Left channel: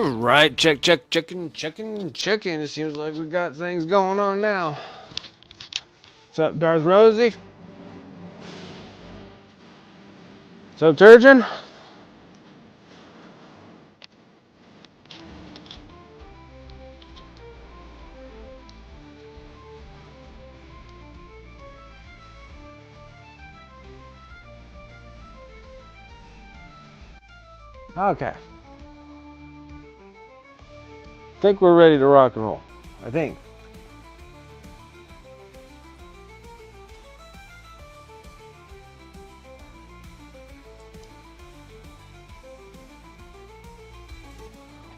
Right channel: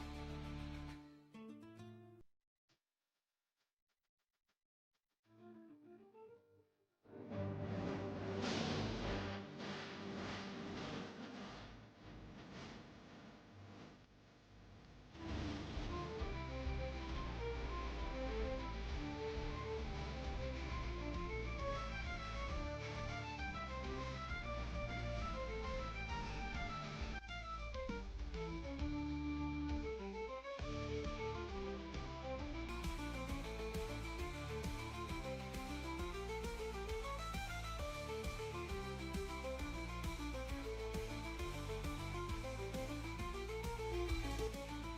Alright, checking. It seems like we got things going on now. What's up, Darth Rosie? What's up, Turgeon? Okay. I think we're ready to rock and roll. I think.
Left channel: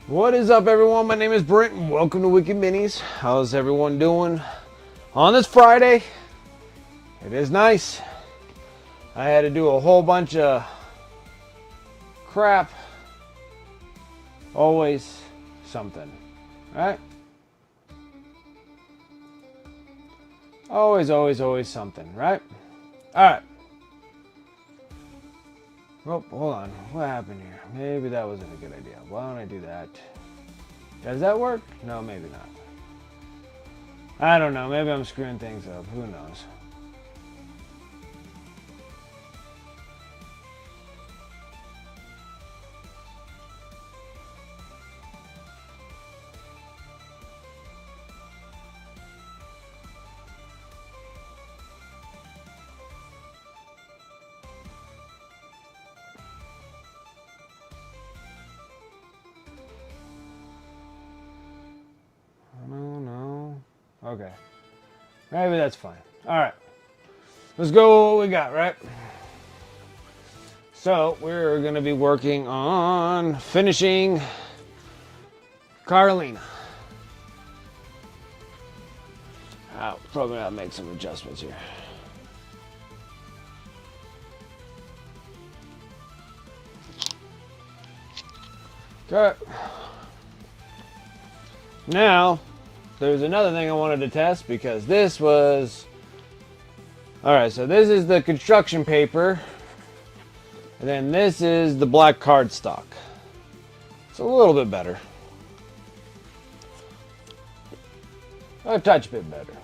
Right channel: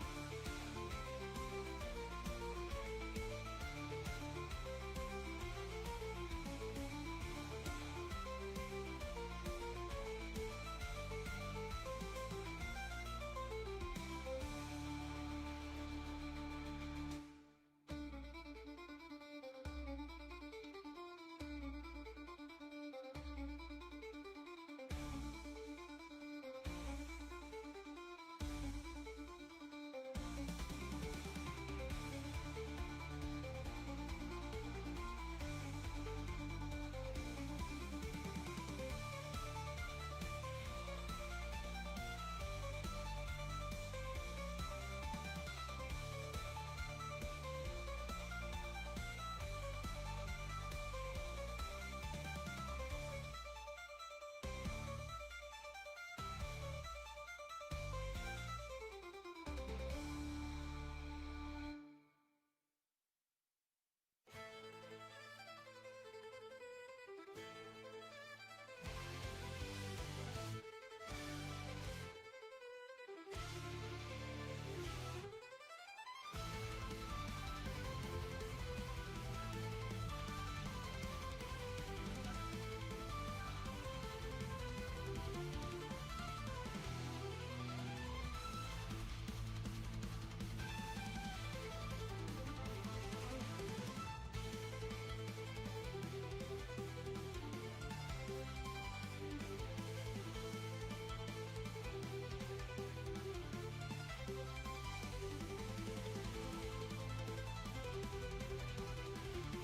What is up, everyone? My name is Brent, and welcome to Wicked Minis. How's everyone doing on this Friday? It is nice. I had to do a whole bunch of crap. Always something, right? Always something, right? All right. Oh, hold on. What happened here? Maybe that wasn't a good idea. Why don't I do that? Does that work? No, maybe not. I don't know. Maybe I'm screwing things up. Who knows? No. Okay. Maybe that's fine. All right. Let's go with what we got, right? So, we're going to be working on finishing Carolina. Probably going to make some adjustments here. Okay. Now, there's another thing I wanted to test because this was... Alright, so this is the construction paper. And then this is the black cardstock. It's a little bit better. A touch bit better.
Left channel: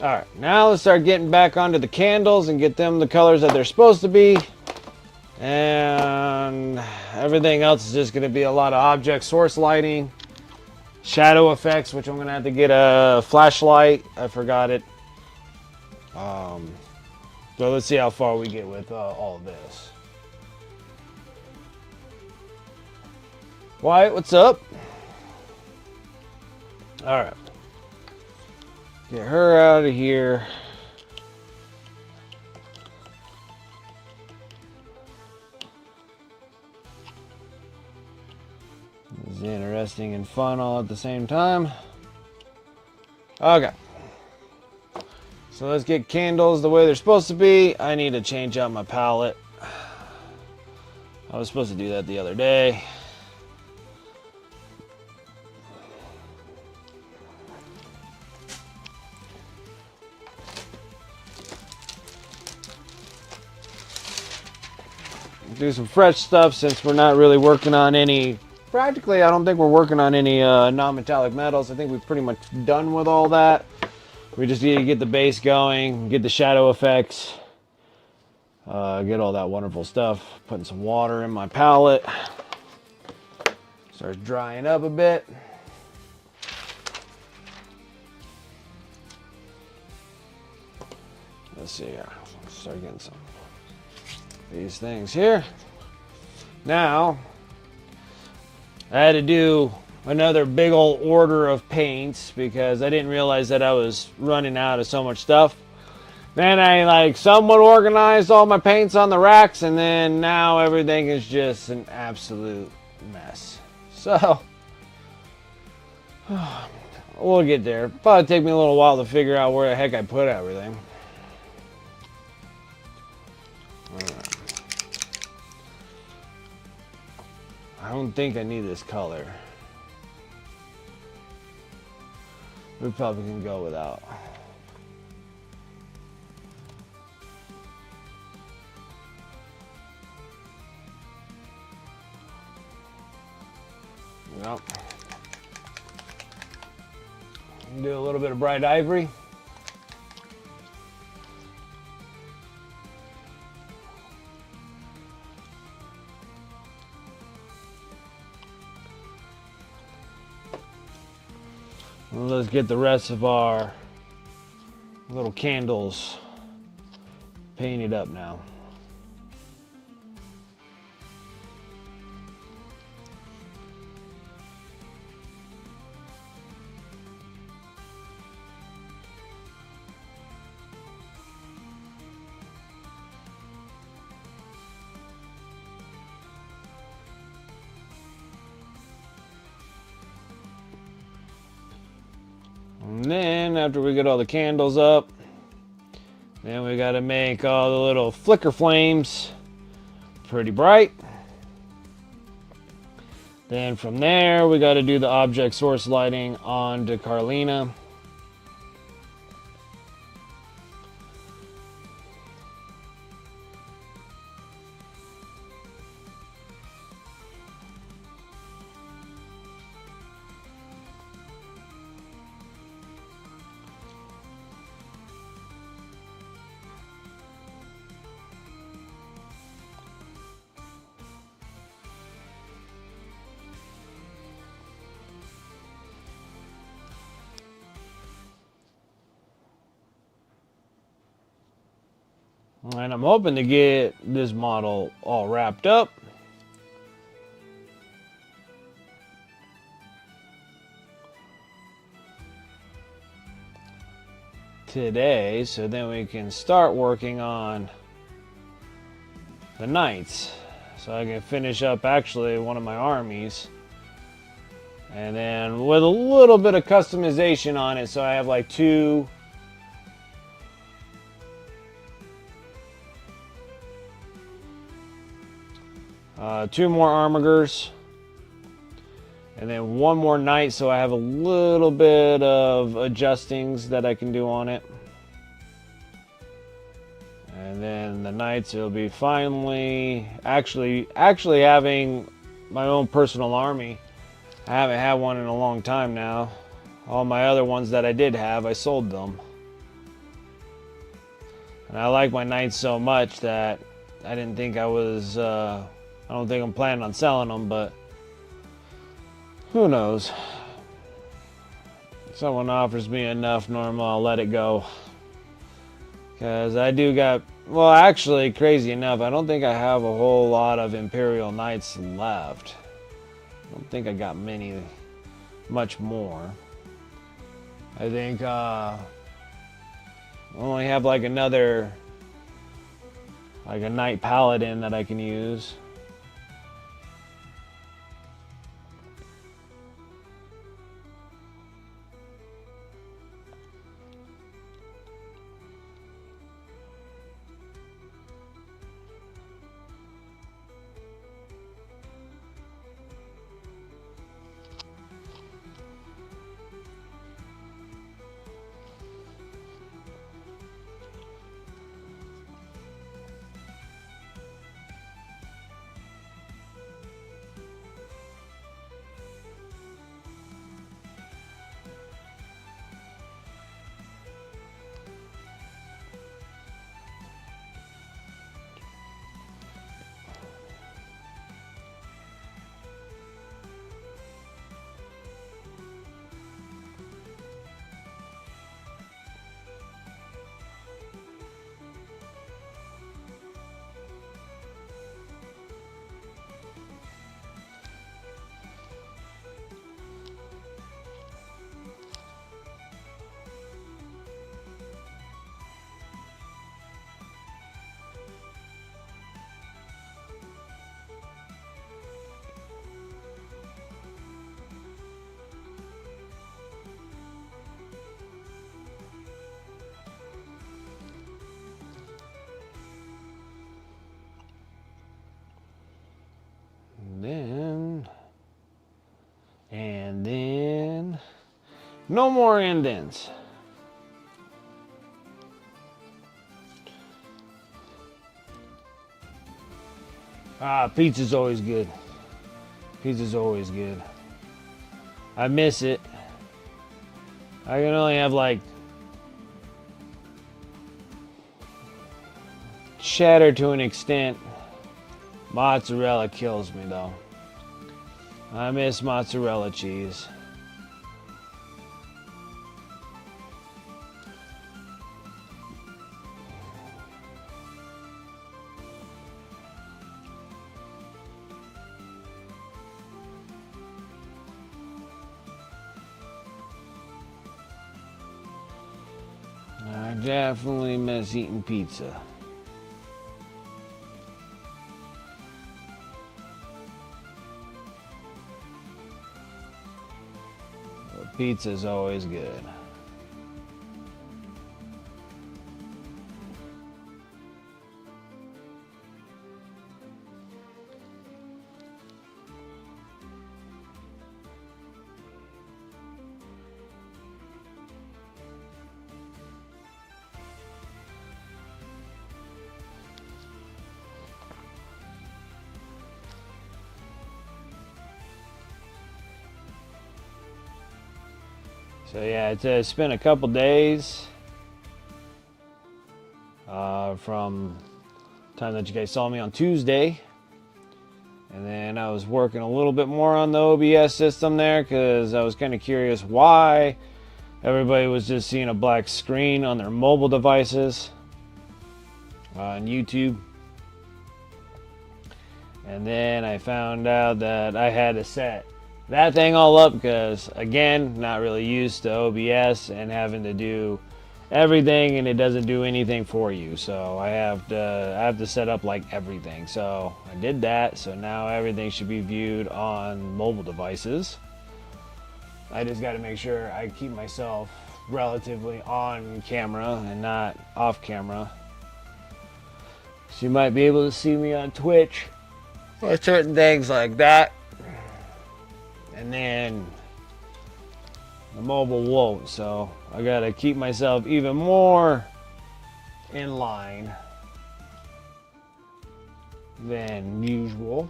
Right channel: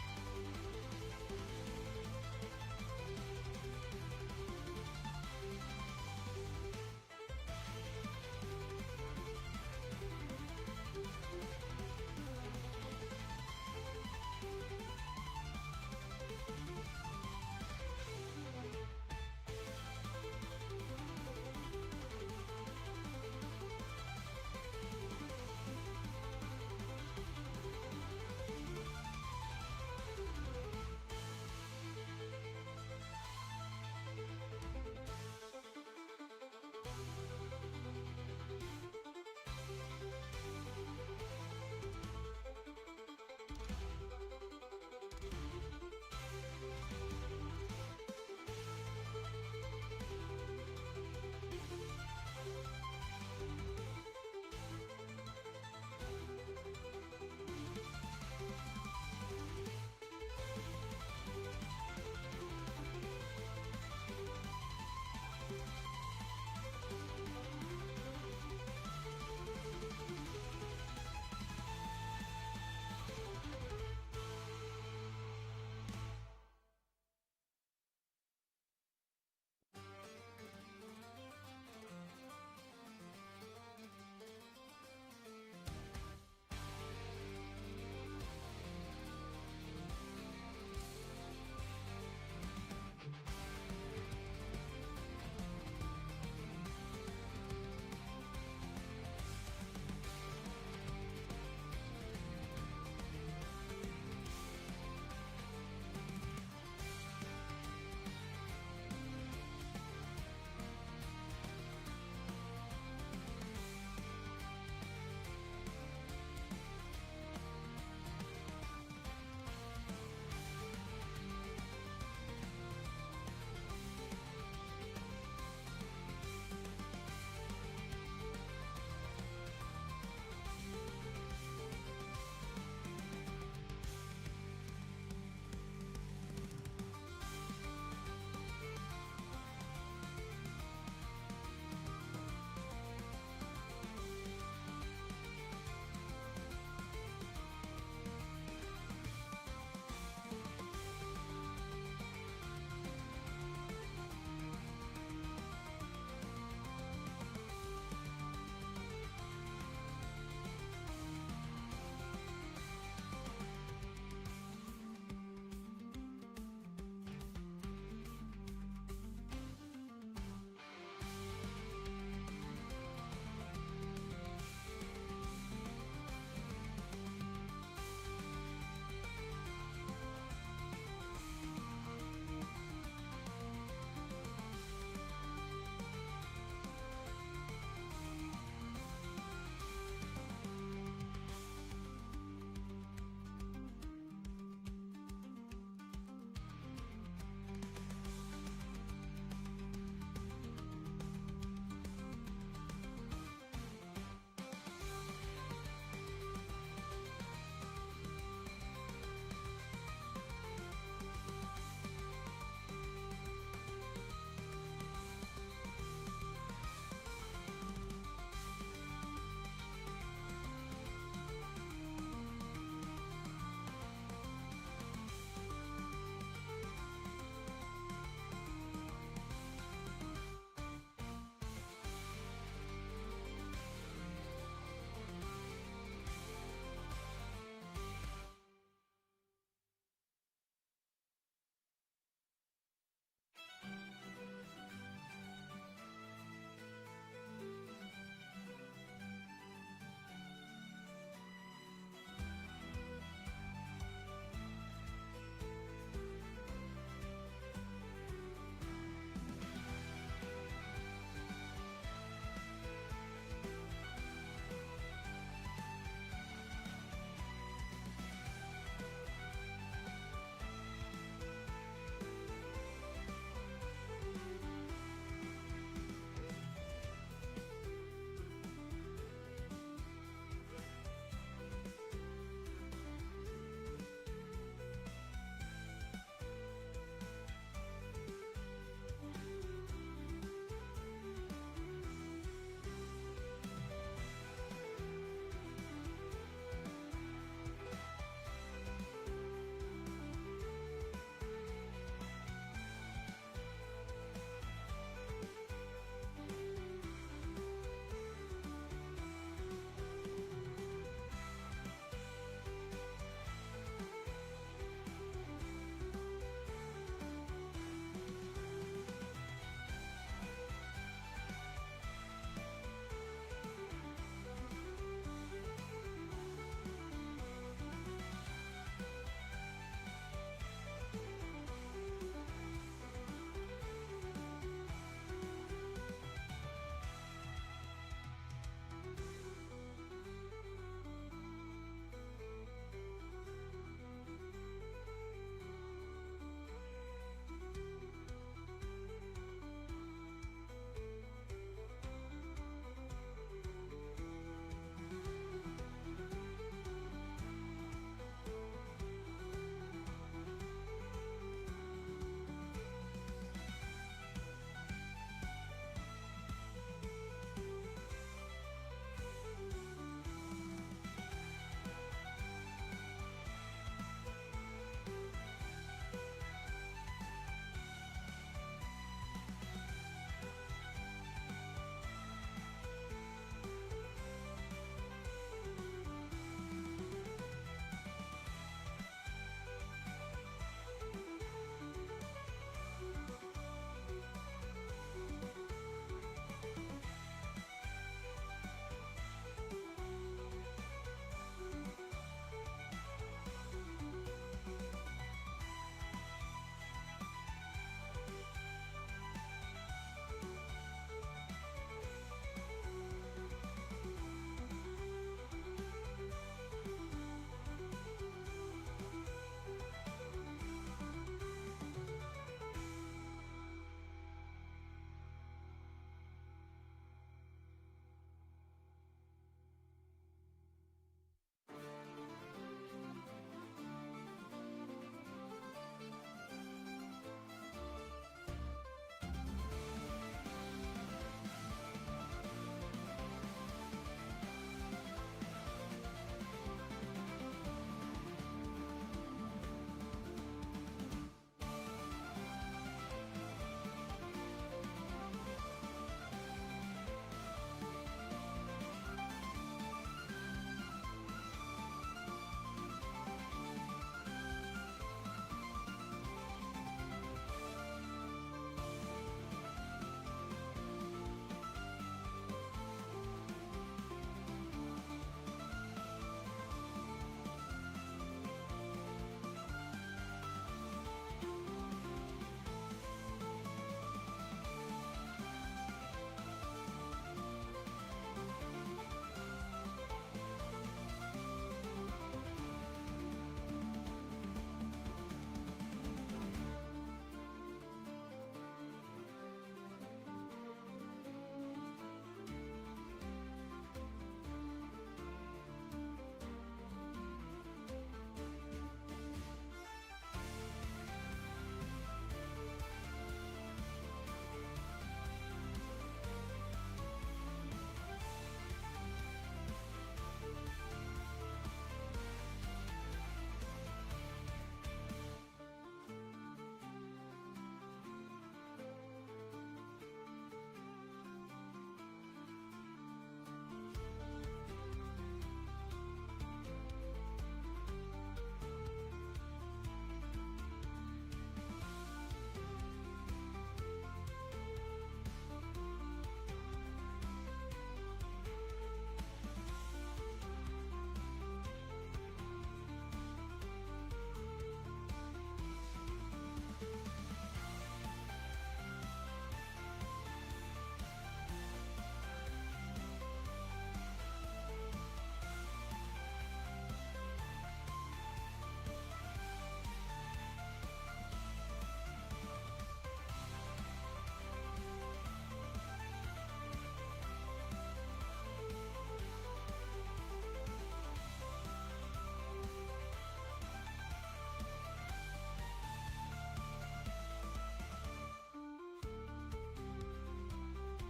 Alright, now let's start getting back onto the candles and get them the colors that they're supposed to be. And everything else is just going to be a lot of object source lighting. Shadow effects, which I'm going to have to get a flashlight. I forgot it. So let's see how far we get with all of this. Wyatt, what's up? Alright. Get her out of here. It's interesting and fun all at the same time. Okay. So let's get candles the way they're supposed to be. I need to change out my palette. I was supposed to do that the other day. Do some fresh stuff since we're not really working on any... Practically, I don't think we're working on any non-metallic metals. I think we're pretty much done with all that. We just need to get the base going, get the shadow effects, get all that wonderful stuff. Putting some water in my palette. Starts drying up a bit. Let's see here. Start getting some of these things here. Now, I had to do another big old order of paints because I didn't realize that I was running out of so much stuff. Then I somewhat organized all my paints on the racks, and then now everything is just an absolute mess. So we'll get there. Probably take me a little while to figure out where the heck I put everything. I don't think I need this color. We probably can go without. go. Do a little bit of bright ivory. Let's get the rest of our little candles painted up now. And then after we get all the candles up, then we got to make all the little flicker flames pretty bright. Then from there, we got to do the object source lighting onto Carlina. And I'm hoping to get this model all wrapped up. Today, so then we can start working on the knights. So I can finish up actually one of my armies. And then with a little bit of customization on it, so I have like two more armigers, and then one more knight, so I have a little bit of adjustings that I can do on it. And then the knights, it'll be finally actually having my own personal army. I haven't had one in a long time now. All my other ones that I did have, I sold them. And I like my knights so much that I didn't think I was I don't think I'm planning on selling them, but who knows? If someone offers me enough normal, I'll let it go. Because I do got, well, actually, crazy enough, I don't think I have a whole lot of Imperial Knights left. I don't think I got much more. I think I only have like a Knight Paladin that I can use. And then no more indents. Pizza's always good. Pizza's always good. I miss it. I can only have like cheddar to an extent. Mozzarella kills me though. I miss mozzarella cheese. I definitely miss eating pizza. Pizza's always good. So yeah, it's been a couple days from the time that you guys saw me on Tuesday. And then I was working a little bit more on the OBS system there because I was kind of curious why everybody was just seeing a black screen on their mobile devices on YouTube. And then I found out that I had to set that thing all up because, again, not really used to OBS and having to do everything, and it doesn't do anything for you. So I have to set up like everything. So I did that. So now everything should be viewed on mobile devices. I just got to make sure I keep myself relatively on camera and not off camera. So you might be able to see me on Twitch or certain things like that. And then the mobile won't, so I gotta keep myself even more in line than usual.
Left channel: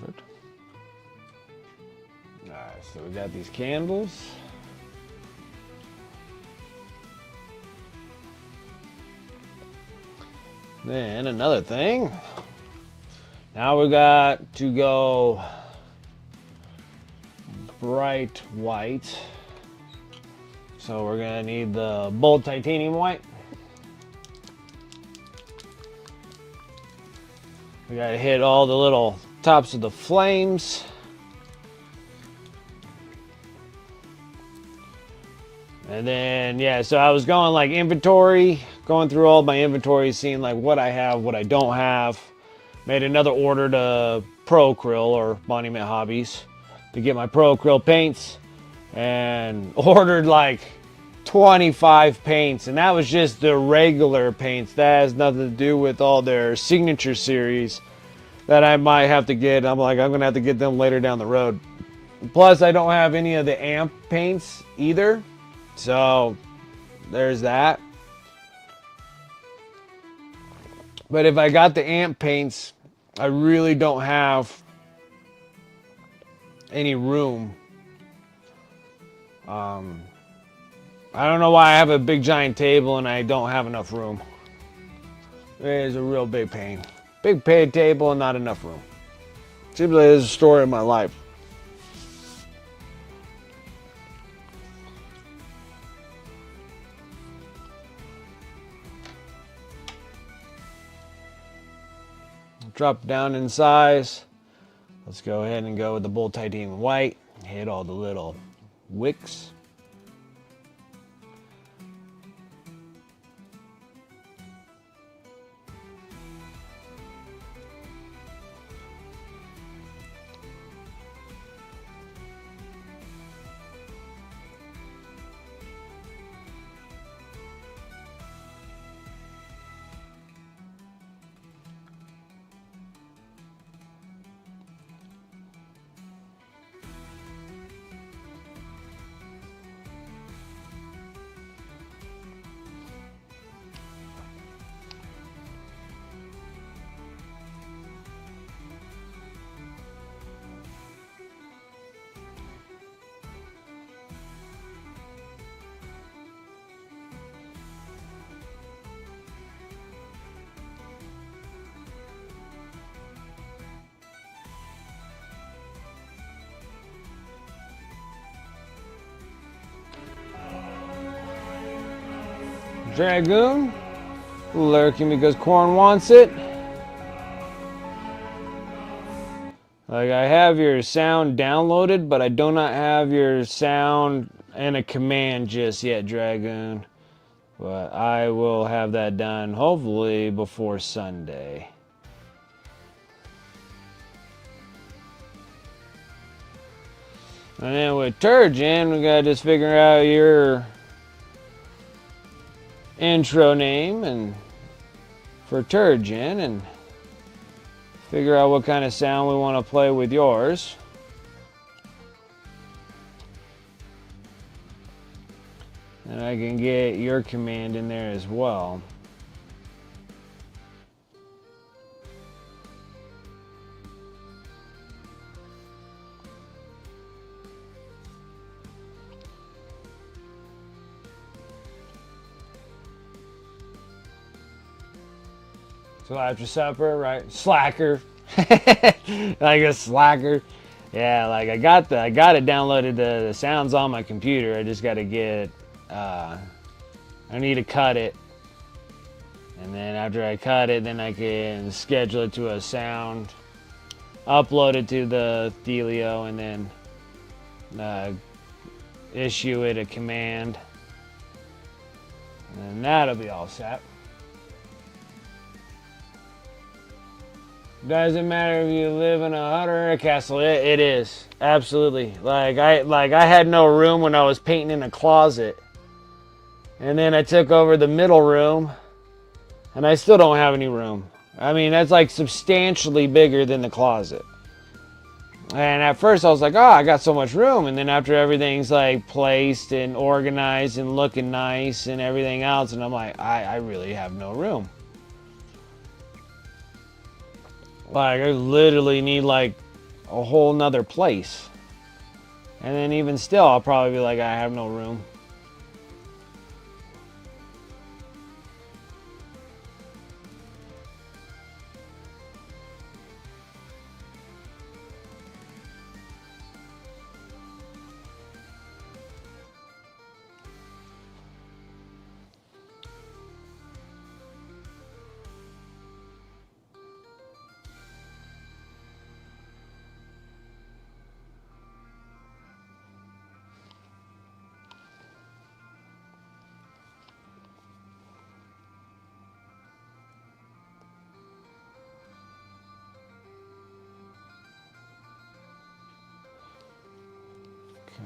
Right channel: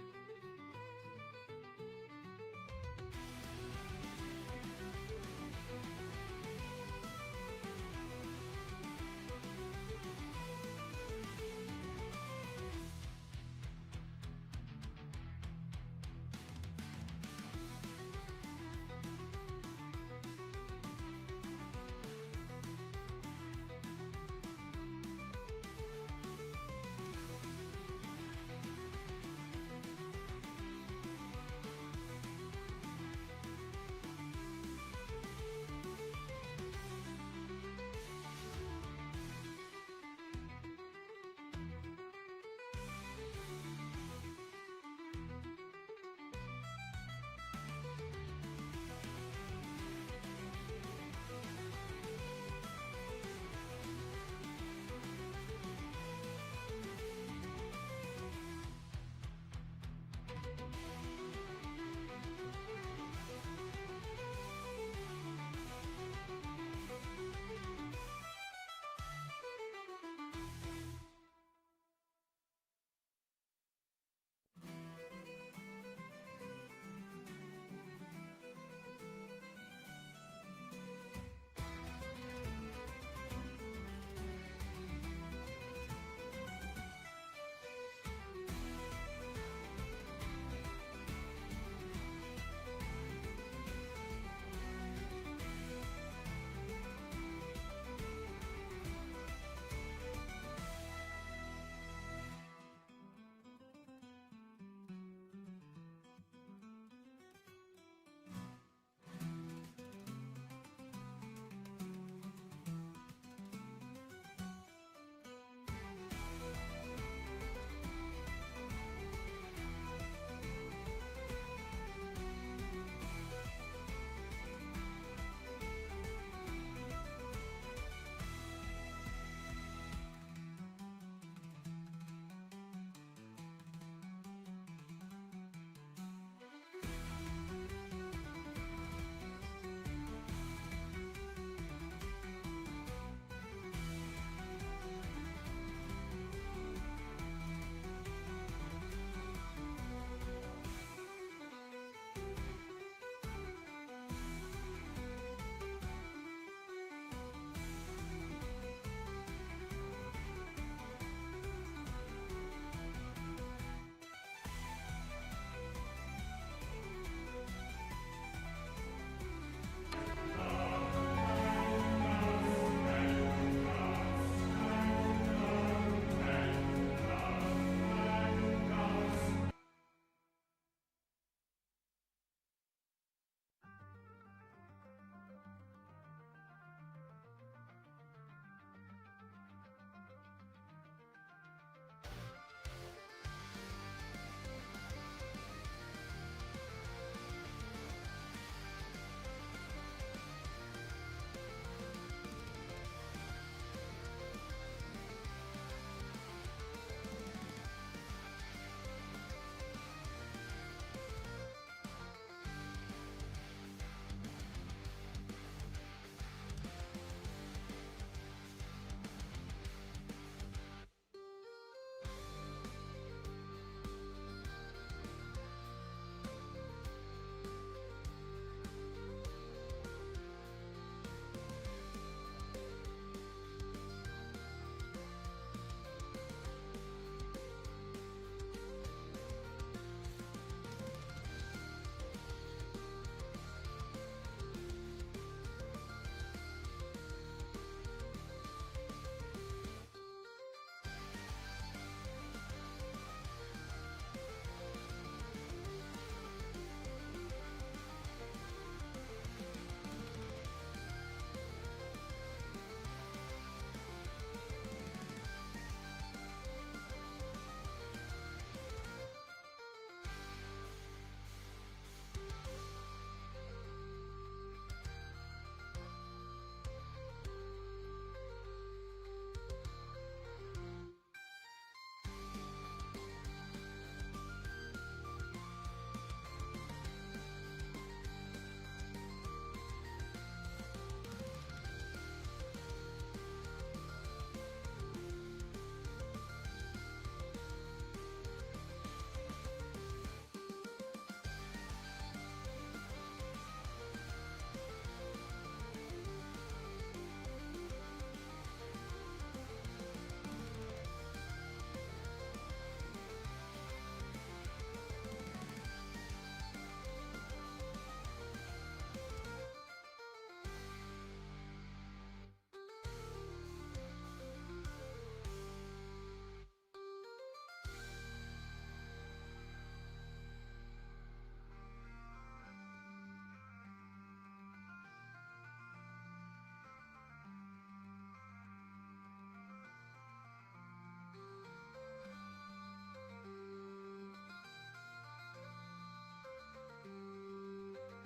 Perfect. Alright, so we got these candles. Then another thing. Now we got to go bright white. So we're gonna need the bold titanium white. We gotta hit all the little tops of the flames. And then, yeah, so I was going like inventory, going through all my inventory, seeing like what I have, what I don't have. Made another order to Pro Acryl or Monument Hobbies to get my Pro Acryl paints, and ordered like 25 paints, and that was just the regular paints. That has nothing to do with all their signature series that I might have to get. I'm like, I'm gonna have to get them later down the road. Plus, I don't have any of the amp paints either, so there's that. But if I got the amp paints, I really don't have any room. I don't know why I have a big giant table and I don't have enough room. It is a real big pain. Big paid table and not enough room. Seems like it's a story of my life. Drop down in size. Let's go ahead and go with the bold titanium white. Hit all the little wicks. Dragoon, lurking because Corn wants it. Like, I have your sound downloaded, but I do not have your sound and a command just yet, Dragoon. But I will have that done hopefully before Sunday. And then with Turgeon, we gotta just figure out your intro name and for Turgeon and figure out what kind of sound we want to play with yours. And I can get your command in there as well. So after supper, right? Slacker. Like a slacker. Yeah, like I got it downloaded, the sounds on my computer. I just got to get, I need to cut it. And then after I cut it, then I can schedule it to a sound, upload it to the Thelio, and then issue it a command. And that'll be all set. Doesn't matter if you live in a hut or a castle. It is absolutely. Like I had no room when I was painting in a closet, and then I took over the middle room, and I still don't have any room. I mean, that's like substantially bigger than the closet. And at first I was like, oh, I got so much room. And then after everything's like placed and organized and looking nice and everything else, and I'm like, I really have no room. Like, I literally need like a whole nother place. And then even still, I'll probably be like, I have no room.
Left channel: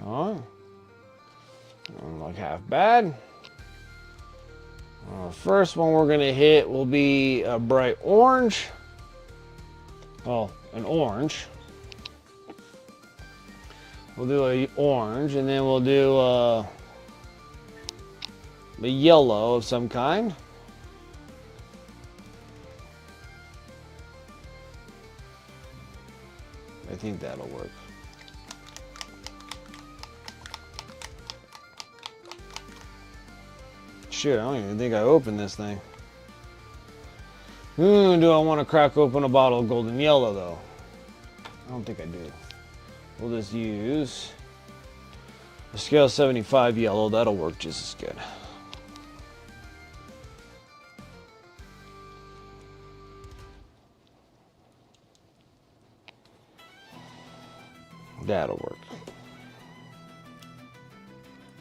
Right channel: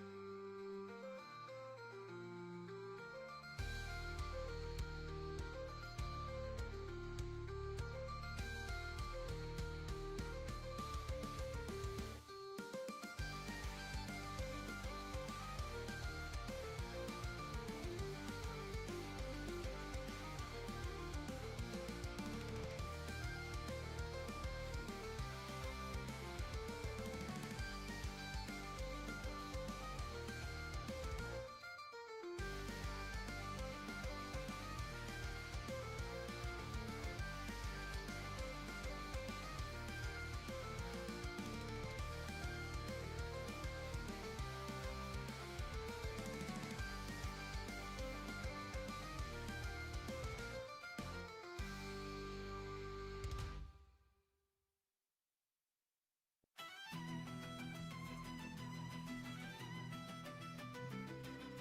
Don't look half bad. First one we're gonna hit will be a bright orange. Well, an orange. We'll do a orange, and then we'll do a yellow of some kind. I think that'll work. Shit, I don't even think I opened this thing. Do I want to crack open a bottle of golden yellow, though? I don't think I do. We'll just use a scale 75 yellow. That'll work just as good. That'll work.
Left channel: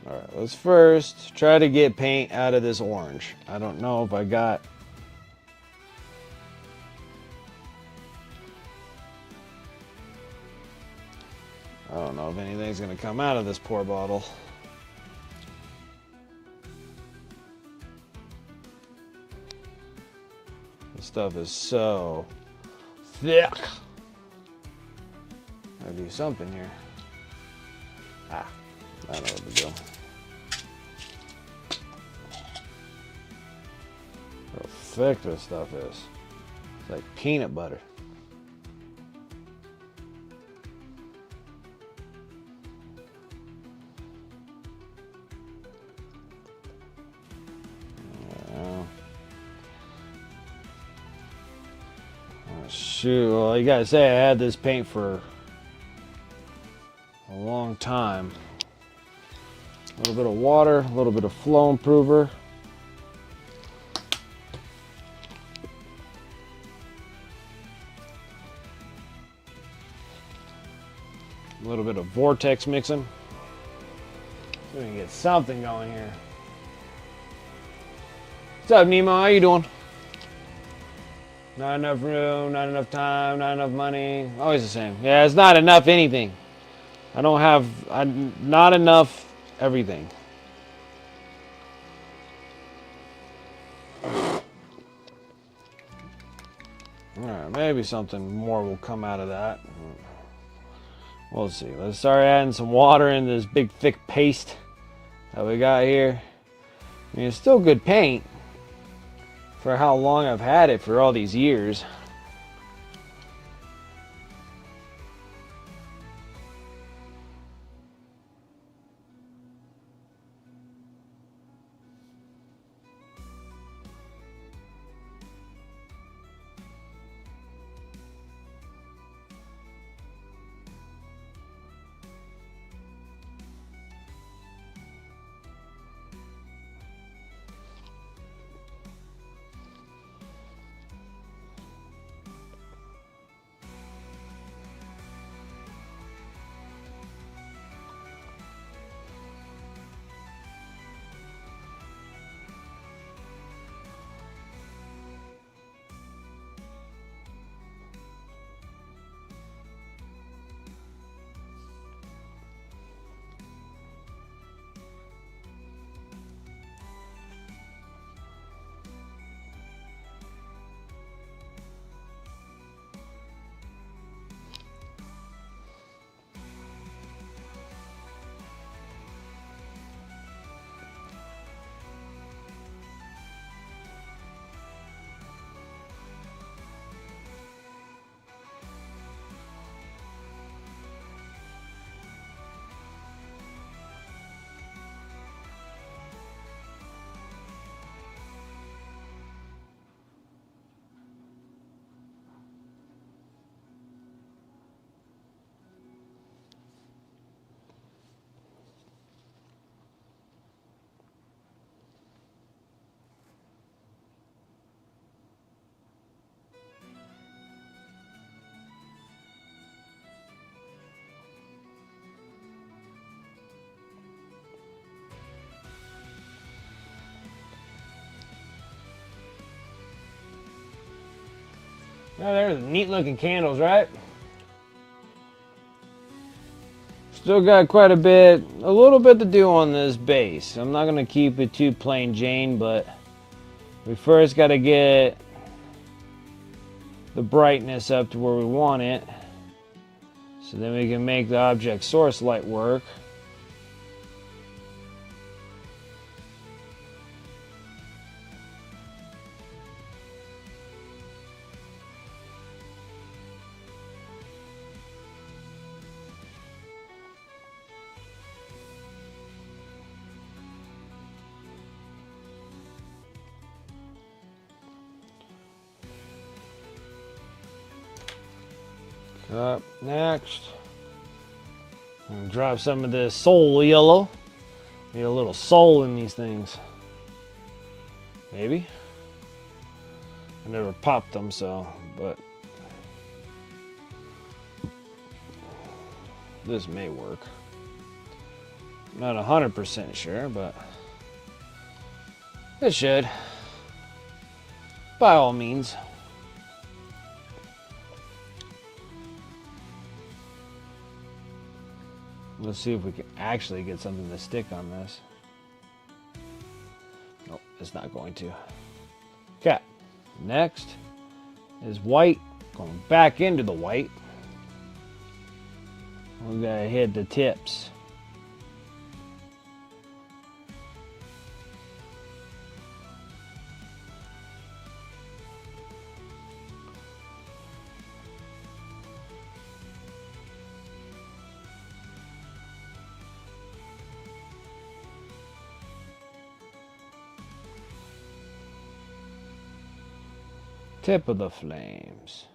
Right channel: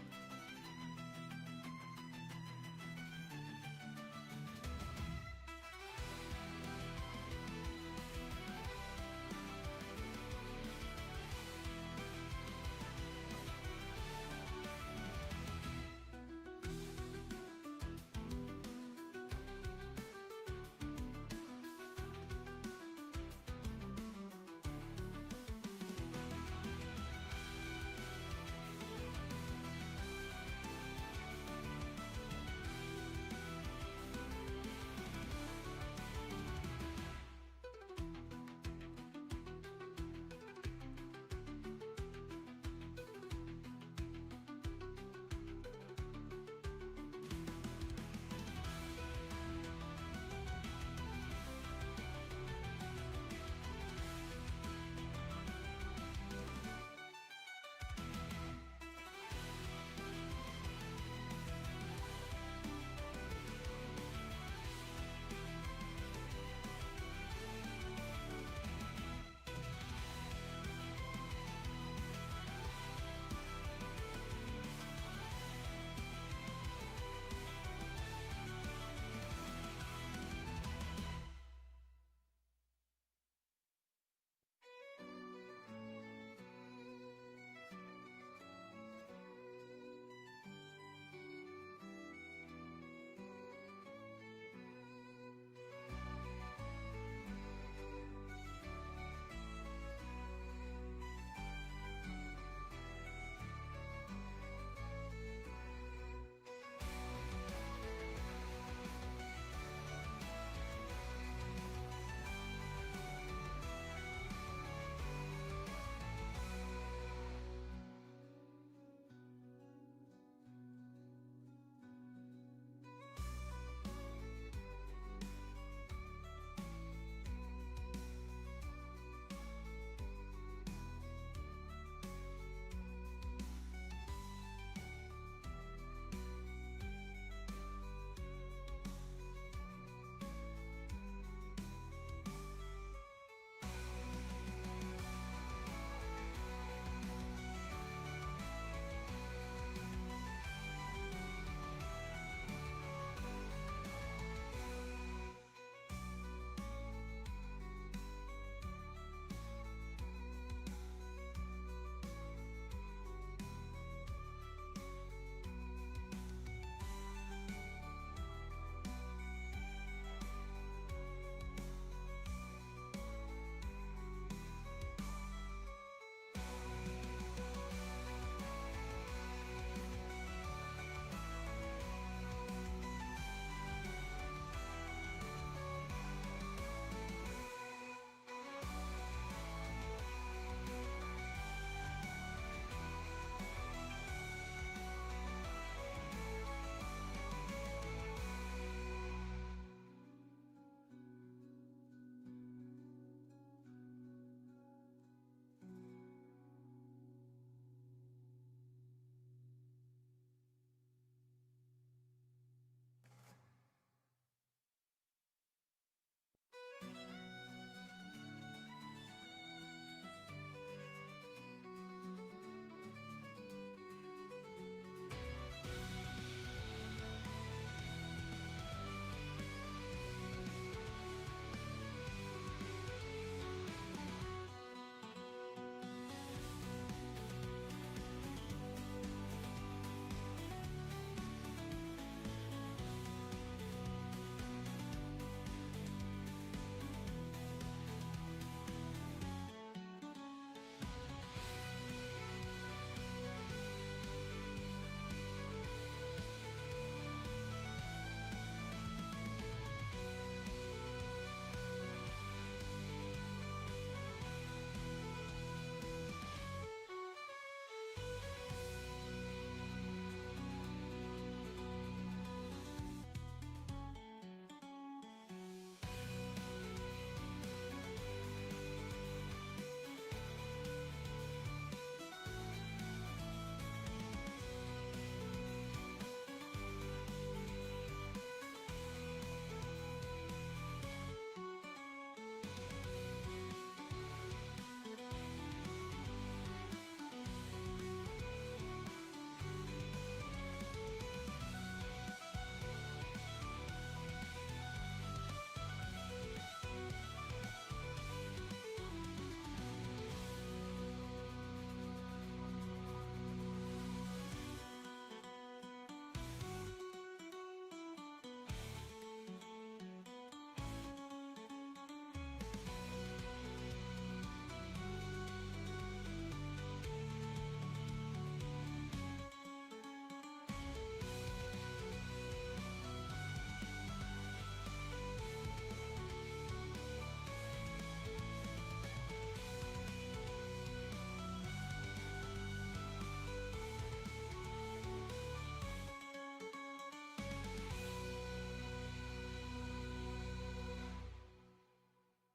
Alright, let's first try to get paint out of this orange. I don't know if I got... I don't know if anything's going to come out of this poor bottle. This stuff is so thick. Gotta do something here. Ah, I know what to do. How thick this stuff is. It's like peanut butter. Shoot, well, you gotta say I had this paint for a long time. A little bit of water, a little bit of flow improver. little bit of vortex mixing. We're gonna get something going here. What's up, Nemo? How you doing? Not enough room, not enough time, not enough money. Always the same. Yeah, it's not enough anything. I don't have, not enough everything. Alright, maybe something more will come out of that. We'll see. Let's start adding some water in this big thick paste that we got here. I mean, it's still good paint for how long I've had it for all these years. Oh, there's neat looking candles, right? Still got quite a little bit to do on this base. I'm not gonna keep it too plain Jane, but we first gotta get the brightness up to where we want it. So then we can make the object source light work. Up next, I'm gonna drop some of this soul yellow. Need a little soul in these things. Maybe. I never popped them, so, but this may work. Not 100% sure, but it should. By all means. Let's see if we can actually get something to stick on this. Nope, it's not going to. Okay, next is white. Going back into the white. We gotta hit the tips. Tip of the flames.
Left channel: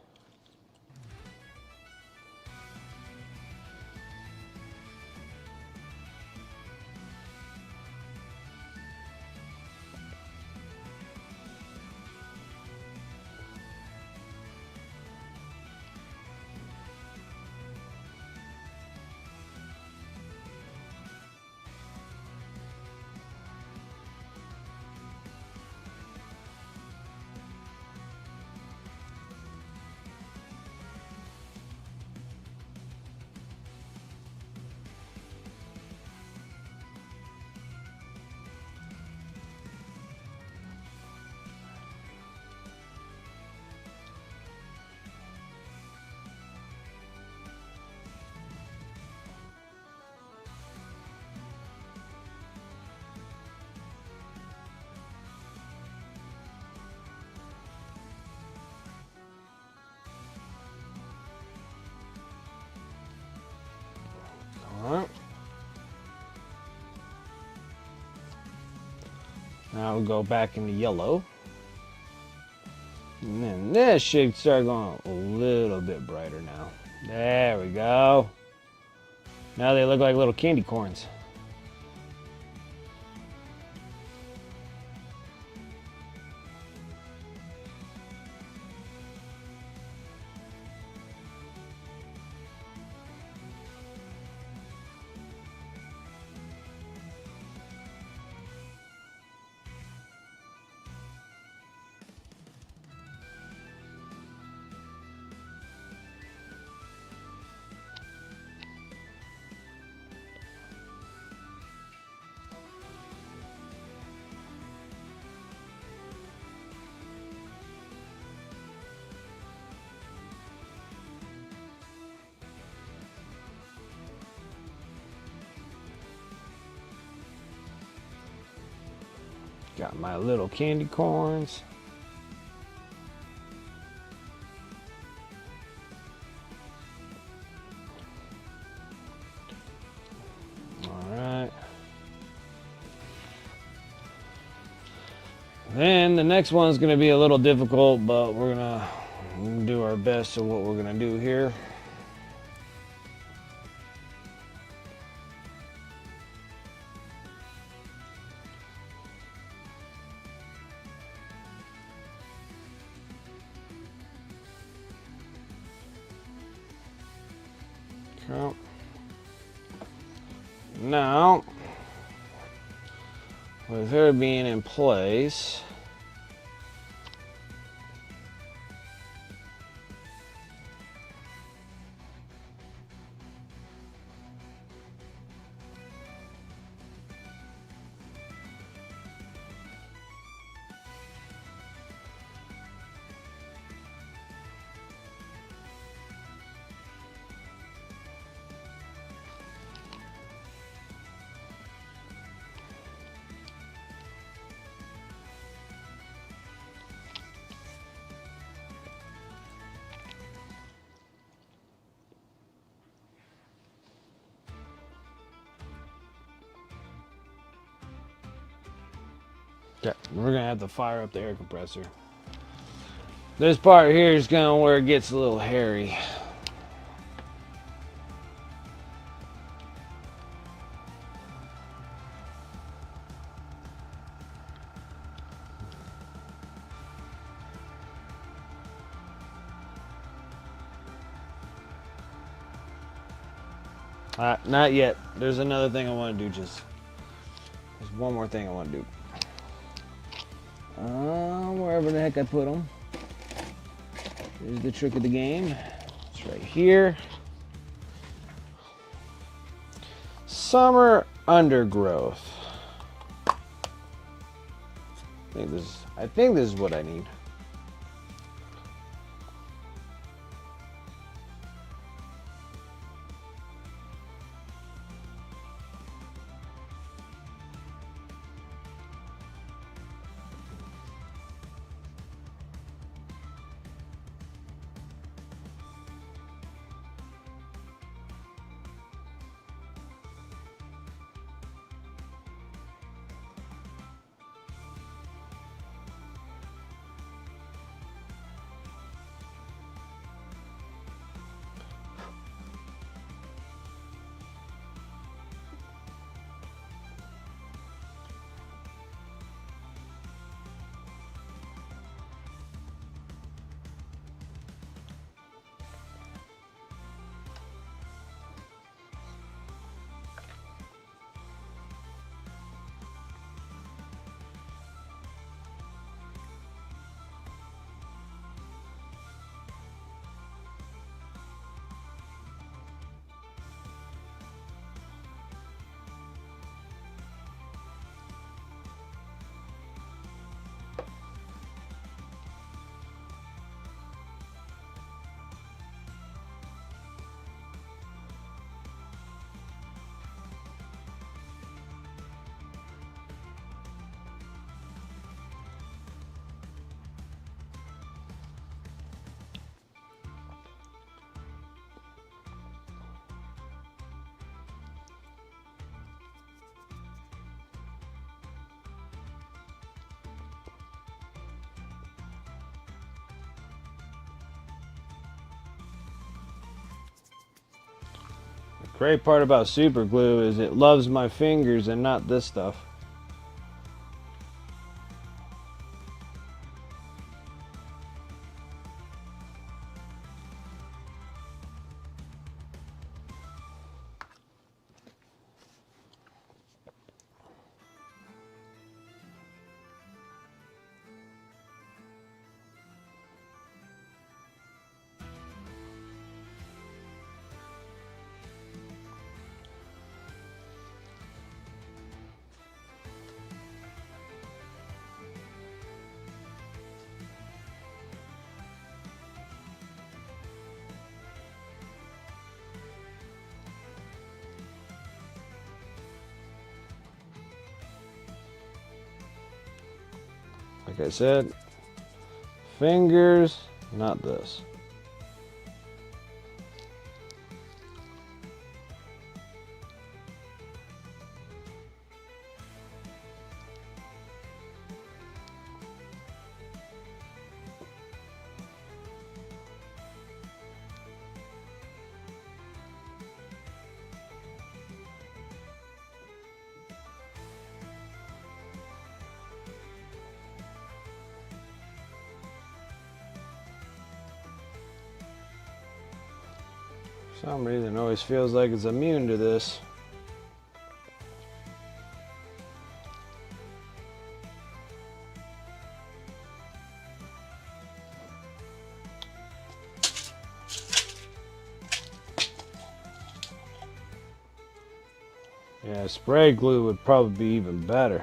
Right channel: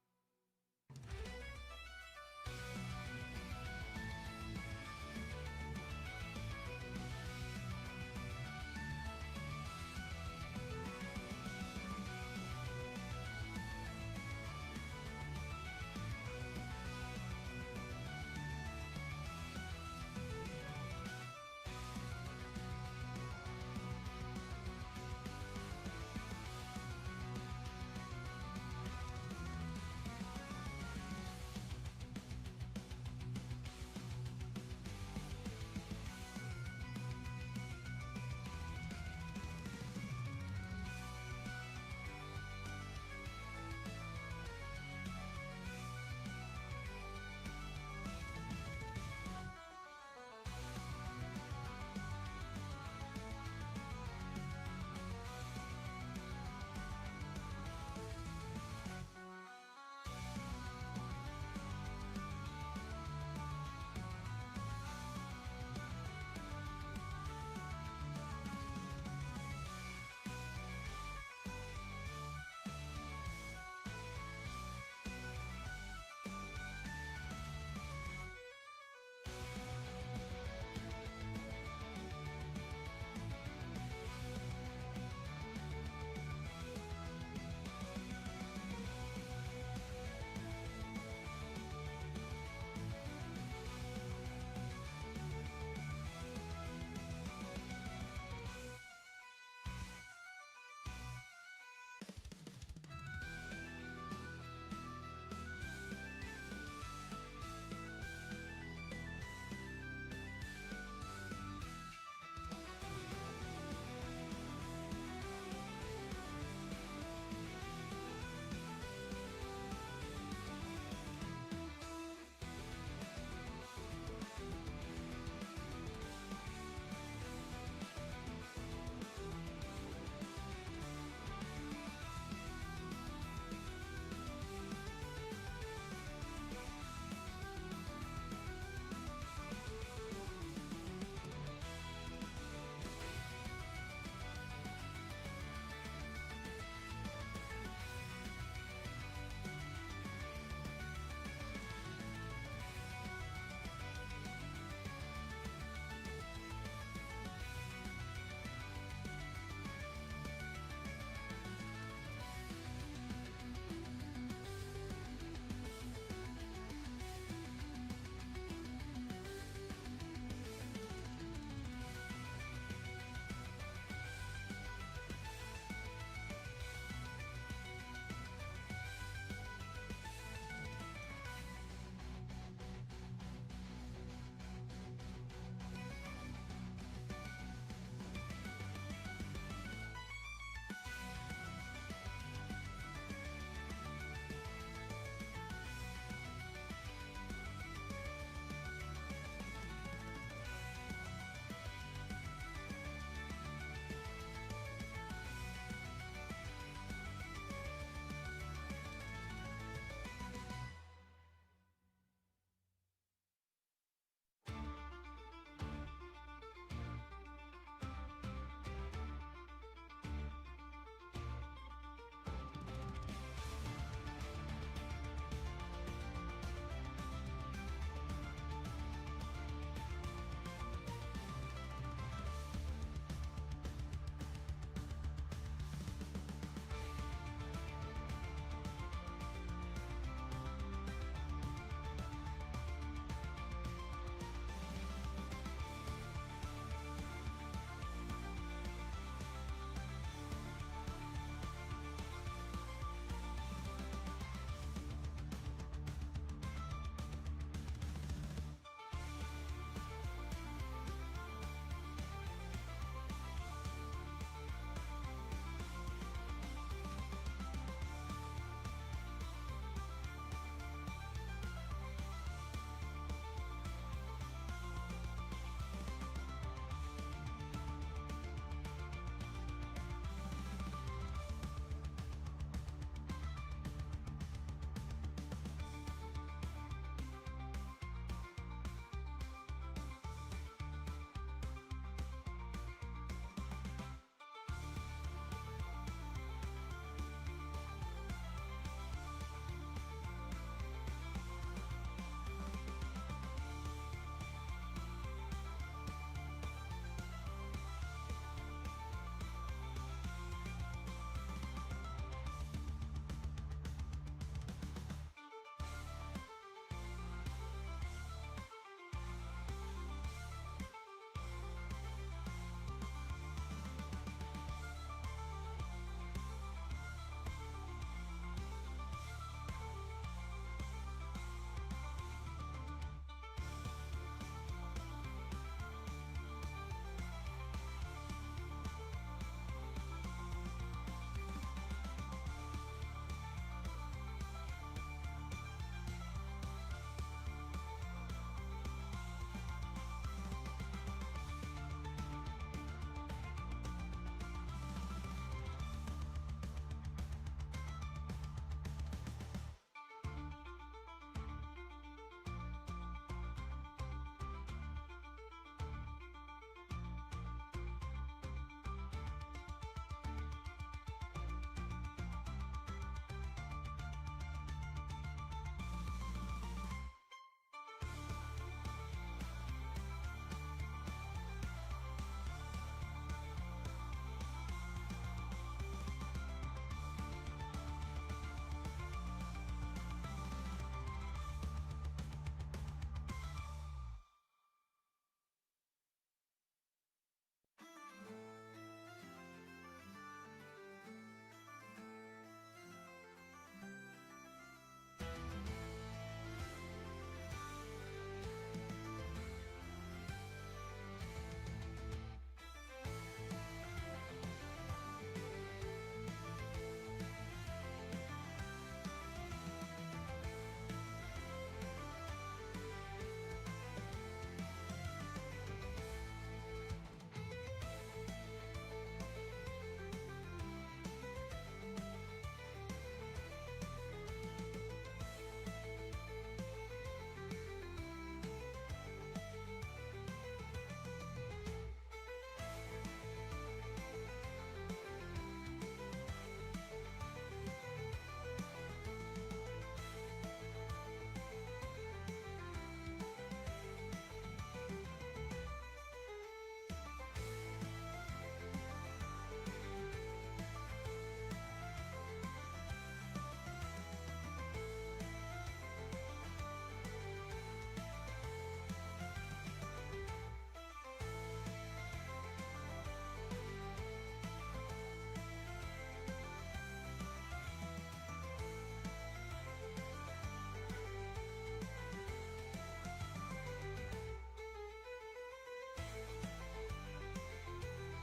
go back into yellow. And then this should start going a little bit brighter now. There we go. Now they look like little candy corns. Got my little candy corns. Alright. Then the next one's going to be a little difficult, but we're going to do our best of what we're going to do here. Now, with her being in place, okay, we're gonna have to fire up the air compressor. This part here is going where it gets a little hairy. Not yet. There's another thing I want to do. There's one more thing I want to do. Wherever the heck I put them. Here's the trick of the game. It's right here. Summer undergrowth. I think this is what I need. Great part about super glue is it loves my fingers and not this stuff. Like I said, fingers, not this. For some reason it always feels like it's immune to this. Yeah, spray glue would probably be even better.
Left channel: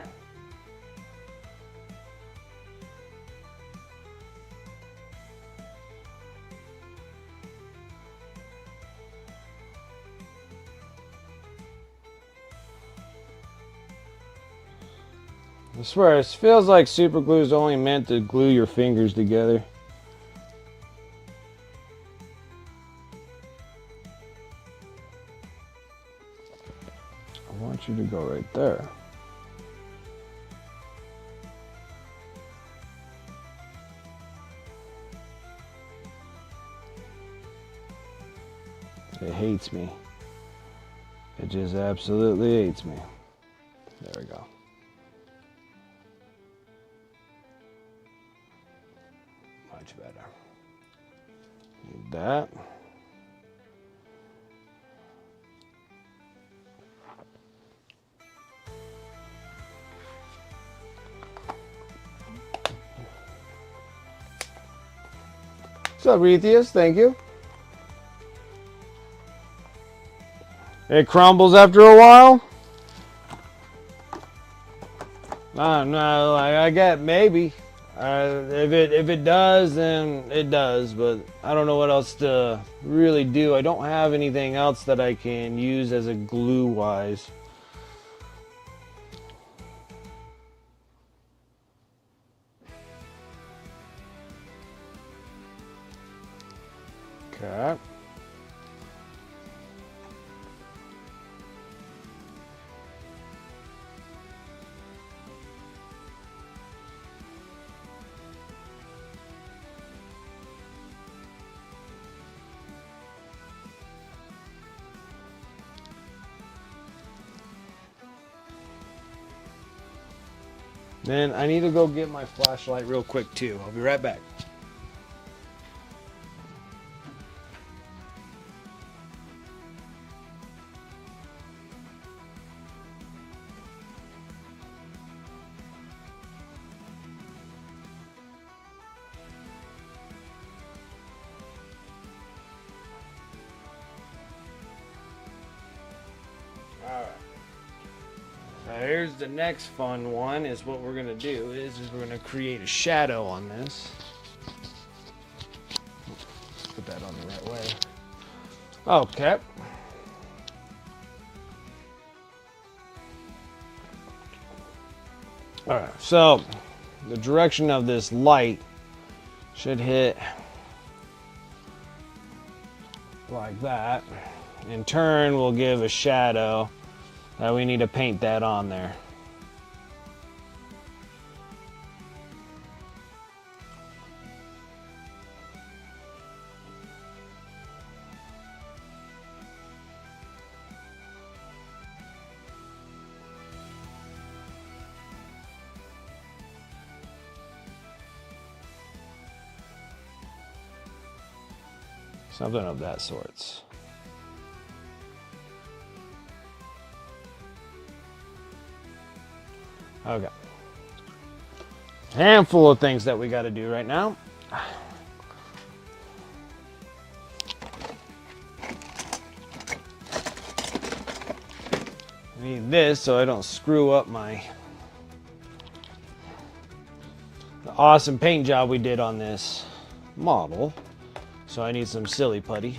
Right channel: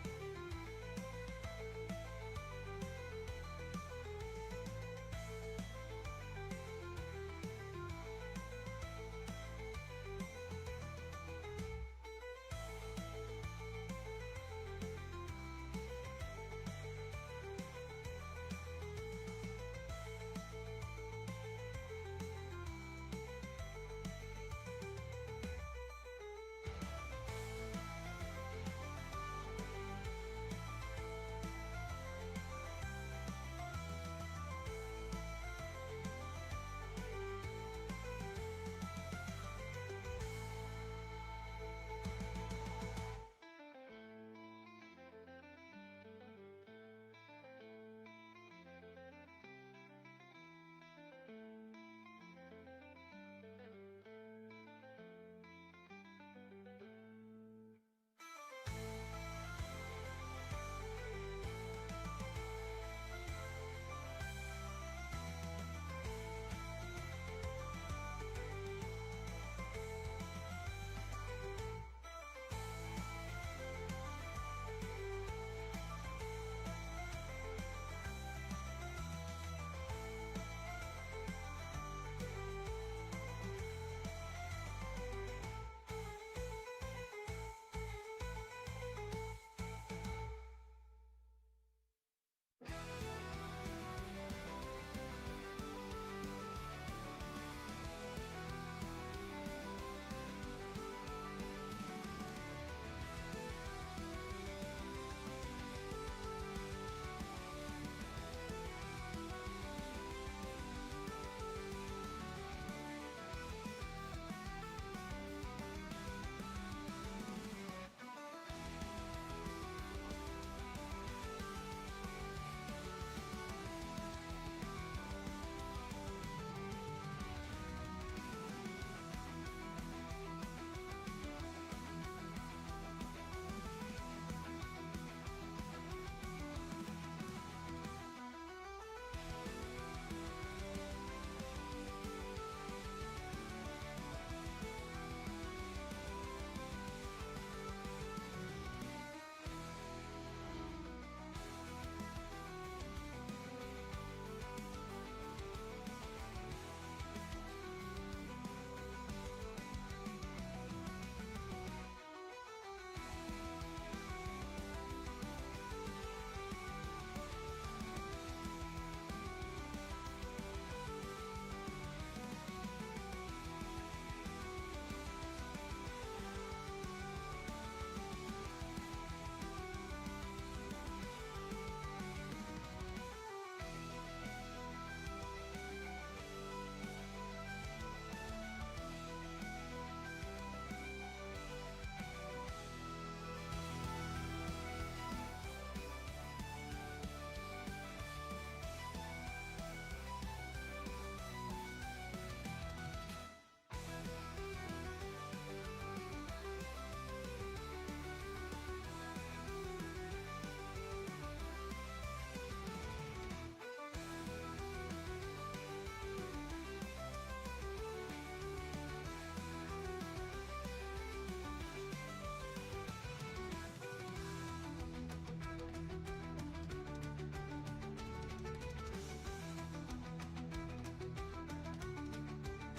I swear, it feels like super glue is only meant to glue your fingers together. I want you to go right there. It hates me. It just absolutely hates me. There we go. Much better. Need that. What's up, Rethius? Thank you. It crumbles after a while? I don't know. I get maybe. If it does, then it does. But I don't know what else to really do. I don't have anything else that I can use as a glue wise. Okay. Then I need to go get my flashlight real quick too. I'll be right back. Here's the next fun one. Is what we're gonna do is we're gonna create a shadow on this. Put that on the right way. Okay. All right. So the direction of this light should hit like that. In turn, we'll give a shadow. We need to paint that on there. Something of that sorts. Okay. Handful of things that we got to do right now. Need this so I don't screw up the awesome paint job we did on this model. So I need some silly putty.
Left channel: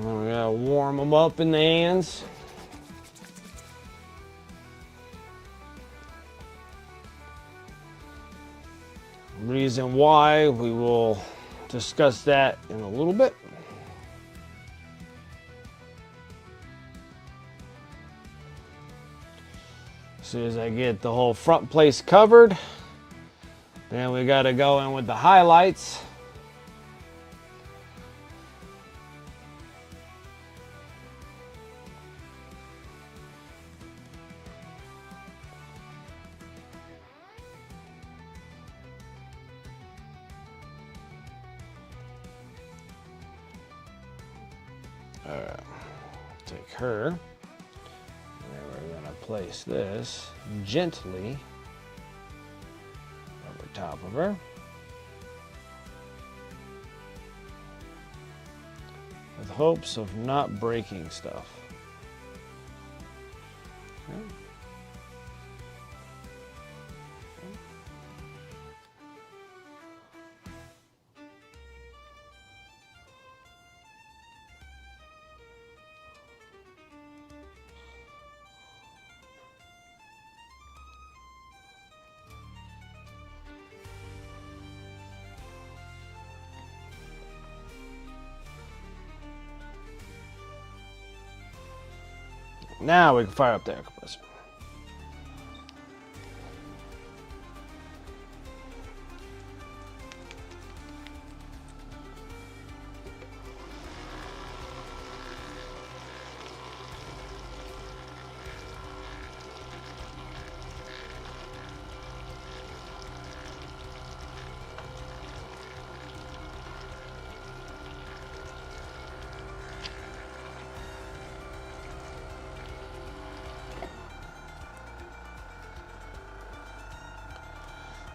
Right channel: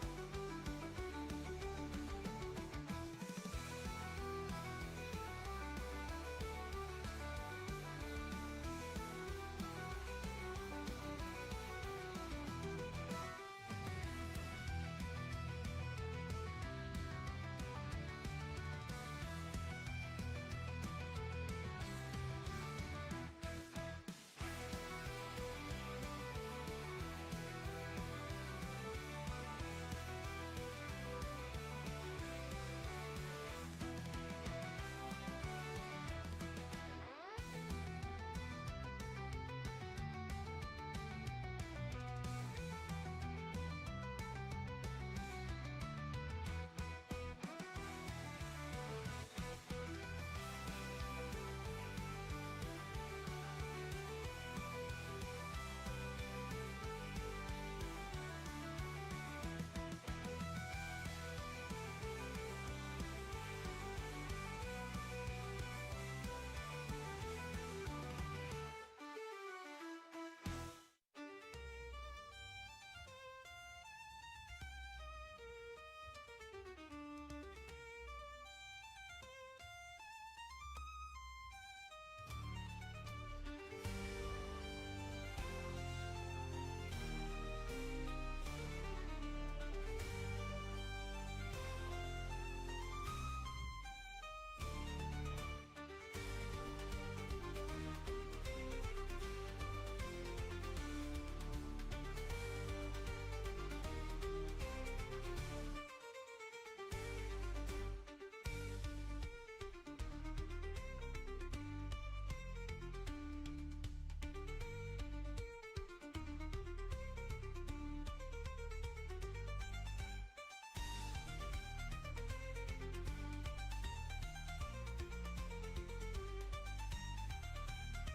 We gotta warm them up in the hands. Reason why, we will discuss that in a little bit. As soon as I get the whole front place covered, then we gotta go in with the highlights. Take her, and we're gonna place this gently over top of her, with hopes of not breaking stuff. Now we can fire up the air compressor.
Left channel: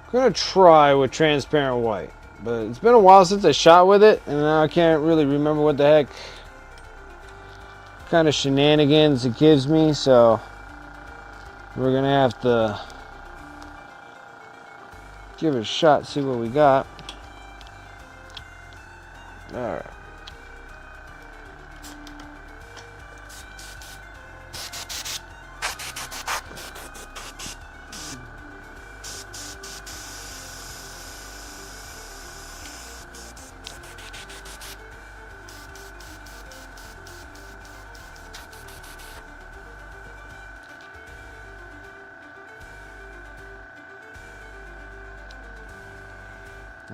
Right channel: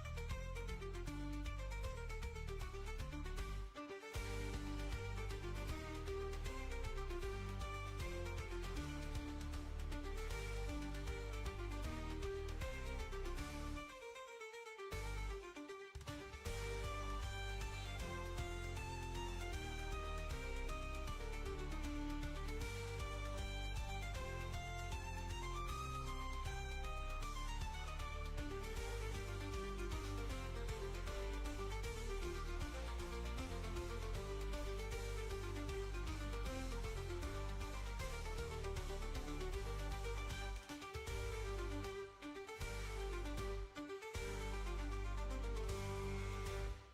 I'm gonna try with transparent white, but it's been a while since I shot with it, and now I can't really remember what the heck kind of shenanigans it gives me, so we're gonna have to give it a shot, see what we got. All right.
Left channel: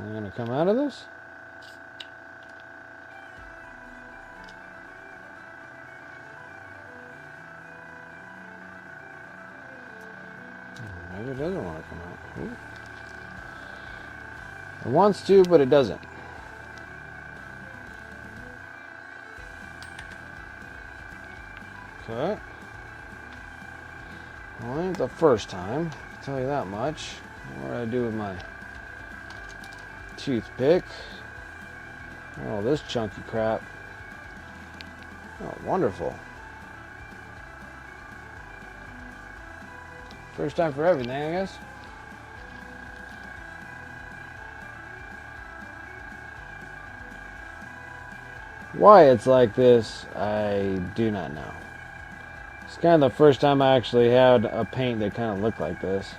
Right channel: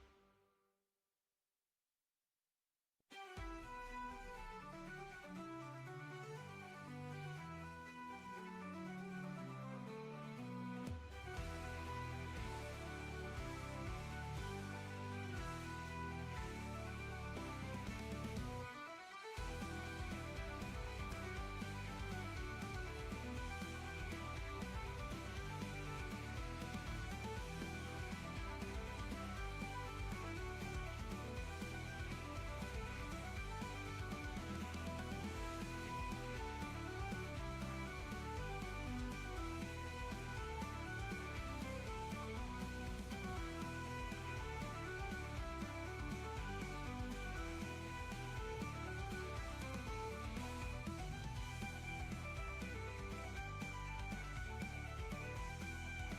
I'm gonna come out of this. Maybe it doesn't want to come out. It wants to, but it doesn't. Okay. Well, ain't the first time, I'll tell you that much. What do I do with my toothpick? Oh, this chunky crap. Oh, wonderful. First time for everything, I guess. Why it's like this, I do not know. It's kind of the first time I actually had a paint that kind of looked like this.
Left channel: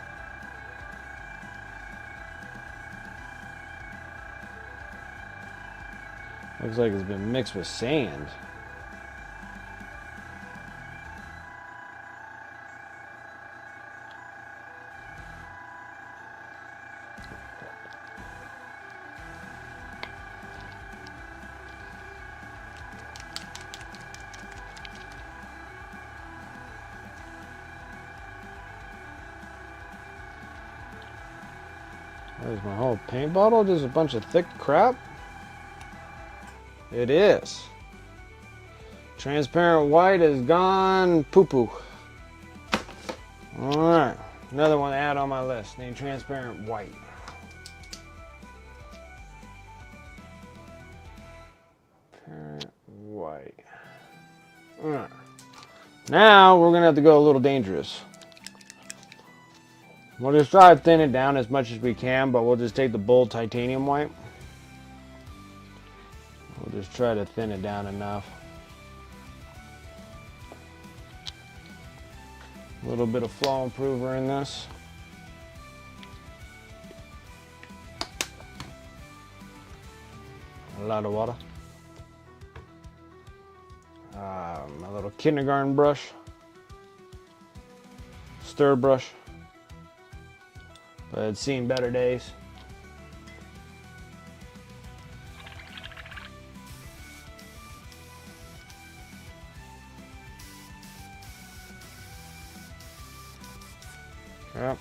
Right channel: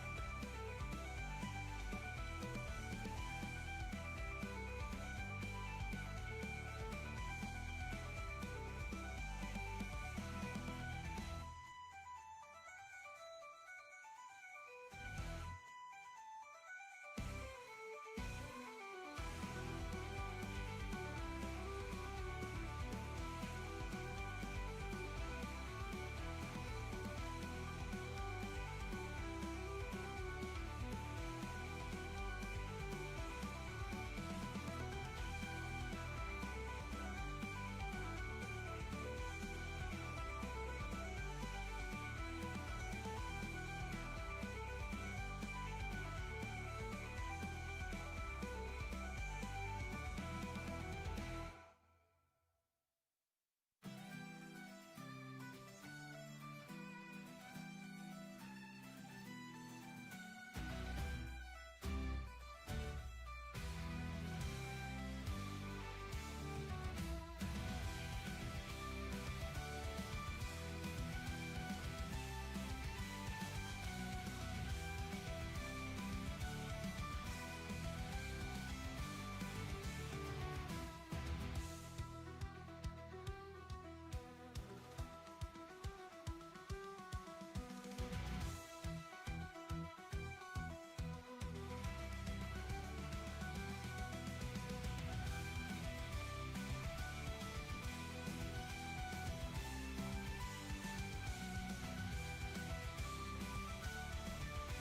Looks like it's been mixed with sand. There's my whole paint bottle, just a bunch of thick crap. It is. Transparent white is gone poo-poo. Alright, another one to add on my list, named transparent white. Transparent white. Alright. Now we're gonna have to go a little dangerous. We'll just try to thin it down as much as we can, but we'll just take the bold titanium white. We'll just try to thin it down enough. A little bit of flow improver in this. A lot of water. My little kindergarten brush. Stir brush. But it's seen better days. Yep.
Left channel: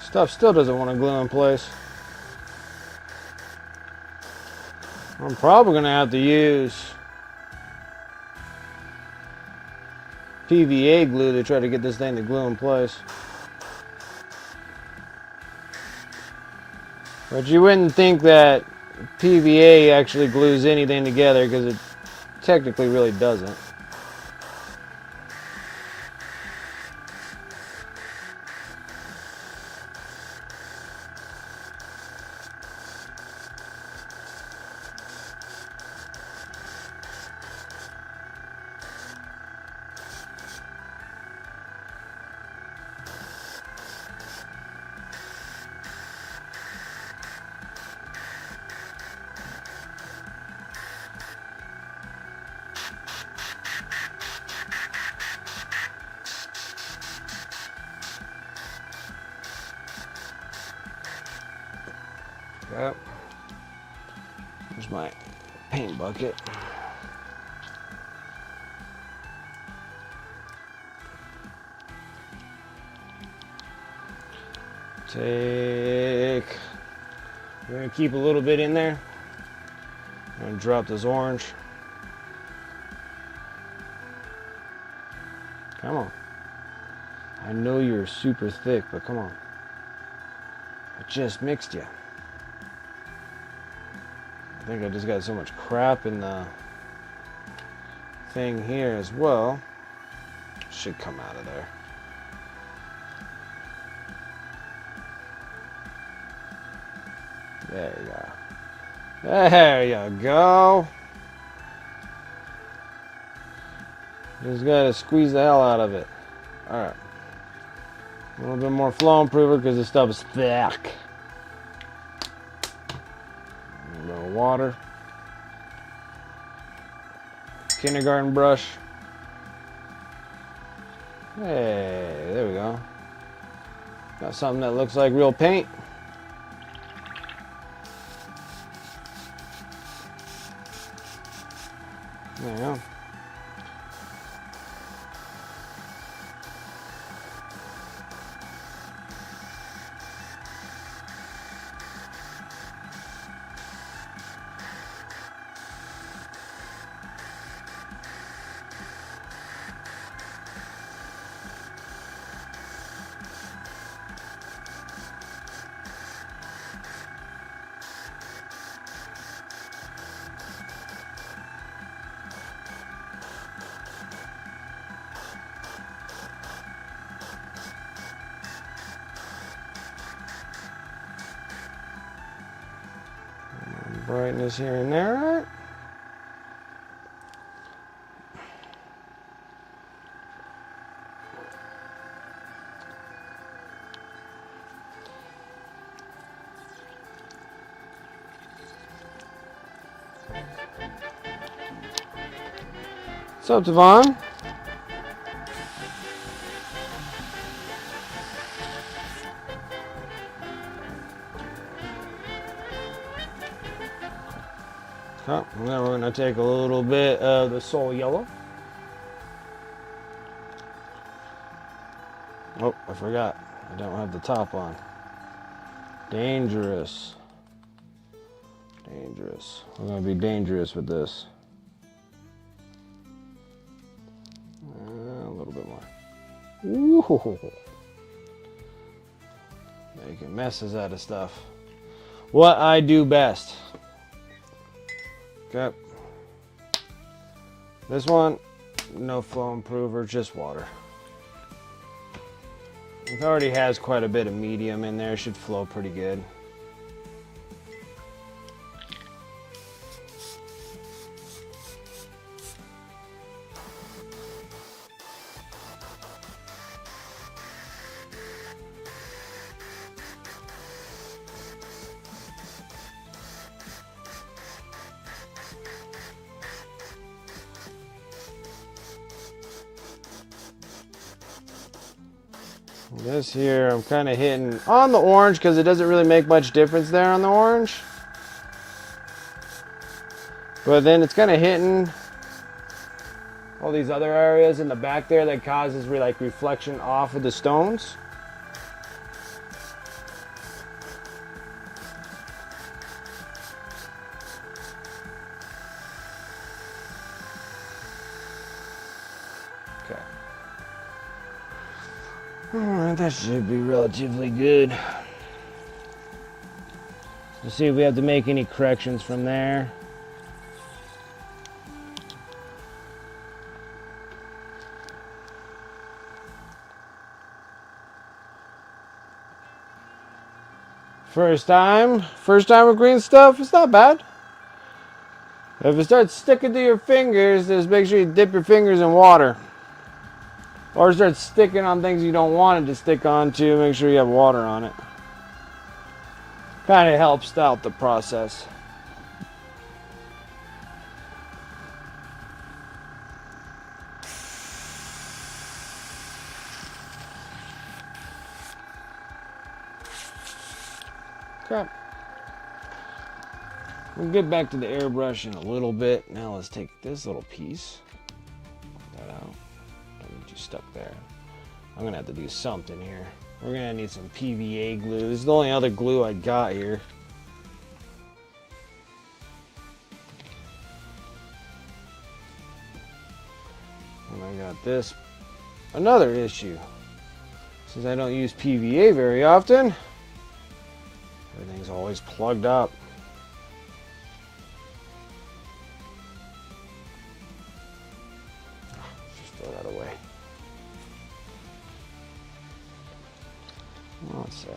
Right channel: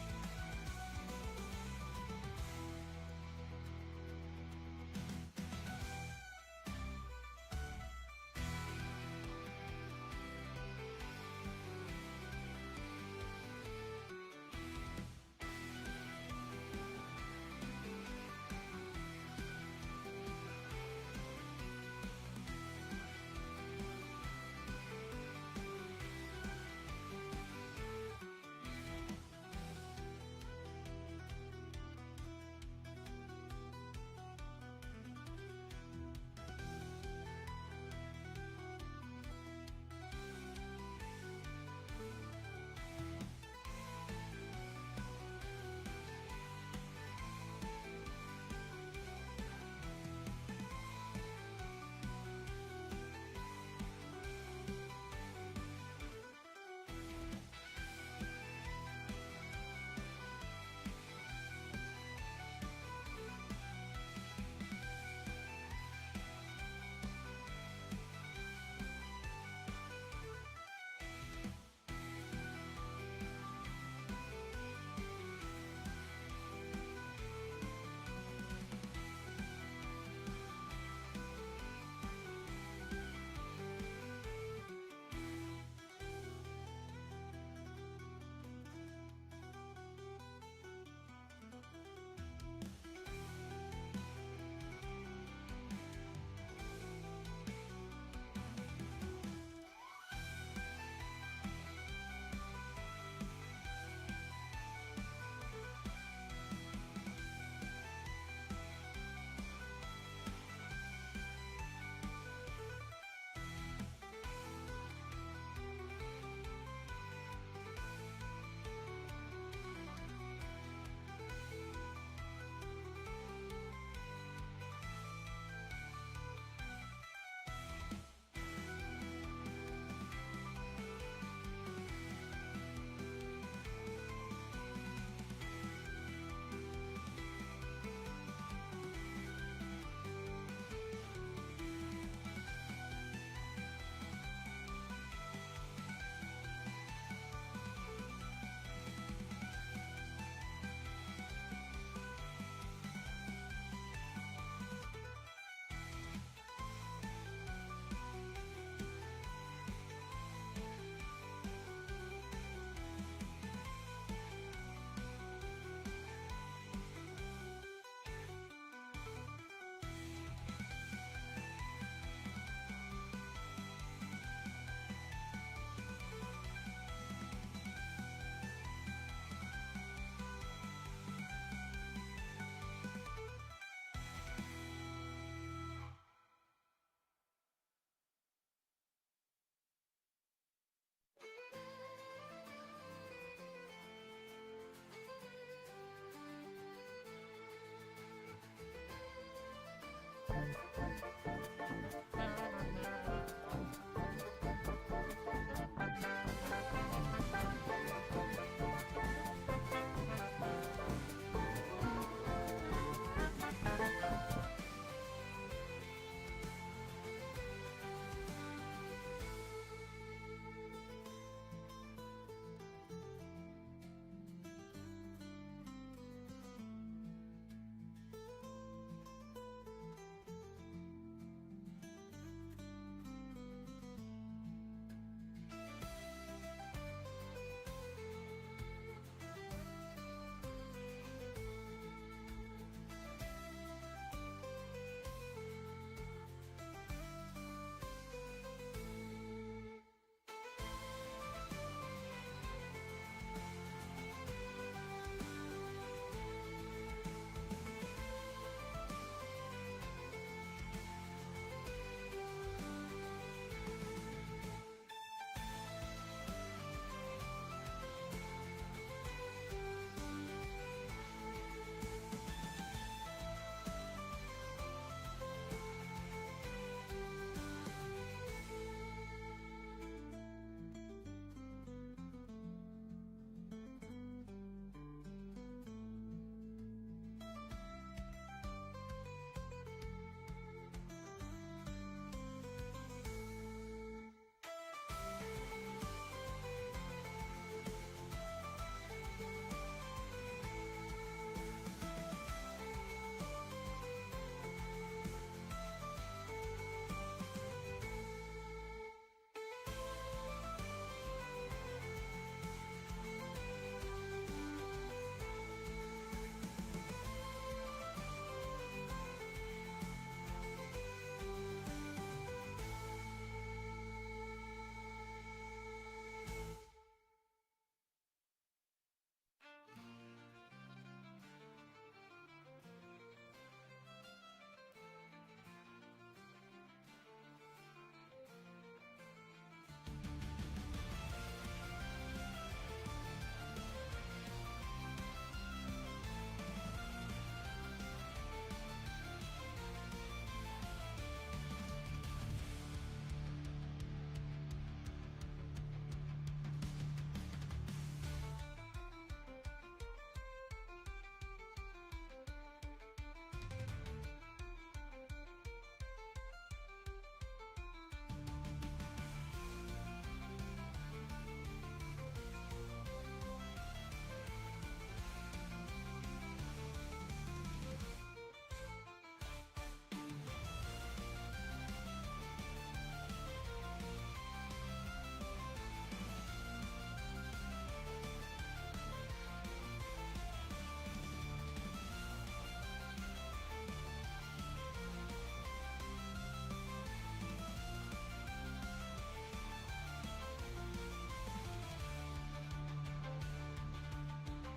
Stuff still doesn't want to glue in place. I'm probably going to have to use PVA glue to try to get this thing to glue in place. But you wouldn't think that PVA actually glues anything together, because it technically really doesn't. Yep. Here's my paint bucket. We're gonna keep a little bit in there. I'm gonna drop this orange. Come on. I know you're super thick, but come on. I just mixed you. I think I just got so much crap in the thing here as well. Should come out of there. There you go. There you go. Just gotta squeeze the hell out of it. Alright. A little bit more flow improver because this stuff is thick. Water, kindergarten brush. Hey, there we go. Got something that looks like real paint. There you go. brightness here and there. What's up, Devon? Oh, and then we're going to take a little bit of the Soul Yellow. Oh, I forgot. I don't have the top on. Dangerous. Dangerous. I'm going to be dangerous with this. A little bit more. Ooh. Making messes out of stuff. What I do best. Okay. This one, no flow improver, just water. It already has quite a bit of medium in there. It should flow pretty good. This here, I'm kind of hitting on the orange because it doesn't really make much difference there on the orange. But then it's kind of hitting all these other areas in the back there that causes like reflection off of the stones. Alright, that should be relatively good. Let's see if we have to make any corrections from there. First time with green stuff, it's not bad. If it starts sticking to your fingers, just make sure you dip your fingers in water. Or start sticking on things you don't want it to stick on to, make sure you have water on it. Kind of helps out the process. Okay. We'll get back to the airbrush in a little bit. Now let's take this little piece. Stuck there. I'm gonna have to do something here. We're gonna need some PVA glue. This is the only other glue I got here. And I got this. Another issue. Since I don't use PVA very often, everything's always plugged up. Just throw that away. Let's see.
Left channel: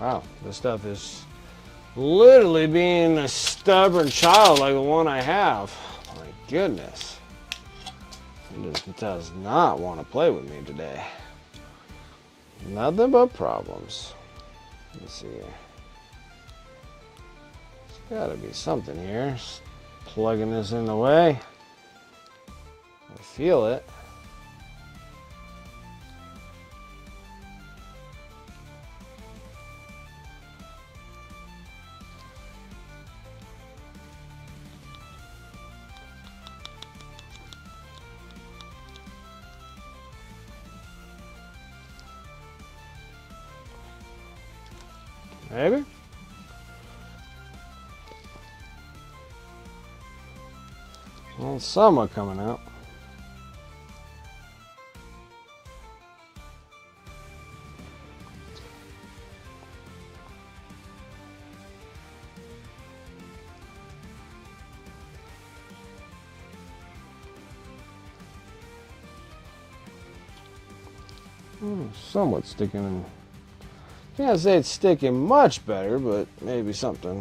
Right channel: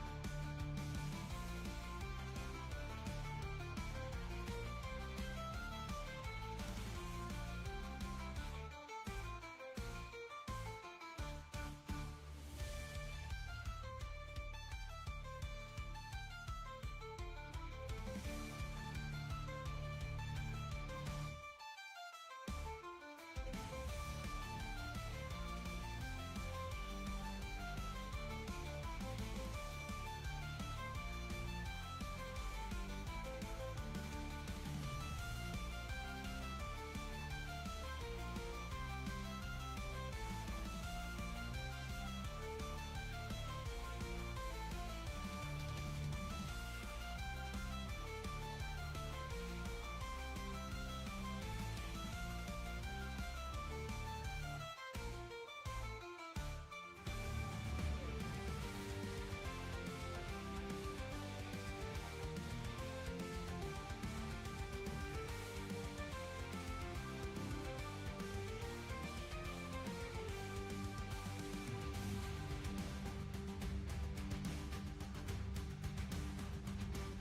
Wow, this stuff is literally being a stubborn child like the one I have. My goodness. It just does not want to play with me today. Nothing but problems. Let's see here. There's gotta be something here. Just plugging this in the way. I feel it. Maybe? Well, somewhat coming out. Somewhat sticking in. Can't say it's sticking much better, but maybe something.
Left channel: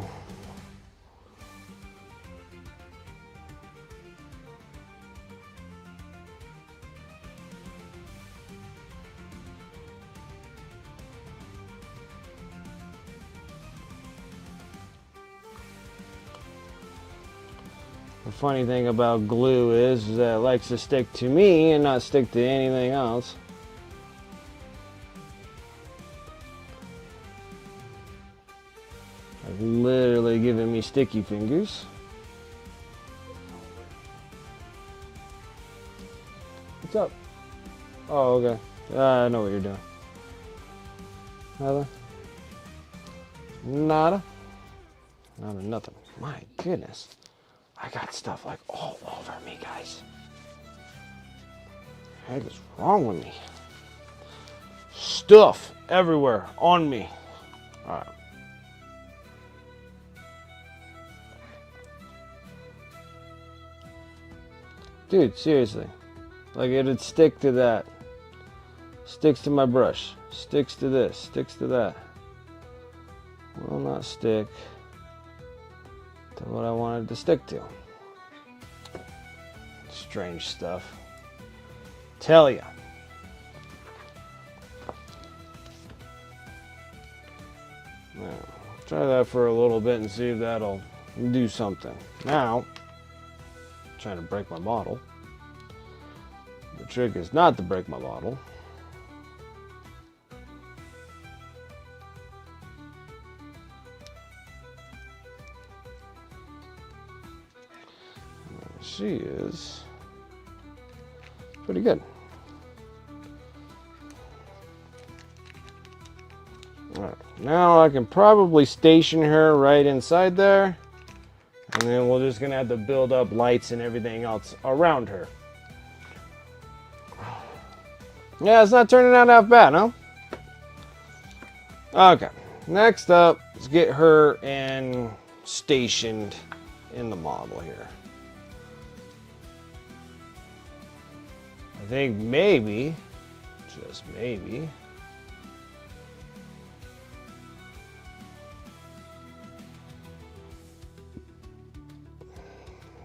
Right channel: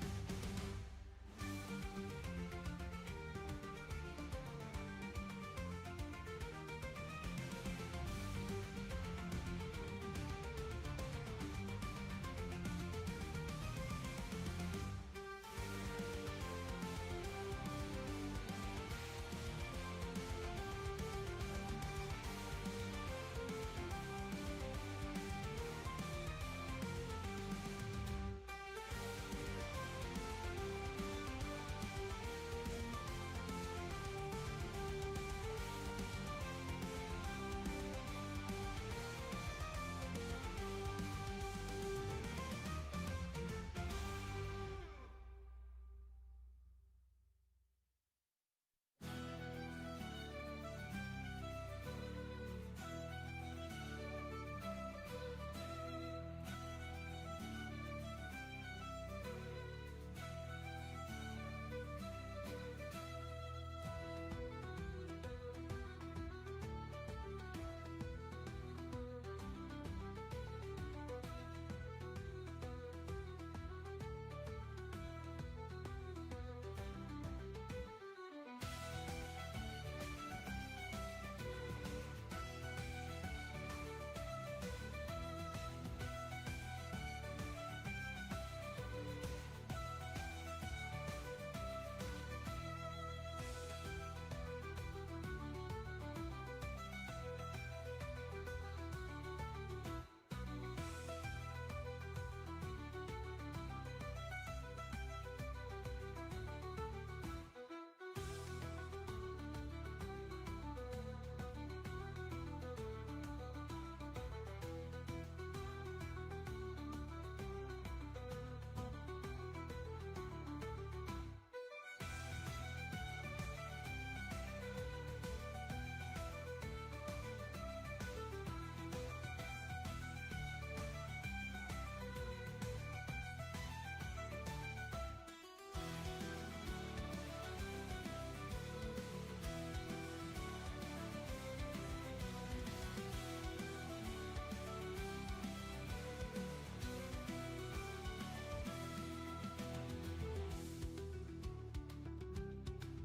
The funny thing about glue is that it likes to stick to me and not stick to anything else. Like literally giving me sticky fingers. What's up? Oh, okay. I know what you're doing. Nada? Nada? Nada, nothing. My goodness. I got stuff like all over me, guys. What the heck is wrong with me? Stuff everywhere on me. Alright. Dude, seriously. Like it'd stick to that. Sticks to my brush. Sticks to this. Sticks to that. Will not stick to what I wanted to stick to. Strange stuff. Tell ya. Now, try that for a little bit and see if that'll do something. Now, I'm trying to break my bottle. The trick is not to break my bottle. She is pretty good. All right, now I can probably station her right inside there, and then we're just gonna have to build up lights and everything else around her. Yeah, it's not turning out half bad, huh? Okay, next up, let's get her stationed in the model here. I think maybe, just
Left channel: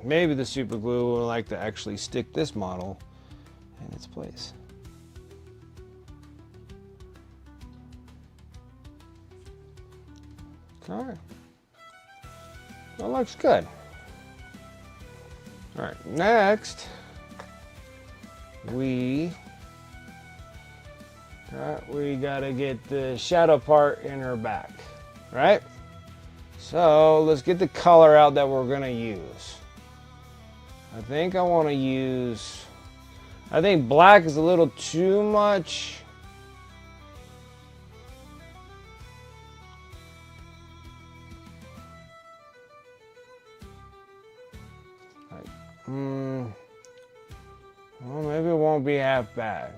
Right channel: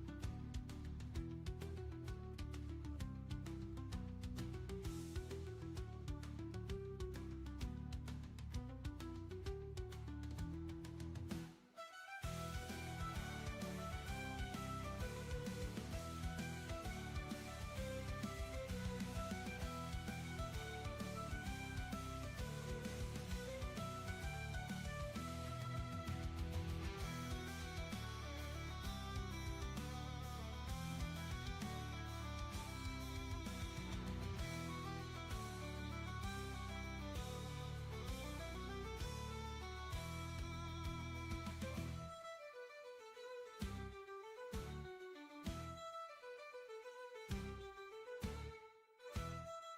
maybe, the super glue will like to actually stick this model in its place. All right, that looks good. All right, next. We gotta get the shadow part in her back, right? So let's get the color out that we're gonna use. I think I think black is a little too much. Well, maybe it won't be half bad.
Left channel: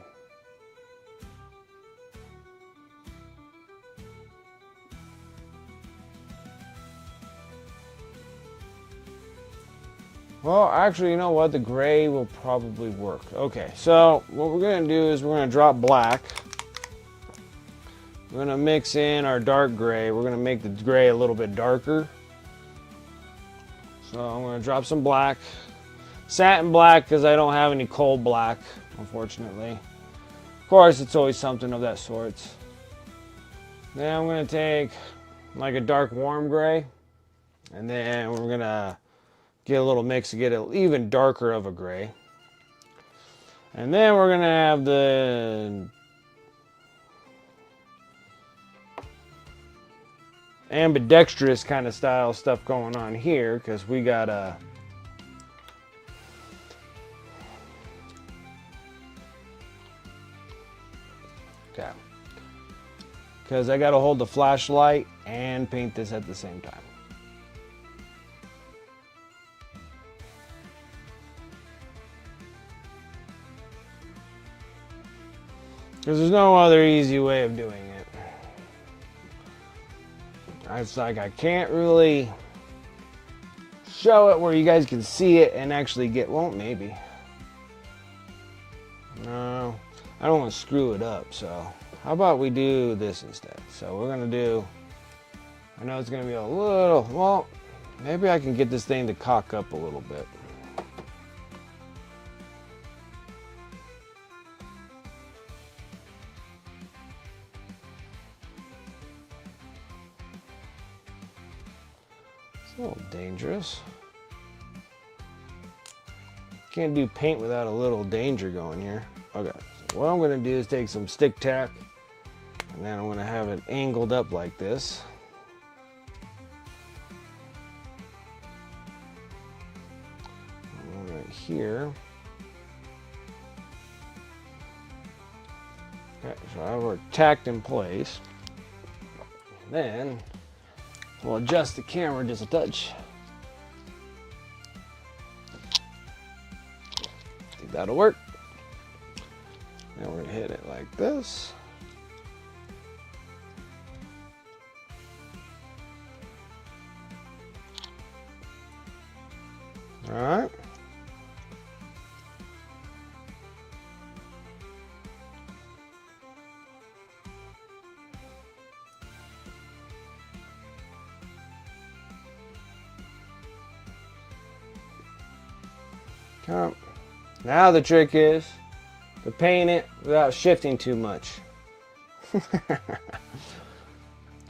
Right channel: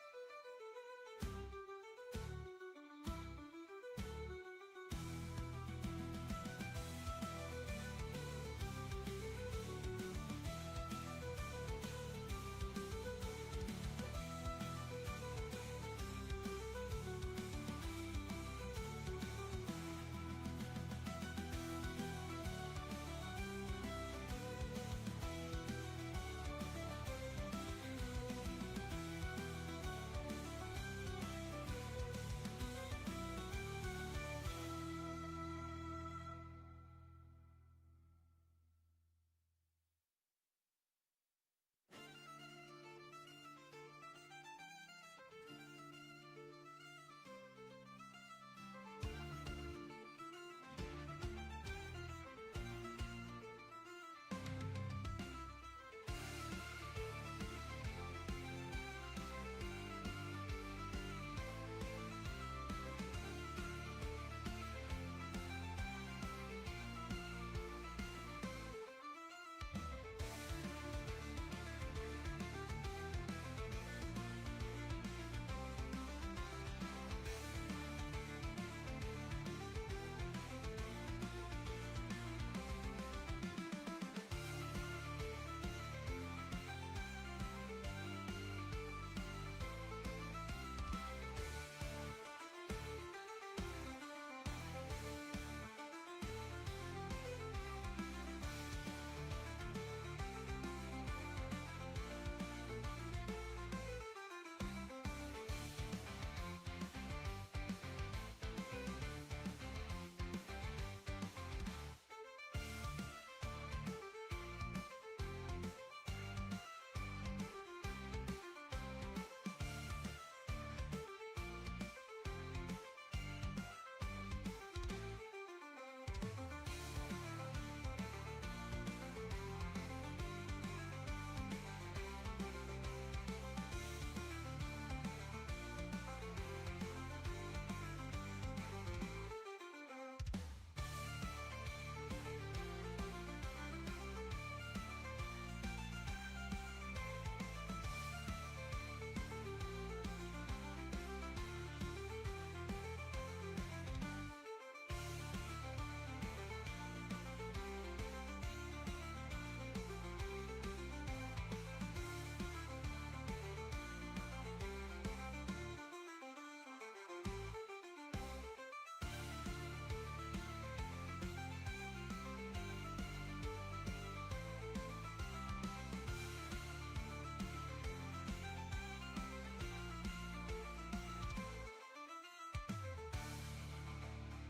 Well, actually, you know what? The gray will probably work. Okay, so what we're gonna do is we're gonna drop black. We're gonna mix in our dark gray. We're gonna make the gray a little bit darker. So I'm gonna drop some black. Satin black, because I don't have any coal black, unfortunately. Of course, it's always something of that sort. Then I'm gonna take like a dark warm gray, and then we're gonna get a little mix to get it even darker of a gray. And then we're gonna have the ambidextrous kind of style stuff going on here, because we got a because I got to hold the flashlight and paint this at the same time. Because there's no other easy way of doing it. It's like I can't really show it where you guys can see it and actually get, well, maybe. No. I don't want to screw it up, so how about we do this instead? So we're gonna do, I know it's gonna be a little, well, maybe I can get this thing to cock up a little bit. It's a little dangerous. Can't do paint without a little danger going here. Okay, so what I'm gonna do is take some stick tack, and then I'm gonna have it angled up like this. And right here. Okay, so I have it tacked in place. Then we'll adjust the camera just a touch. Think that'll work. And we're gonna hit it like this. All right. Now the trick is to paint it without shifting too much.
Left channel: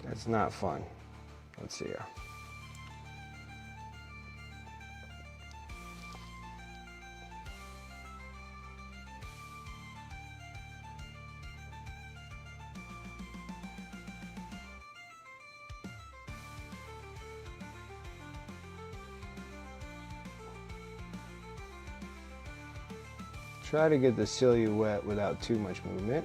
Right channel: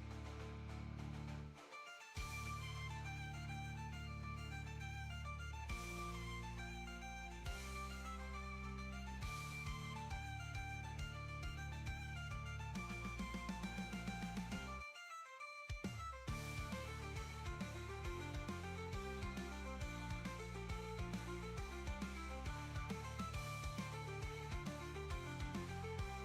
That's not fun. Let's see here. Try to get the silhouette without too much movement.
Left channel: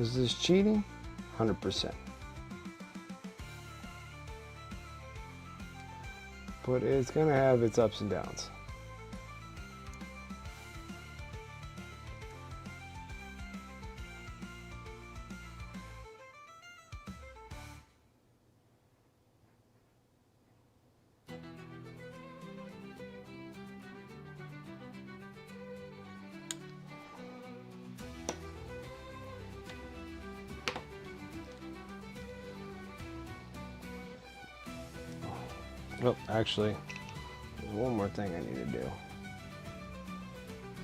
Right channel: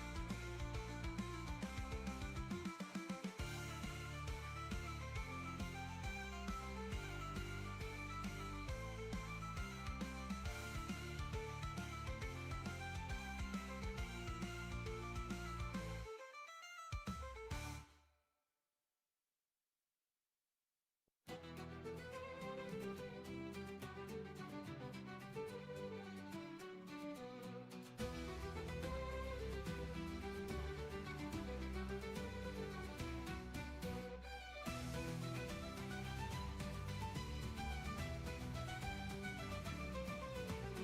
Is this cheating? 100%. But it's gonna have its ups and downs. Oh, actually, there's one more thing I need to do.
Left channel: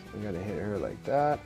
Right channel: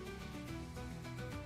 So I gotta hit her like that.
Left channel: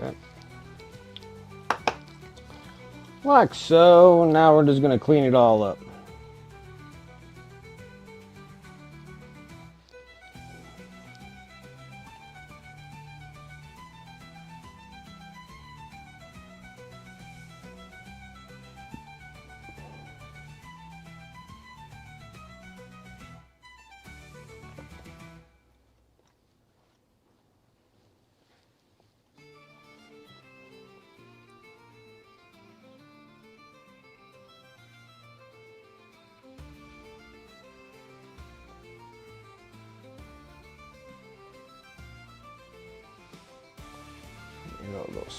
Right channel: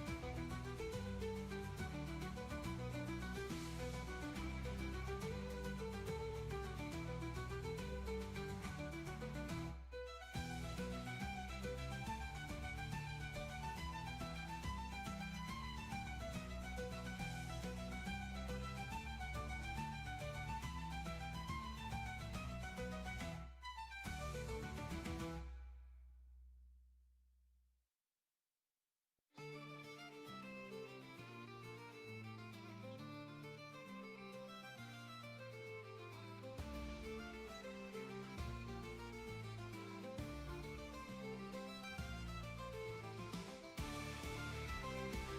Okay. Like so. Now we're just going to clean it all up.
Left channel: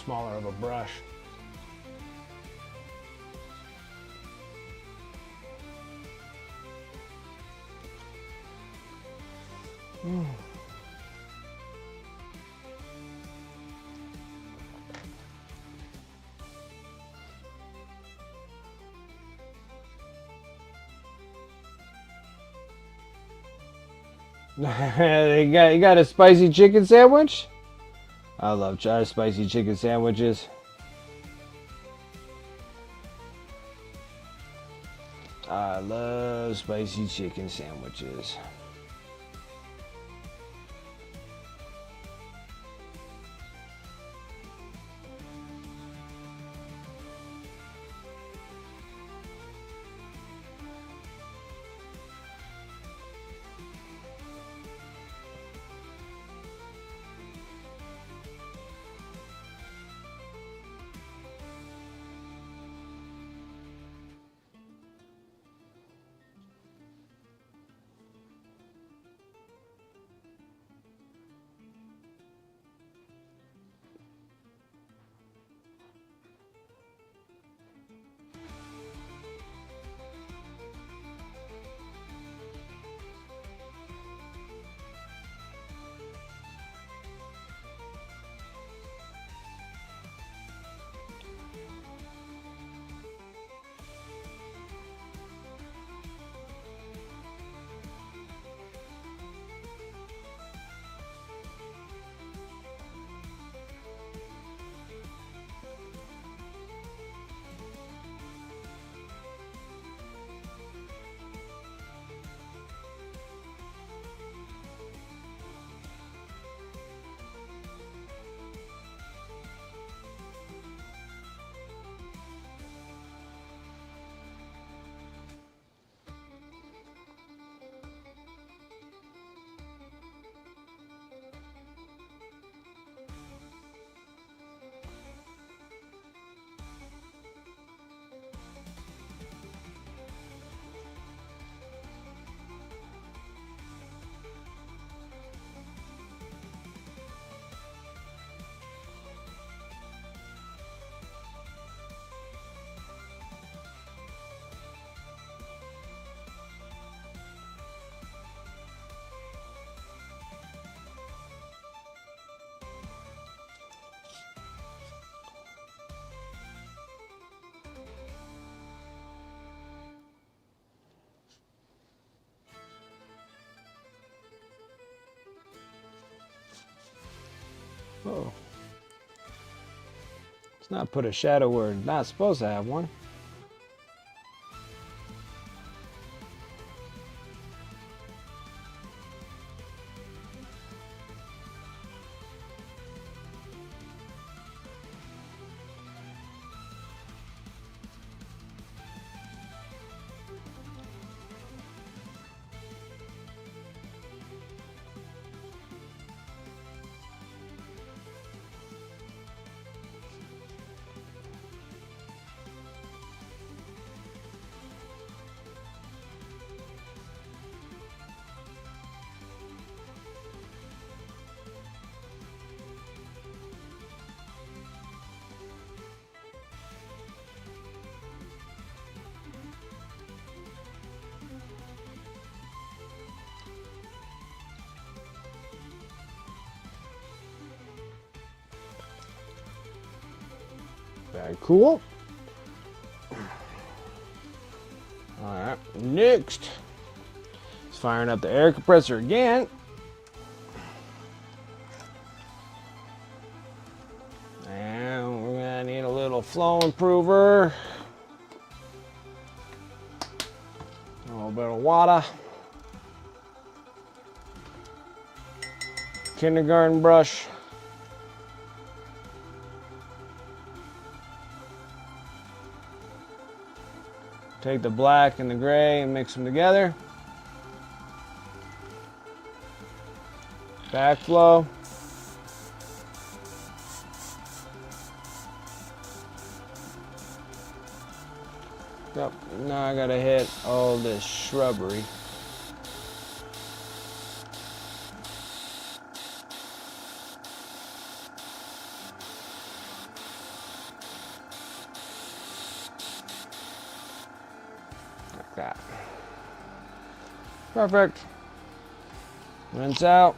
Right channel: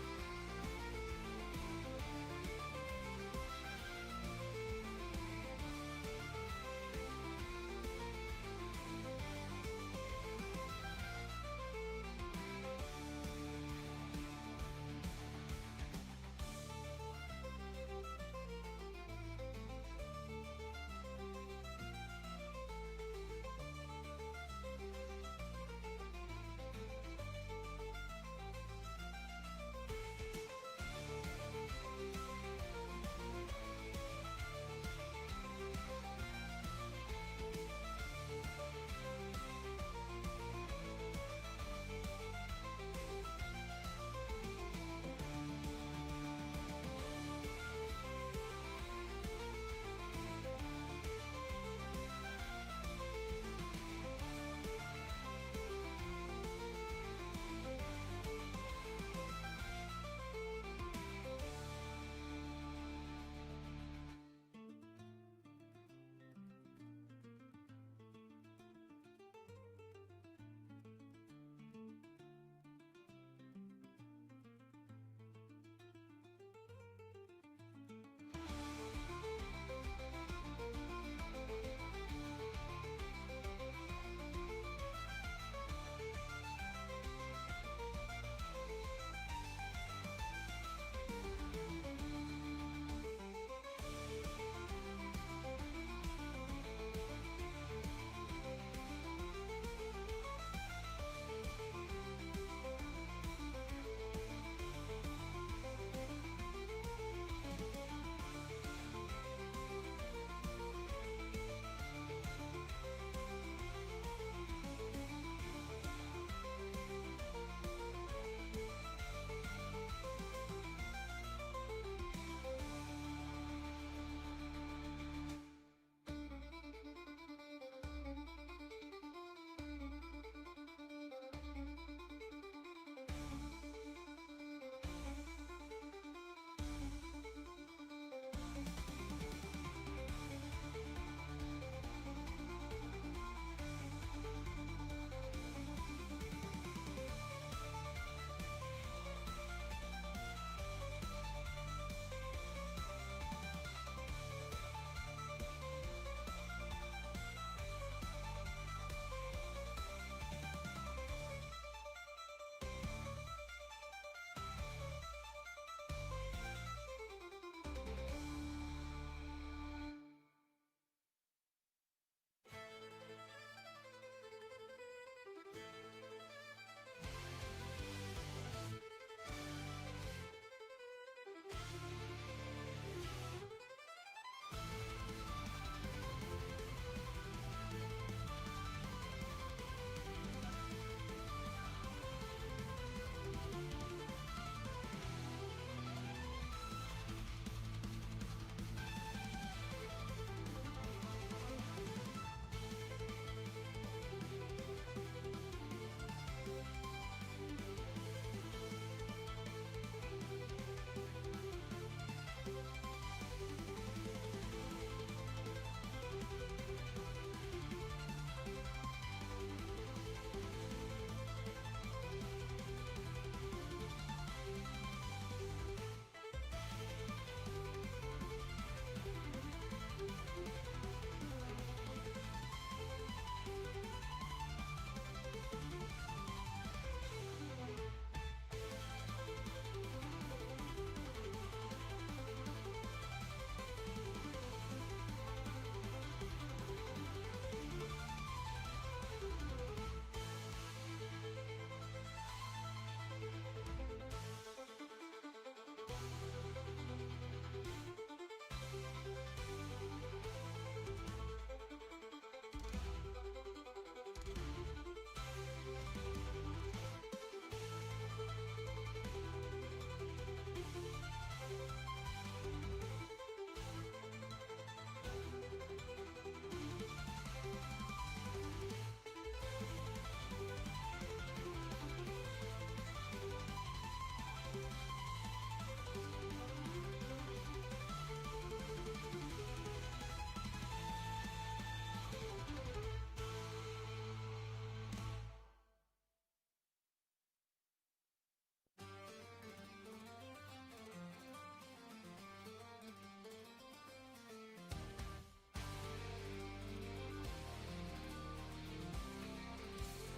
smaller of a brush. You got a spicy chicken sandwich? I love spicy chicken sandwiches. I love spicy chicken sandwiches. Oh. Let's not put a shadow where it's not supposed to have one. Very cool. Alright, next. It's firing up the air compressor again. And we're gonna need a little flow improver. A little bit of water. Kindergarten brush. Take the black and the gray and mix them together. Backflow. Yep, now I gotta hit all this shrubbery. that. Perfect. Rinse out.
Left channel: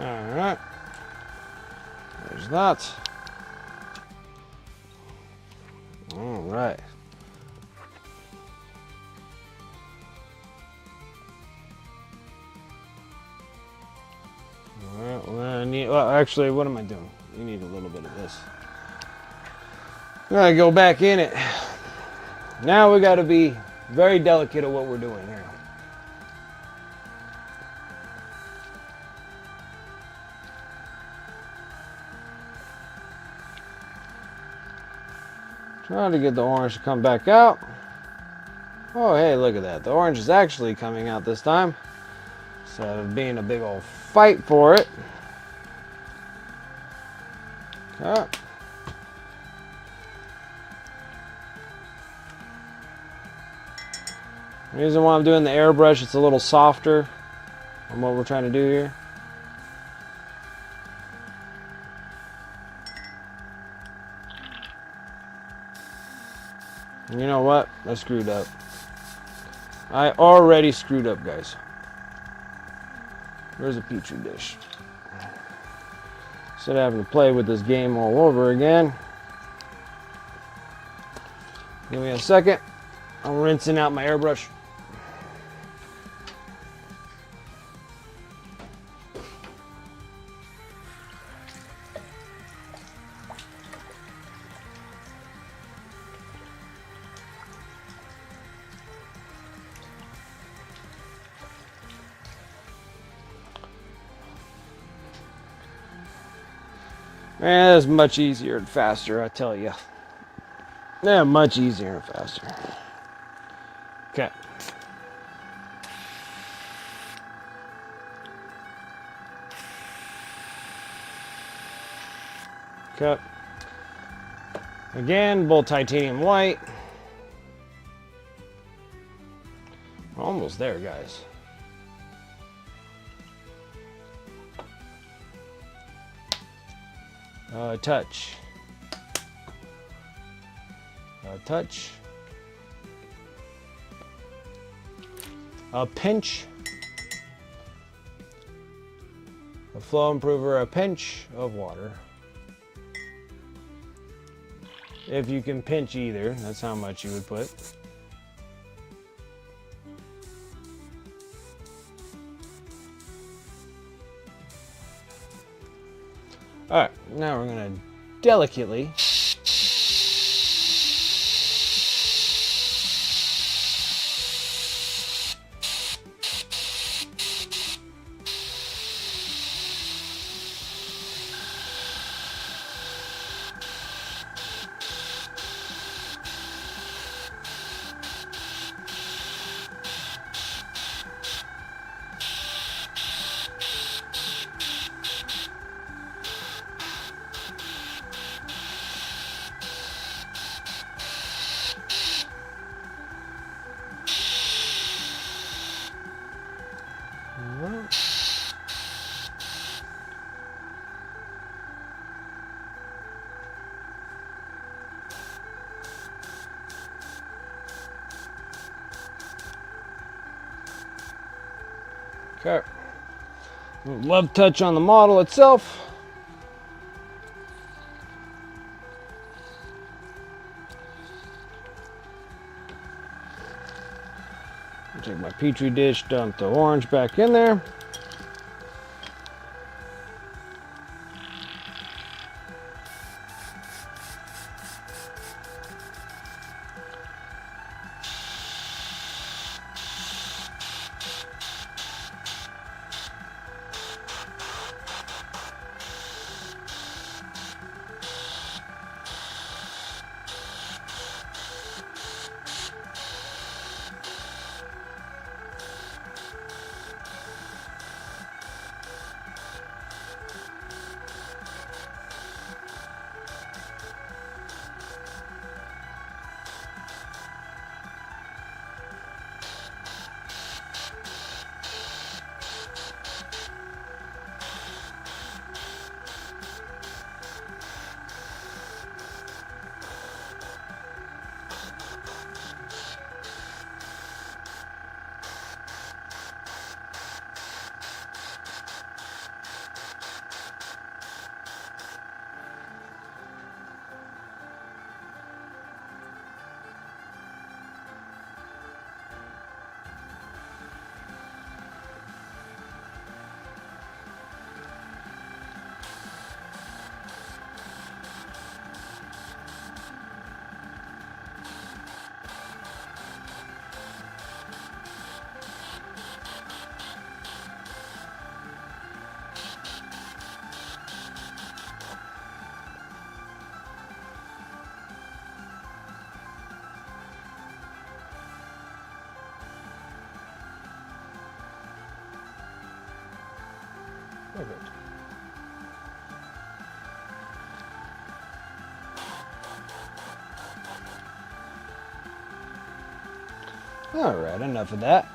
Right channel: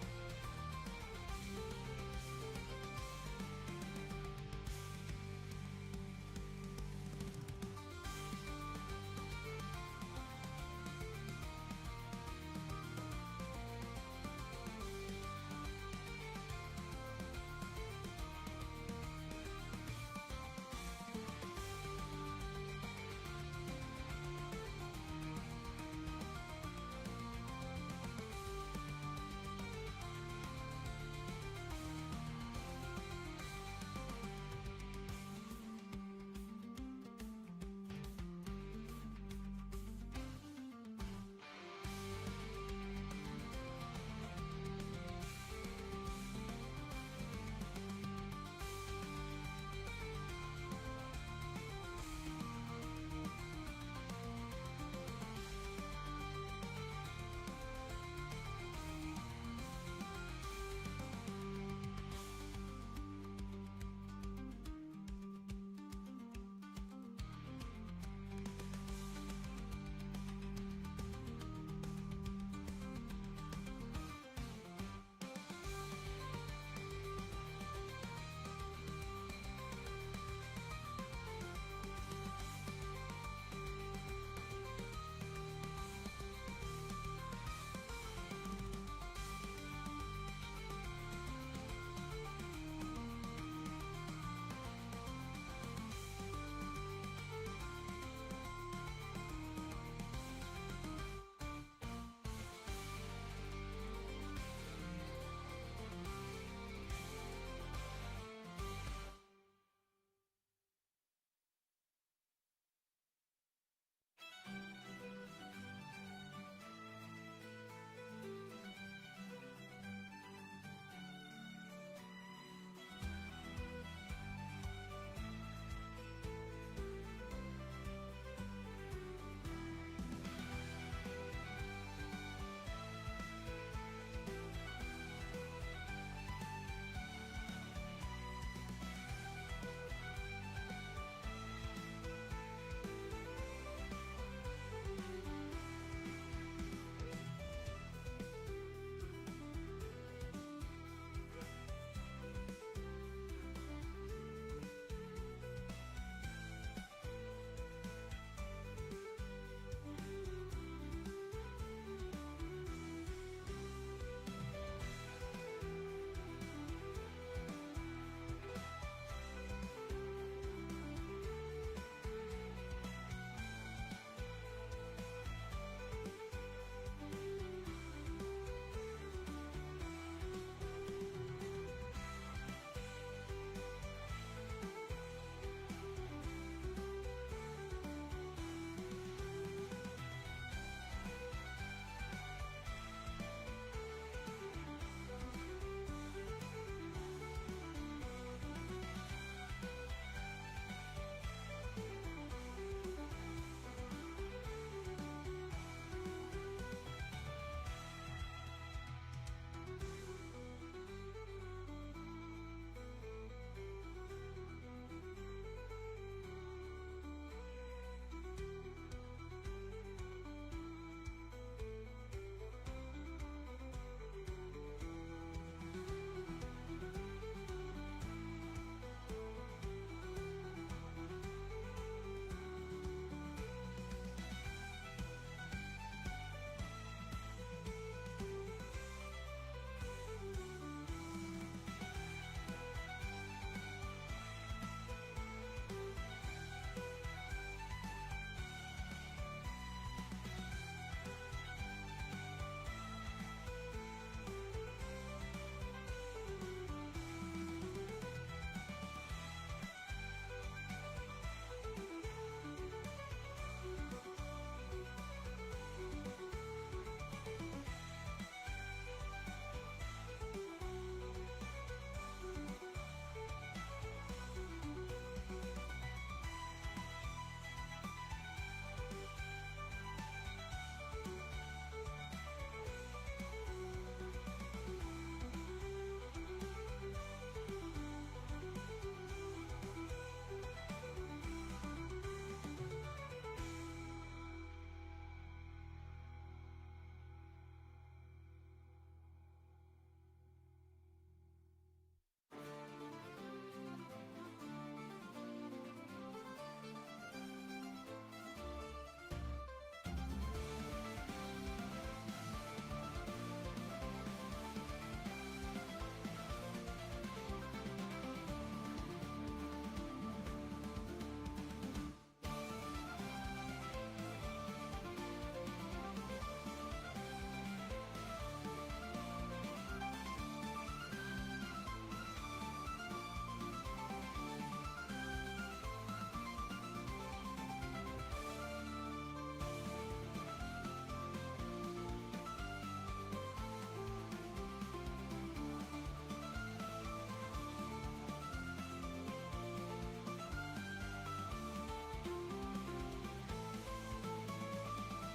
Alright. There's that. Alright. Well, actually, what am I doing? We need a little bit of this. I'm gonna go back in it. Now we gotta be very delicate at what we're doing here. Trying to get the orange to come back out. Oh, hey, look at that. The orange is actually coming out this time, instead of being a big old fight for it. Okay. The reason why I'm doing the airbrush, it's a little softer on what we're trying to do here. You know what? I screwed up. I already screwed up, guys. Where's a petri dish? Instead of having to play with this game all over again. Give me a second. I'm rinsing out my airbrush. Man, it's much easier and faster, I tell you. Yeah, much easier and faster. Okay. Okay. Again, both titanium white. Almost there, guys. Touch. Touch. A pinch. A flow improver, a pinch of water. If you can pinch either, that's how much you would put. All right, now we're gonna delicately okay. Love touch on the model itself. Take my petri dish, dump the orange back in there. All right, enough of that.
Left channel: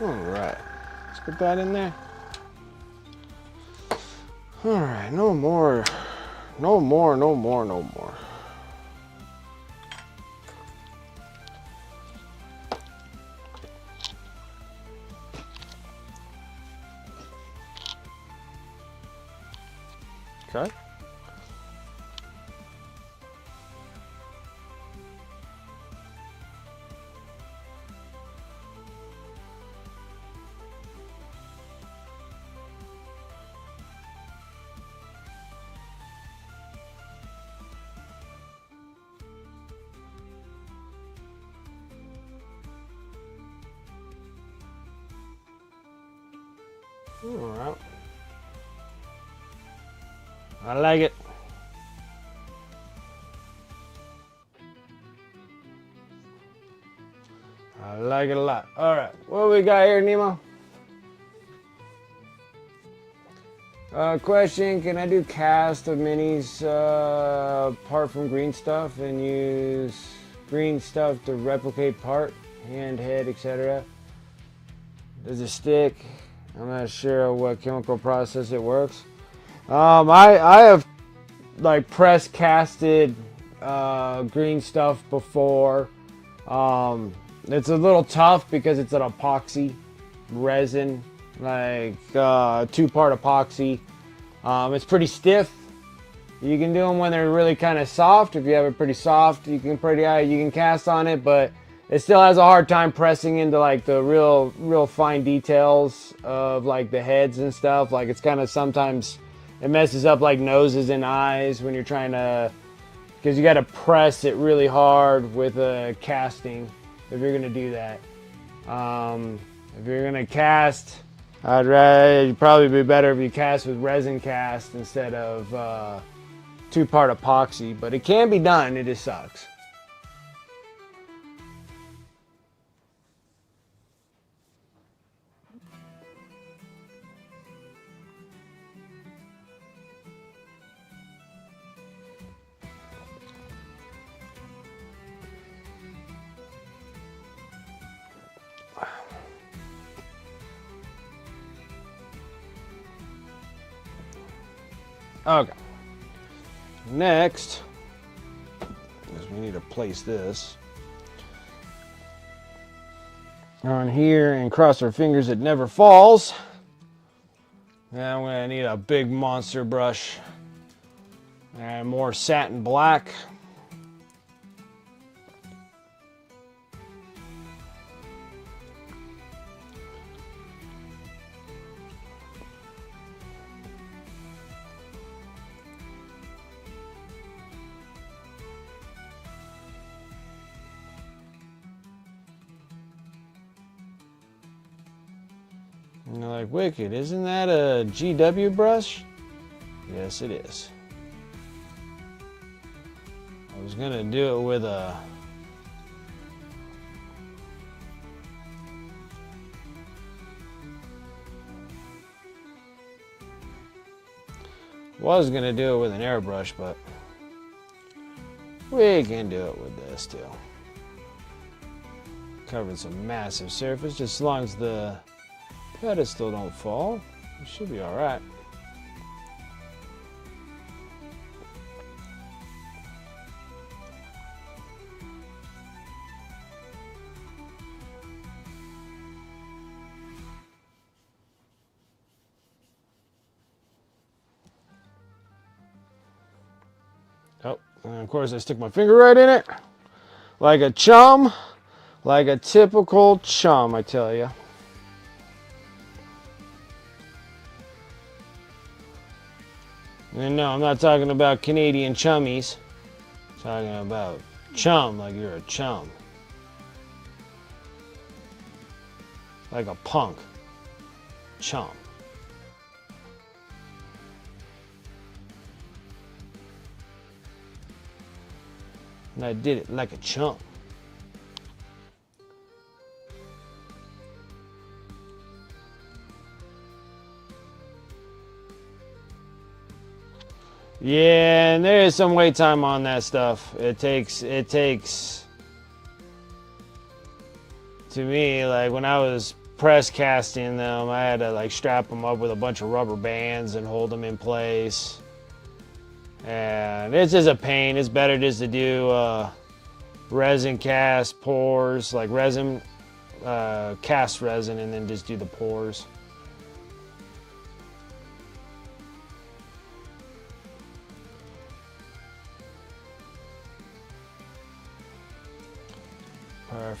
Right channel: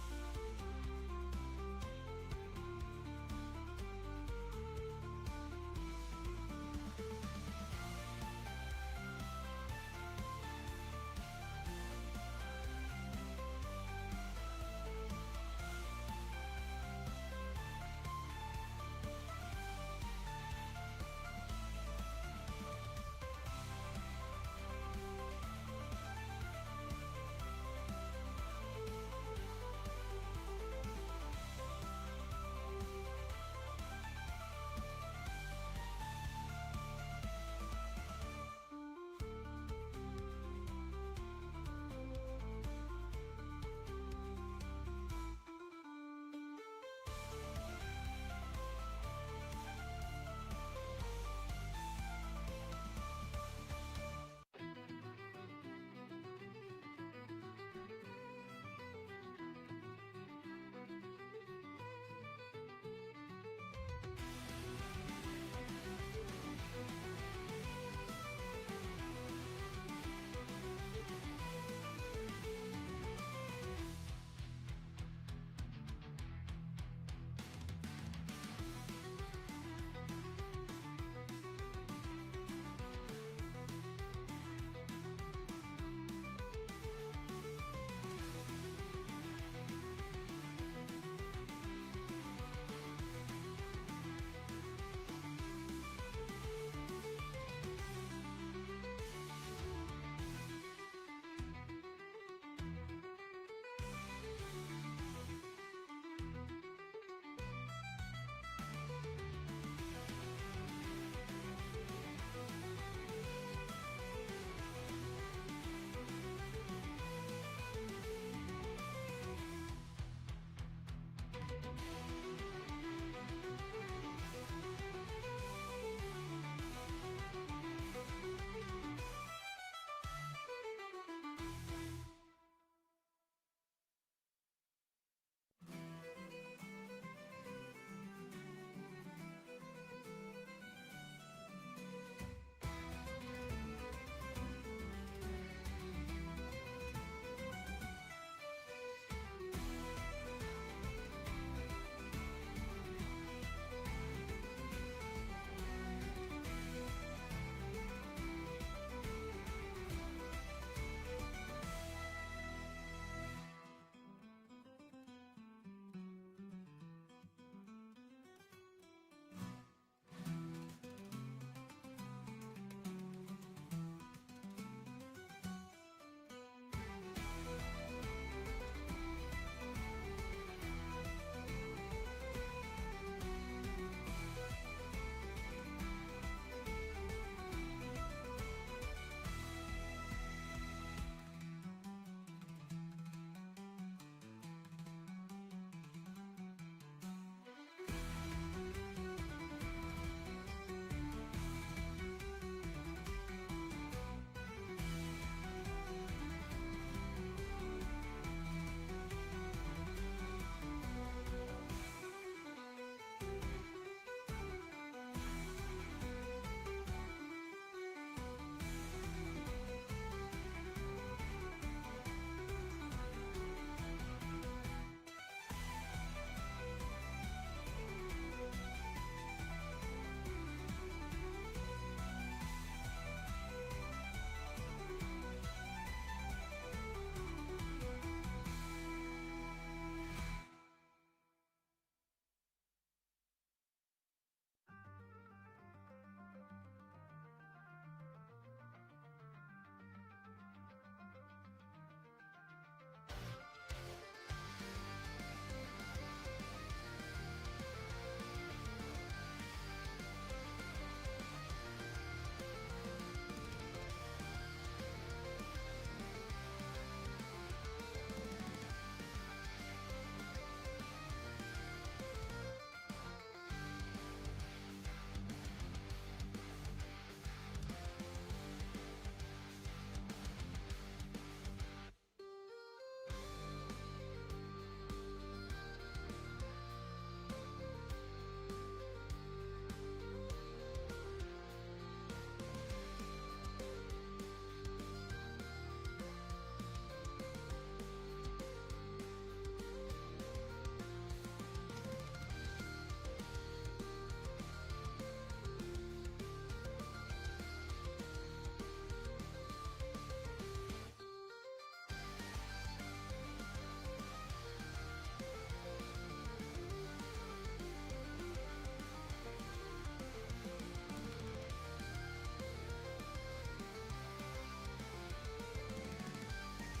All right, let's put that in there. All right, no more. Okay. All right. I like it. I like it a lot. All right, what we got here, Nemo? Question, can I do cast of minis apart from green stuff and use green stuff to replicate part, hand, head, etc.? Does it stick? I'm not sure what chemical process it works. I have like press casted green stuff before. It's a little tough because it's an epoxy resin, like 2-part epoxy. It's pretty stiff. You can do them when they're really kind of soft. If you have it pretty soft, you can cast on it, but it still has a hard time pressing into like the real fine details of like the heads and stuff. Like it's kind of sometimes it messes up like noses and eyes when you're trying to, because you got to press it really hard with a casting if you're gonna do that. If you're gonna cast, it'd probably be better if you cast with resin cast instead of 2-part epoxy, but it can be done, it just sucks. Okay. Next, we need to place this on here and cross our fingers it never falls. And I'm gonna need a big monster brush and more satin black. And you're like, Wicked, isn't that a GW brush? Yes, it is. I was gonna do it with a an airbrush, but we can do it with this too. Covered some massive surface, just as long as the pedestal don't fall, it should be all right. And of course I stick my finger right in it. Like a chum. Like a typical chum, I tell you. And no, I'm not talking about Canadian chummies. I'm talking about chum, like you're a chum. Like a punk. Chum. And I did it like a chump. Yeah, and there is some wait time on that stuff. It takes, to me, like when I was press casting them, I had to like strap them up with a bunch of rubber bands and hold them in place. And it's just a pain. It's better just to do resin cast pours, like resin, cast resin, and then just do the pours.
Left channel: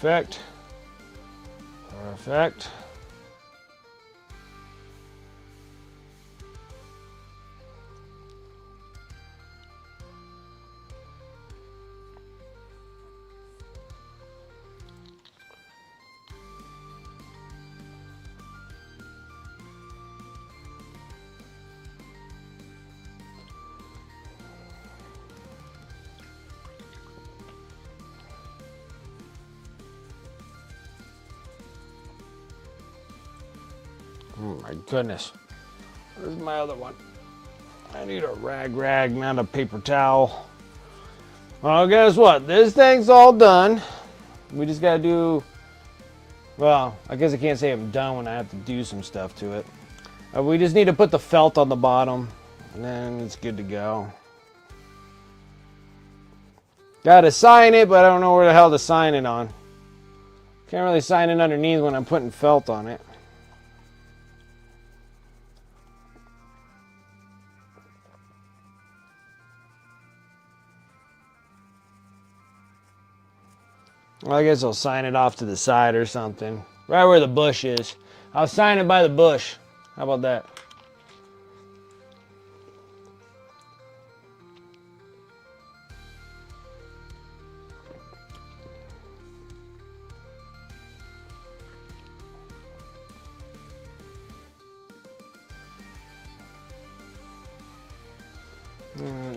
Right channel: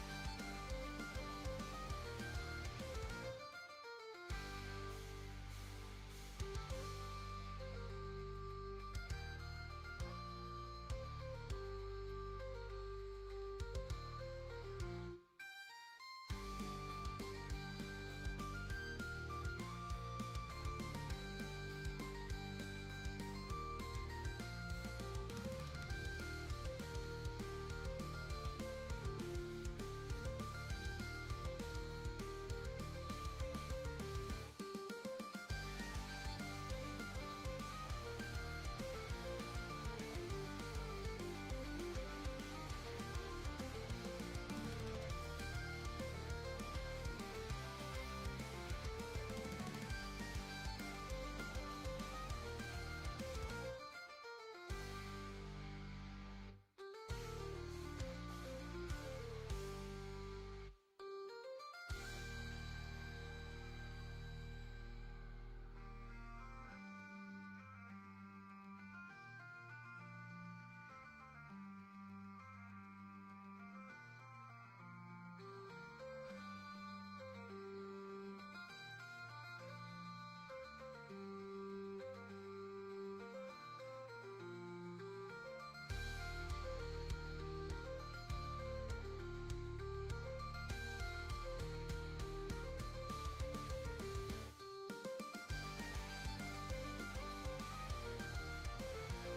Perfect. Perfect. Oh my goodness. Where's my other one? I need a rag, not a paper towel. Well, guess what? This thing's all done. We just gotta do, well, I guess I can't say I'm done when I have to do some stuff to it. We just need to put the felt on the bottom, and then it's good to go. Gotta sign it, but I don't know where the hell to sign it on. Can't really sign it underneath when I'm putting felt on it. Well, I guess I'll sign it off to the side or something. Right where the bush is. I'll sign it by the bush. How about that?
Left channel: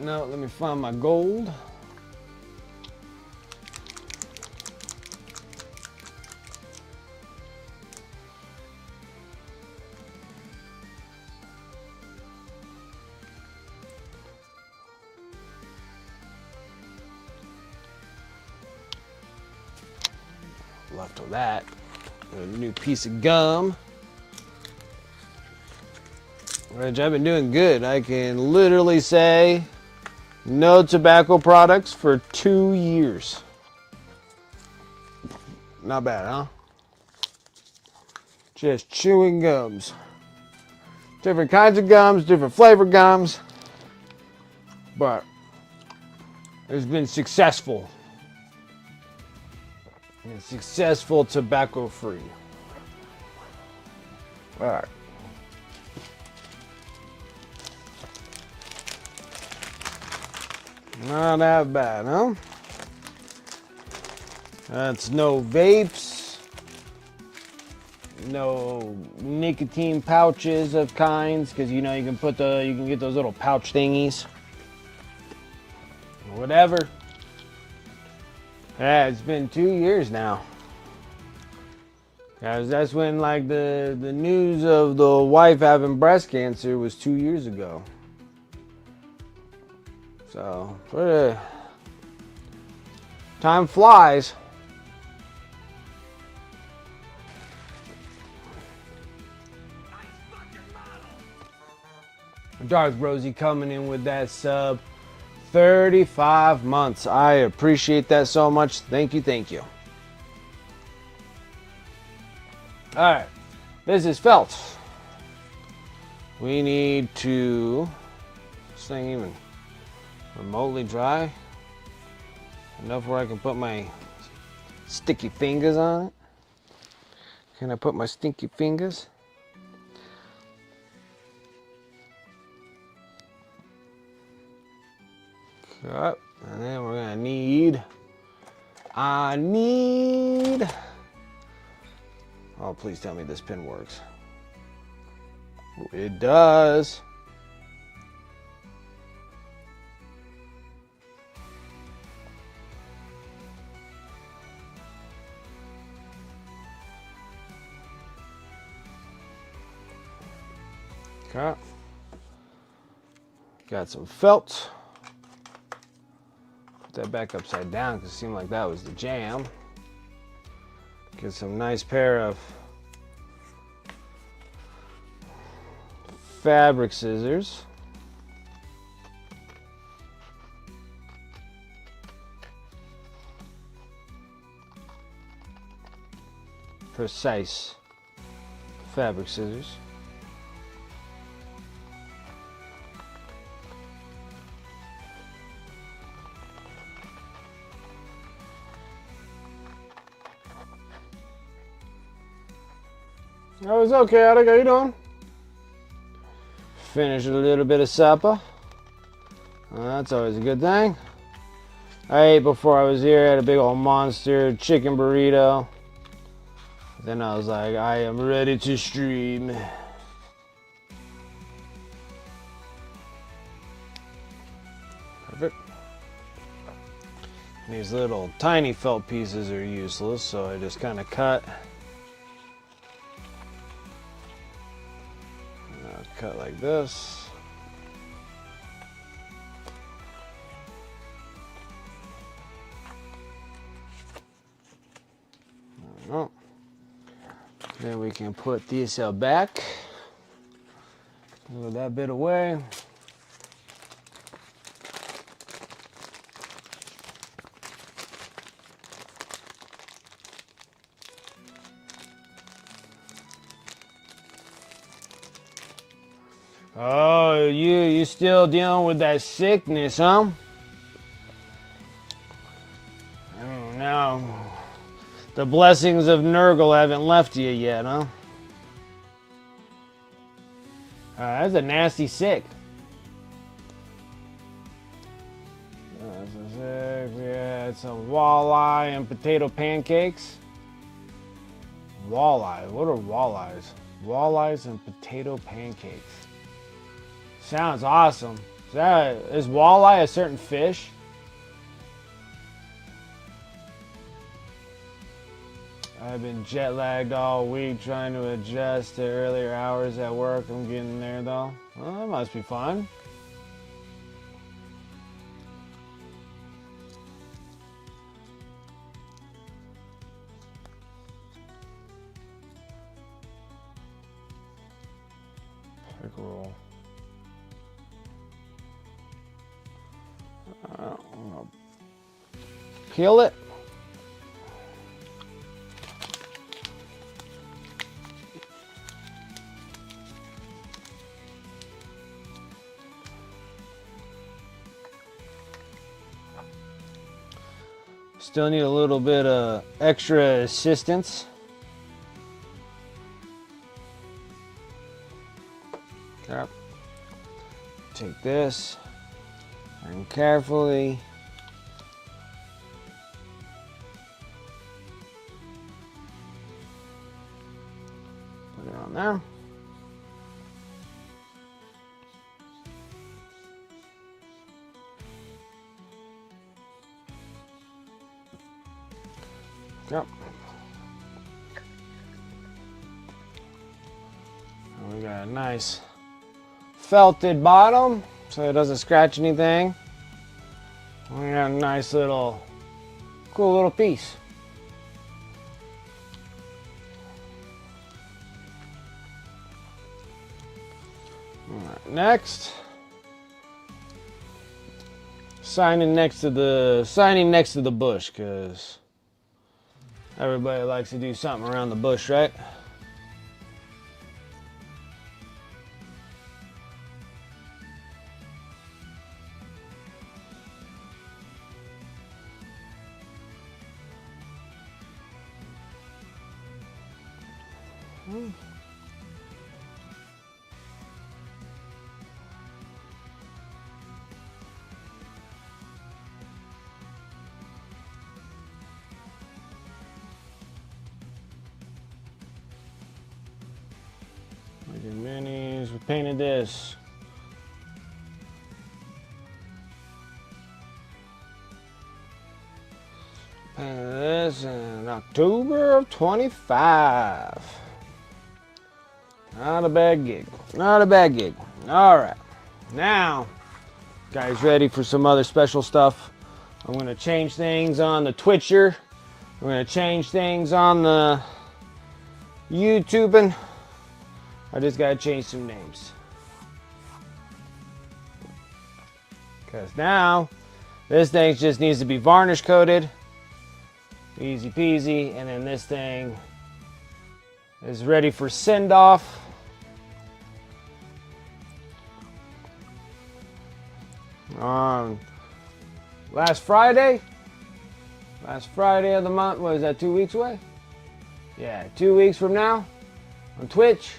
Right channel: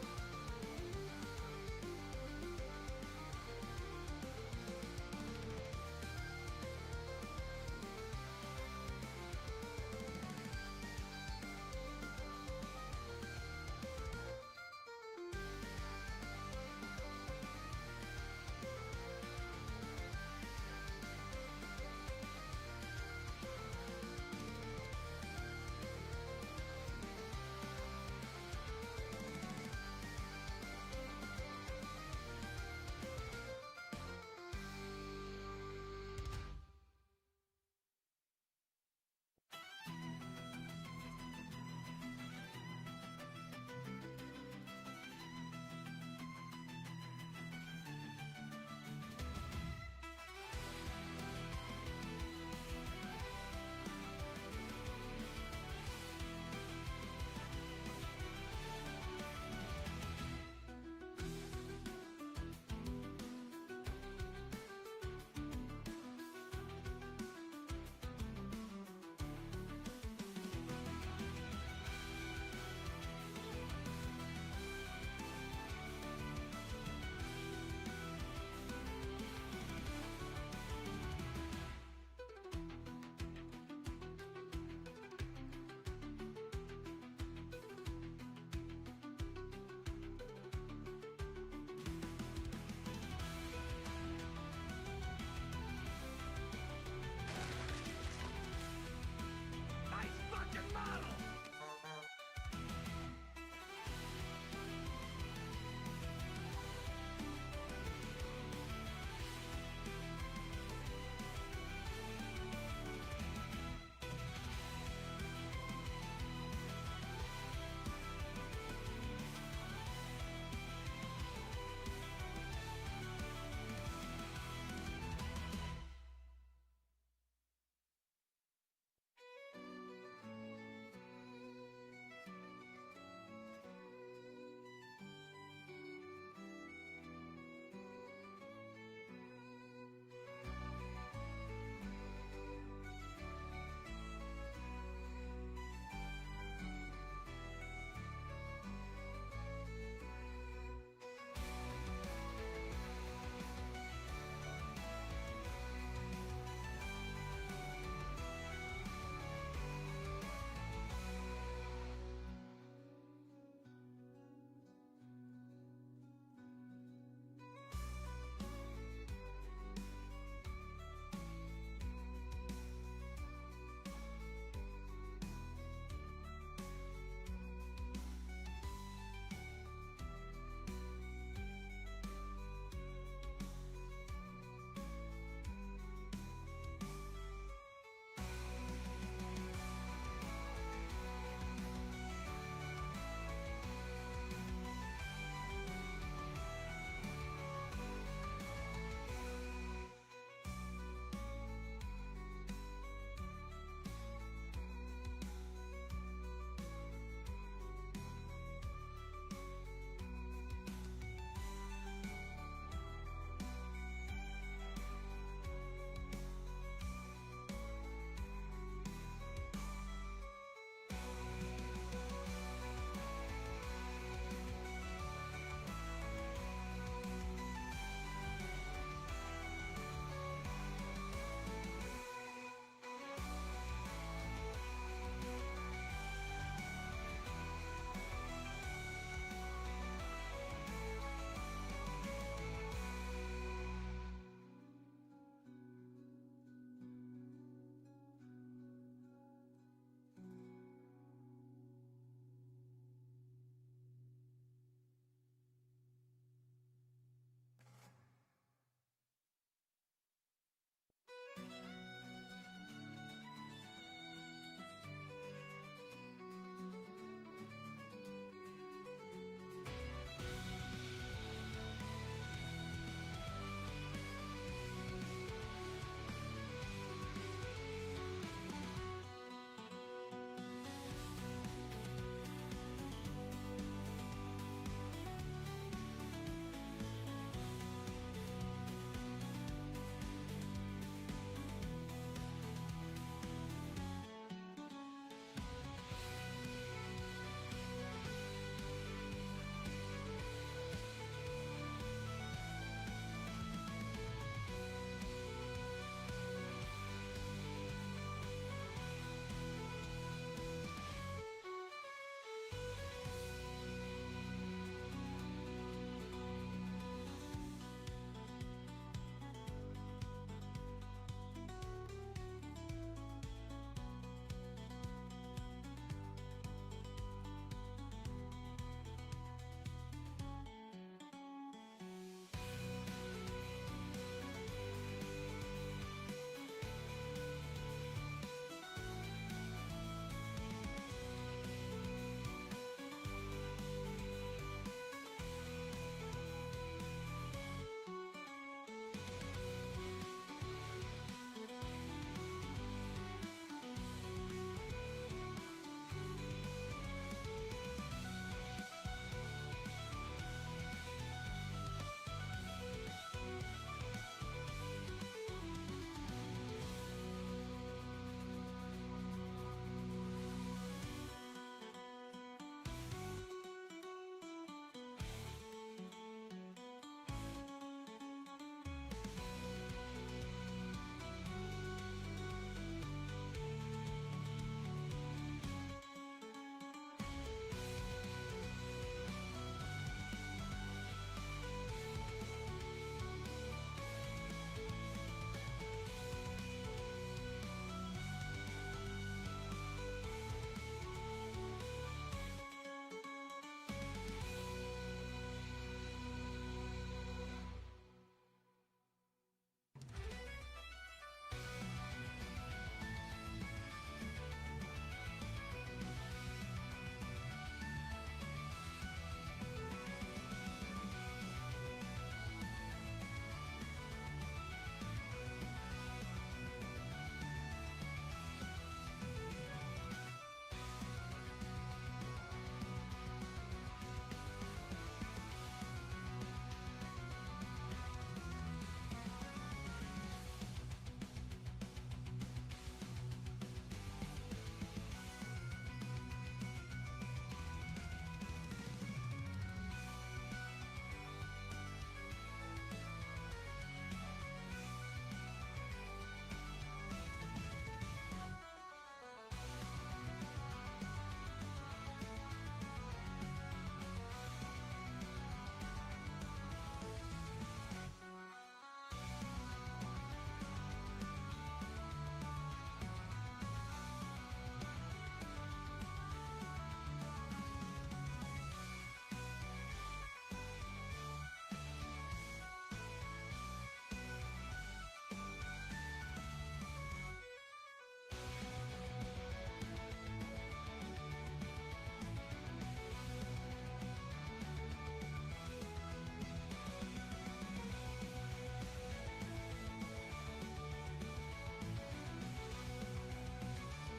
No, let me find my gold. Left with that. A new piece of gum. Which I've been doing good. I can literally say no tobacco products for 2 years. Not bad, huh? Just chewing gums. Different kinds of gums, different flavor gums. But it's been successful. Successful tobacco free. All right. Not that bad, huh? That's no vapes, no nicotine pouches of kinds, because you know you can get those little pouch thingies. Whatever. Yeah, it's been 2 years now. Guys, that's when like the news of the wife having breast cancer was 2 years ago. So, time flies. Nice fucking model. Dark Rosie coming in with that sub. 35 months. I appreciate that so much. Thank you, thank you. All right, this is felt. We need to, this thing even remotely dry? Enough where I can put my sticky fingers on it. Can I put my stinky fingers? Up, and then we're gonna need. Oh, please tell me this pin works. It does. Okay. Got some felt. Put that back upside down because it seemed like that was the jam. Get some nice pair of fabric scissors. Precise fabric scissors. Oh, it's okay, Attic. How you doing? Finish a little bit of supper. That's always a good thing. I ate before I was here. I had a big old monster chicken burrito. Then I was like, I am ready to stream. Perfect. These little tiny felt pieces are useless, so I just kind of cut. Cut like this. Oh. Then we can put this back. Move that bit away. Oh, you still dealing with that sickness, huh? No. The blessings of Nurgle haven't left you yet, huh? That's a nasty sick. Yeah, it's a walleye and potato pancakes. Walleye. What are walleyes? Walleyes and potato pancakes. Sounds awesome. Is walleye a certain fish? I've been jet lagged all week trying to adjust to earlier hours at work. I'm getting there though. Oh, that must be fun. Cool. Peel it. Still need a little bit of extra assistance. Yep. Take this and carefully put it on there. Yep. And we got a nice felted bottom so it doesn't scratch anything. We got a nice little, cool little piece. All right, next, signing next to the bush, because everybody likes to do something around the bush, right? painted this. Painted this in October of 25. Not a bad gig. Not a bad gig. All right. Now, guys, ready for some other special stuff? I'm going to change things on the Twitcher. I'm going to change things on the YouTubing. I just got to change some names. Because now, this thing just needs to be varnish coated. Easy peasy. And then this thing is ready for send off. Last Friday of the month, what is that, 2 weeks away? Yeah, 2 weeks from now on Twitch.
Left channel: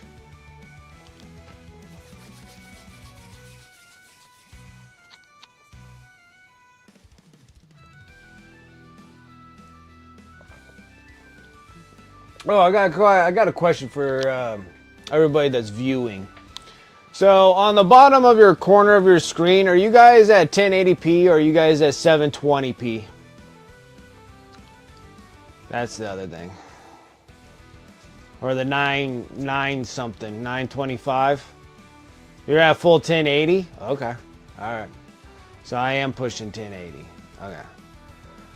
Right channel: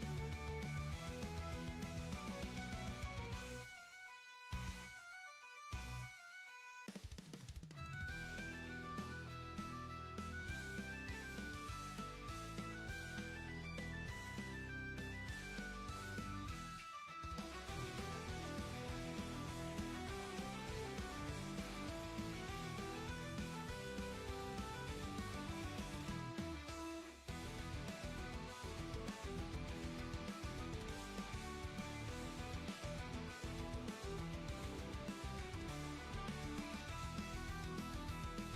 Oh, I got a question for everybody that's viewing. So on the bottom of your corner of your screen, are you guys at 1080p or are you guys at 720p? That's the other thing. Or the 925? You're at full 1080? Okay. Alright. So I am pushing 1080. Okay.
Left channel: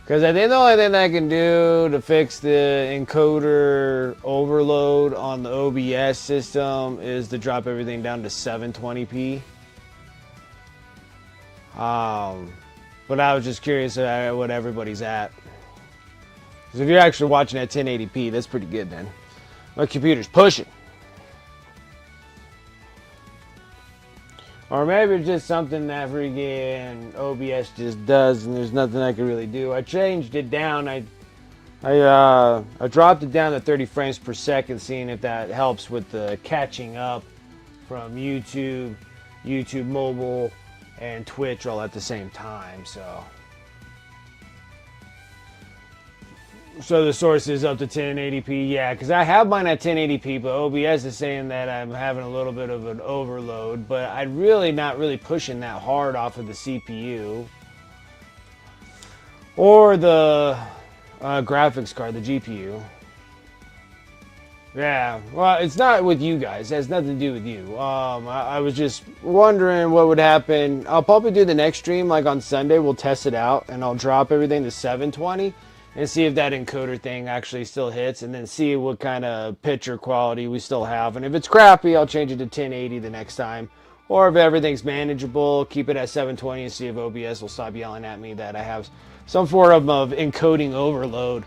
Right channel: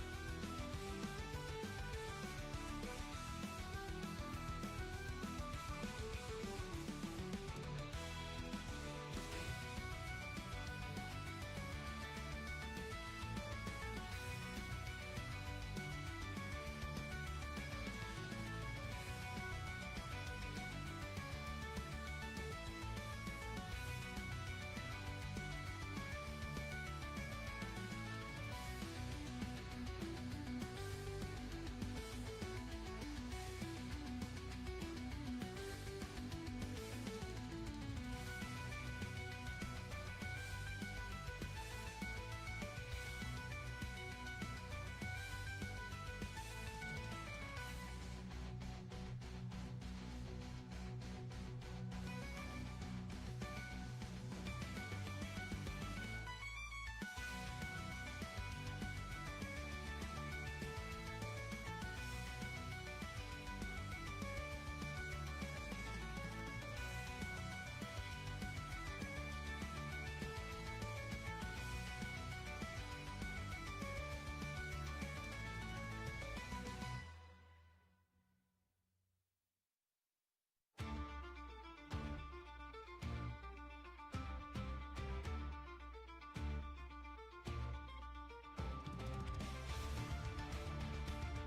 Because I think the only thing that I can do to fix the encoder overload on the OBS system is to drop everything down to 720p. But I was just curious about what everybody's at. Because if you're actually watching at 1080p, that's pretty good then. My computer's pushing. Or maybe it's just something that freaking OBS just does and there's nothing I can really do. I changed it down. I dropped it down to 30 frames per second, seeing if that helps with the catching up from YouTube, YouTube mobile, and Twitch all at the same time. So the source is up to 1080p, yeah, because I have mine at 1080p, but OBS is saying that I'm having a little bit of an overload, but I'm really not really pushing that hard off of the CPU or the graphics card, the GPU. Yeah, well, it's not with you guys. It has nothing to do with you. I was just wondering what would happen. I'll probably do the next stream, like on Sunday. We'll test it out, and I'll drop everything to 720. And see if that encoder thing actually still hits, and then see what kind of picture quality we still have. And if it's crappy, I'll change it to 1080 the next time. Or if everything's manageable, keep it at 720 and see if OBS will stop yelling at me that I have some form of encoding overload,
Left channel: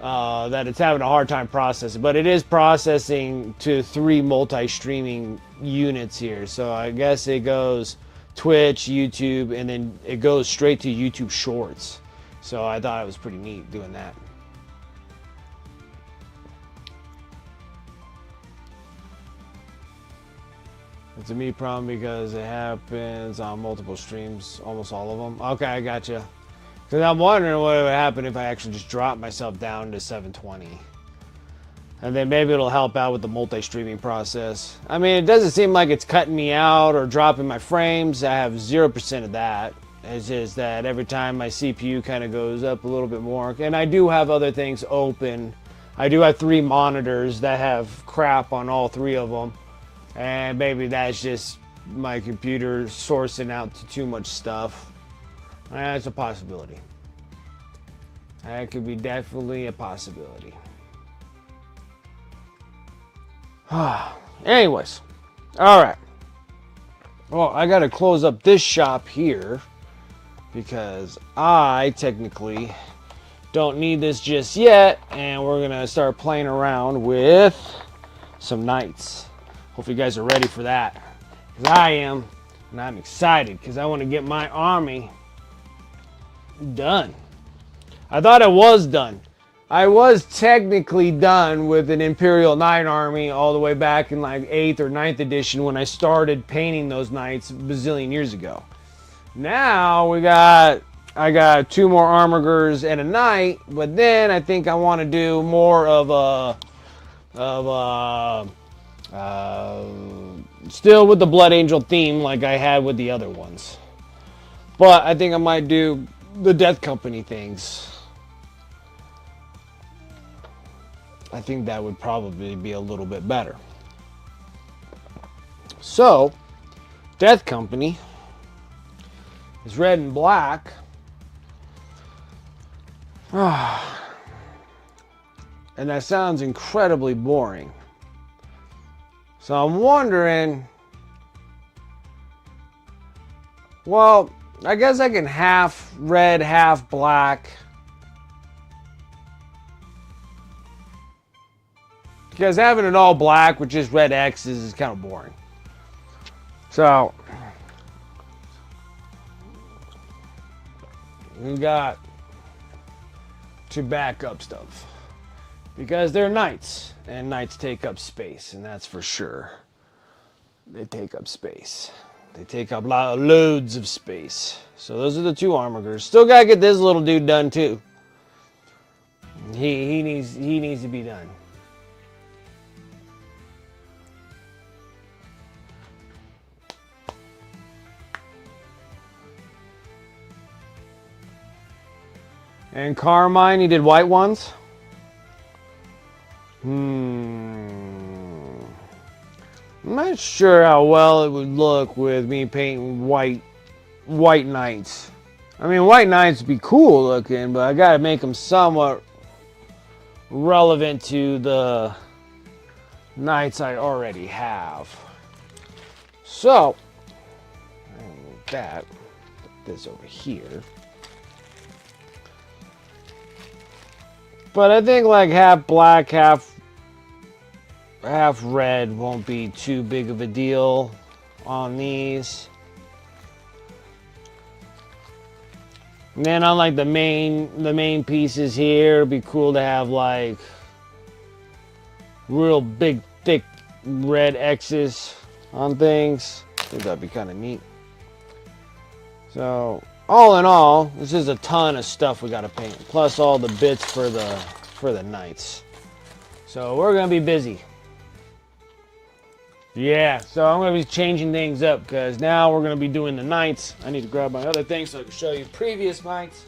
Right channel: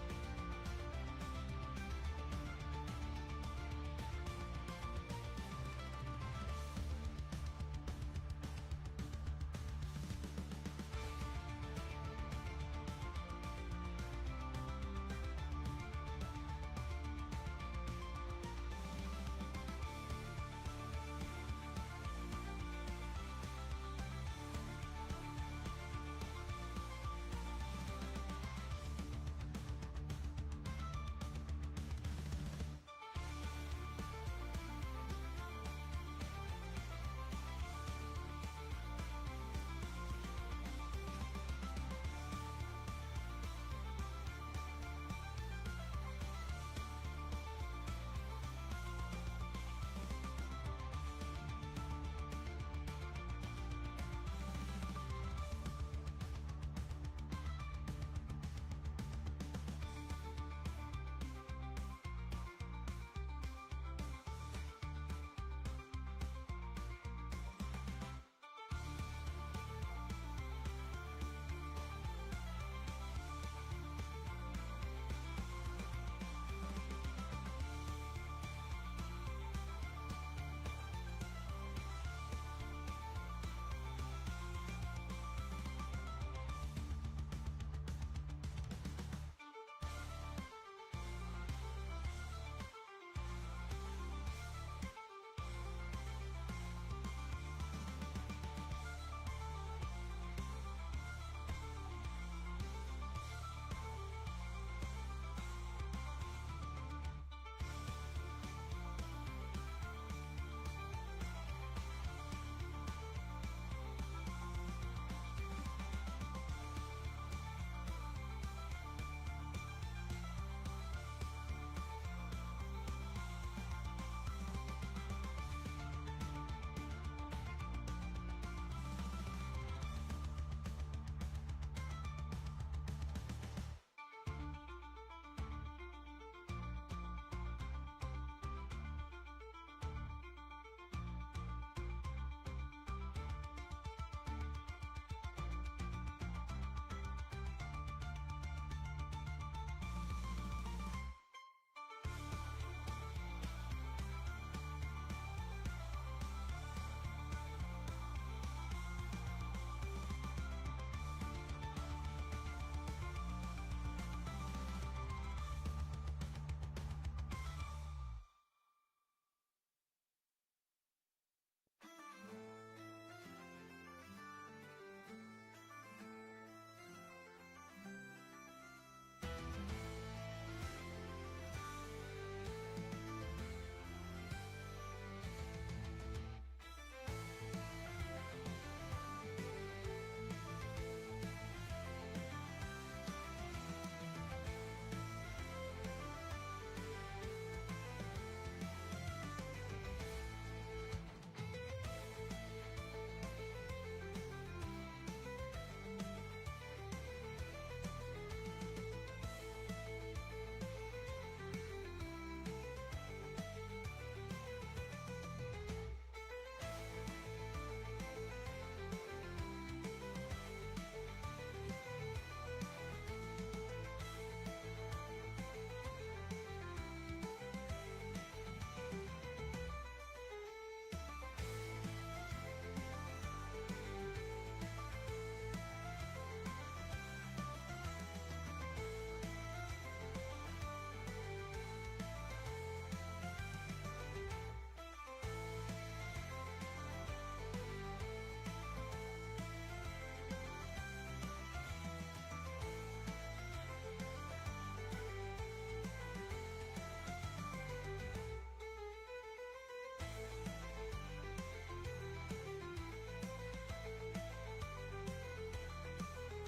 that it's having a hard time processing. But it is processing to 3 multi-streaming units here. So I guess it goes Twitch, YouTube, and then it goes straight to YouTube Shorts. So I thought it was pretty neat doing that. It's a me problem because it happens on multiple streams, almost all of them. Okay, I gotcha. Because I'm wondering what would happen if I actually just drop myself down to 720. And then maybe it'll help out with the multi-streaming process. I mean, it doesn't seem like it's cutting me out or dropping my frames. I have 0% of that. It's just that every time my CPU kind of goes up a little bit more. And I do have other things open. I do have 3 monitors that have crap on all 3 of them. And maybe that's just my computer sourcing out to too much stuff. That's a possibility. That could be definitely a possibility. Anyways. Alright. Well, I gotta close up this shop here, because I technically don't need this just yet, and we're gonna start playing around with some knights. Hope you guys are ready for that, because I am, and I'm excited because I want to get my army done. I thought I was done. I was technically done with an Imperial Knight army all the way back in like 8th or 9th edition when I started painting those knights a bazillion years ago. Now I got 2 more armigers and a knight, but then I think I want to do more of a Still with the Blood Angel theme like I had with the other ones. But I think I might do the Death Company things. I think that would probably be a little bit better. So, Death Company is red and black. And that sounds incredibly boring. So I'm wondering, well, I guess I can half red, half black. Because having it all black with just red X's is kind of boring. So, we got to back up stuff. Because they're knights, and knights take up space, and that's for sure. They take up space. They take up loads of space. So those are the two armigers. Still gotta get this little dude done too. He needs to be done. And Carmine, he did white ones. I'm not sure how well it would look with me painting white knights. I mean, white knights would be cool looking, but I gotta make them somewhat relevant to the knights I already have. So, like that, put this over here. But I think like half black, half red won't be too big of a deal on these. And then on like the main pieces here, it'd be cool to have like real big, thick red X's on things. I think that'd be kind of neat. So all in all, this is a ton of stuff we gotta paint, plus all the bits for the knights. So we're gonna be busy. Yeah, so I'm gonna be changing things up because now we're gonna be doing the knights. I need to grab my other things so I can show you previous knights.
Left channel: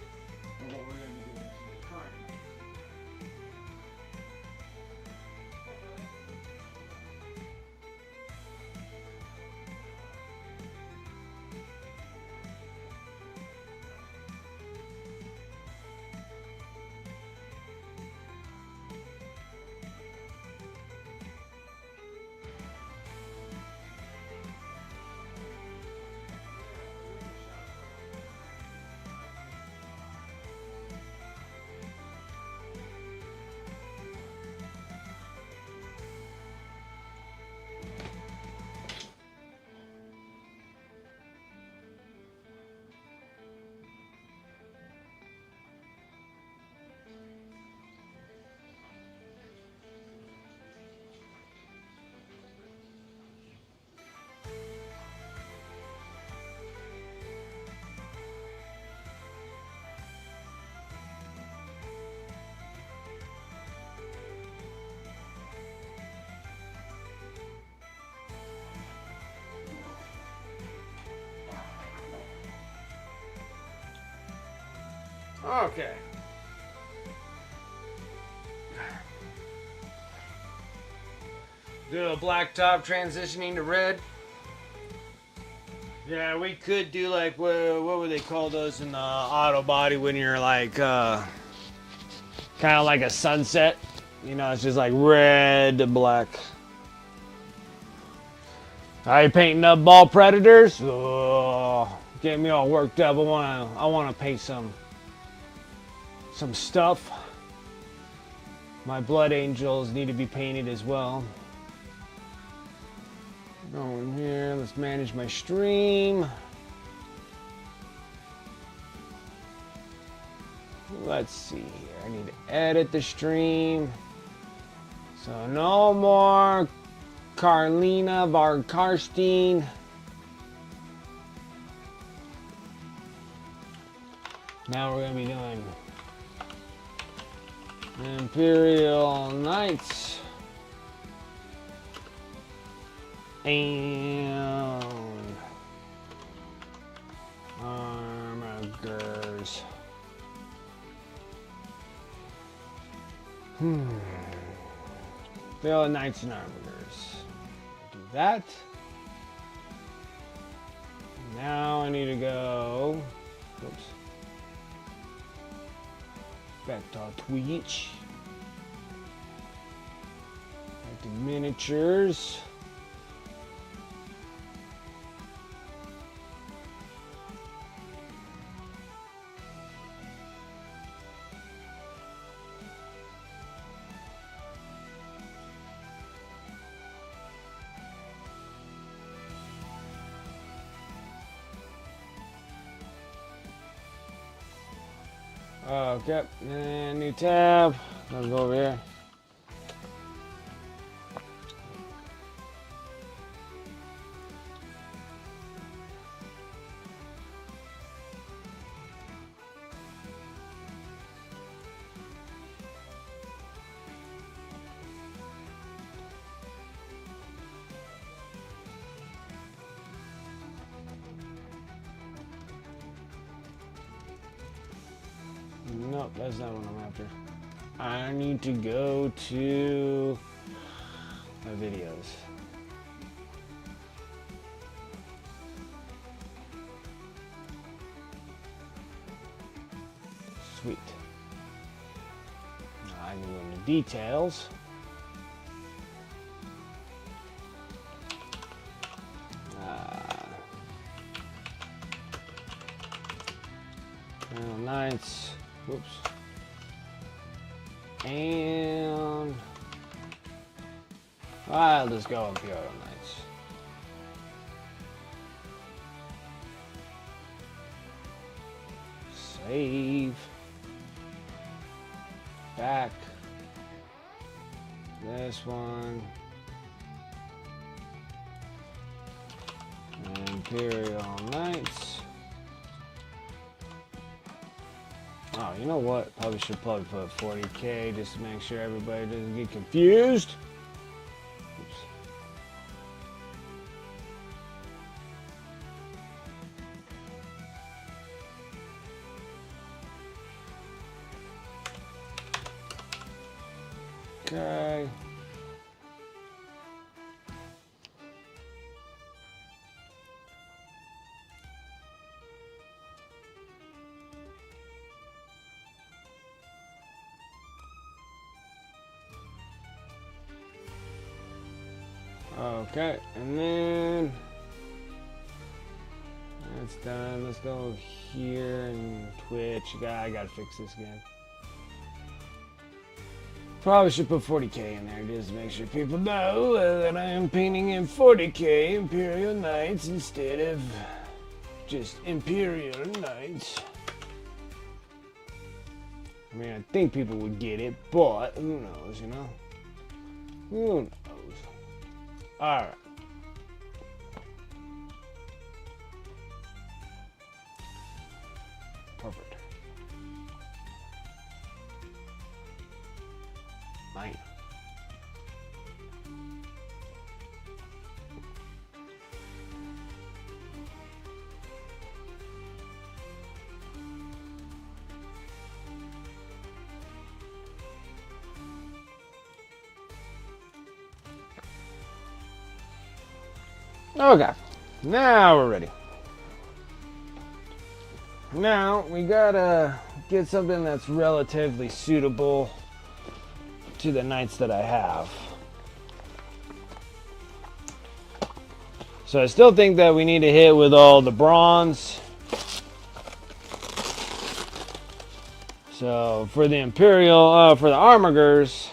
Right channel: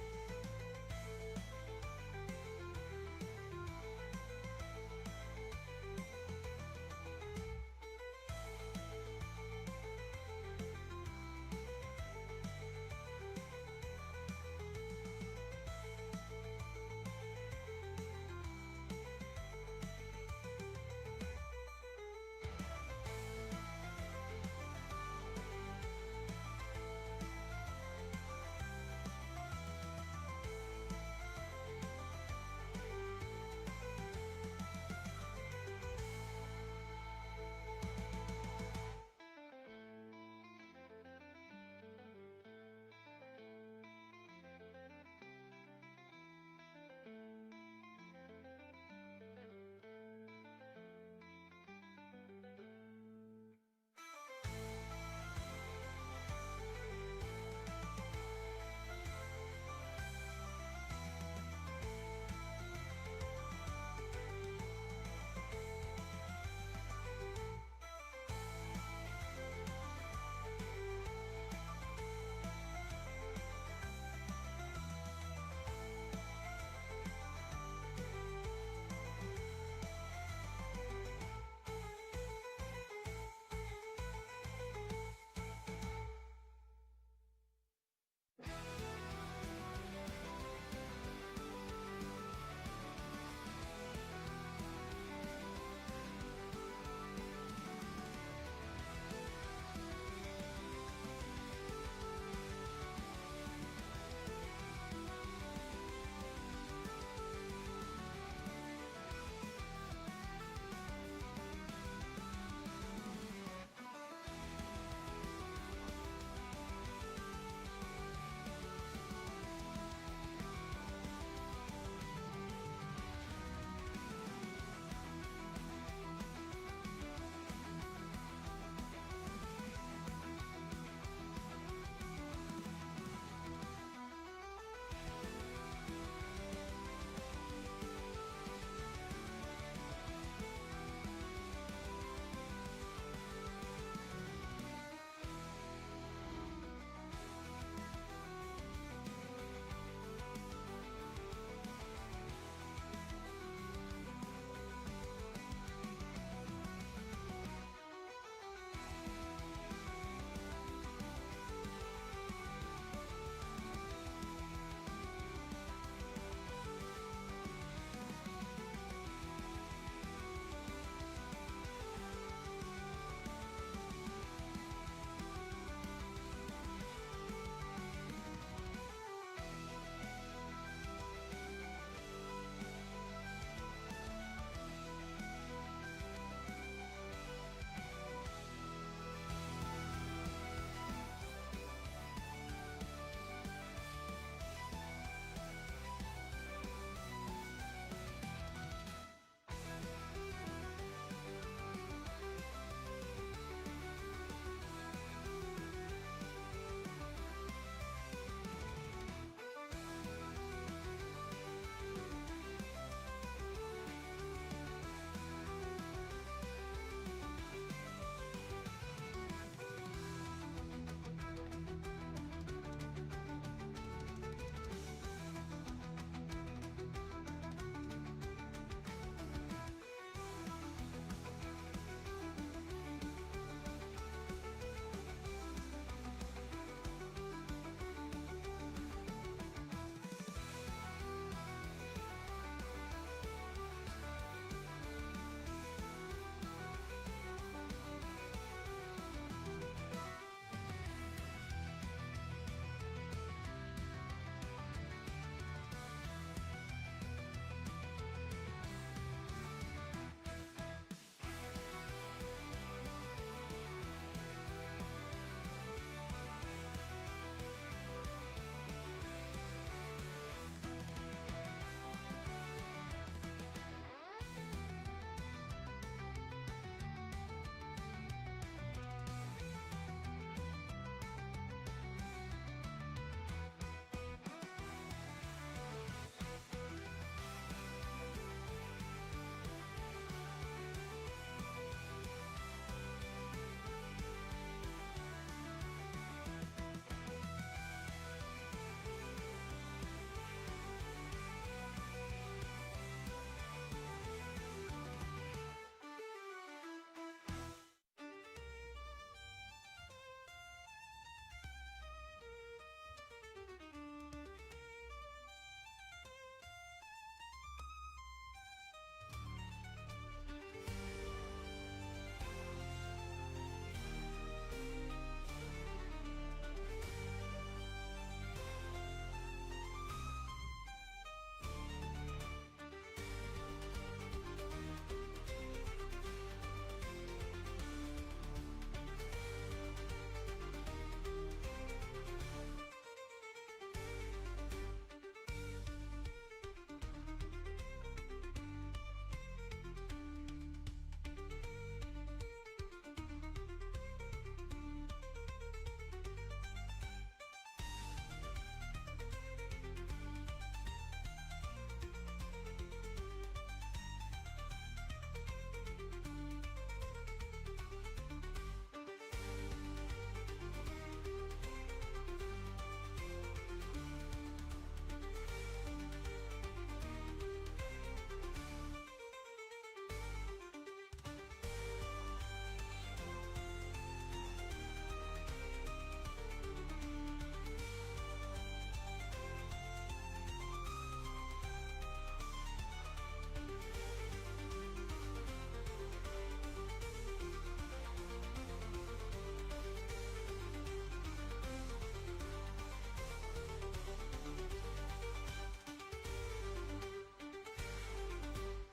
Okay. Do a black top transitioning to red. Yeah, we could do like, what would they call those in the auto body when you're like, kind of like a sunset. You know, it's just like red to black. Are you painting up ball predators? Oh, getting me all worked up. I wanna paint some stuff. My blood angels need to be painted as well. Go in here, let's manage my stream. Let's see here, I need to edit the stream. So no more Carlina Varkarstein. Now we're gonna be doing Kimperial Knights. And armigers. Fill knights and armigers. Do that. Now I need to go. Oops. Back to Twitch. Back to miniatures. Okay, and new tab. Let's go over here. Nope, that's not what I'm after. I need to go to my videos. Sweet. I need any details. Nights. Whoops. And I'll just go Imperial Knights. Save. Back. This one. Imperial Knights. Oh, you know what? Probably should put 40K just to make sure everybody doesn't get confused. Oops. Okay. Okay, and then that's done. Let's go here and Twitch. I gotta fix this again. Probably should put 40K in there just to make sure people know that I am painting in 40K Imperial Knights instead of just Imperial Knights. I mean, I think people would get it, but who knows, you know? Who knows? Alright. Perfect. 9. Okay, now we're ready. Now we gotta get something that's relatively suitable to the knights that I have. So I still think that we need to hit with all the bronze. So for the Imperial, for the Armigers,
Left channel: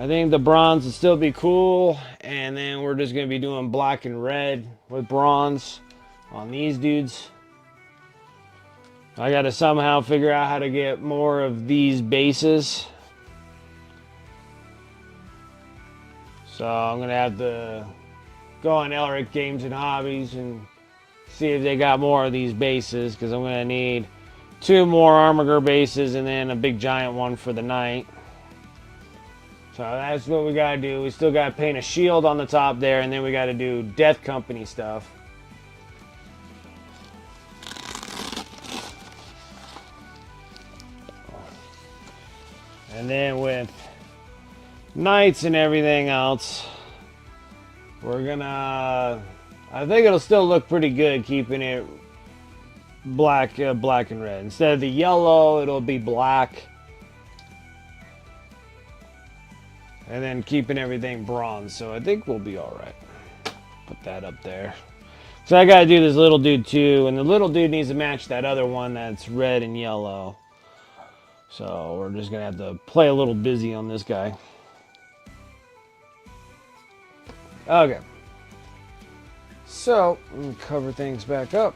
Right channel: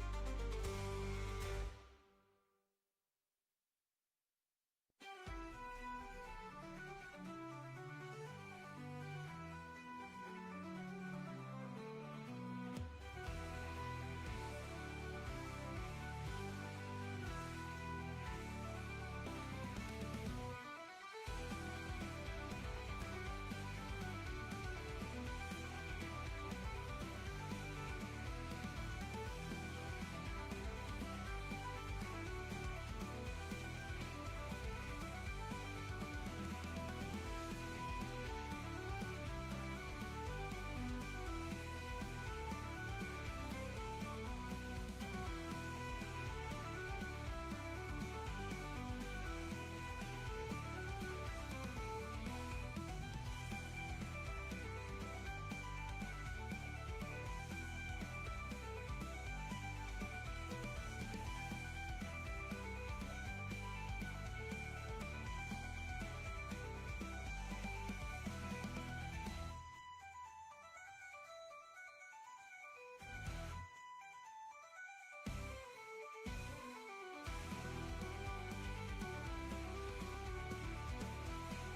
I think the bronze would still be cool. And then we're just going to be doing black and red with bronze on these dudes. I got to somehow figure out how to get more of these bases. So I'm going to have to go on Elric Games and Hobbies and see if they got more of these bases. Because I'm going to need 2 more Armiger bases and then a big giant one for the knight. So that's what we gotta do. We still gotta paint a shield on the top there, and then we gotta do Death Company stuff. And then with Knights and everything else, we're gonna, I think it'll still look pretty good keeping it black, black and red. Instead of the yellow, it'll be black. And then keeping everything bronze, so I think we'll be all right. Put that up there. So I gotta do this little dude too, and the little dude needs to match that other one that's red and yellow. So we're just gonna have to play a little busy on this guy. Okay. So, let me cover things back up.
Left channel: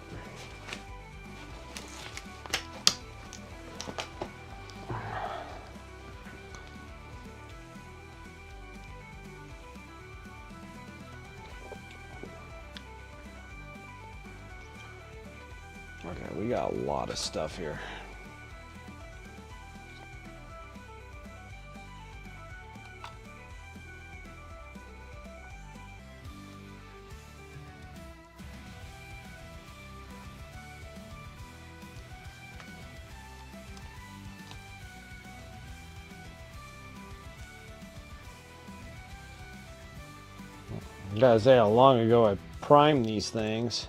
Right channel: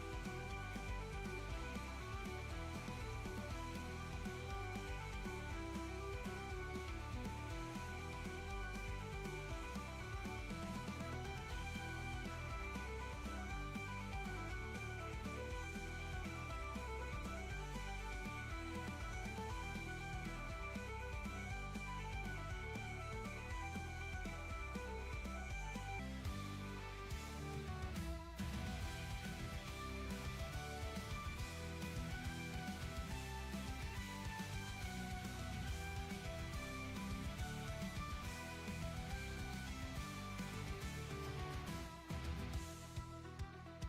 Okay, we got a lot of stuff here. I gotta say how long ago I primed these things.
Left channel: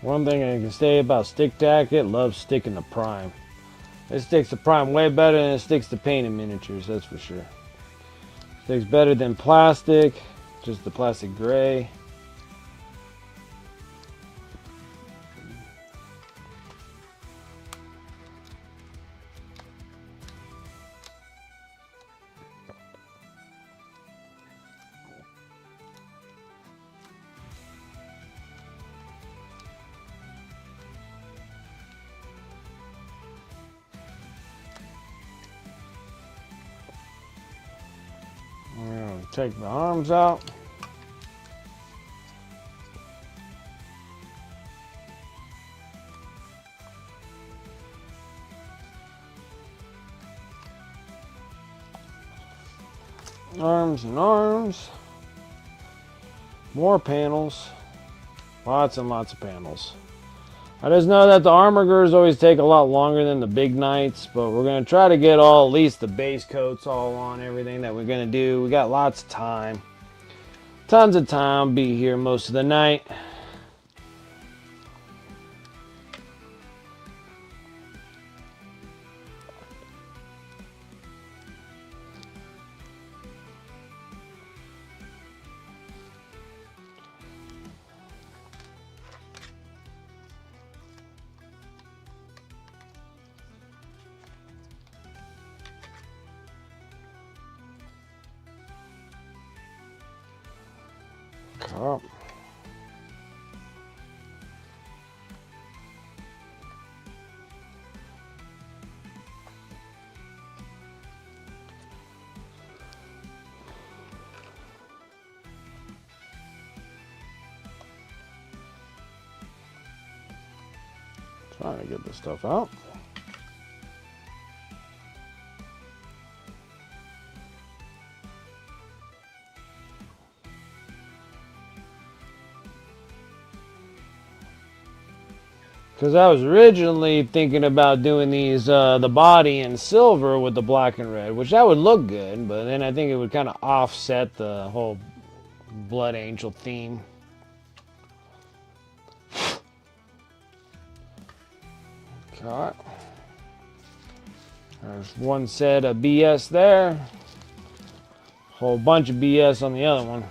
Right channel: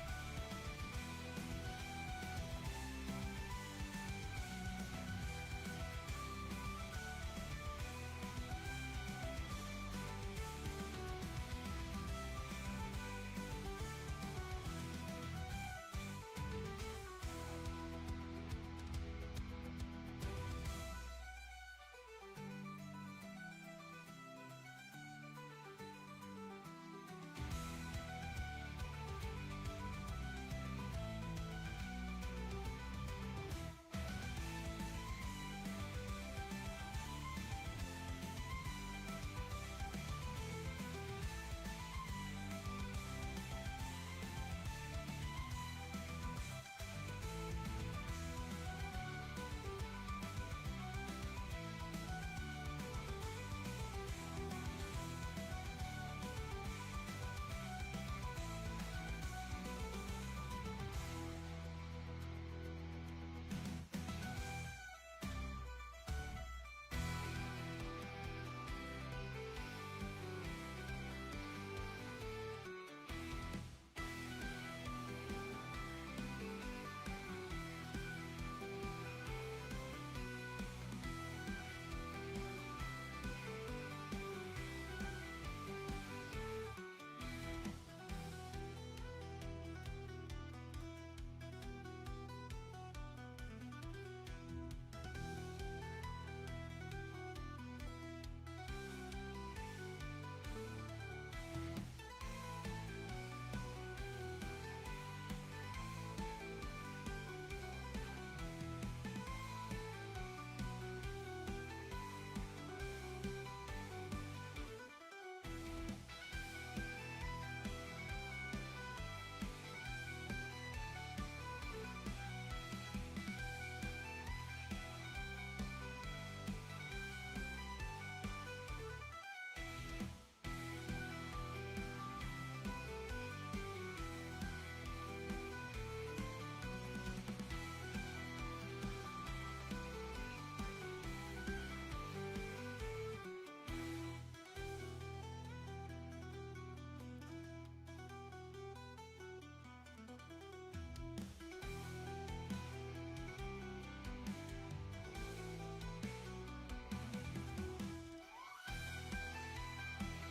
One thing I can say about Stick Tack, it loves sticking to prime. It sticks to prime way better than it sticks to painted miniatures, that's for sure. Sticks better than plastic, just the plastic gray. Take the arms out. Arms and arms. More panels. Lots and lots of panels. I just know that the armor girders always take a lot longer than the big knights, but we're going to try to get all, at least the base coats all on everything that we're going to do. We got lots of time. Tons of time. Be here most of the night. Oh. Trying to get this stuff out. Because I was originally thinking about doing these, the body in silver with the black and red, which that would look good, but then I think it would kind of offset the whole Blood Angel theme. Okay. There's one set of BS there. Whole bunch of BS on the other one.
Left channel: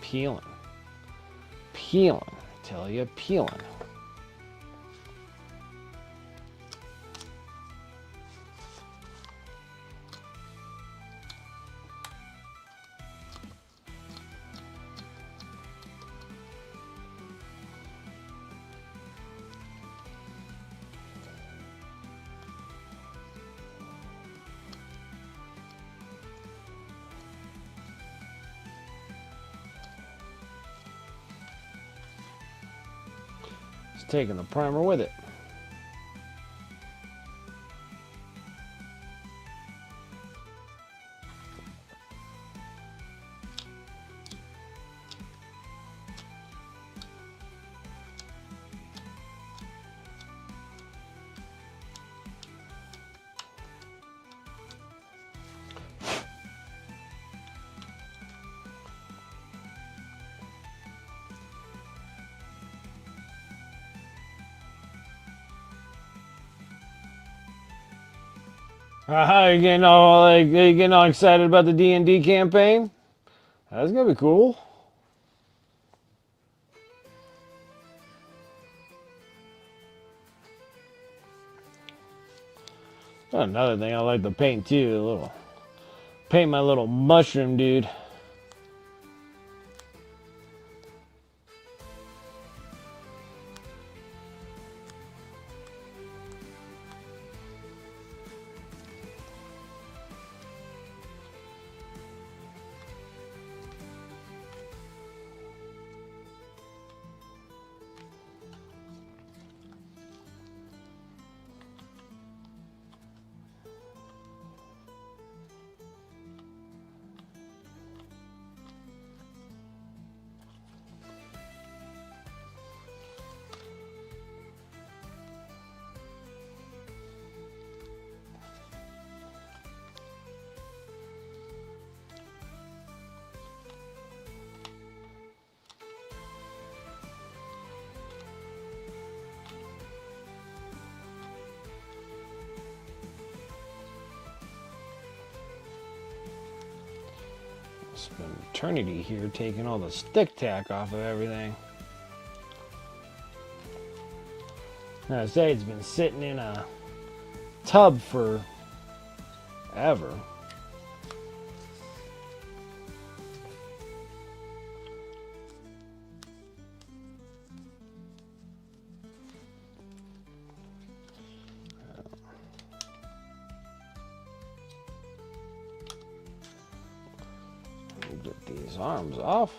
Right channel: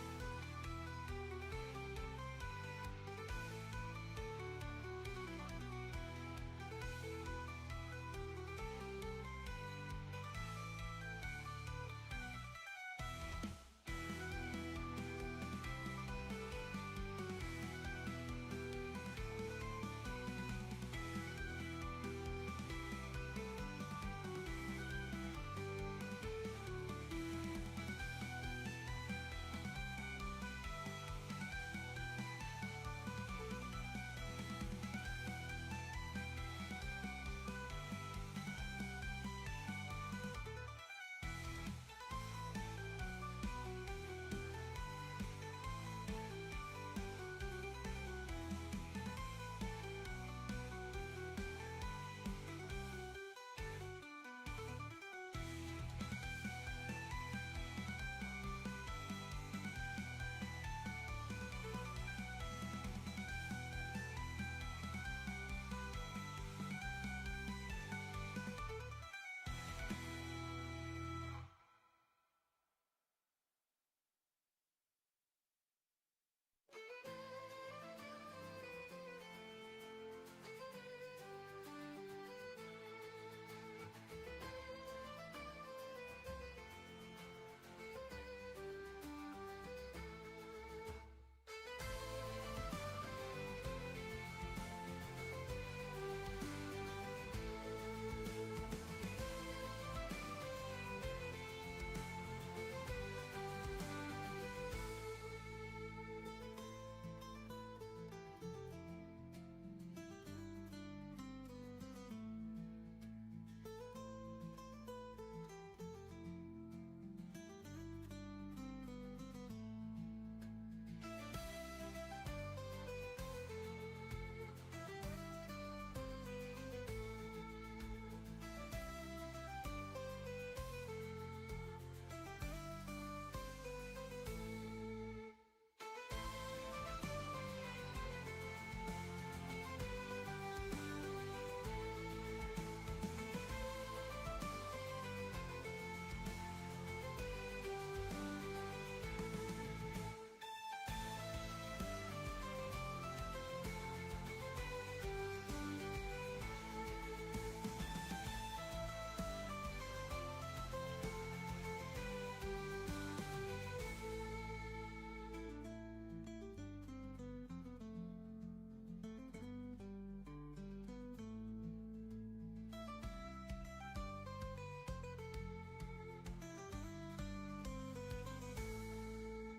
Peeling. Peeling. I tell you, peeling. taking the primer with it. You getting all excited about the D&D campaign? That's gonna be cool. Another thing I like to paint too, paint my little mushroom dude. Spend eternity here taking all the stick tack off of everything. I say it's been sitting in a tub for ever. Get these arms off.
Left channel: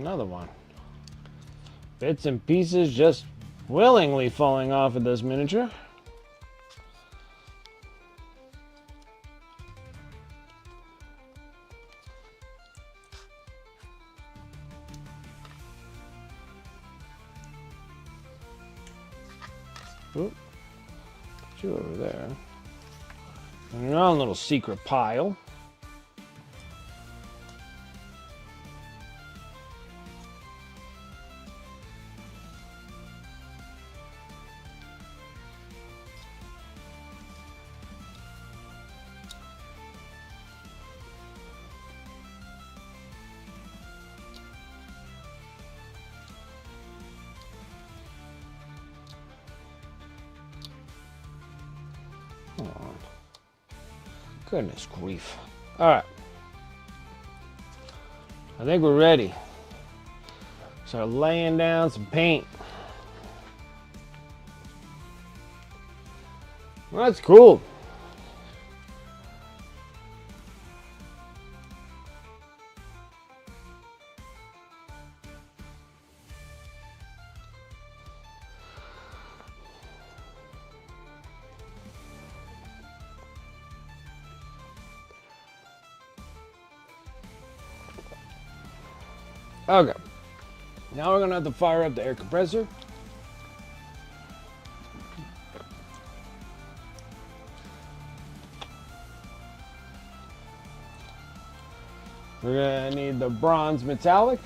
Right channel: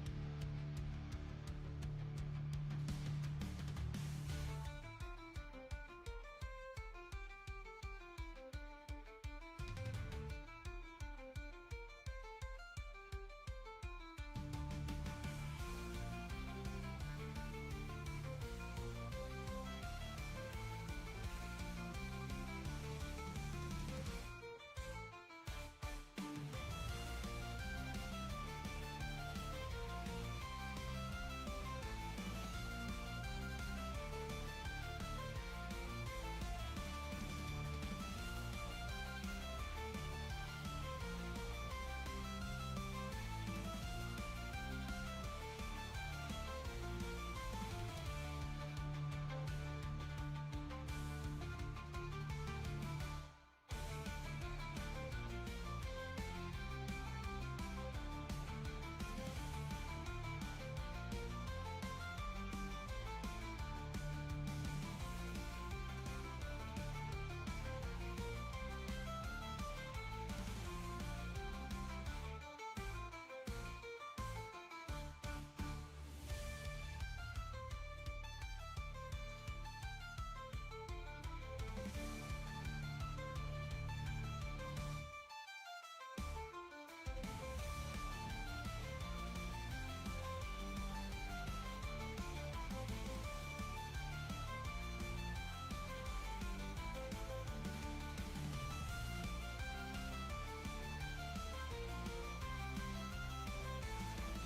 Another one. Bits and pieces just willingly falling off of this miniature. Oop. Put you over there. And your own little secret pile. Goodness grief. All right. I think we're ready. Start laying down some paint. Well, that's cool. Okay, now we're gonna have to fire up the air compressor. We're gonna need the bronze metallic.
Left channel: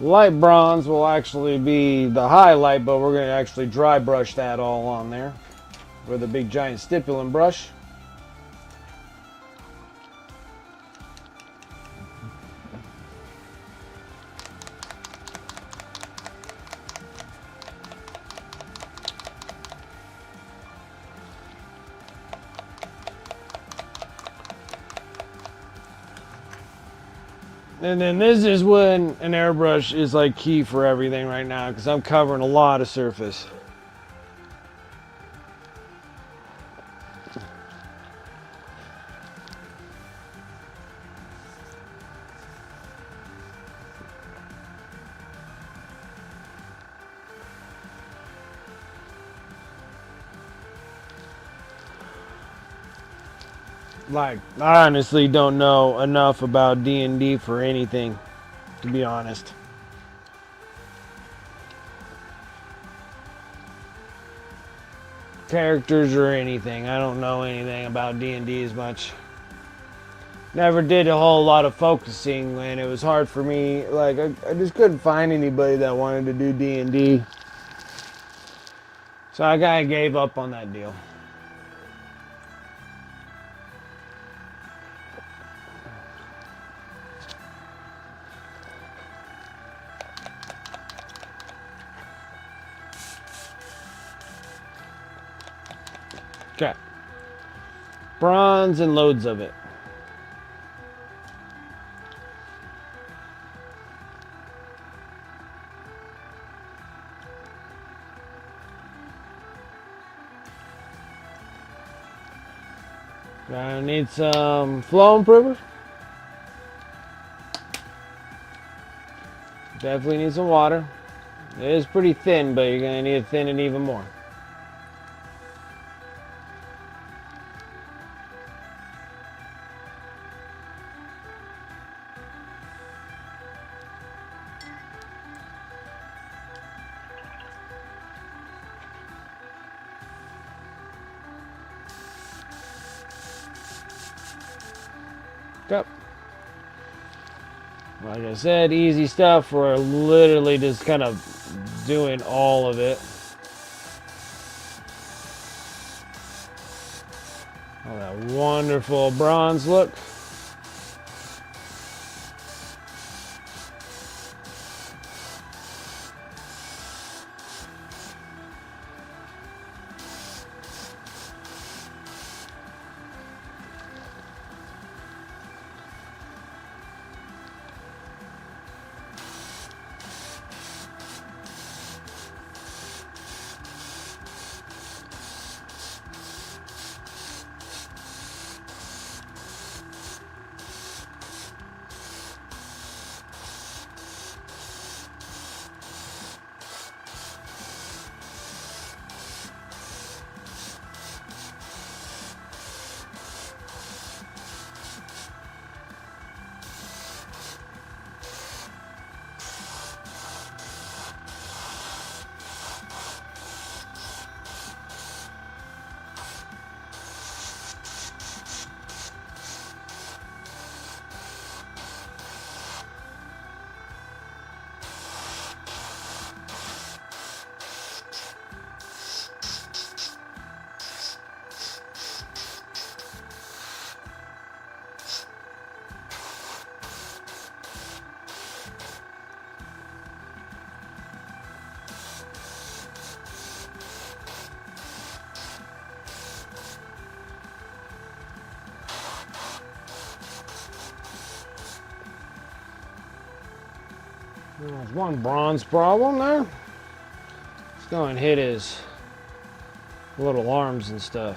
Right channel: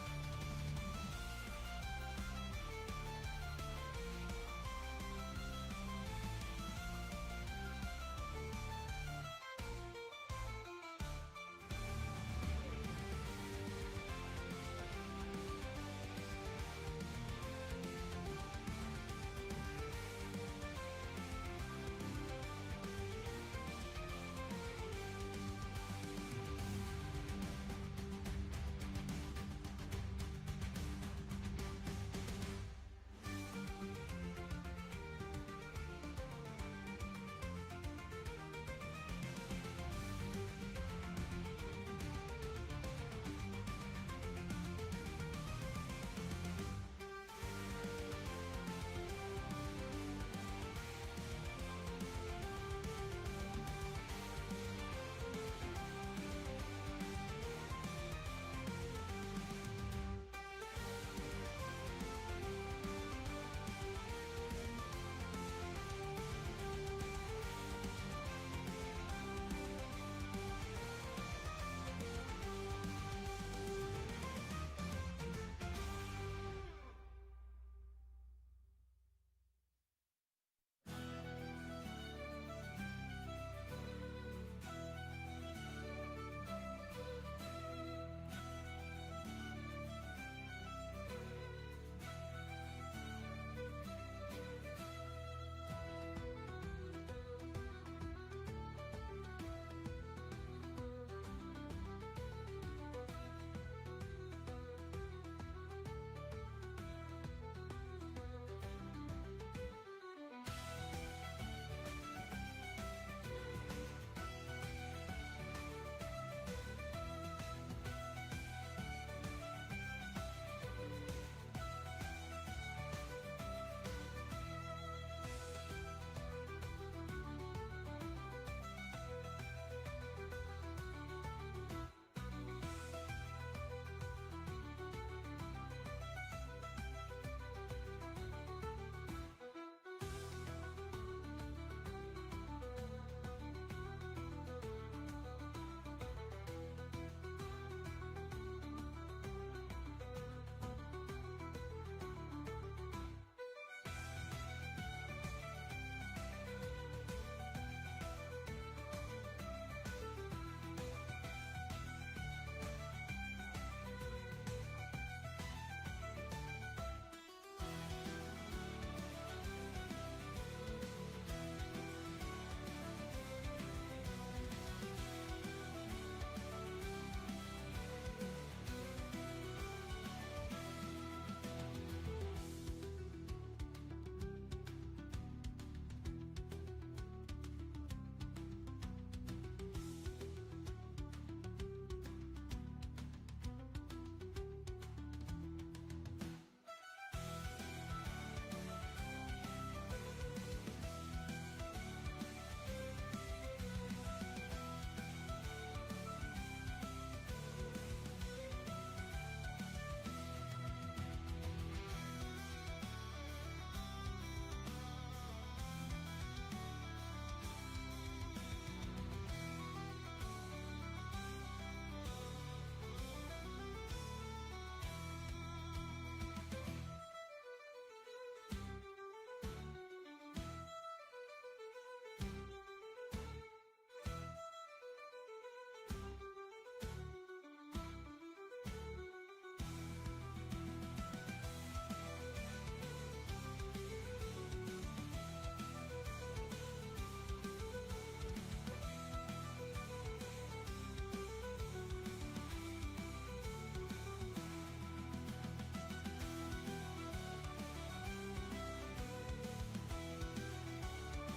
Light bronze will actually be the highlight, but we're gonna actually dry brush that all on there with a big giant stippling brush. And then this is when an airbrush is like key for everything right now, because I'm covering a lot of surface. Like, I honestly don't know enough about D&D for anything, to be honest. Characters or anything. I don't know anything about D&D as much. Never did a whole lot of focusing, and it was hard for me. Like, I just couldn't find anybody that wanted to do D&D. So I kind of gave up on that deal. Okay. Bronze and loads of it. I need some flow improver. Definitely need some water. It is pretty thin, but you're going to need to thin it even more. Yep. Like I said, easy stuff. We're literally just kind of doing all of it. Oh, that wonderful bronze look. There's one bronze problem there. Let's go and hit his little arms and stuff.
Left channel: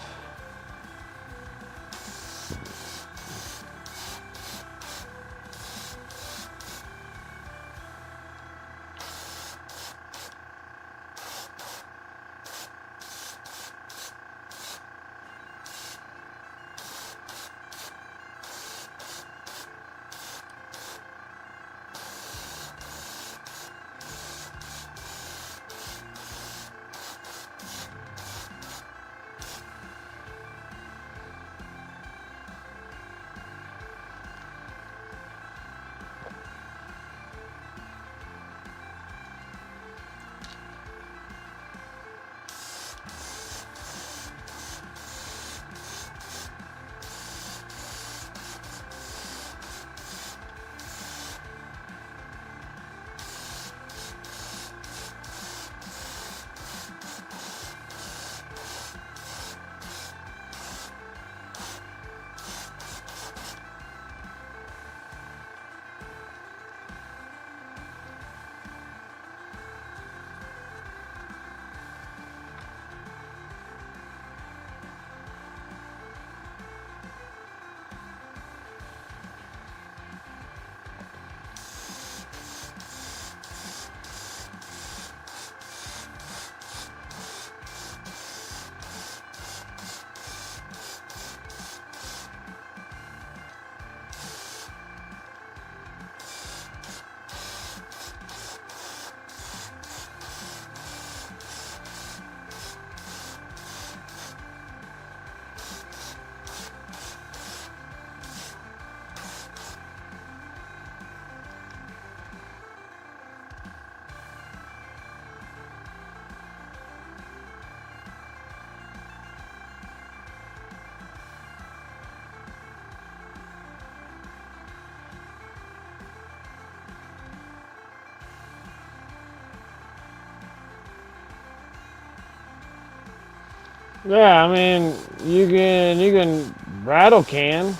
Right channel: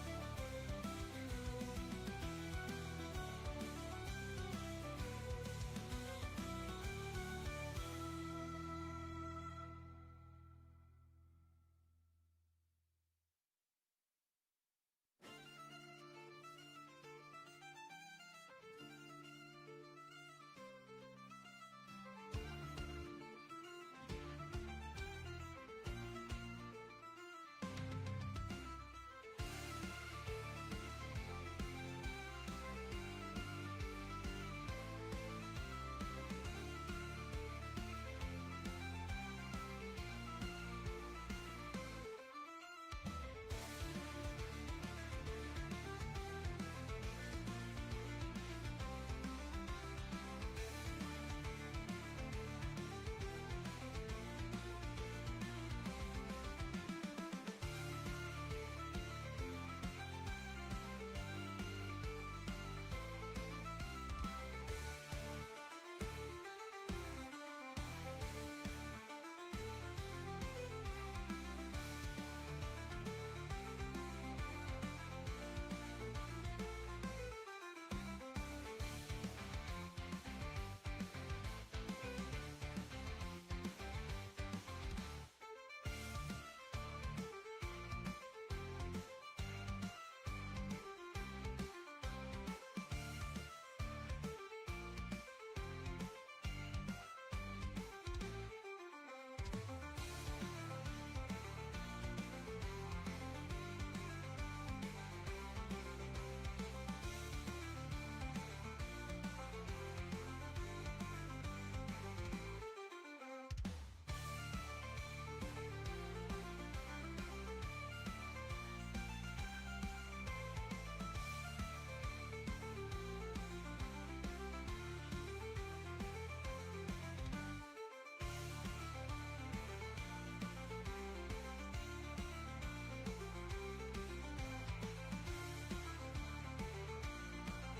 Yeah, I mean, you can rattle can.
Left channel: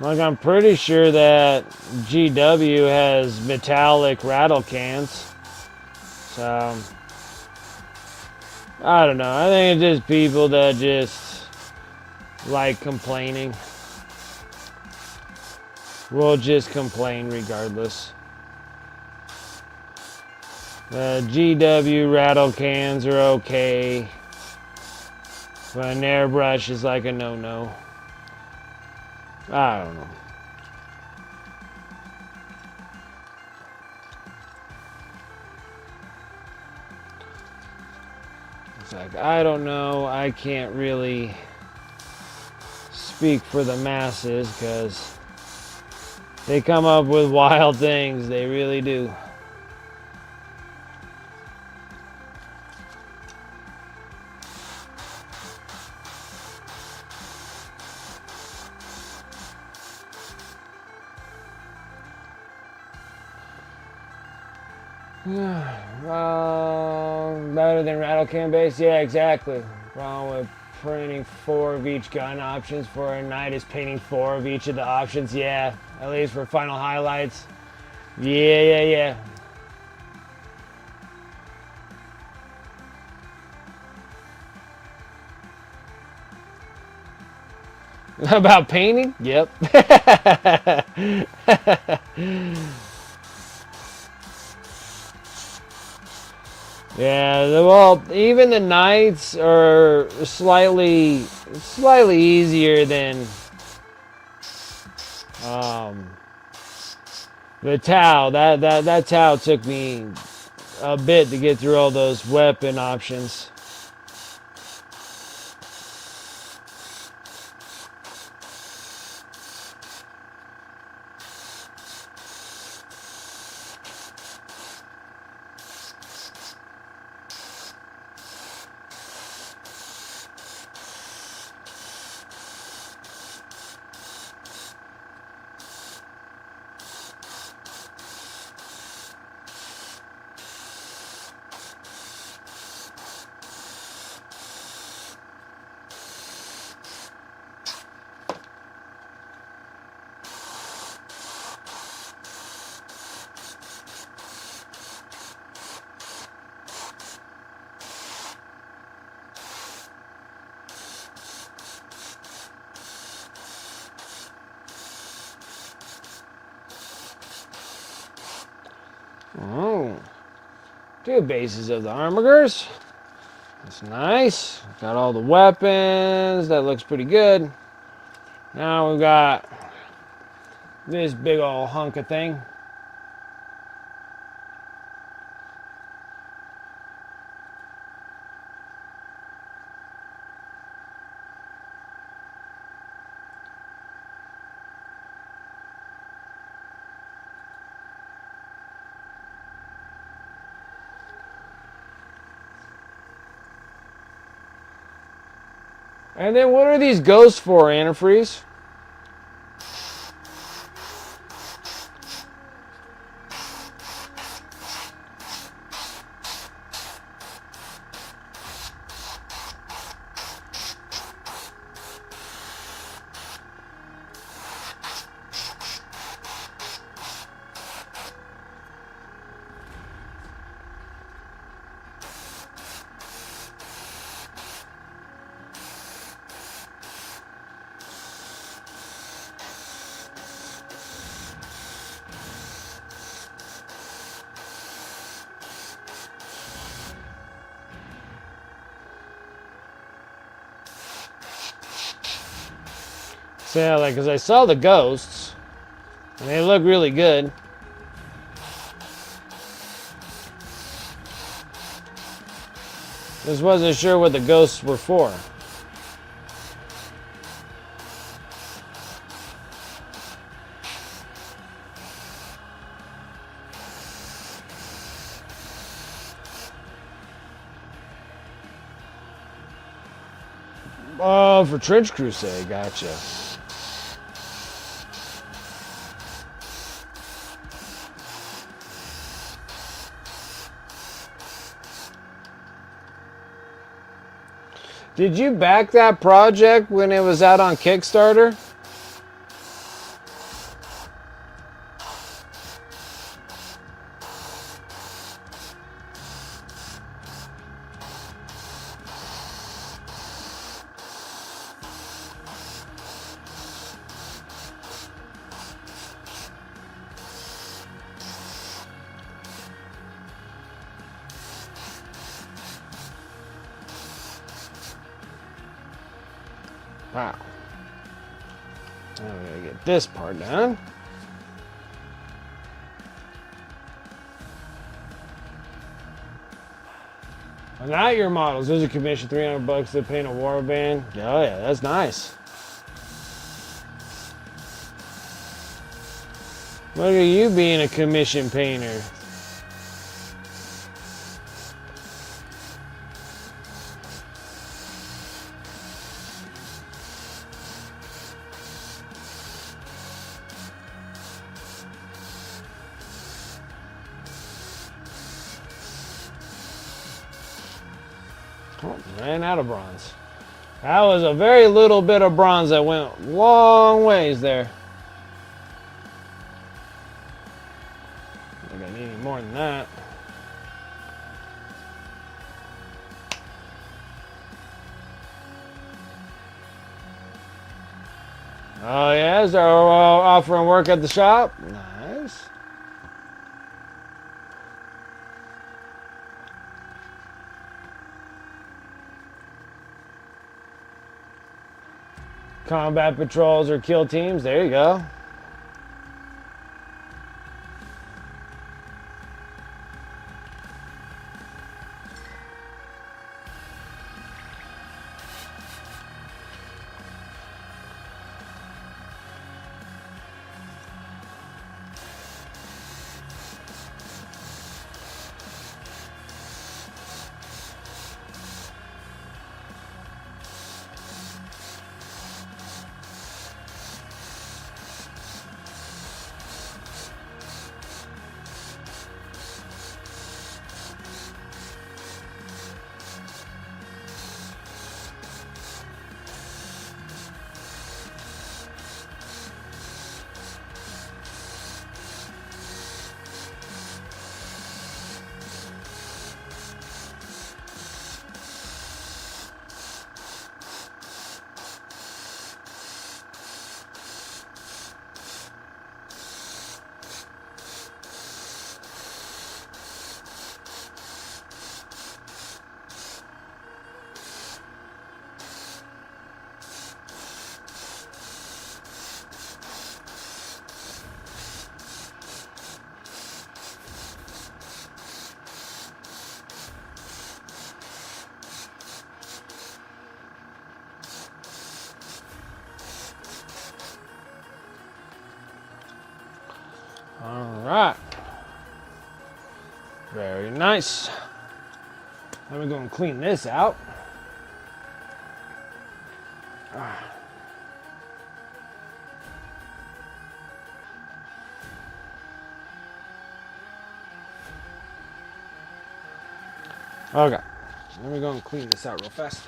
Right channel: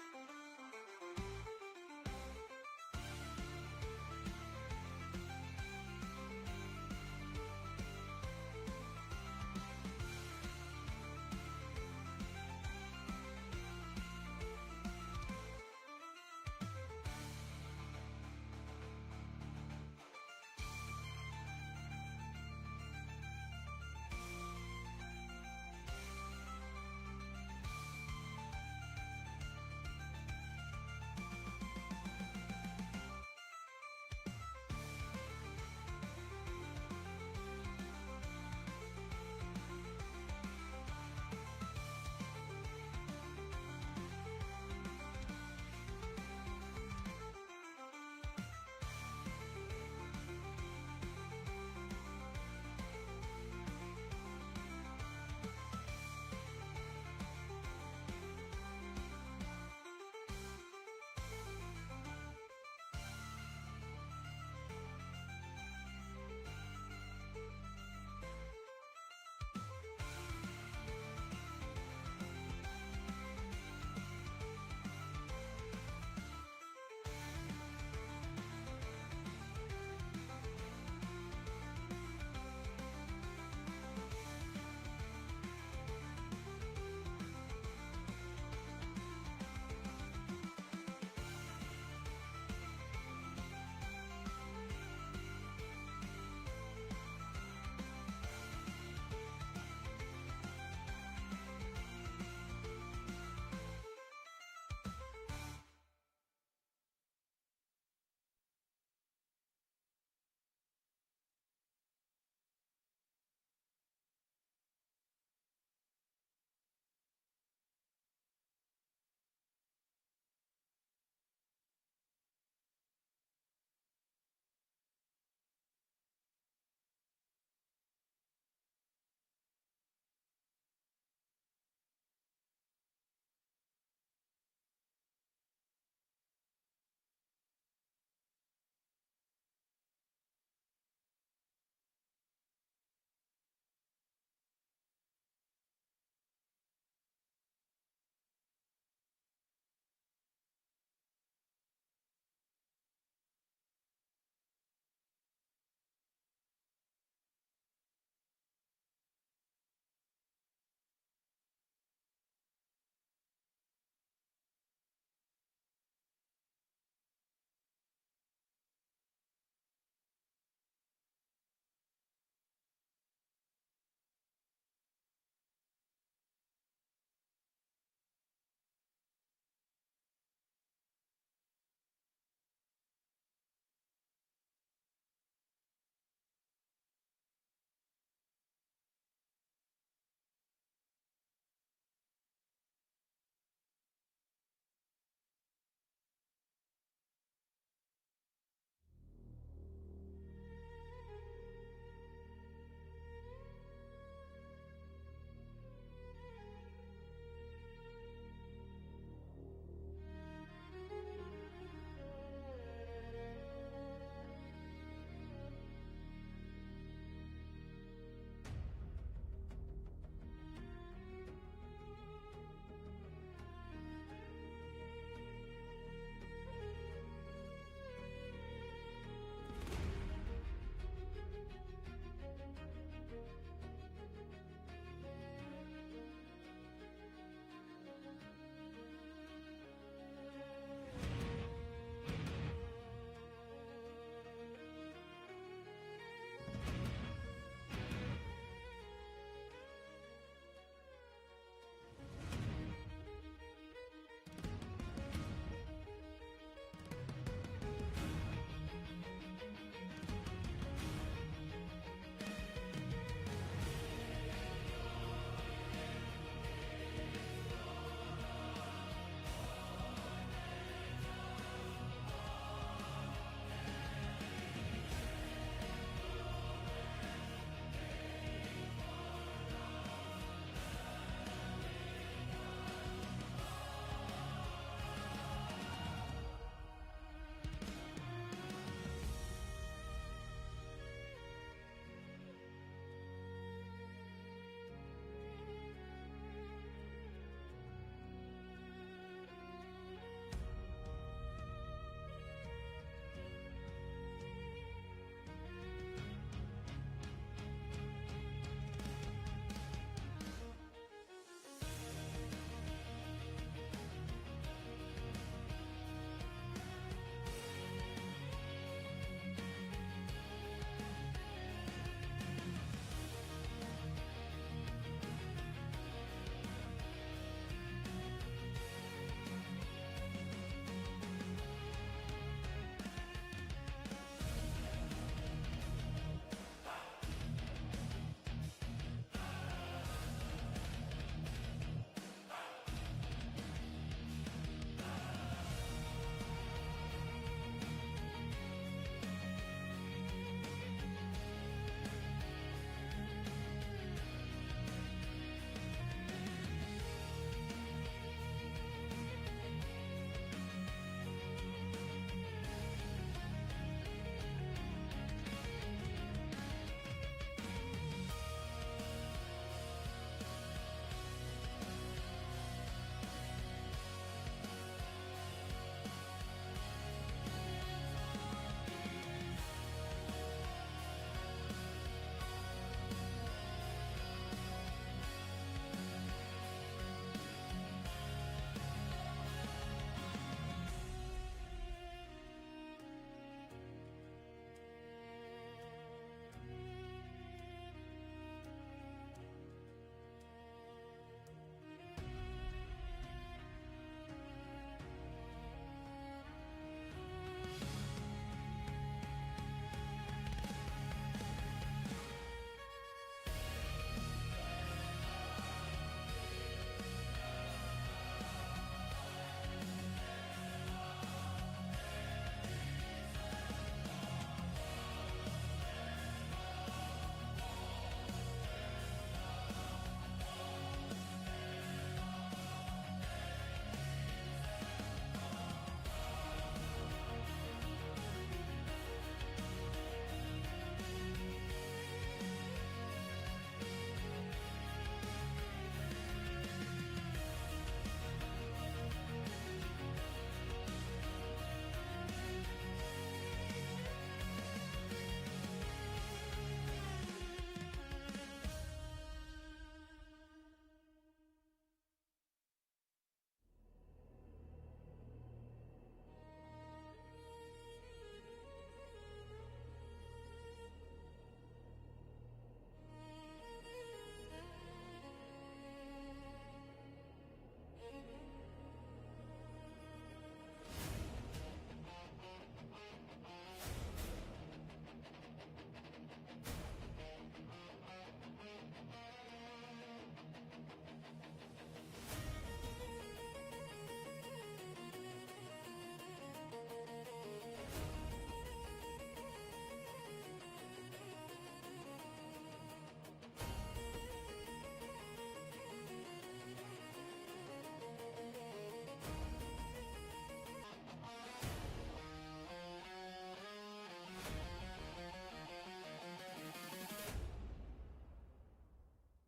Like, I'm pretty sure that GW has metallic rattle cans. So, I don't know. I think it's just people that just like complaining. We'll just complain regardless. GW rattle cans are okay. But an airbrush is like a no-no. I don't know. It's like, I don't know. I can't really speak for the masses because they come up with wild things. They really do. Better than rattle can base? Yeah, exactly. Problem with printing 4 of each gun options for a night is painting 4 of each of the options. Yeah, at least for final highlights. Yeah. About painting? Yep. Yeah, well, even the nights are slightly easier than the Tau. That Tau took me a bit to get through all those weapon options. Oh, 2 bases of the Armigers. That's nice. Got all the weapons. That looks pretty good. Now we've got this big old hunk of thing. And then what are these ghosts for, antifreeze? So yeah, like, cause I saw the ghosts, and they look really good. Just wasn't sure what the ghosts were for. Oh, for Trench Crusade, gotcha. Did you back that project when it was out on Kickstarter? Wow. Now we gotta get this part done. Well, not your models. Those are commissioned $300 to paint a warband. Oh yeah, that's nice. Look at you being a commission painter. Oh, ran out of bronze. That was a very little bit of bronze that went long ways there. I think I need more than that. Oh yes, they're offering work at the shop. Nice. Combat patrols or kill teams. There you go. All right. Very nice. Now we're going to clean this out. Okay. Let me go and clean this out real fast.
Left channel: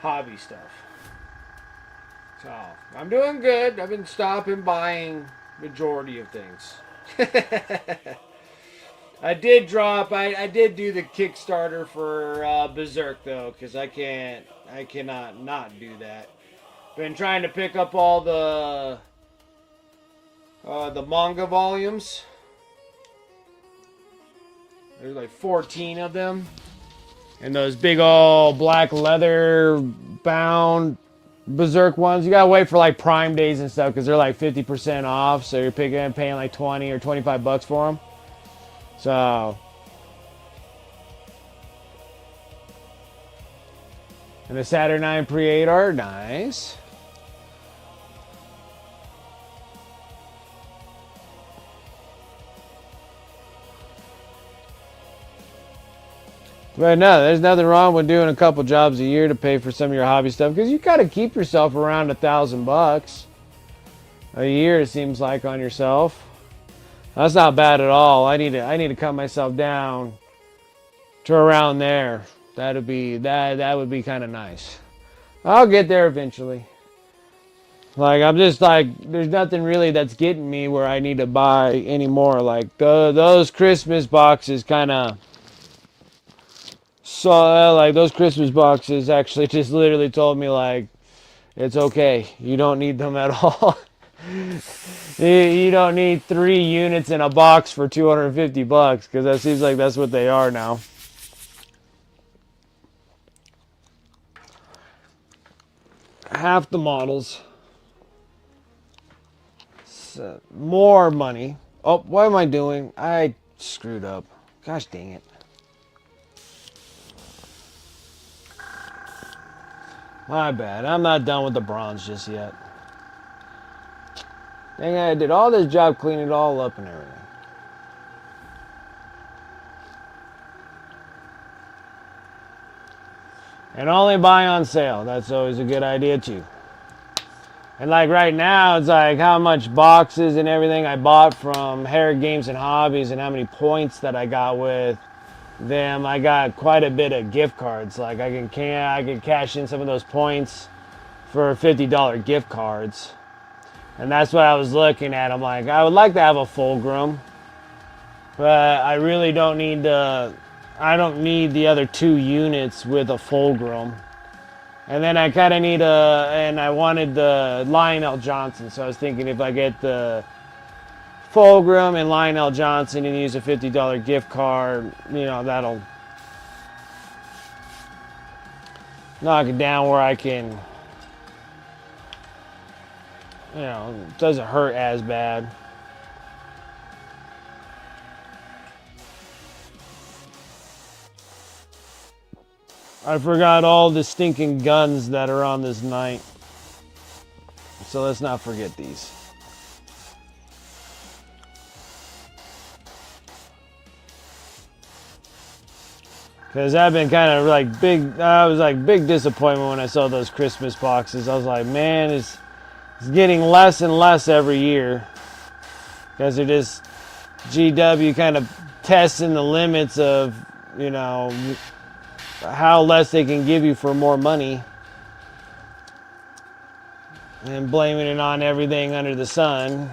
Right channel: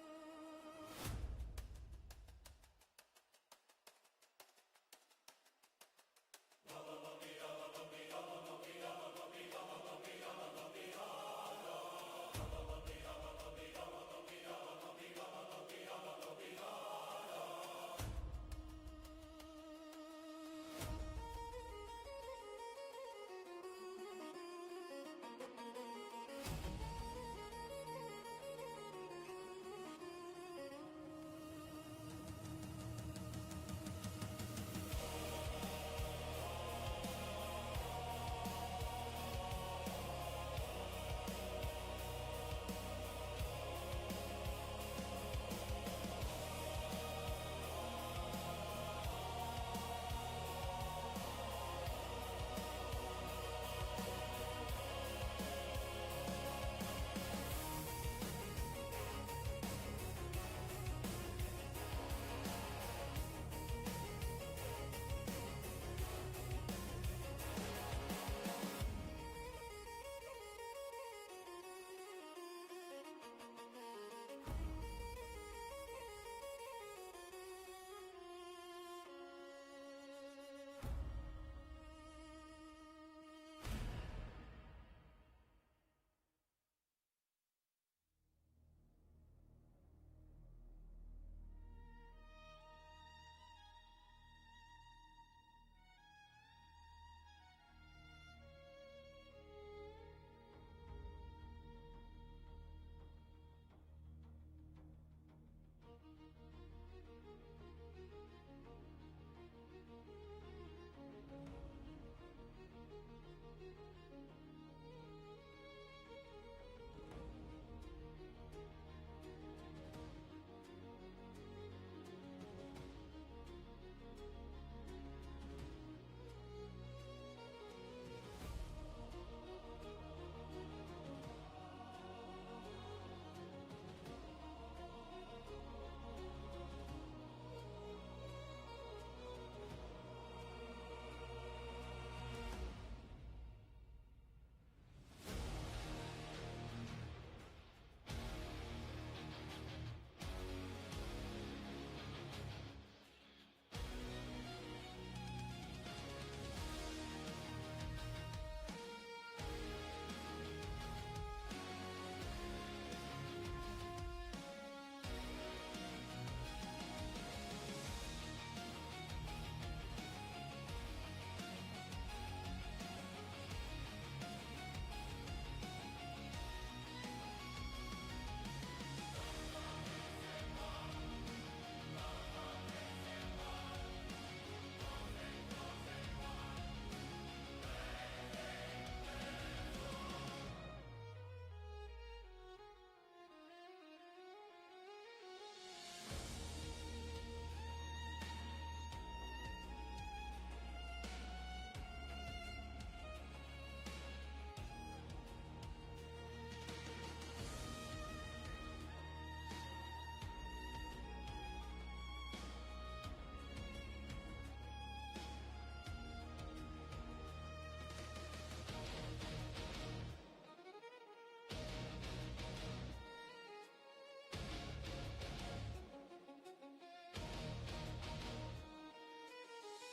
Hobby stuff. So I'm doing good. I've been stopping buying majority of things. I did do the Kickstarter for Berserk though, because I cannot not do that. Been trying to pick up all the manga volumes. There's like 14 of them. And those big old black leather bound Berserk ones. You gotta wait for like Prime days and stuff because they're like 50% off. So you're paying like 20 or 25 bucks for them. So, and the Saturnine Pre-8 are nice. But no, there's nothing wrong with doing a couple jobs a year to pay for some of your hobby stuff because you gotta keep yourself around $1,000 a year. It seems like on yourself. That's not bad at all. I need to cut myself down to around there. That would be kind of nice. I'll get there eventually. Like I'm just like there's nothing really that's getting me where I need to buy anymore. Like those Christmas boxes kind of. So like those Christmas boxes actually just literally told me like it's okay. You don't need them at all. You don't need 3 units in a box for 250 bucks because that seems like that's what they are now. Half the models. So, more money. Oh, what am I doing? I screwed up. Gosh dang it. My bad. I'm not done with the bronze just yet. Dang it, I did all this job cleaning it all up and everything. And only buy on sale. That's always a good idea too. And like right now, it's like how much boxes and everything I bought from Herrick Games and Hobbies and how many points that I got with them. I got quite a bit of gift cards. Like I can cash in some of those points for $50 gift cards. And that's what I was looking at. I'm like, I would like to have a Fulgrim, but I really don't need I don't need the other 2 units with a Fulgrim. And then I kind of need and I wanted the Lionel Johnson. So I was thinking if I get the Fulgrim and Lionel Johnson and use a $50 gift card, you know, that'll knock it down where I can, you know, it doesn't hurt as bad. I forgot all the stinking guns that are on this night. So let's not forget these. Because I've been kind of like I was like big disappointment when I saw those Christmas boxes. I was like, man, it's getting less and less every year. Because they're just GW kind of testing the limits of, you know, how less they can give you for more money. And blaming it on everything under the sun.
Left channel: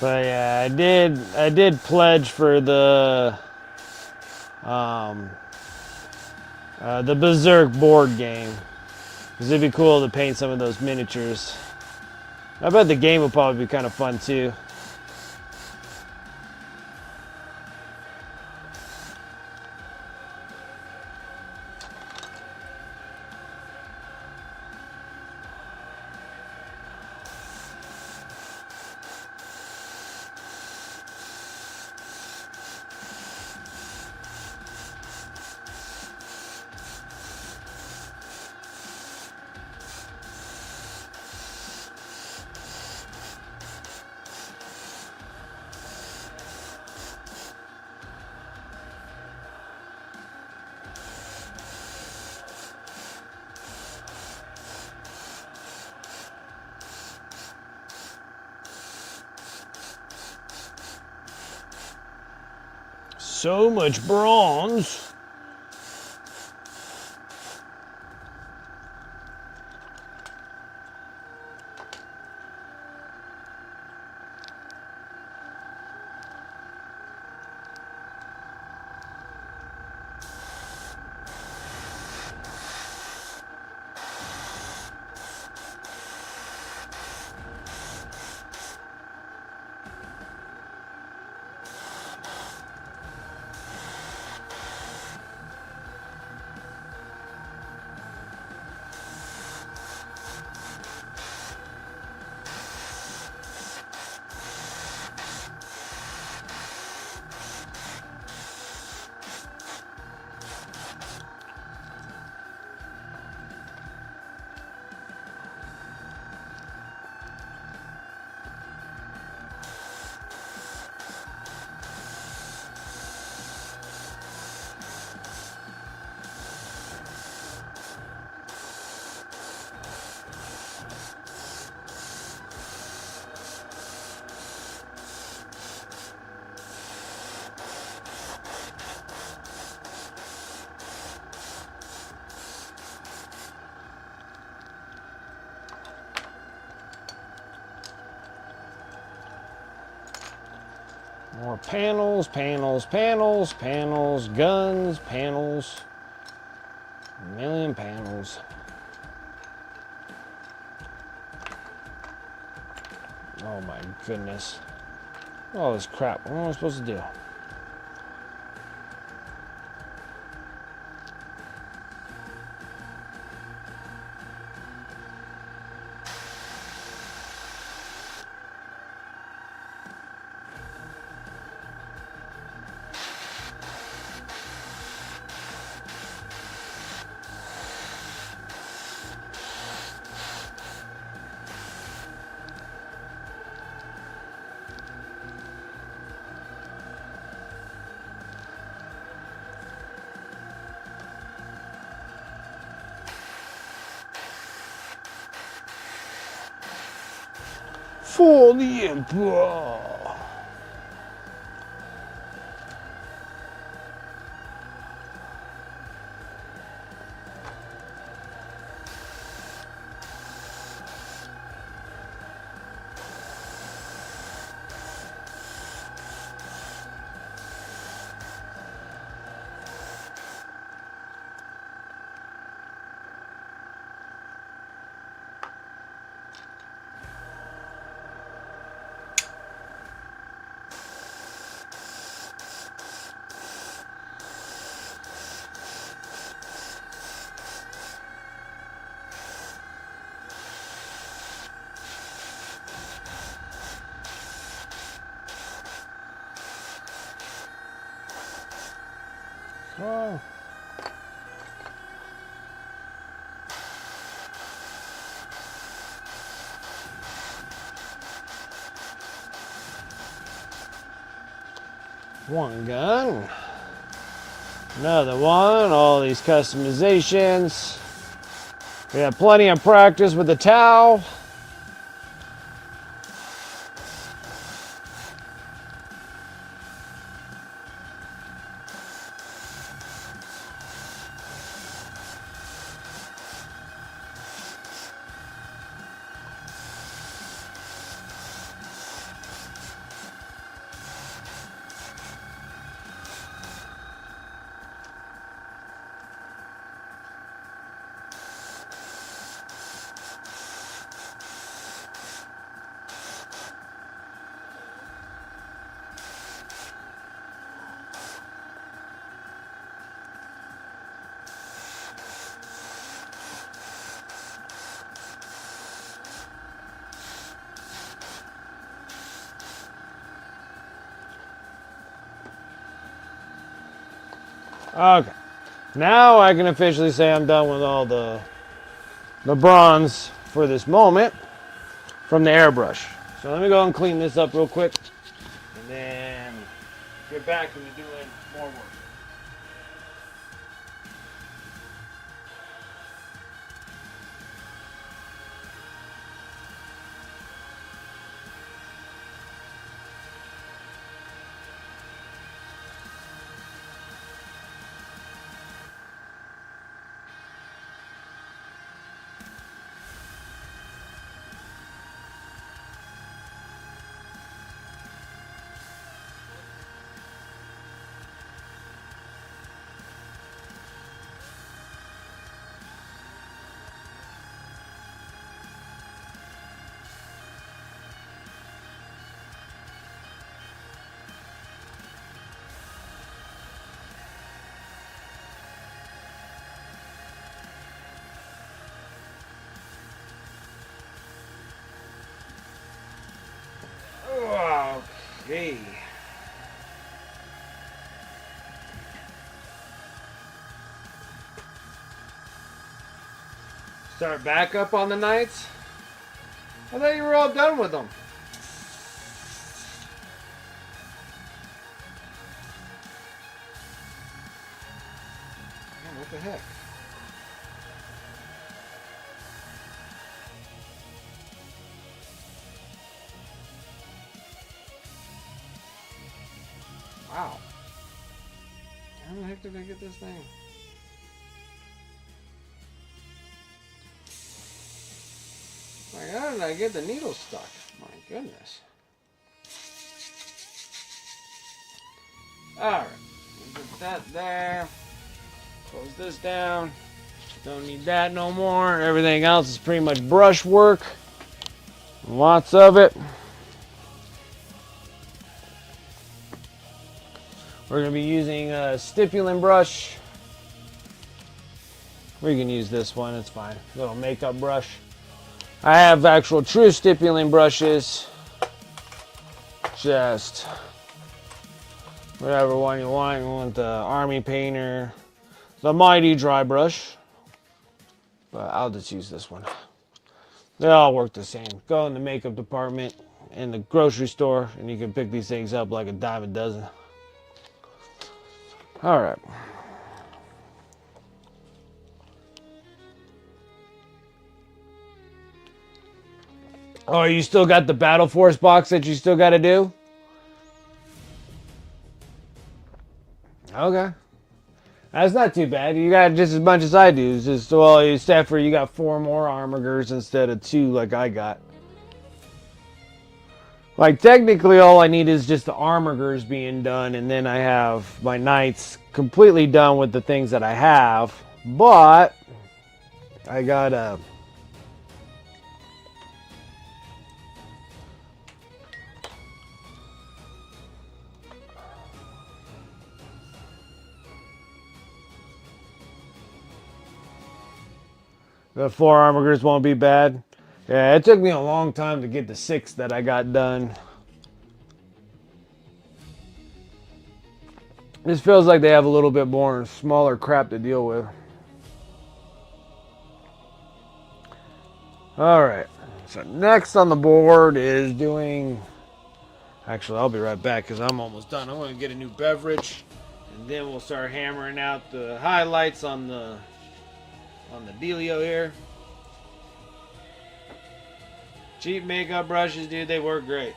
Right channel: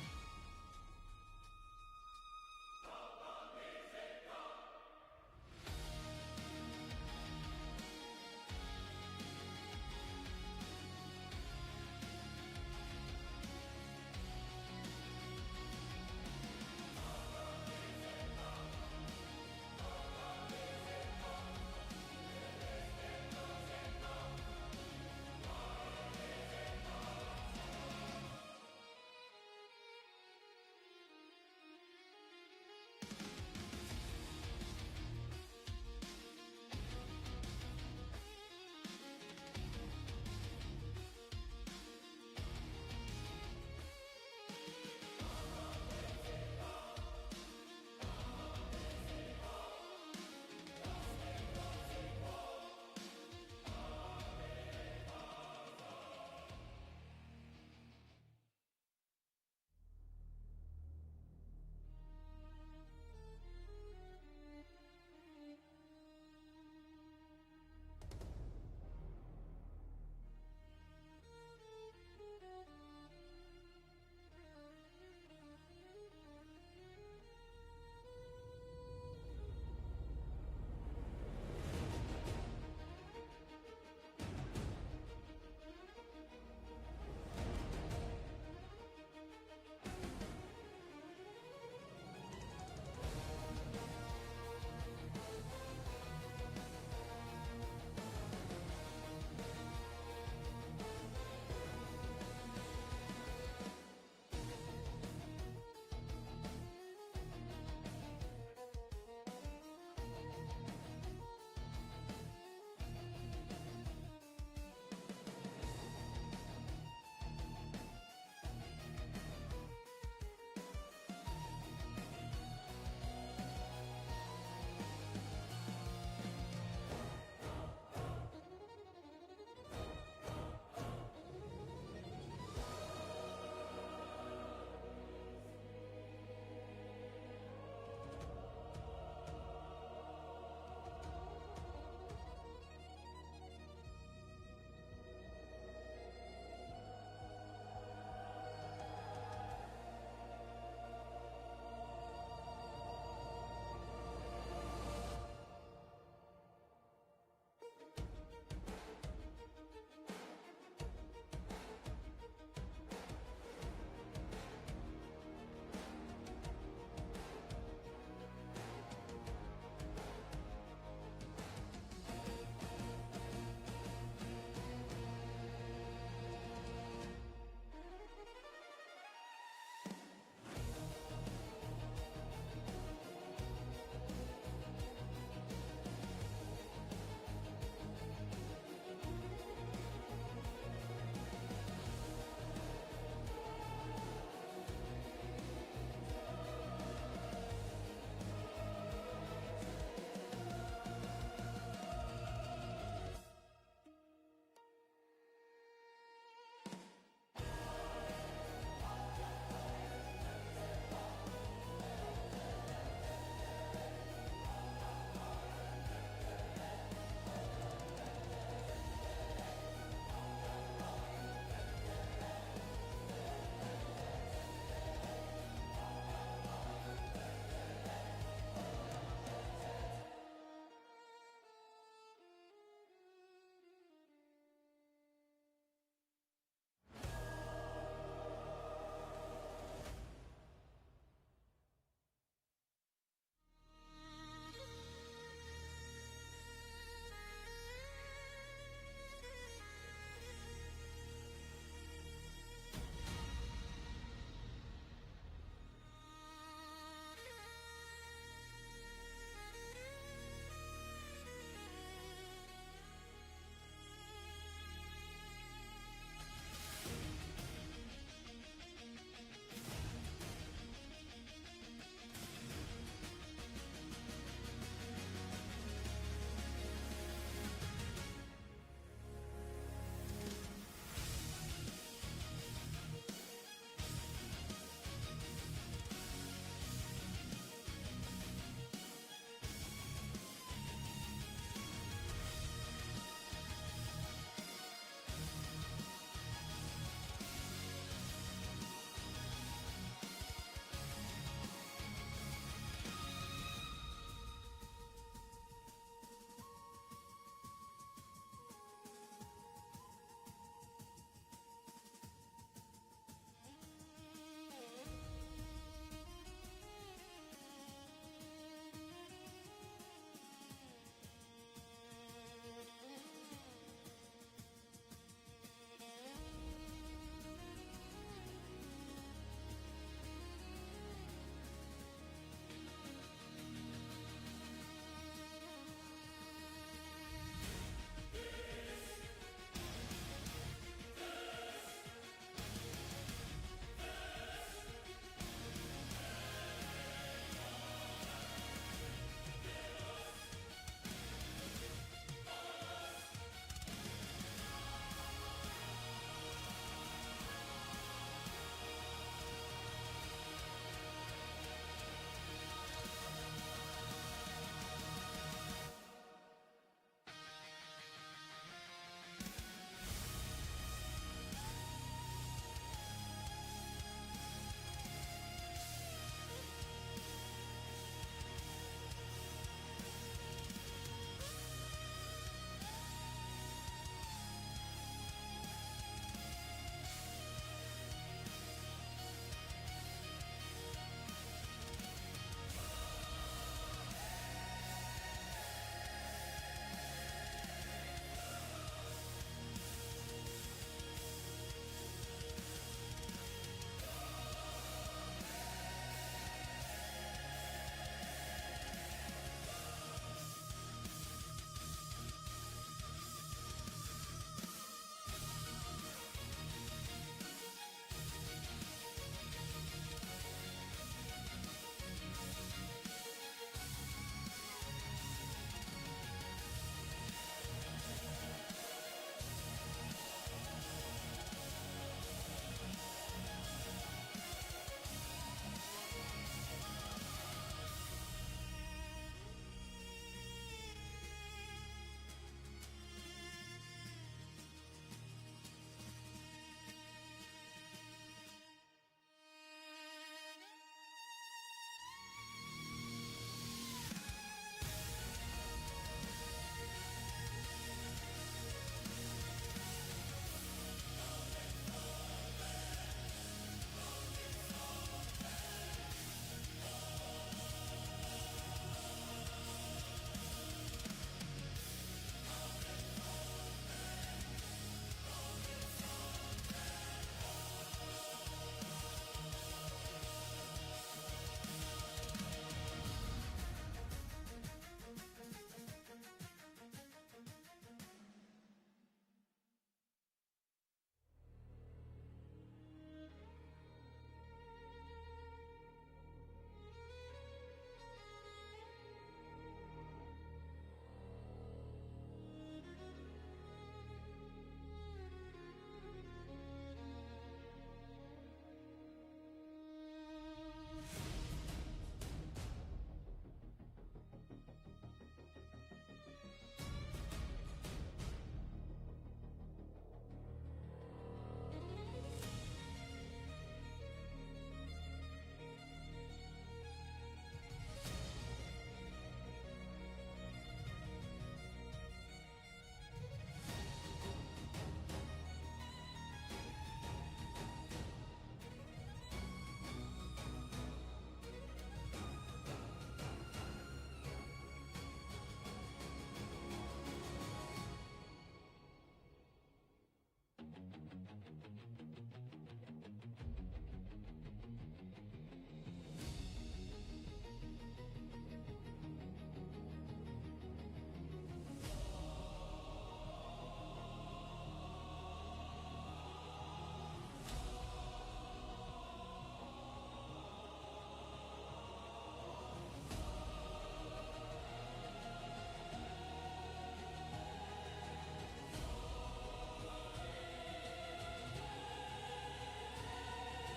But yeah, I did pledge for the Berserk board game. Because it'd be cool to paint some of those miniatures. I bet the game would probably be kind of fun too. So much bronze. panels, panels, panels, panels, guns, panels. A million panels. Oh my goodness. All this crap. What am I supposed to do? For the Emperor! Oh. One gun. Another one. All these customizations. We have plenty of practice with the Tau. Okay. Now I can officially say I'm done with all the bronze for this moment from the airbrush. So let me go and clean this up real quick and then get back into doing more work. Okay. Start back up on the knights? I thought you were all done with them. Man, what the heck? Wow. How the heck did I get this thing? Like, how did I get the needle stuck? My goodness. Alright, put that there. Close this down. Don't need that no more. Everything else is pretty much brush work. Lots of it. We're going to be using a stippling brush. We can use this one, it's fine. Little makeup brush. I have actual true stippling brushes. Just whatever one you want. You want the Army Painter, the Mighty Dry Brush. But I'll just use this one. They all work the same. Go in the makeup department in the grocery store and you can pick these things up like a dime a dozen. All right. Oh, you still got the Battle Force box that you still got to do? Okay. That's not too bad. You got just as much as I do. It's just, well, except for you got 4 more armigers instead of 2 like I got. Like, technically all I need is just the armigers being done, and then I have my knights completely done with the things that I have. But I gotta... The 4 armigers won't be bad. Yeah, it took me a long time to get the 6 that I got done. This feels like they have a little bit more smaller crap to deal with. Alright, so next on the board is doing... Actually, I'll be right back because I'm almost done. I'm going to get a new beverage, and then we'll start hammering out the highlights on the dealio here. Cheap makeup brushes, dude, they work great.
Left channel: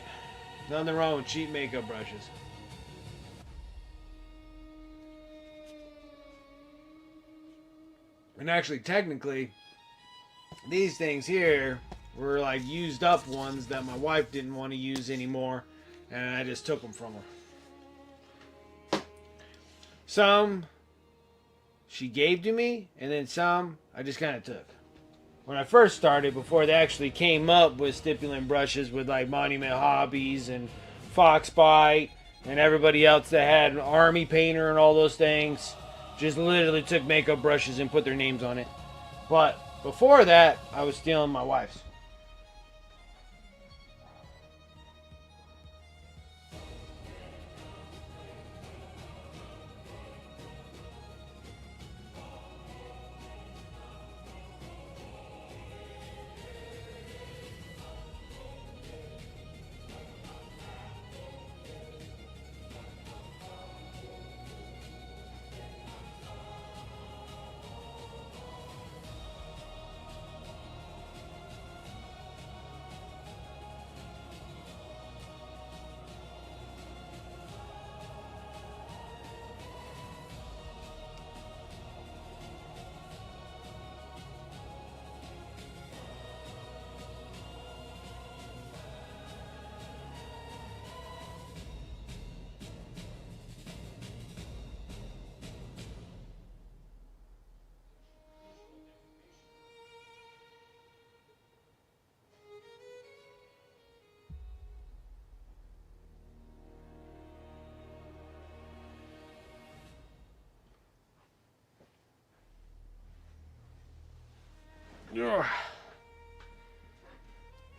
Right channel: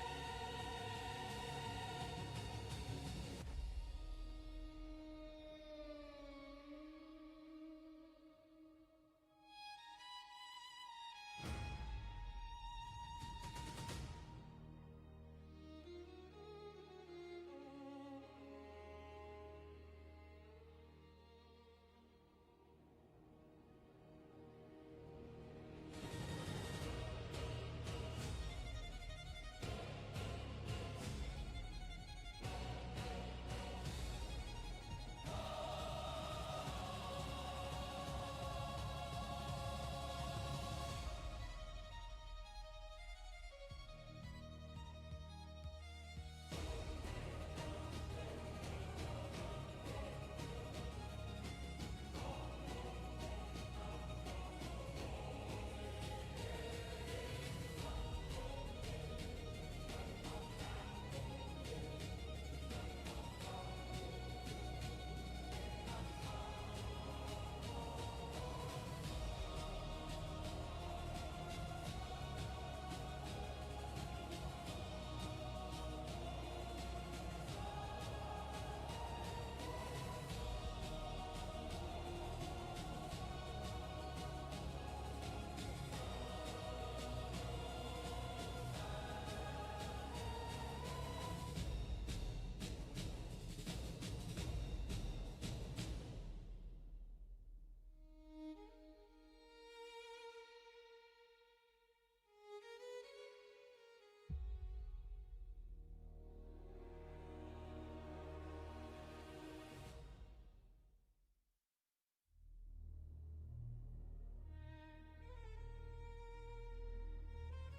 Nothing wrong with cheap makeup brushes. And actually, technically, these things here were like used up ones that my wife didn't want to use anymore, and I just took them from her. Some she gave to me, and then some I just kind of took. When I first started, before they actually came up with stippling brushes with like Monument Hobbies and Foxbite and everybody else that had an Army Painter and all those things, just literally took makeup brushes and put their names on it. But before that, I was stealing my wife's.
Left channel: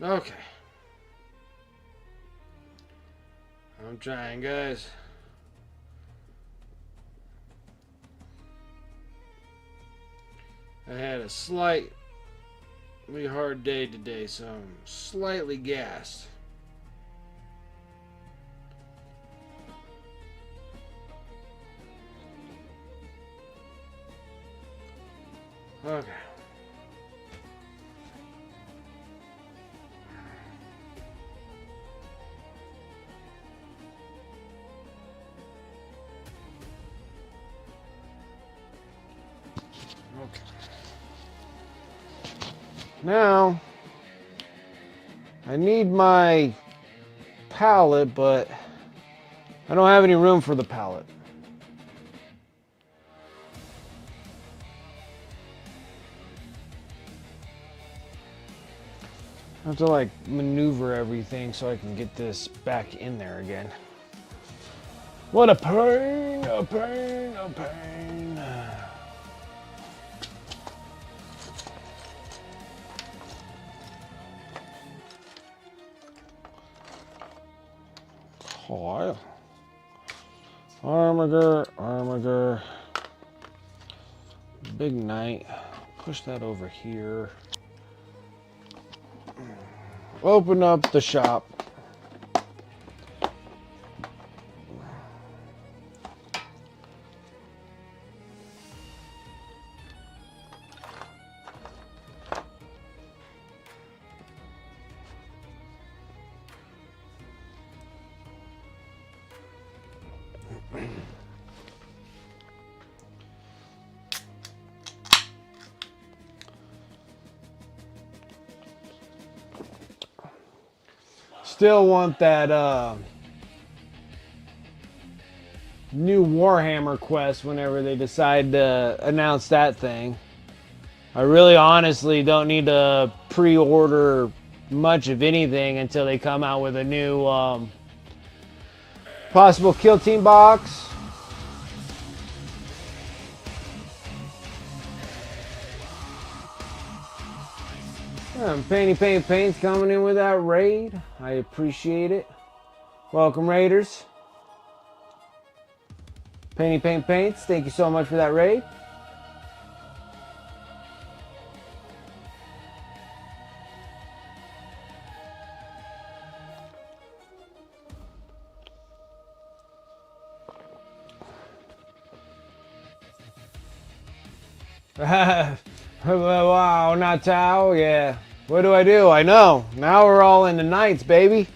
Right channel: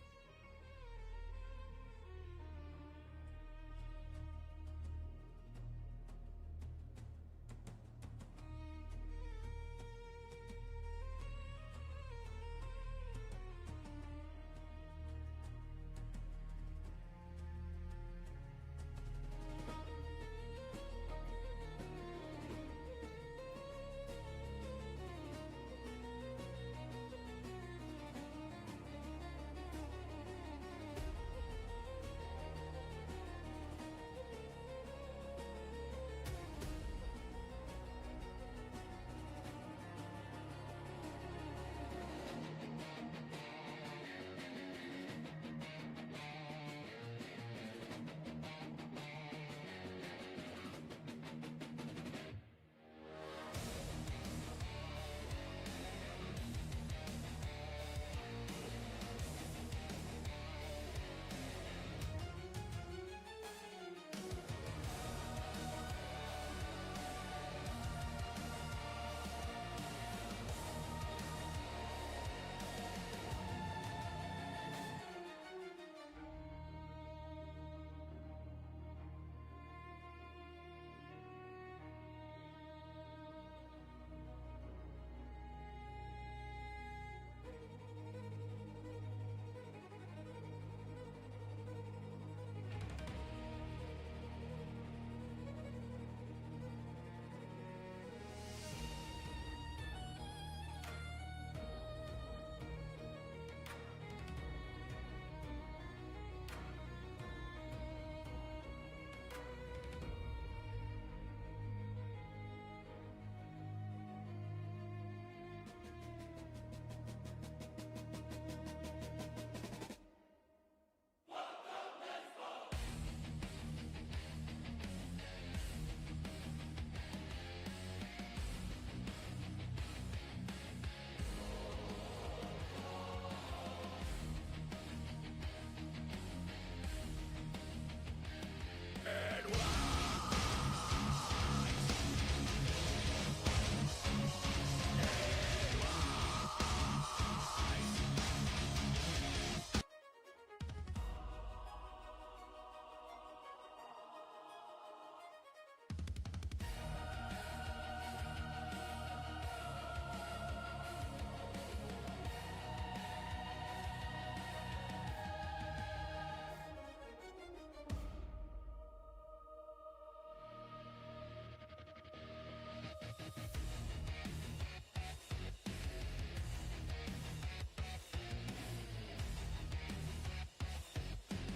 Okay. I'm trying, guys. I had a slightly hard day today, so I'm slightly gassed. Okay. Now, I need my palette, but I don't have any room for the pallet. I have to like maneuver everything so I can get this back in there again. What a pain, a pain, a pain. Oh, armager. Big night. Push that over here. Open up the shop. Still want that new Warhammer quest whenever they decide to announce that thing. I really honestly don't need to pre-order much of anything until they come out with a new possible kill team box. Paint's coming in with that raid. I appreciate it. Welcome, Raiders. Paints, thank you so much for that raid. Wow, not Tau, yeah. What do? I know. Now we're all into Knights, baby.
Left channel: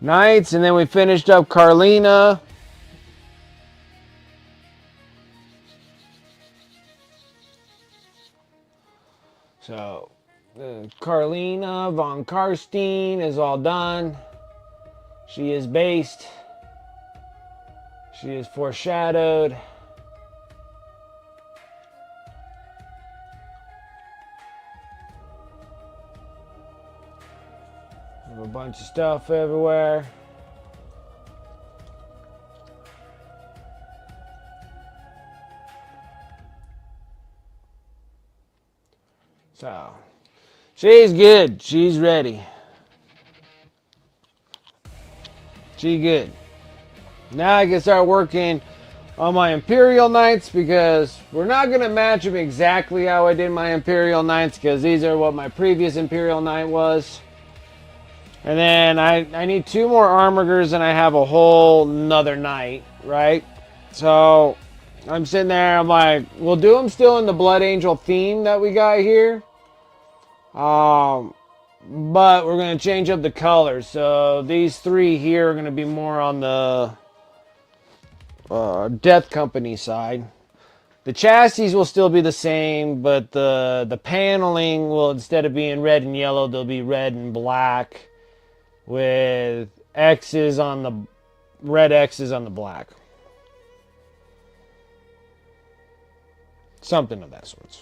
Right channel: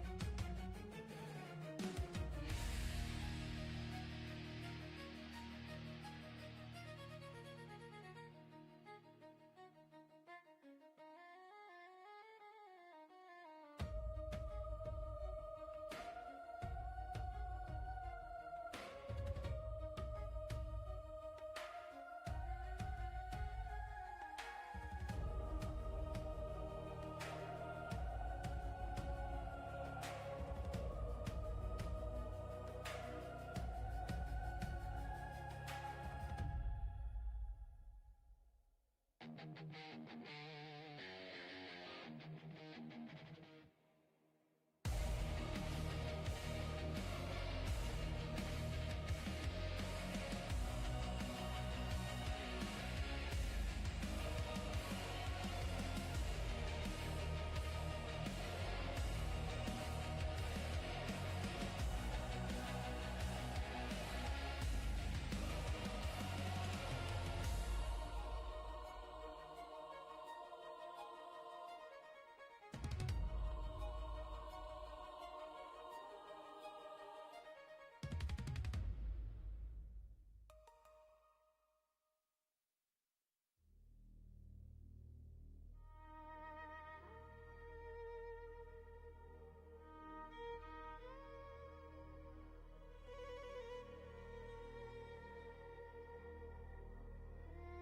Knights, and then we finished up Carlina. So, Carlina von Karstein is all done. She is based. She is foreshadowed. A bunch of stuff everywhere. So, she's good. She's ready. She good. Now I can start working on my Imperial Knights because we're not going to match them exactly how I did my Imperial Knights because these are what my previous Imperial Knight was. And then I need 2 more armigers and I have a whole nother knight, right? So I'm sitting there, I'm like, we'll do them still in the Blood Angel theme that we got here. But we're going to change up the colors. So these 3 here are going to be more on the Death Company side. The chassis will still be the same, but the paneling will, instead of being red and yellow, they'll be red and black with X's on the red X's on the black. Something of that sort.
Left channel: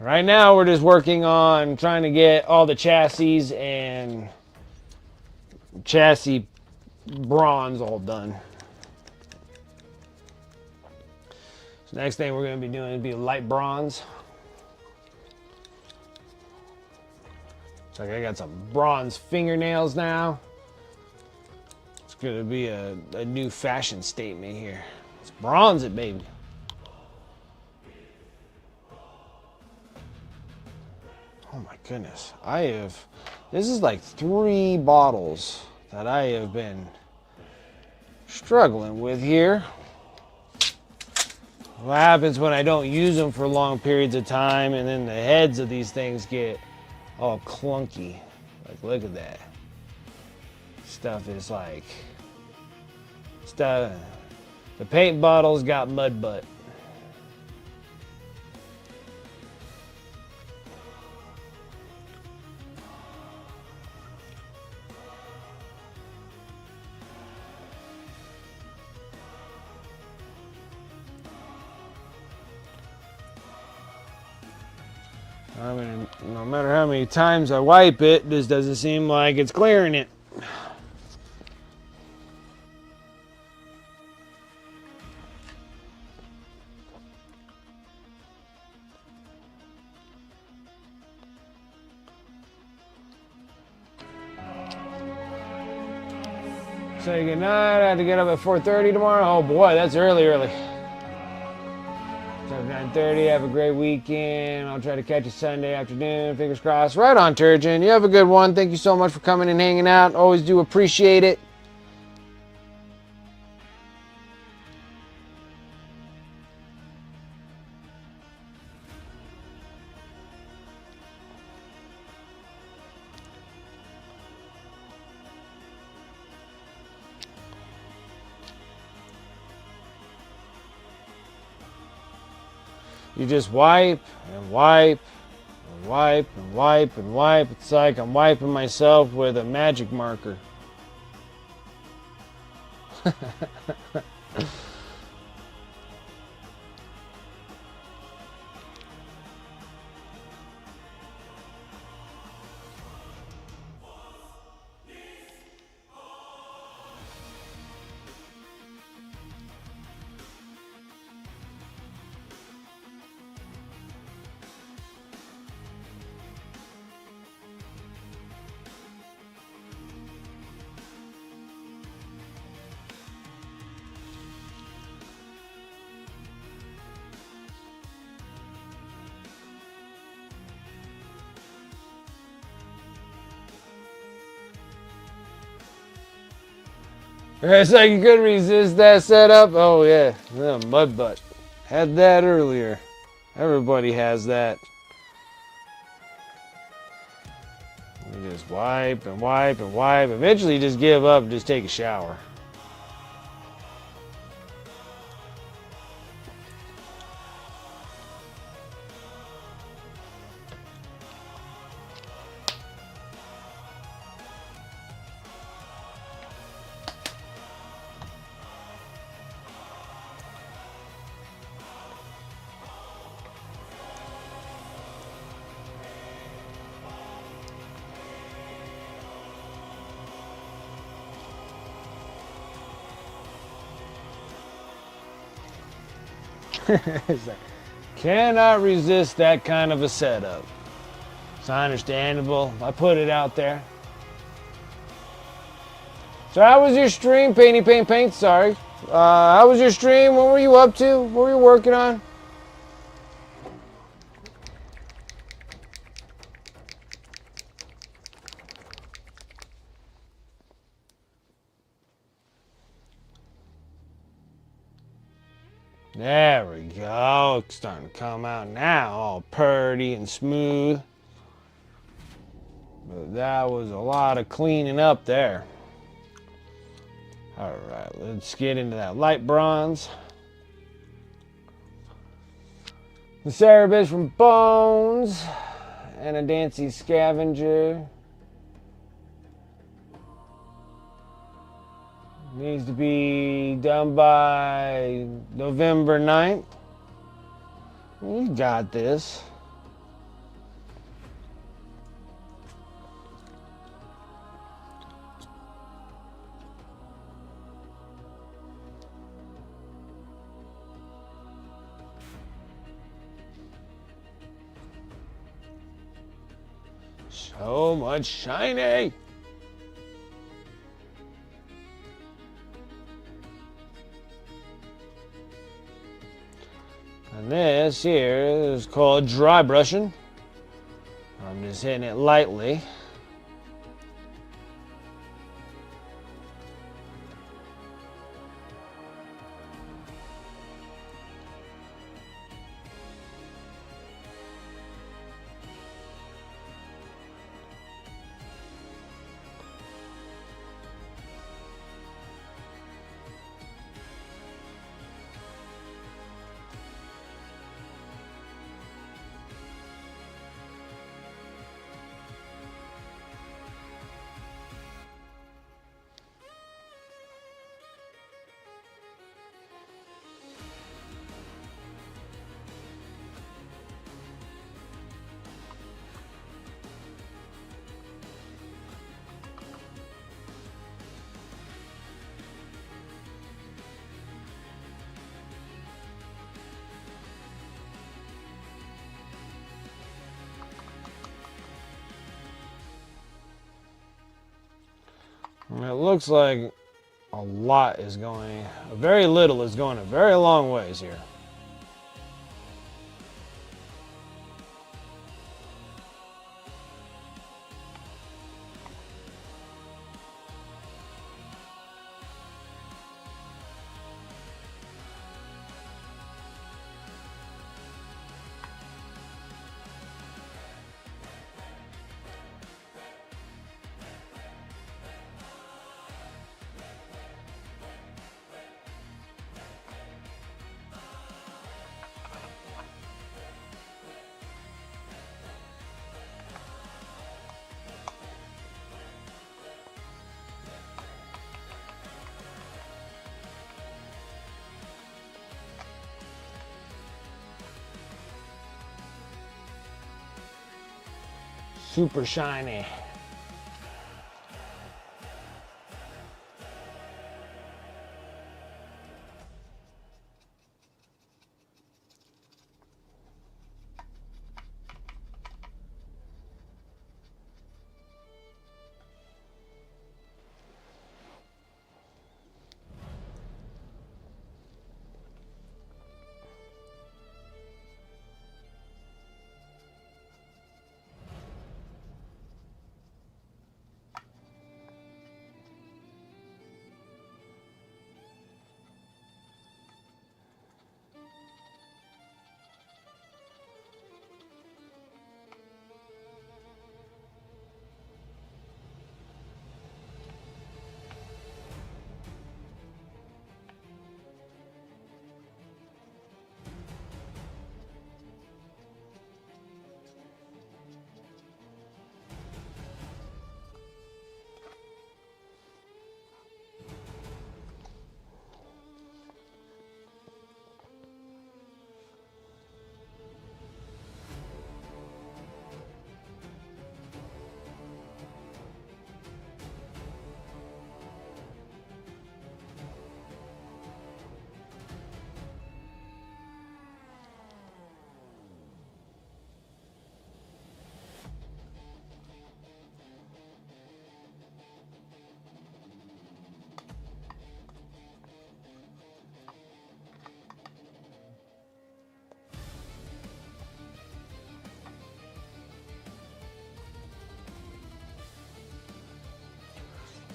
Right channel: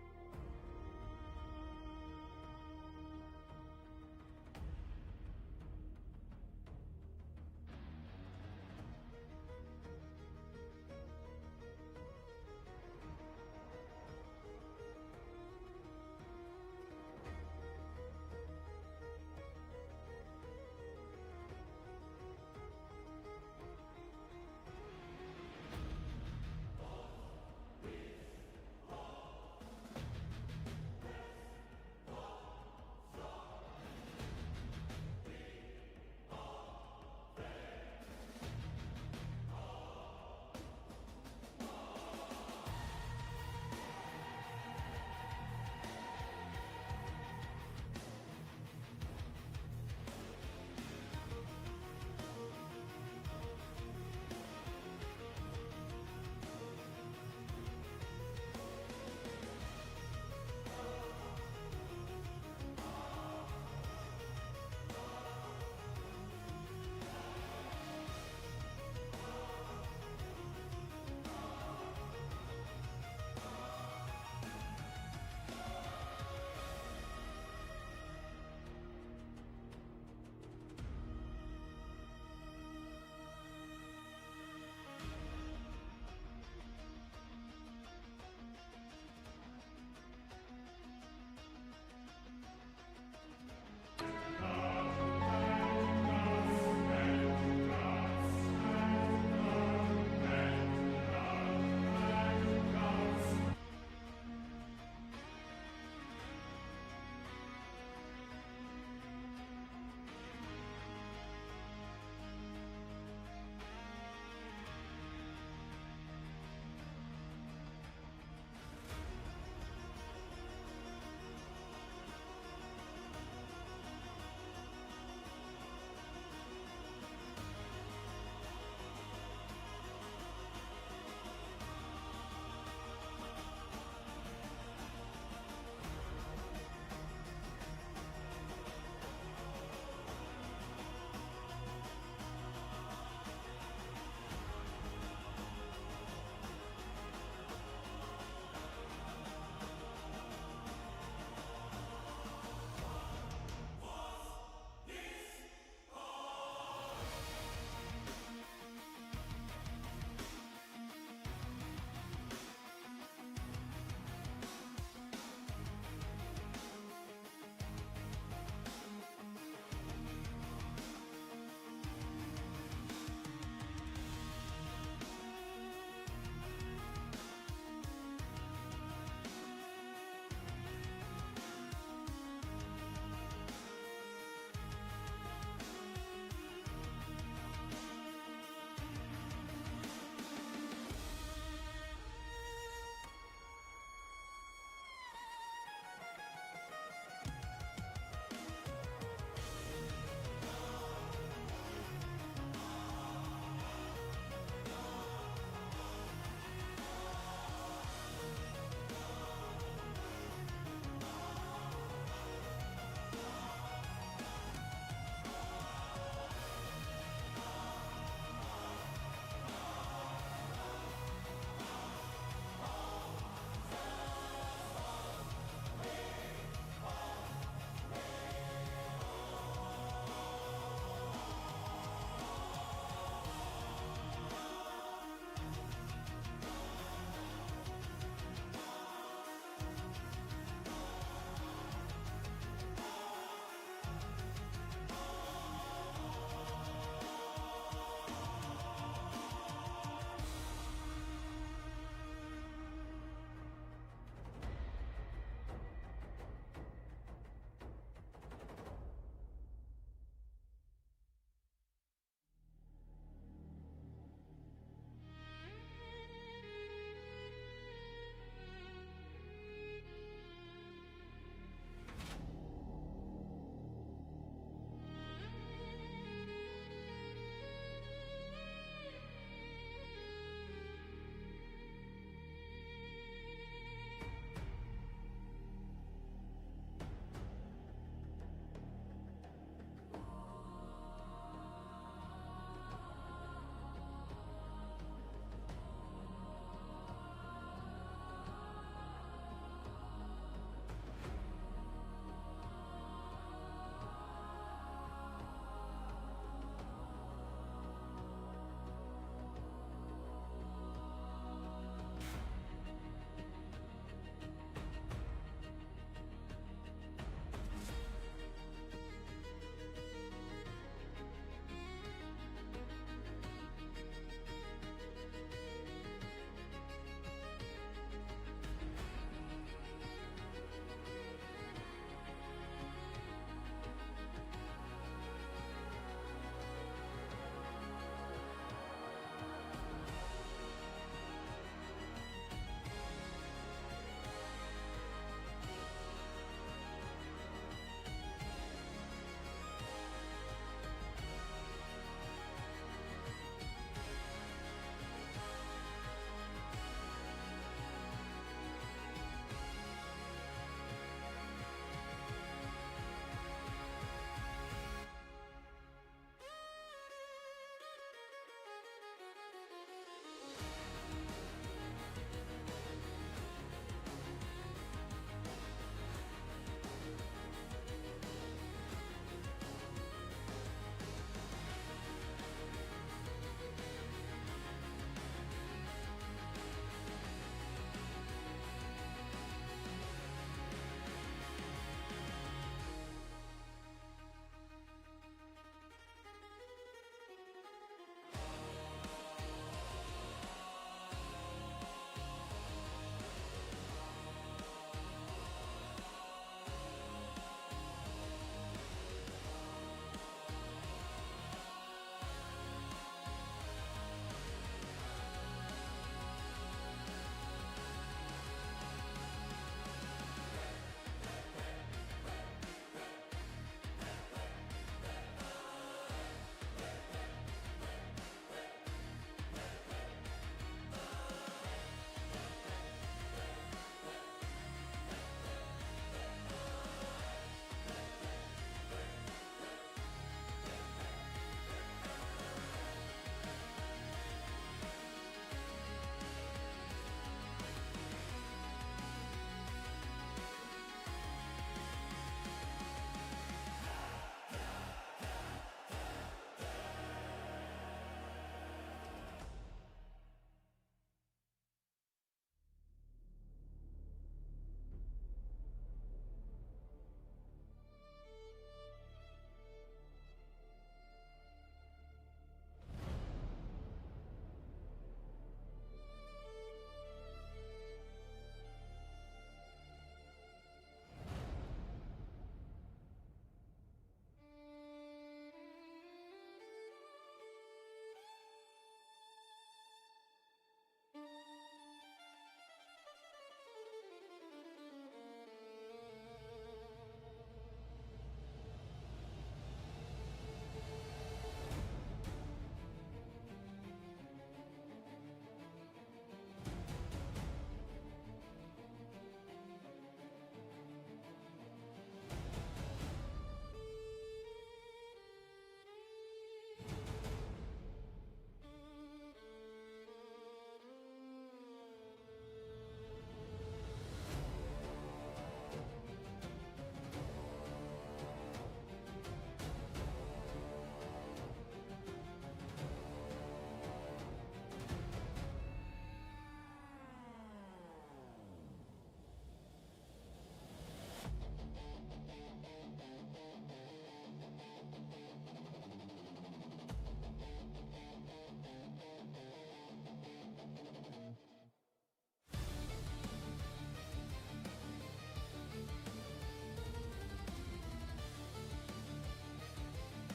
Right now we're just working on trying to get all the chassis and chassis bronze all done. So next thing we're going to be doing is be light bronze. So I got some bronze fingernails now. It's going to be a new fashion statement here. Let's bronze it, baby. Oh my goodness. This is like 3 bottles that I have been struggling with here. What happens when I don't use them for long periods of time and then the heads of these things get all clunky. Like, look at that. Stuff is like, the paint bottle's got mud butt. no matter how many times I wipe it, this doesn't seem like it's clearing it. Say goodnight. I have to get up at 4:30 tomorrow. Oh boy, that's early. 9:30. Have a great weekend. I'll try to catch you Sunday afternoon. Fingers crossed. Right on, Turgeon. You have a good one. Thank you so much for coming and hanging out. Always do appreciate it. You just wipe and wipe and wipe and wipe and wipe. It's like I'm wiping myself with a magic marker. It's like you could resist that setup. Oh yeah, mud butt. Had that earlier. Everybody has that. You just wipe and wipe and wipe. Eventually you just give up and just take a shower. It's like, cannot resist that kind of a setup. It's understandable. I put it out there. So how was your stream, Painty Paint Paint? Sorry. How was your stream? What were you up to? What were you working on? There we go. It's starting to come out now, all purty and smooth. But that was a lot of cleaning up there. All right, let's get into that light bronze. The Cerebus from Bones and a Dancy Scavenger. Needs to be done by November 9th. You got this. So much shiny. And this here is called dry brushing. I'm just hitting it lightly. looks like a lot is going, very little is going a very long ways here. Super shiny.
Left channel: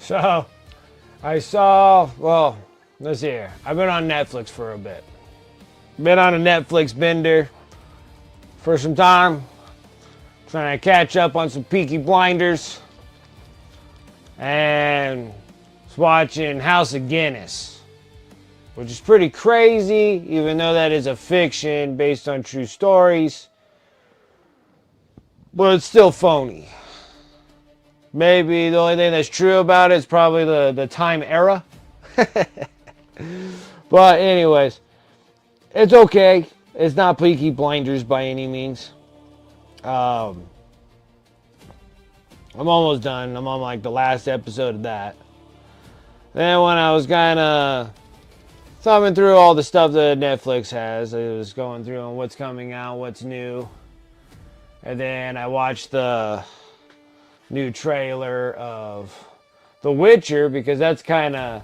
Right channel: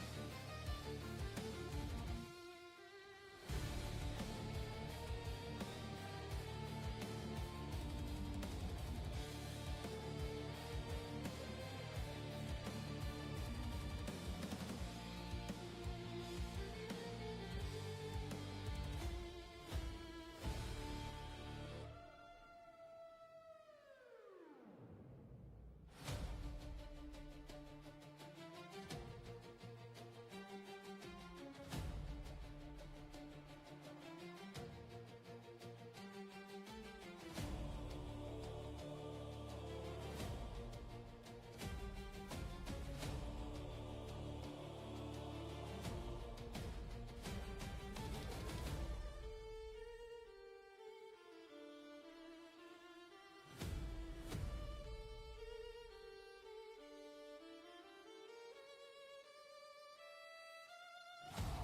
So, I saw, well, let's see here. I've been on Netflix for a bit. Been on a Netflix bender for some time. Trying to catch up on some Peaky Blinders. And was watching House of Guinness. Which is pretty crazy, even though that is a fiction based on true stories. But it's still phony. Maybe the only thing that's true about it is probably the time era. But anyways, it's okay. It's not Peaky Blinders by any means. I'm almost done. I'm on like the last episode of that. Then when I was kind of thumbing through all the stuff that Netflix has, I was going through on what's coming out, what's new. And then I watched the new trailer of The Witcher, because that's kind of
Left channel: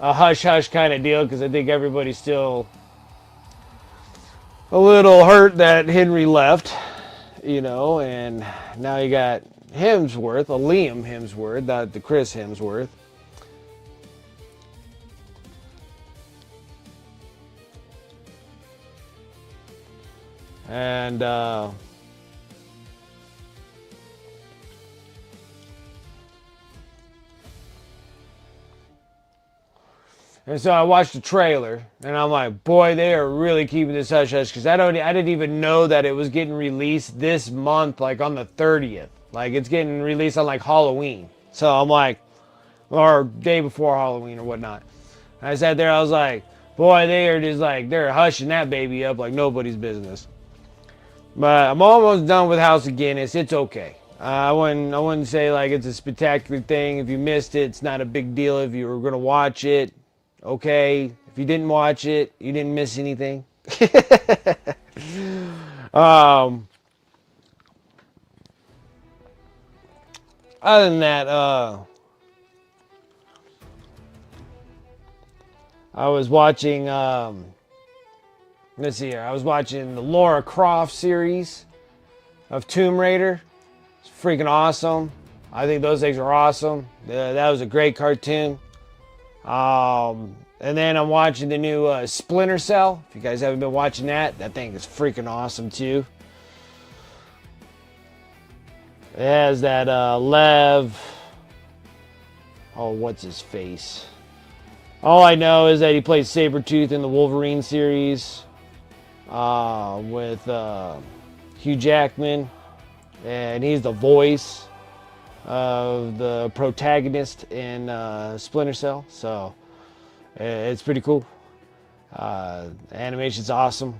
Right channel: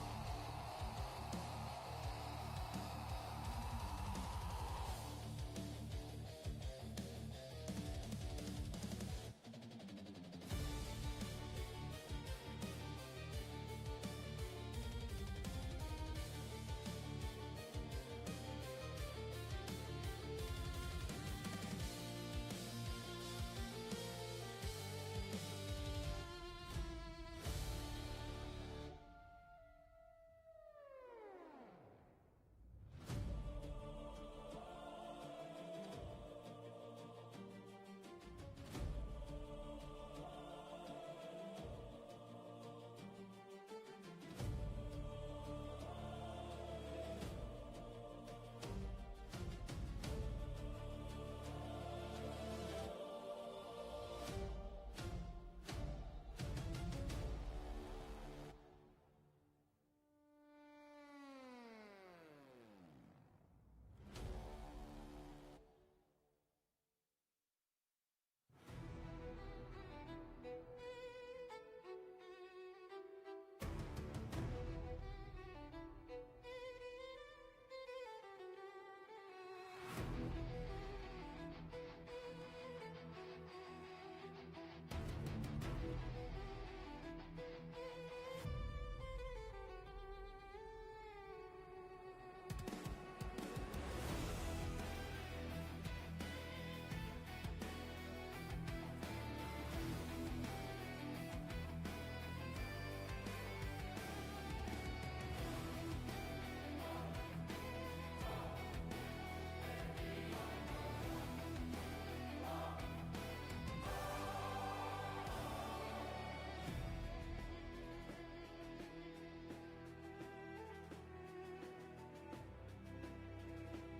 a hush-hush kind of deal, because I think everybody's still a little hurt that Henry left, you know, and now you got Hemsworth, a Liam Hemsworth, not the Chris Hemsworth. And so I watched the trailer, and I'm like, boy, they are really keeping this hush hush, because I didn't even know that it was getting released this month, like on the 30th. Like, it's getting released on like Halloween. So I'm like, or day before Halloween or whatnot. And I sat there, I was like, boy, they are just like, they're hushing that baby up like nobody's business. But I'm almost done with House of Guinness. It's okay. I wouldn't say like it's a spectacular thing. If you missed it, it's not a big deal. If you were gonna watch it, okay. If you didn't watch it, you didn't miss anything. Other than that, I was watching, let's see here. I was watching the Lara Croft series of Tomb Raider. It's freaking awesome. I think those things are awesome. That was a great cartoon. And then I'm watching the new Splinter Cell. If you guys haven't been watching that, that thing is freaking awesome too. It has that Lev. Oh, what's his face? All I know is that he plays Sabretooth in the Wolverine series with Hugh Jackman. And he's the voice of the protagonist in Splinter Cell. So it's pretty cool. Animation's awesome.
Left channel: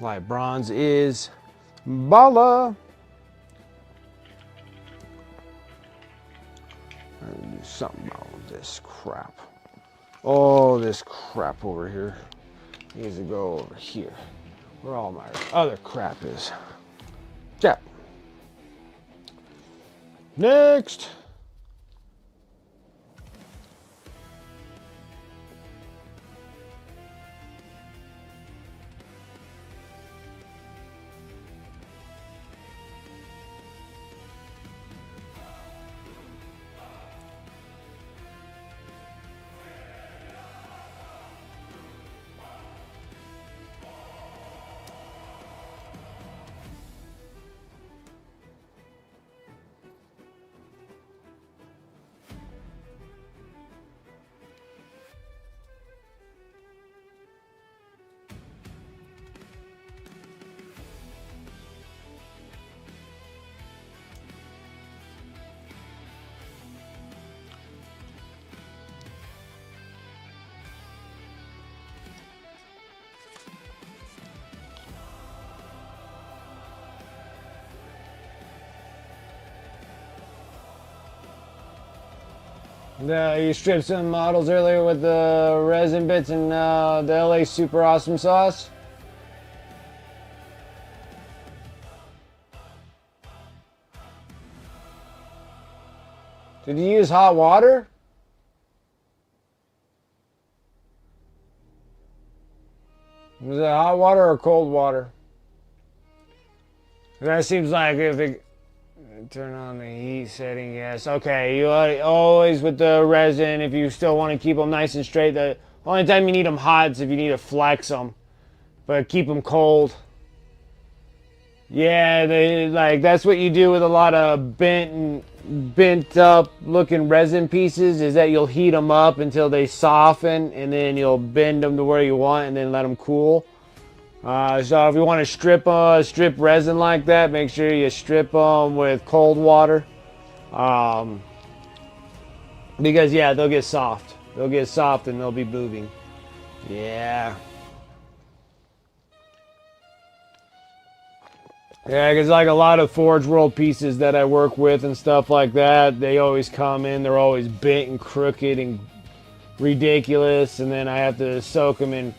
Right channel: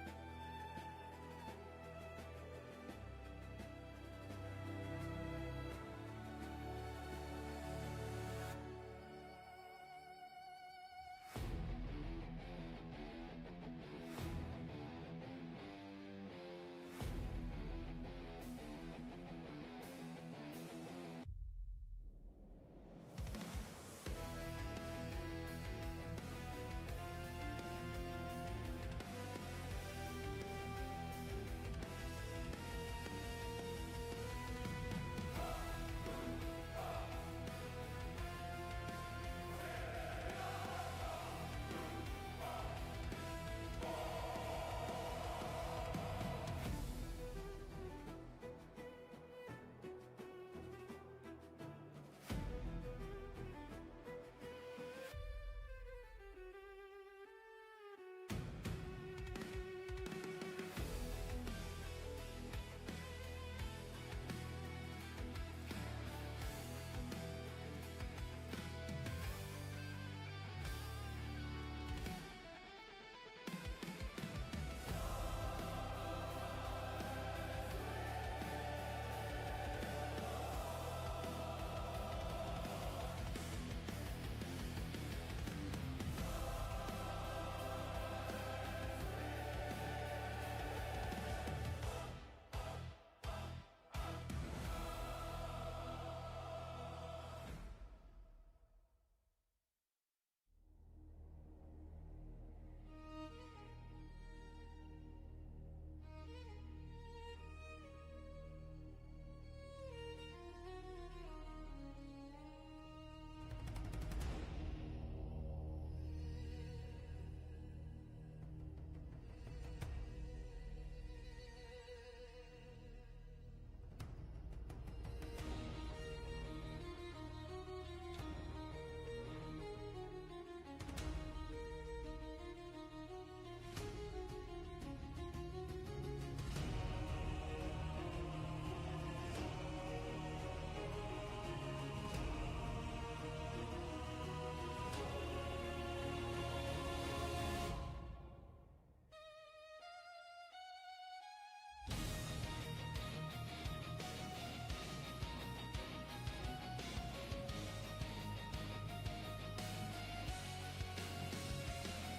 Light bronze is Bala. Something about this crap. Oh, this crap over here needs to go over here. Where all my other crap is. Yeah. Next. You stripped some models earlier with the resin bits and the LA Super Awesome Sauce. Did you use hot water? Was it hot water or cold water? That seems like if it... Turn on the heat setting, yes. Okay, you always with the resin, if you still want to keep them nice and straight, the only time you need them hot is if you need to flex them. But keep them cold. Yeah, that's what you do with a lot of bent up looking resin pieces, is that you'll heat them up until they soften, and then you'll bend them to where you want and then let them cool. So if you want to strip resin like that, make sure you strip them with cold water. Because yeah, they'll get soft. They'll get soft and they'll be moving. Yeah. Yeah, because like a lot of Forge World pieces that I work with and stuff like that, they always come in, they're always bent and crooked and ridiculous, and then I have to soak them in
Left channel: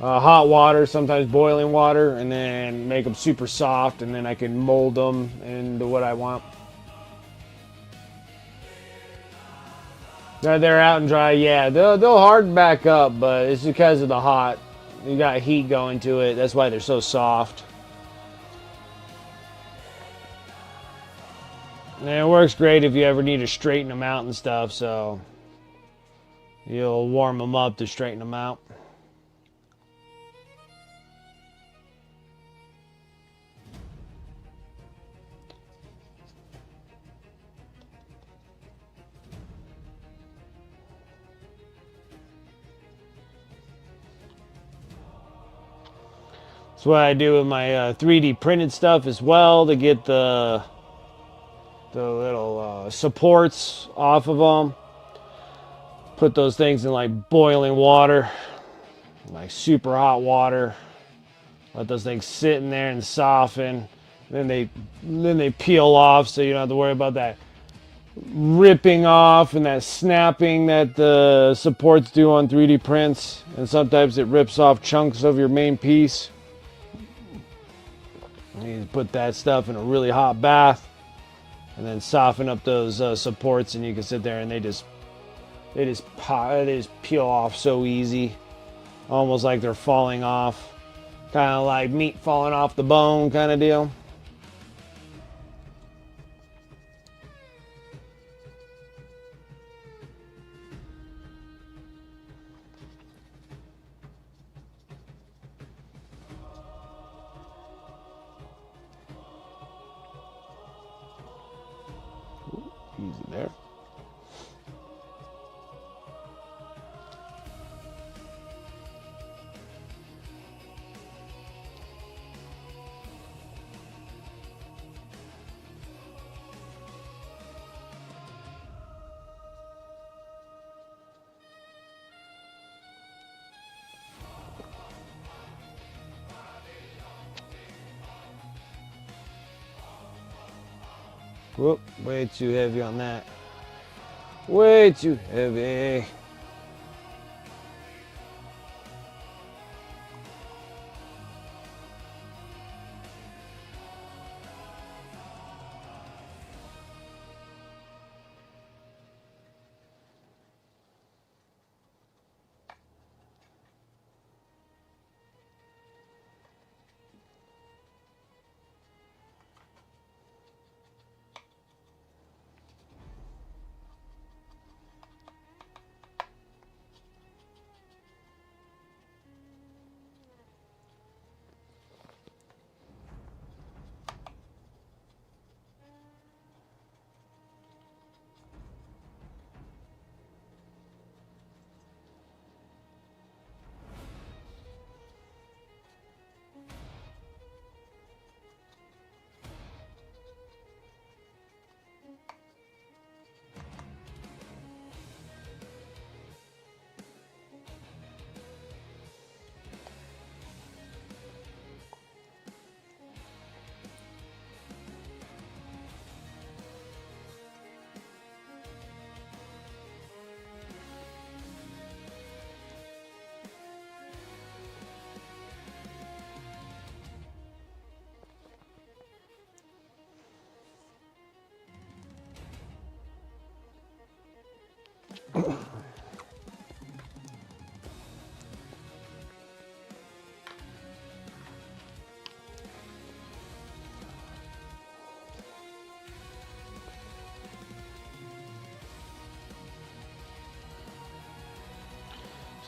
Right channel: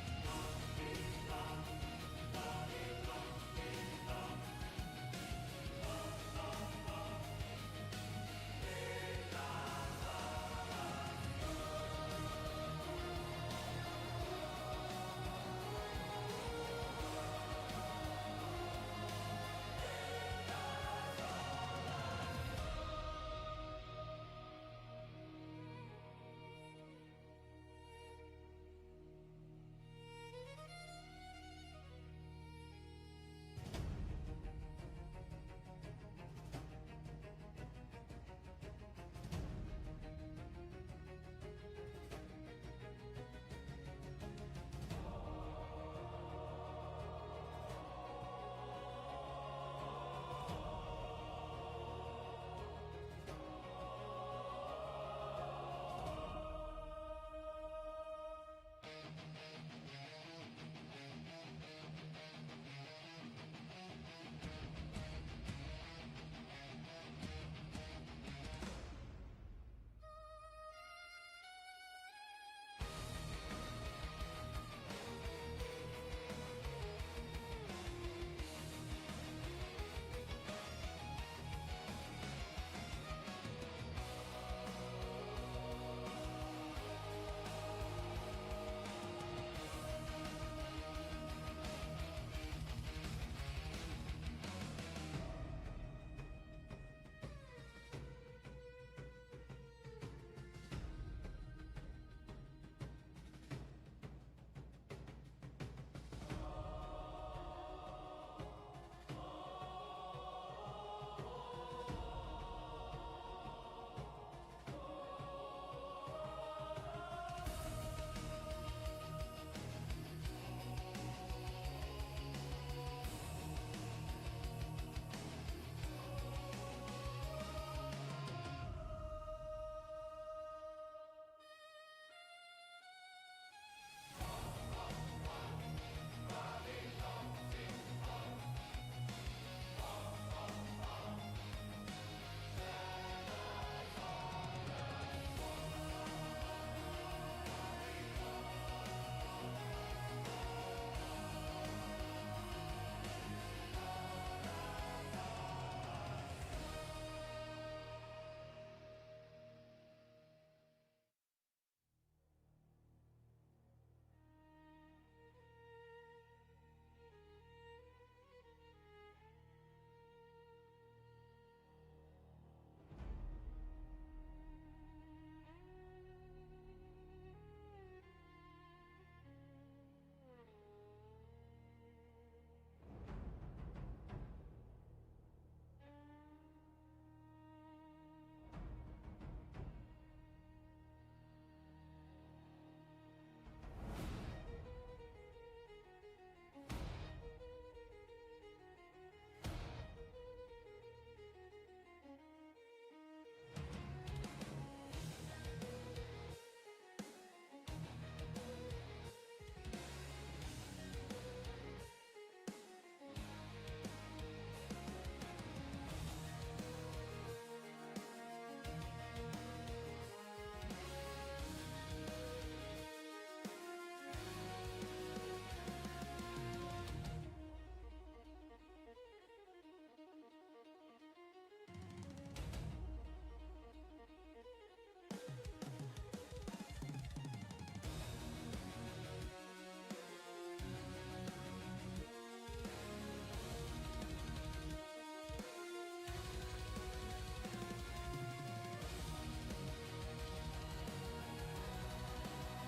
hot water, sometimes boiling water, and then make them super soft, and then I can mold them into what I want. They're out and dry, yeah. They'll harden back up, but it's because of the hot. You got heat going to it. That's why they're so soft. And it works great if you ever need to straighten them out and stuff, so you'll warm them up to straighten them out. That's what I do with my 3D printed stuff as well, to get the little supports off of them. Put those things in like boiling water. like super hot water. Let those things sit in there and soften. Then they peel off, so you don't have to worry about that ripping off and that snapping that the supports do on 3D prints. And sometimes it rips off chunks of your main piece. You put that stuff in a really hot bath and then soften up those supports, and you can sit there and they just peel off so easy, almost like they're falling off, kind of like meat falling off the bone kind of deal. Easy there. Whoop, way too heavy on that. Way too heavy.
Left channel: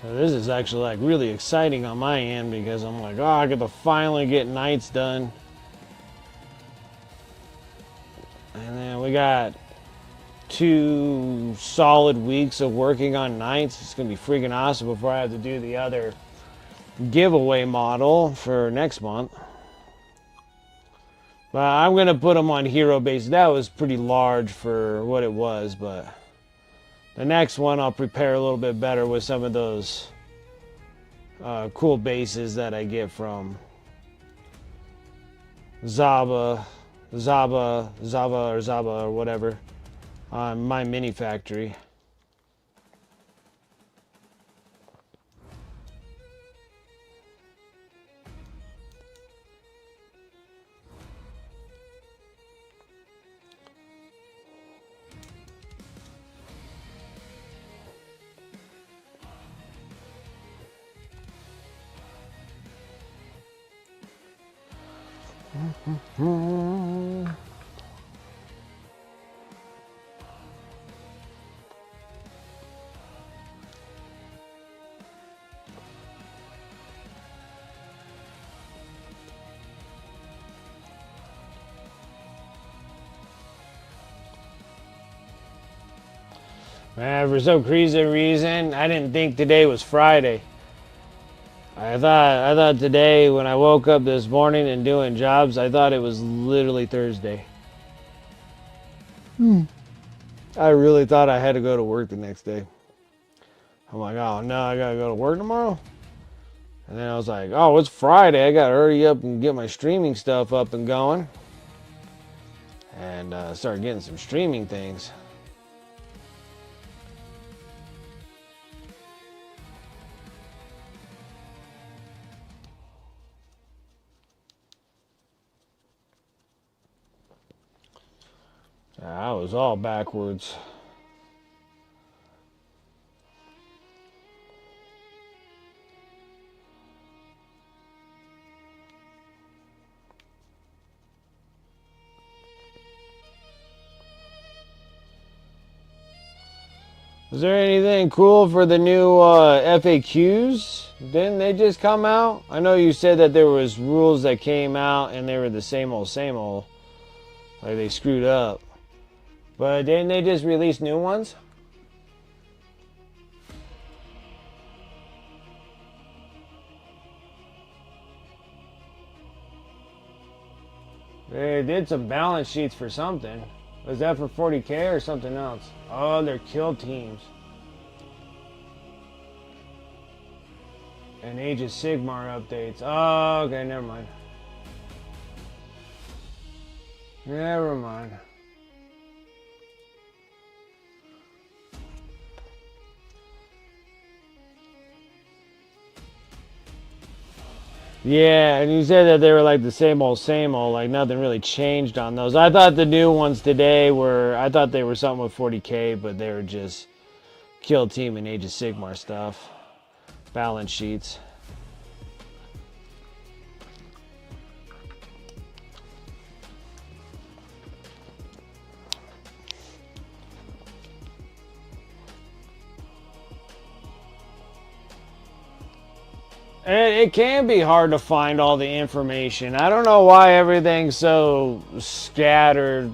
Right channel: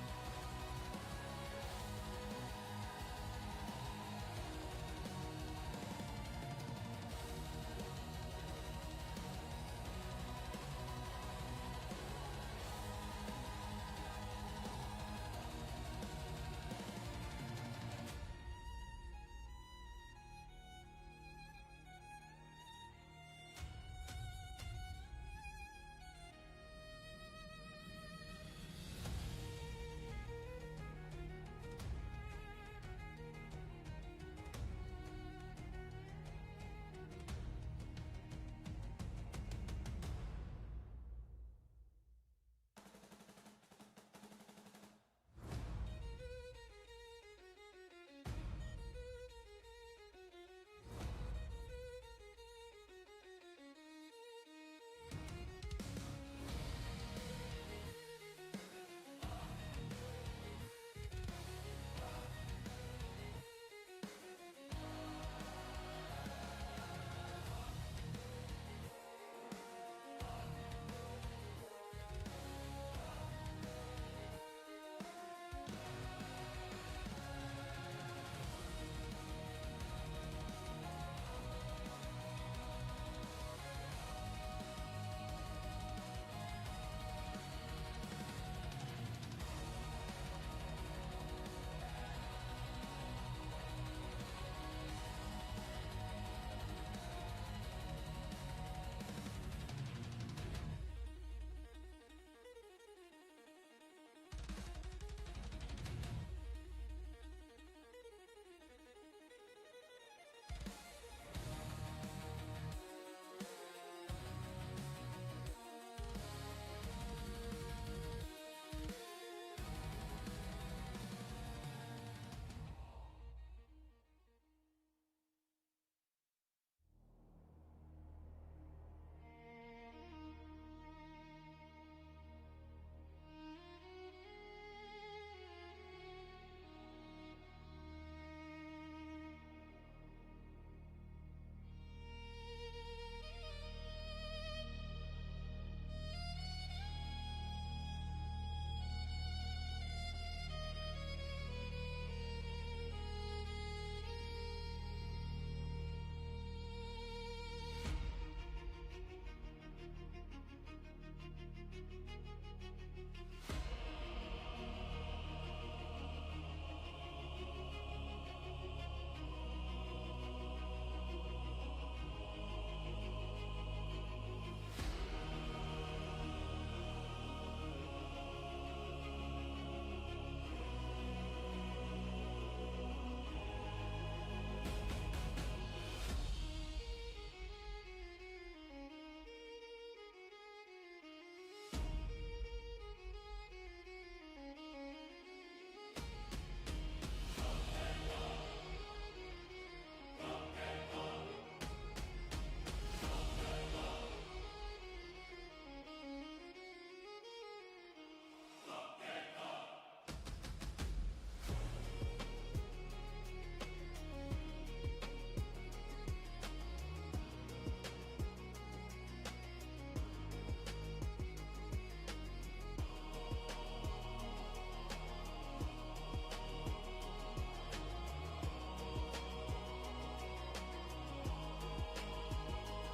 So this is actually like really exciting on my end because I'm like, oh, I get to finally get nights done. And then we got 2 solid weeks of working on nights. It's gonna be freaking awesome before I have to do the other giveaway model for next month. But I'm gonna put them on hero base. That was pretty large for what it was, but the next one I'll prepare a little bit better with some of those cool bases that I get from Zaba or whatever on my mini factory. Man, for some crazy reason, I didn't think today was Friday. I thought today when I woke up this morning and doing jobs, I thought it was literally Thursday. I really thought I had to go to work the next day. I'm like, oh no, I gotta go to work tomorrow? And then I was like, oh, it's Friday. I got to hurry up and get my streaming stuff up and going. And start getting some streaming things. I was all backwards. Is there anything cool for the new FAQs? Didn't they just come out? I know you said that there was rules that came out and they were the same old, like they screwed up. But didn't they just release new ones? They did some balance sheets for something. Was that for 40K or something else? Oh, they're kill teams. And Age of Sigmar updates. Oh, okay, never mind. Never mind. Yeah, and you said that they were like the same old, like nothing really changed on those. I thought the new ones today I thought they were something with 40K, but they were just kill team and Age of Sigmar stuff. Balance sheets. It can be hard to find all the information. I don't know why everything's so scattered.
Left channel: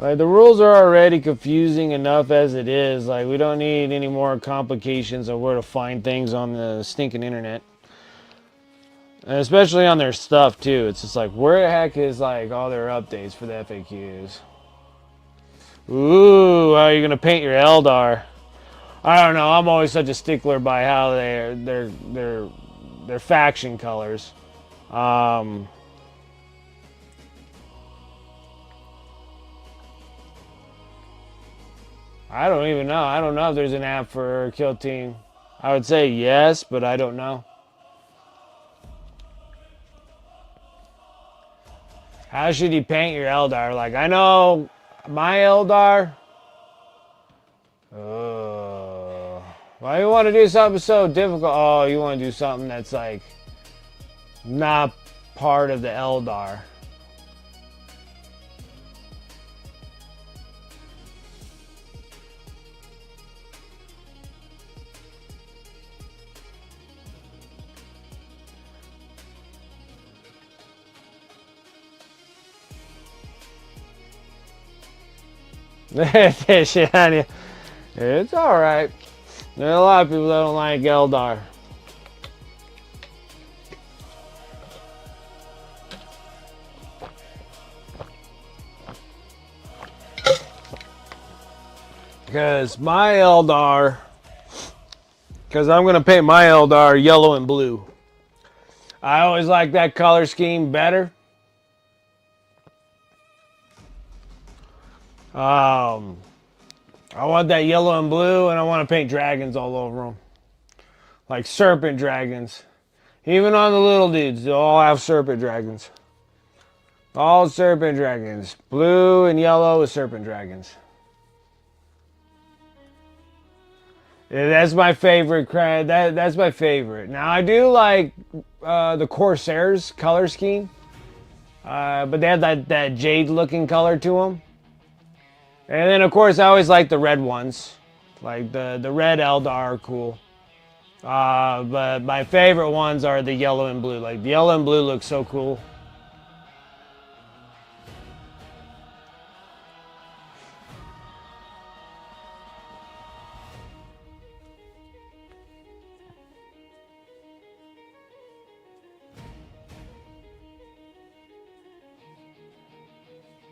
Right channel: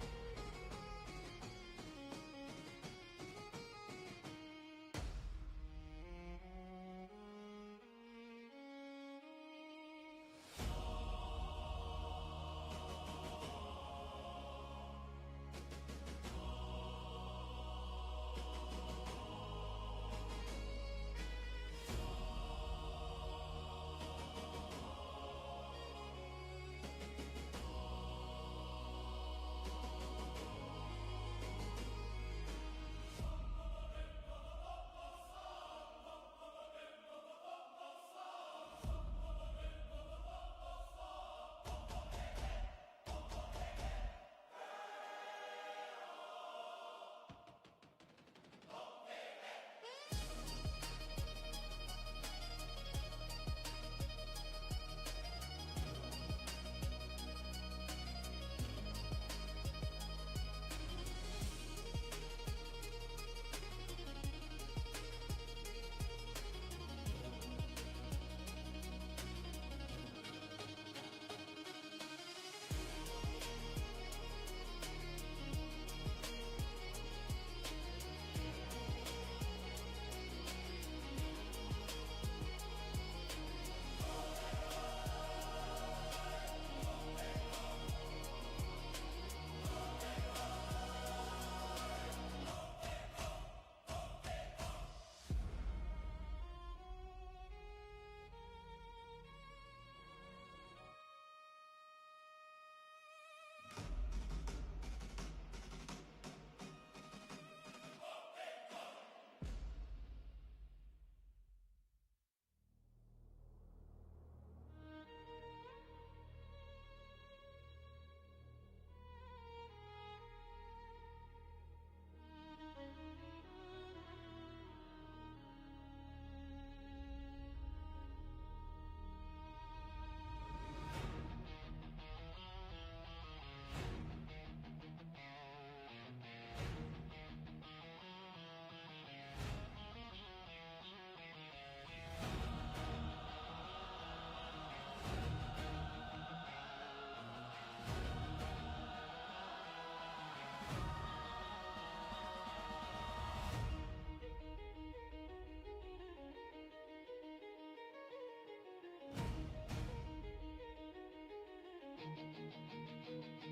Like, the rules are already confusing enough as it is. Like, we don't need any more complications of where to find things on the stinking internet. And especially on their stuff, too. It's just like, where the heck is, like, all their updates for the FAQs? Ooh, how are you going to paint your Eldar? I don't know. I'm always such a stickler by how their faction colors. I don't even know. I don't know if there's an app for Kill Team. I would say yes, but I don't know. How should you paint your Eldar? Like, I know my Eldar. Why you want to do something so difficult? Oh, you want to do something that's like not part of the Eldar. Shit on you. It's alright. There are a lot of people that don't like Eldar. Because my Eldar, because I'm going to paint my Eldar yellow and blue. I always like that color scheme better. I want that yellow and blue, and I want to paint dragons all over them. Like serpent dragons. Even on the little dudes, they'll all have serpent dragons. All serpent dragons. Blue and yellow is serpent dragons. Yeah, that's my favorite. That's my favorite. Now, I do like the Corsairs color scheme. But they have that jade-looking color to them. And then, of course, I always like the red ones. Like, the red Eldar are cool. But my favorite ones are the yellow and blue. Like, the yellow and blue look so cool.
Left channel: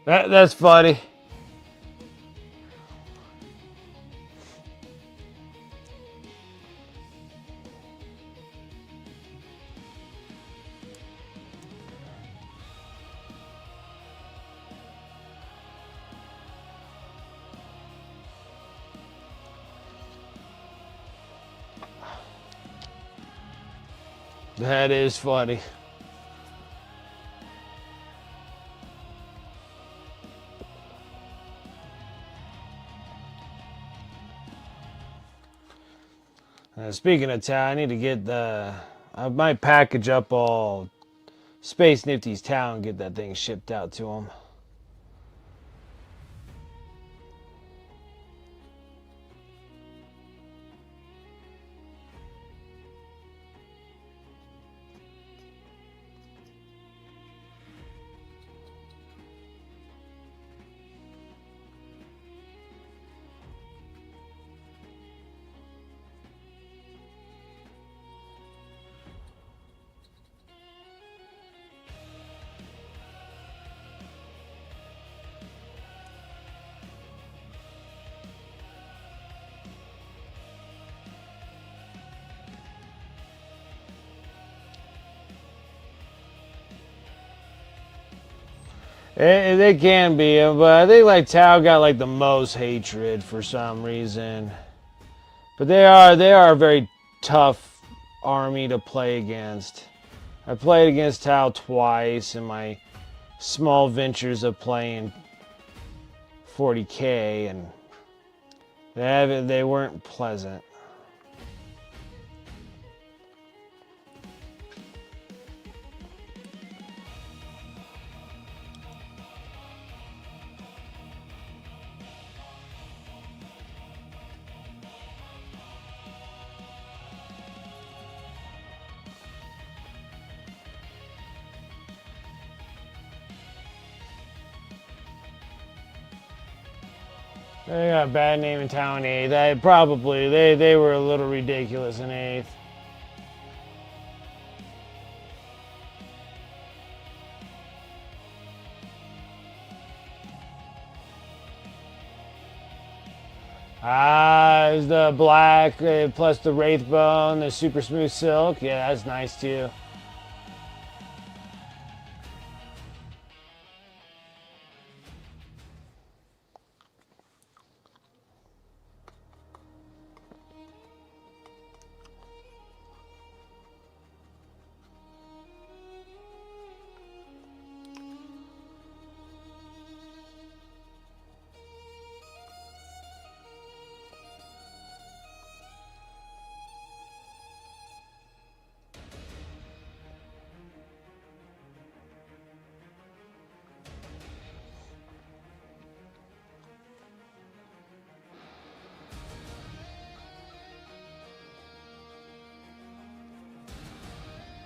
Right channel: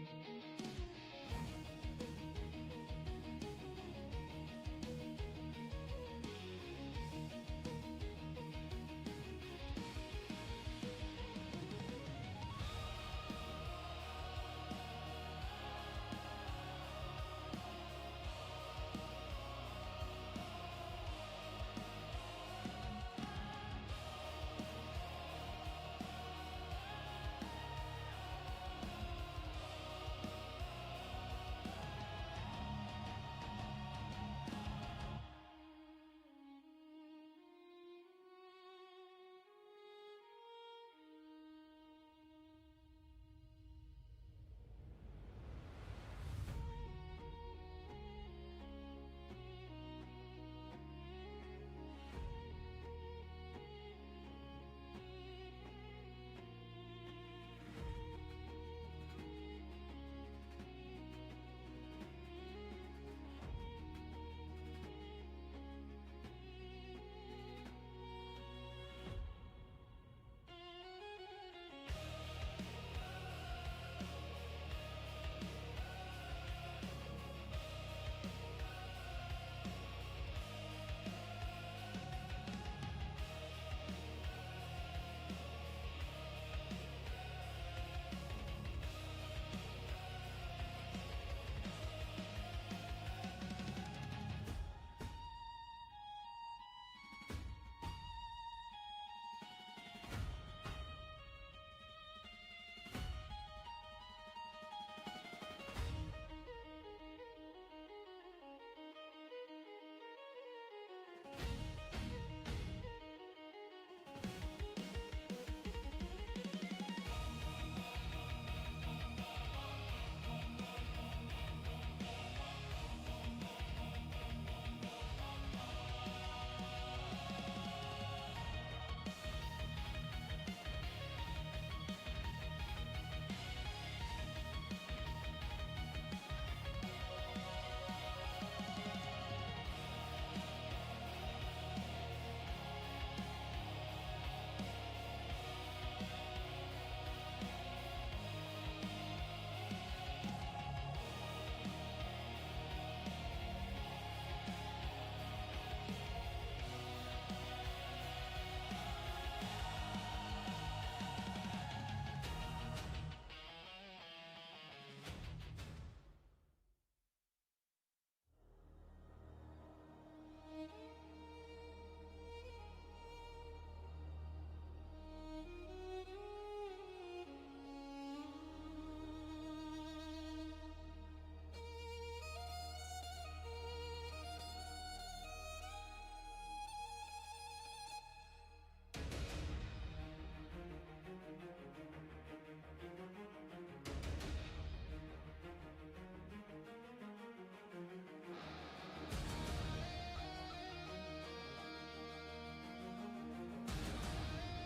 That's funny. That is funny. Speaking of Tau, I need to get I might package up all Space Nifty's Tau and get that thing shipped out to him. They can be, but I think like Tau got like the most hatred for some reason. But they are a very tough army to play against. I played against Tau twice in my small ventures of playing 40K, and they weren't pleasant. They got a bad name in Tau in 8th. They were a little ridiculous in 8th. There's the black plus the Wraith Bone, the super smooth silk. Yeah, that's nice too.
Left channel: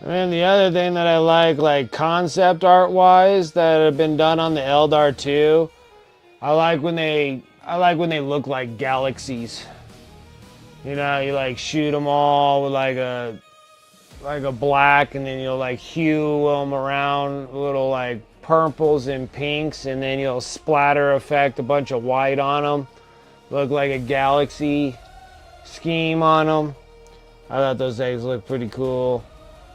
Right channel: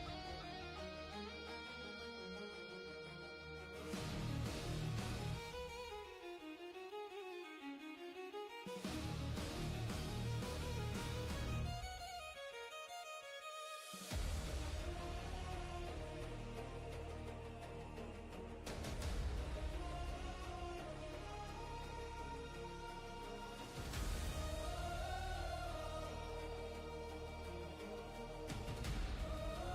And then the other thing that I like concept art wise, that have been done on the Eldar 2, I like when they look like galaxies. You know, you like shoot them all with like a black, and then you'll like hue them around little like purples and pinks, and then you'll splatter effect a bunch of white on them. Look like a galaxy scheme on them. I thought those things looked pretty cool.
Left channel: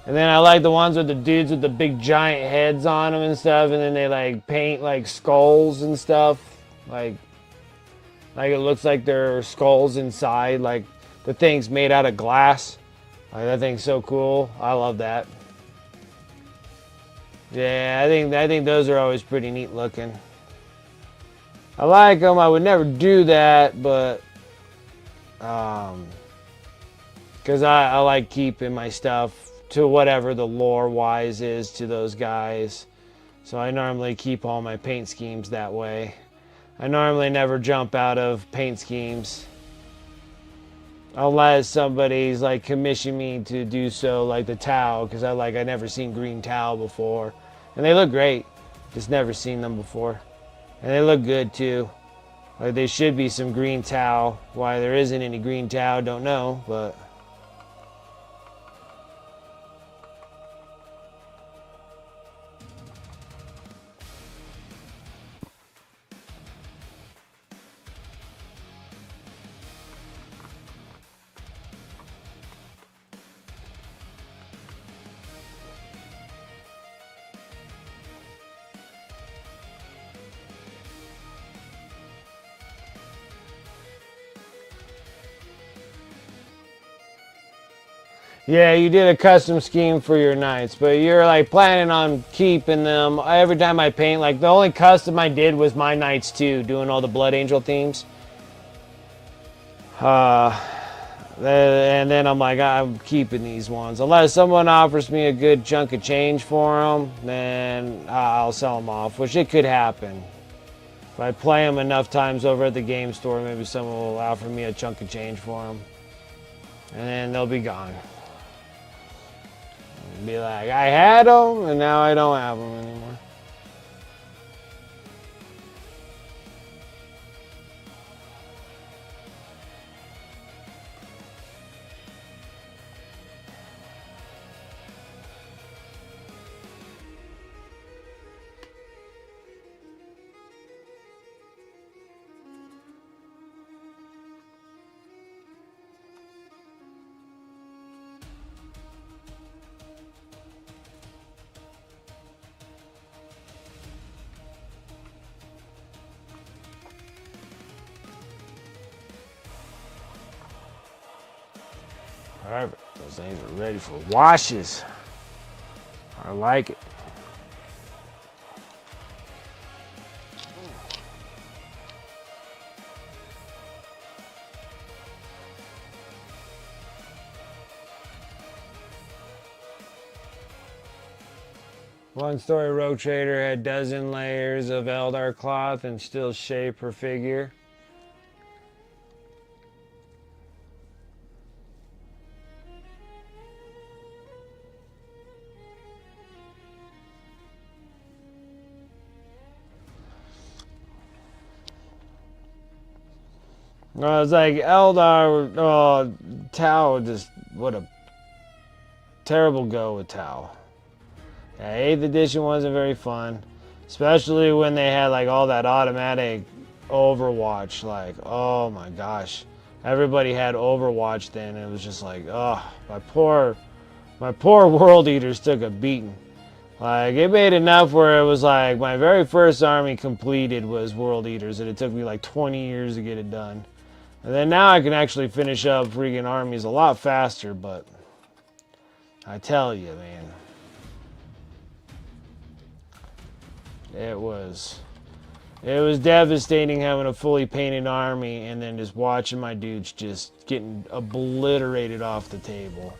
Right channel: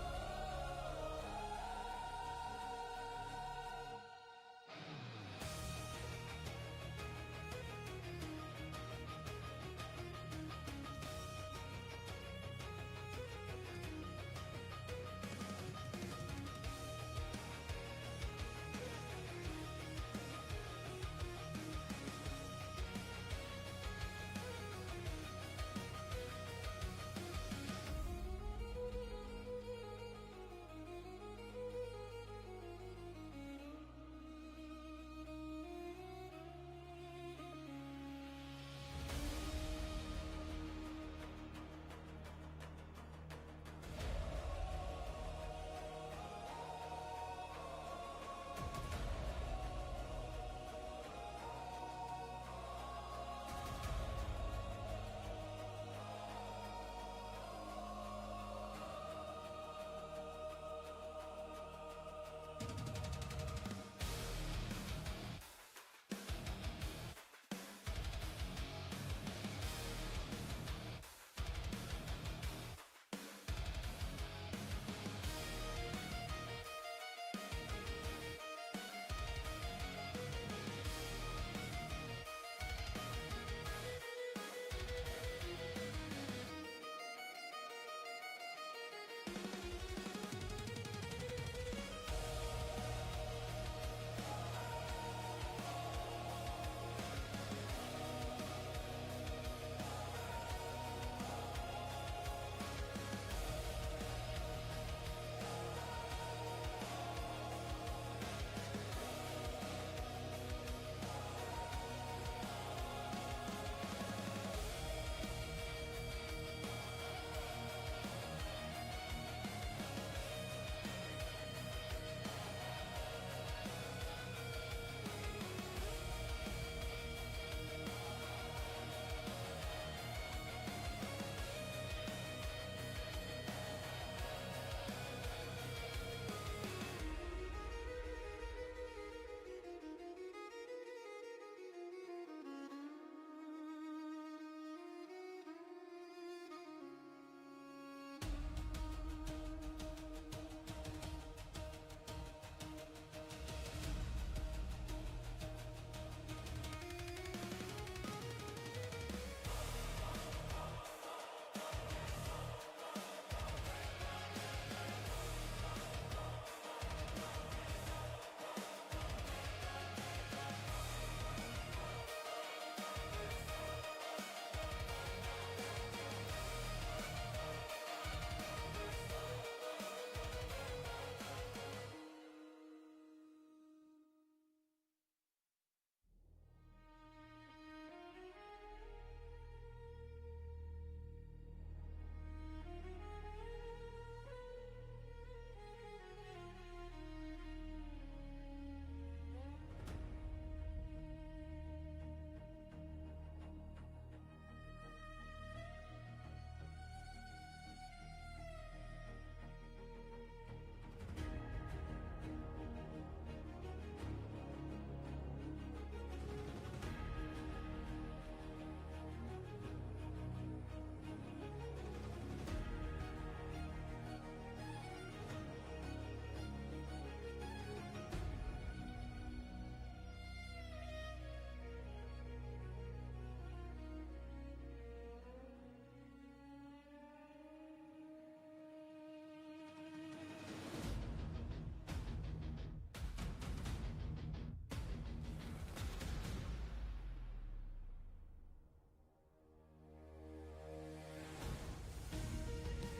And then I like the ones with the dudes with the big giant heads on them and stuff, and then they like paint like skulls and stuff. Like it looks like they're skulls inside, like the thing's made out of glass. Like, that thing's so cool. I love that. Yeah, I think those are always pretty neat looking. I like them. I would never do that, but because I like keeping my stuff to whatever the lore wise is to those guys. So I normally keep all my paint schemes that way. I normally never jump out of paint schemes unless somebody's like commissioned me to do so, like the Tau, because I never seen green Tau before, and they look great. Just never seen them before, and they look good too. Like there should be some green Tau. Why there isn't any green Tau, don't know, but. Yeah, you did a custom scheme for your knights, but you're like planning on keeping them. Every time I paint, like the only custom I did was my knights too, doing all the Blood Angel themes. Uh, and then I'm like, I'm keeping these ones. Unless someone offers me a good chunk of change for them, then I'll sell them off, which it could happen. If I play them enough times over at the game store, maybe someone will offer me a chunk of change for them. And then they'll be gone. Be like, I had them, and now I don't have them anymore. Alright, those things are ready for washes. I like it. One story Rogue Trader had dozen layers of Eldar cloth and still shape her figure. I was like, Eldar, oh, Tau, just, what a terrible go with Tau. Yeah, 8th edition wasn't very fun, especially when they had like all that automatic Overwatch. Like, oh my gosh, everybody had Overwatch then. It was just like, oh, my poor World Eaters took a beating. Like, it made enough where it was like my very first army completed was World Eaters, and it took me like 20 years to get it done. And then now I can actually finish up freaking armies a lot faster, but I tell you, man. It was devastating having a fully painted army and then just watching my dudes just getting obliterated off the table.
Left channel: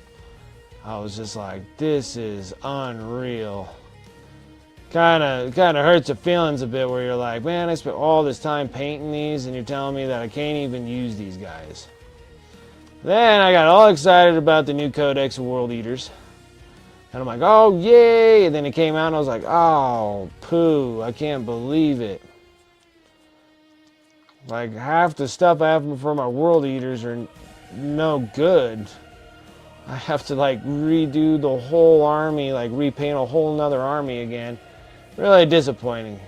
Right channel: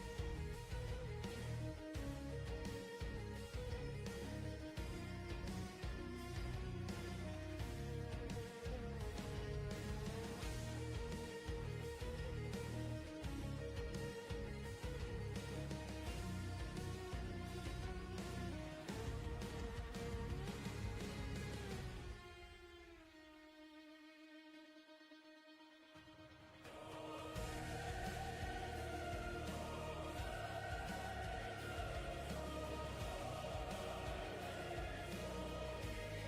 I was just like, this is unreal. Kind of hurts the feelings a bit where you're like, man, I spent all this time painting these and you're telling me that I can't even use these guys. Then I got all excited about the new Codex of World Eaters. And I'm like, oh, yay! And then it came out and I was like, oh, poo, I can't believe it. Like, half the stuff I have for my World Eaters are no good. I have to, like, redo the whole army, like, repaint a whole nother army again. Really disappointing.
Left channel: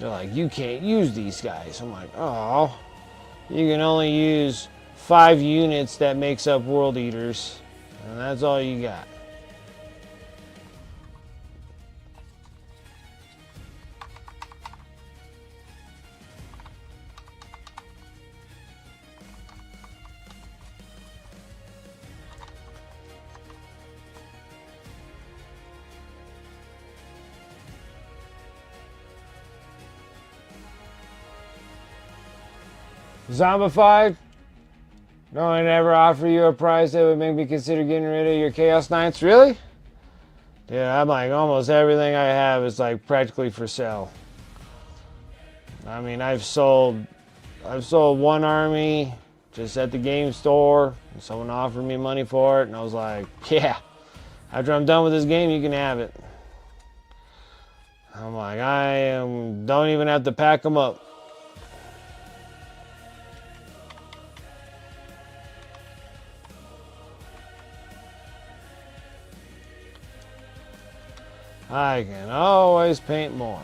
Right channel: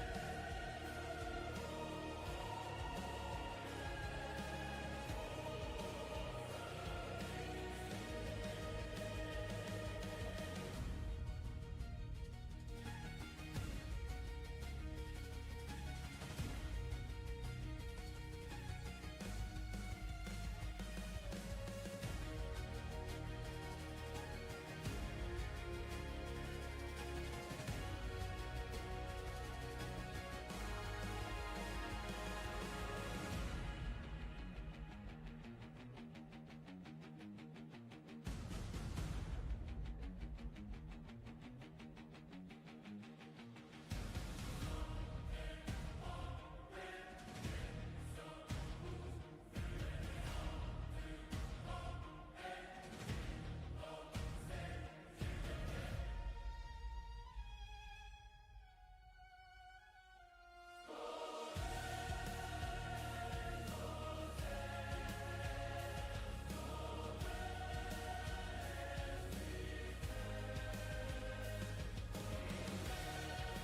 They're like, you can't use these guys. I'm like, oh, you can only use 5 units that makes up World Eaters. And that's all you got. Zombified? No one ever offer you a price that would make me consider getting rid of your Chaos Knights? Really? Yeah, I'm like, almost everything I have is like practically for sale. I mean, I've sold one army just at the game store. And someone offered me money for it, and I was like, yeah, after I'm done with this game, you can have it. I'm like, don't even have to pack them up. I can always paint more.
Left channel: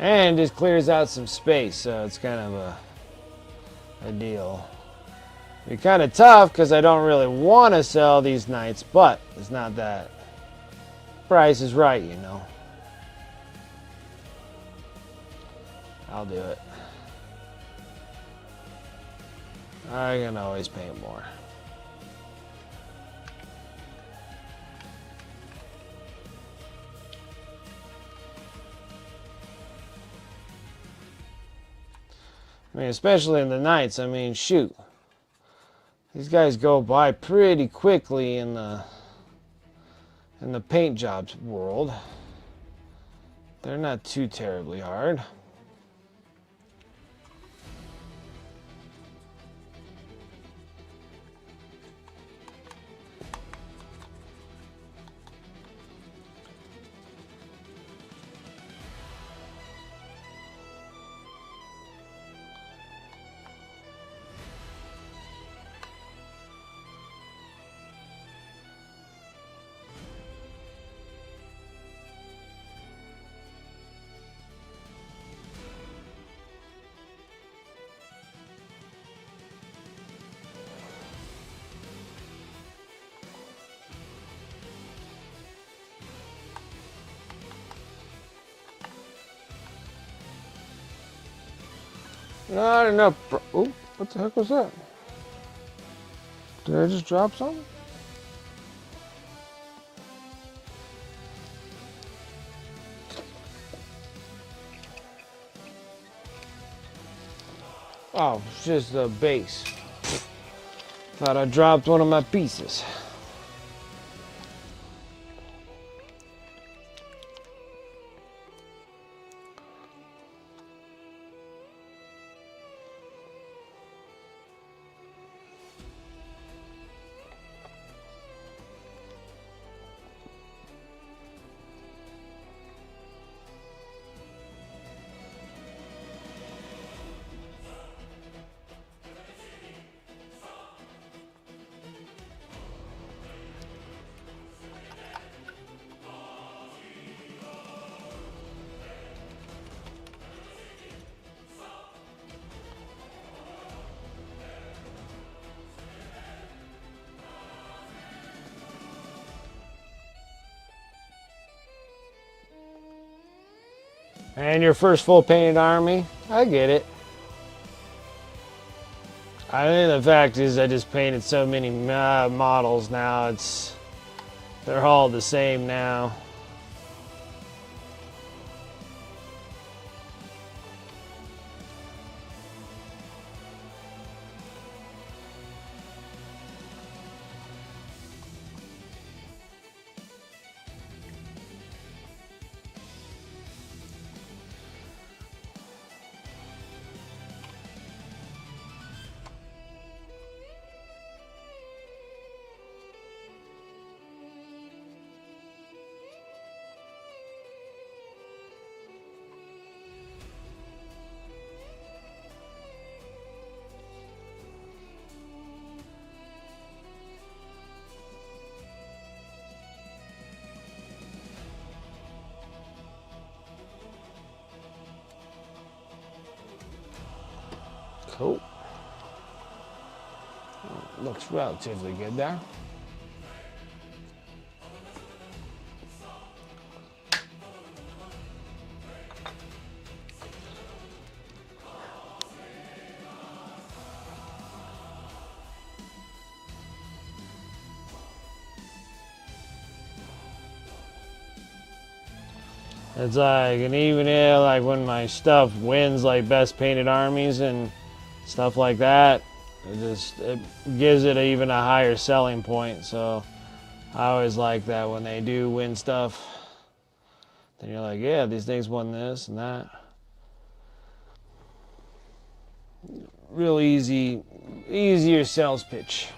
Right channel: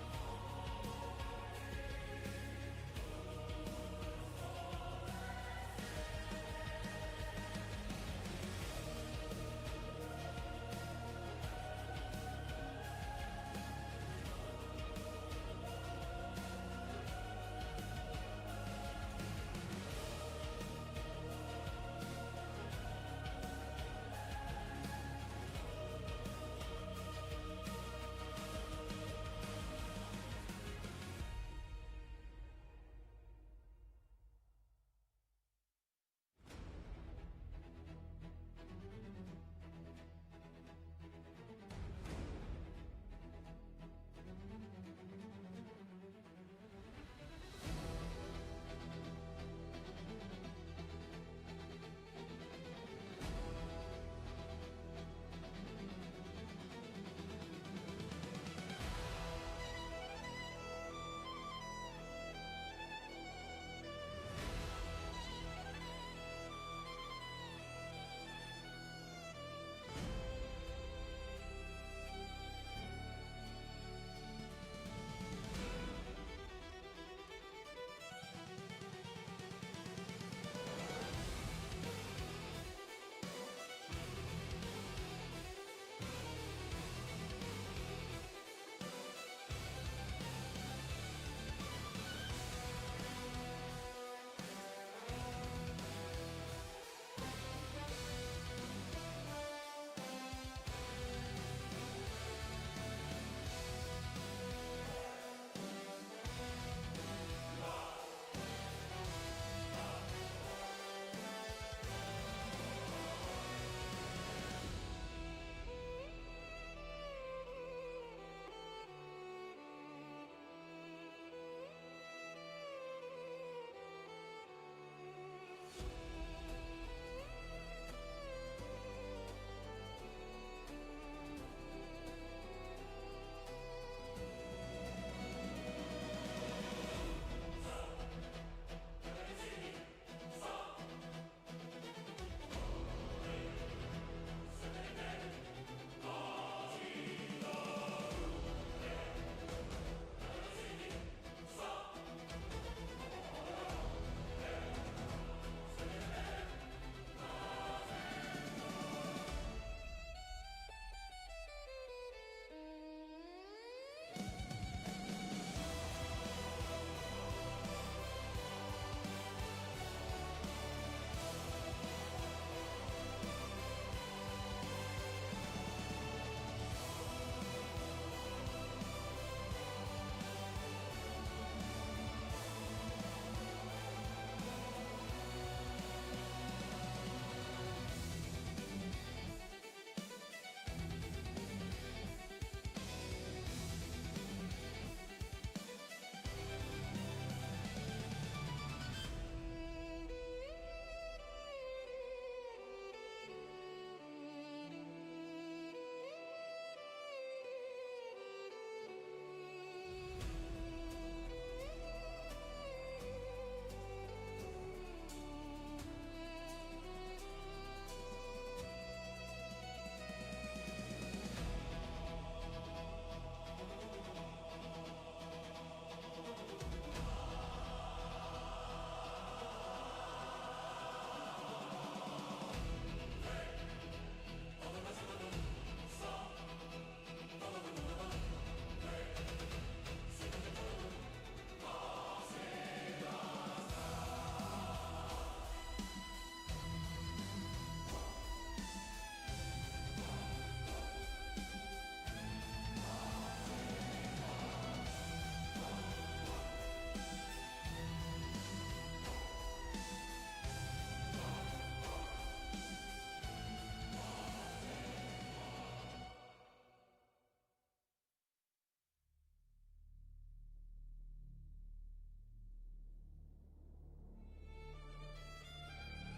And just clears out some space, so it's kind of a deal. It's kind of tough because I don't really want to sell these knights, but it's not that. Price is right, you know. I'll do it. I can always paint more. I mean, especially in the nights. I mean, shoot. These guys go by pretty quickly in the paint jobs world. They're not too terribly hard. Not enough. Oh, what the heck was that? Did I just drop something? Oh, it's just the base. Thought I dropped one of my pieces. And your first full painted army? I get it. I think the fact is I just painted so many models now, they're all the same now. Cool. Looks relatively good there. It's like, and even like when my stuff wins like best painted armies and stuff like that, it gives it even a higher selling point. So I always like that when they do win stuff. Then you're like, yeah, these things won this and that. Real easier sales pitch.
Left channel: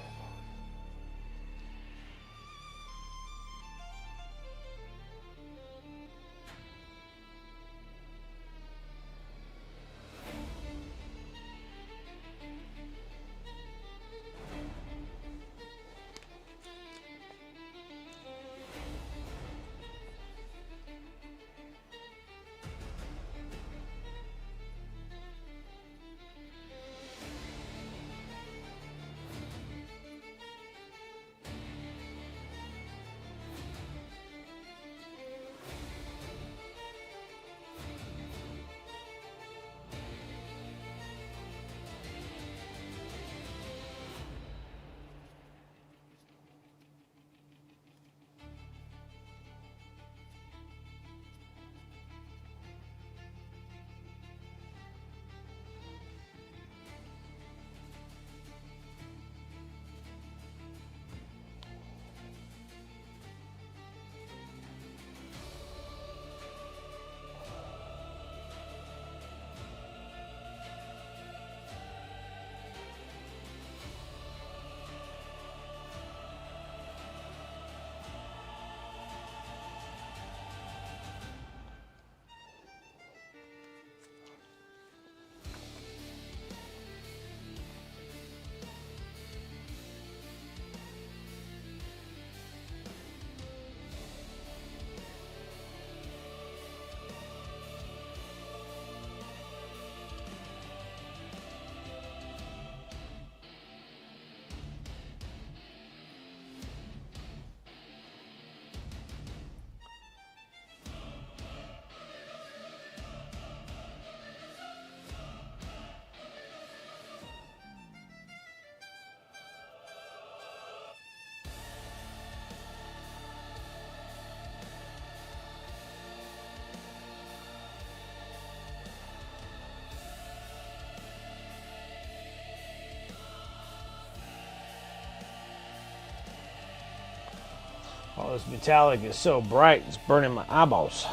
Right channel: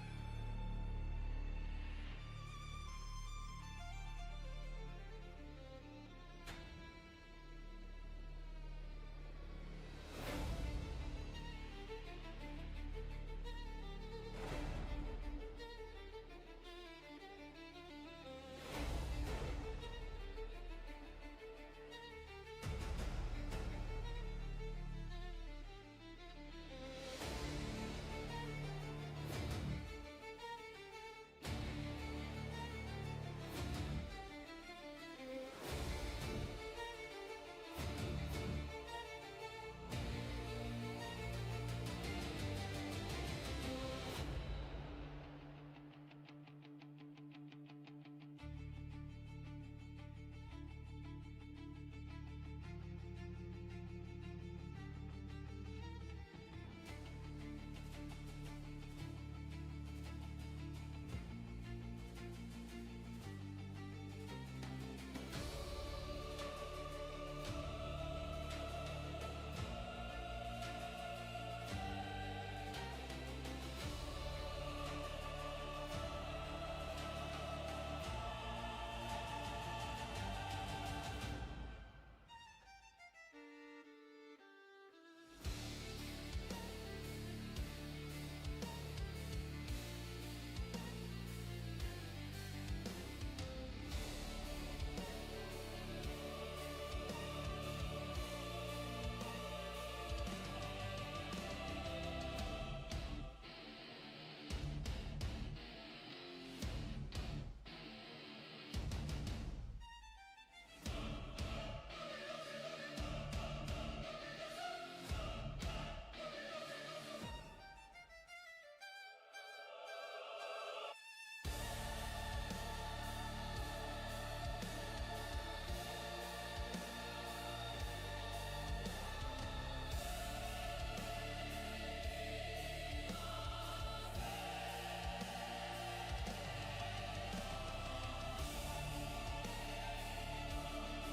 This metallic is so bright, it's burning my eyeballs.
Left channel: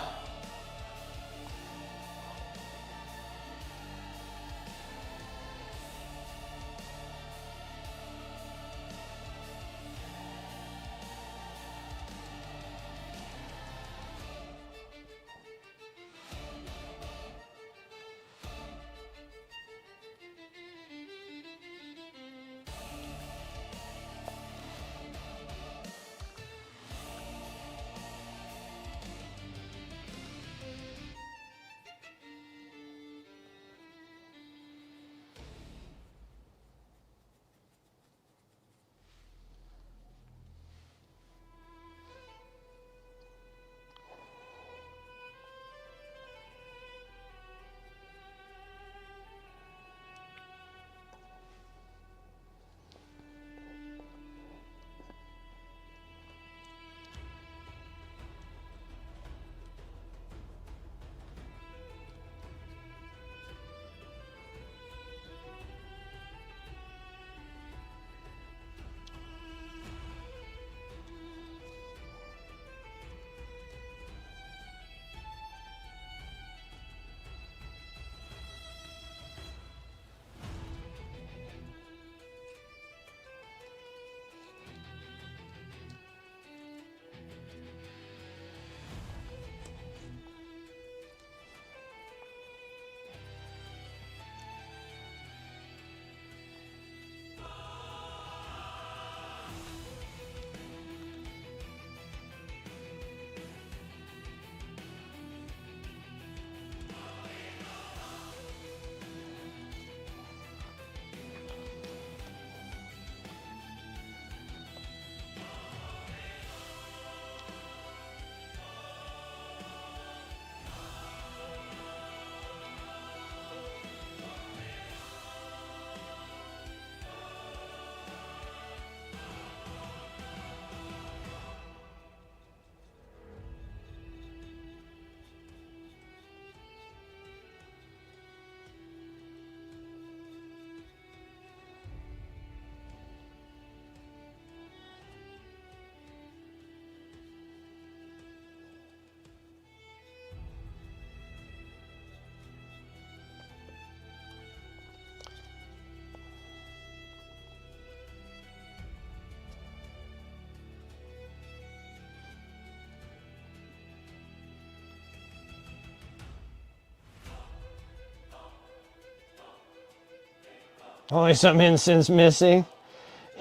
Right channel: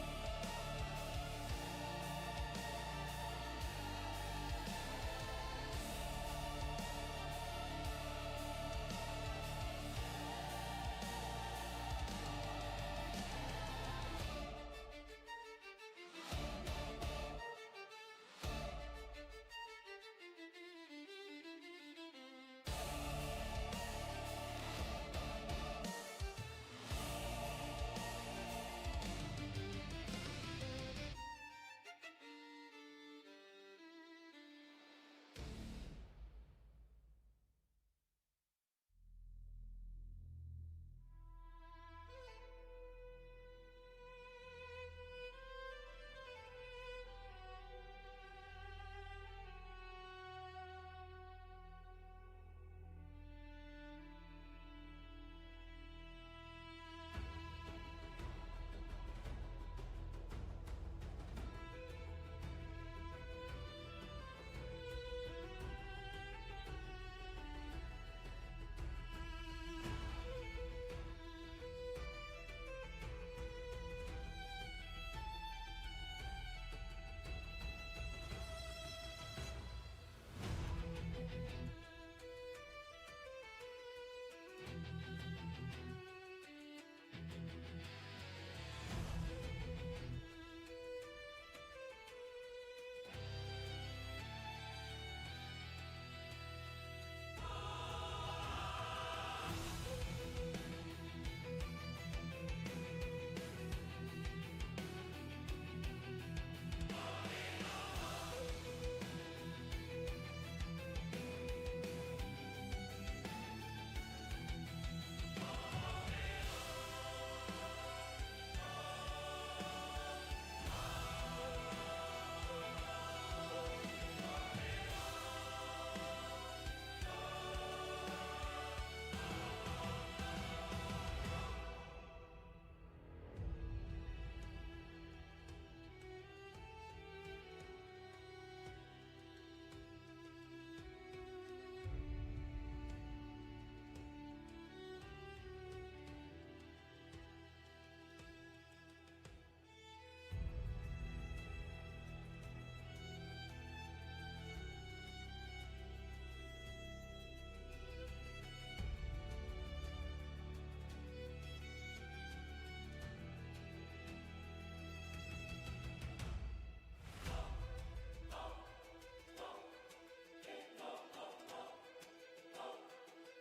Only some incense missing?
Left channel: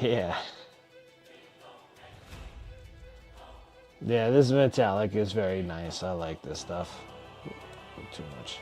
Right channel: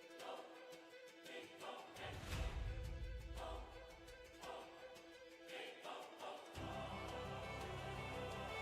Yeah. Yeah, this metallic is very nice. I like this stuff. Too much.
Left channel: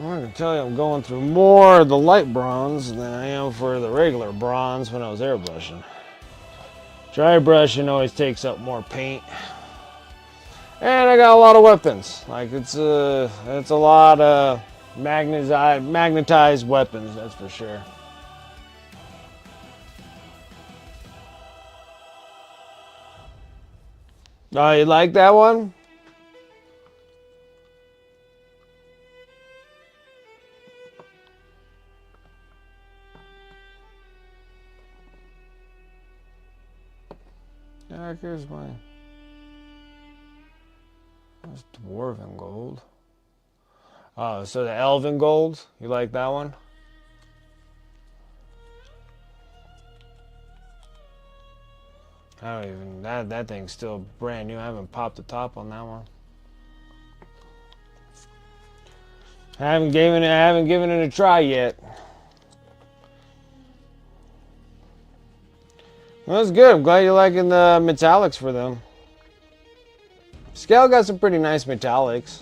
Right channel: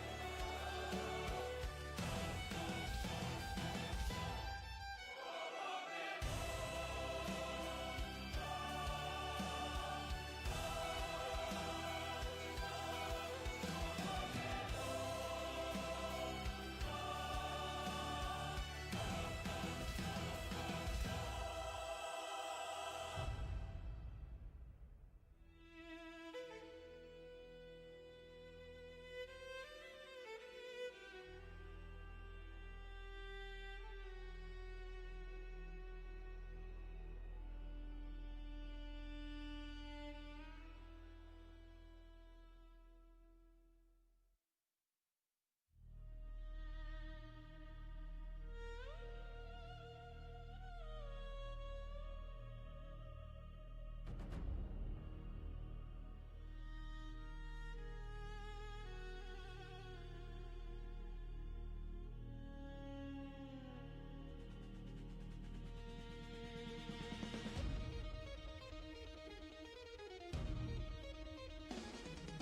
I can tell you I'm going through more of the light bronze than I am for the regular bronze when I was airbrushing. Dry brushing always takes up more paint. And I got a lot of weapons. Like it's a lot of magnetized weapons, that's for sure. Oh, you like that one? Yeah, here's my that's dwarven gold. Oh, so the elven gold, you like that one? I don't even that thing's still brand new. I haven't popped the top on that one. I haven't given it a try yet. Well, that's good. I'm glad you're liking the metallics for them. Scale got some pretty nice metallics.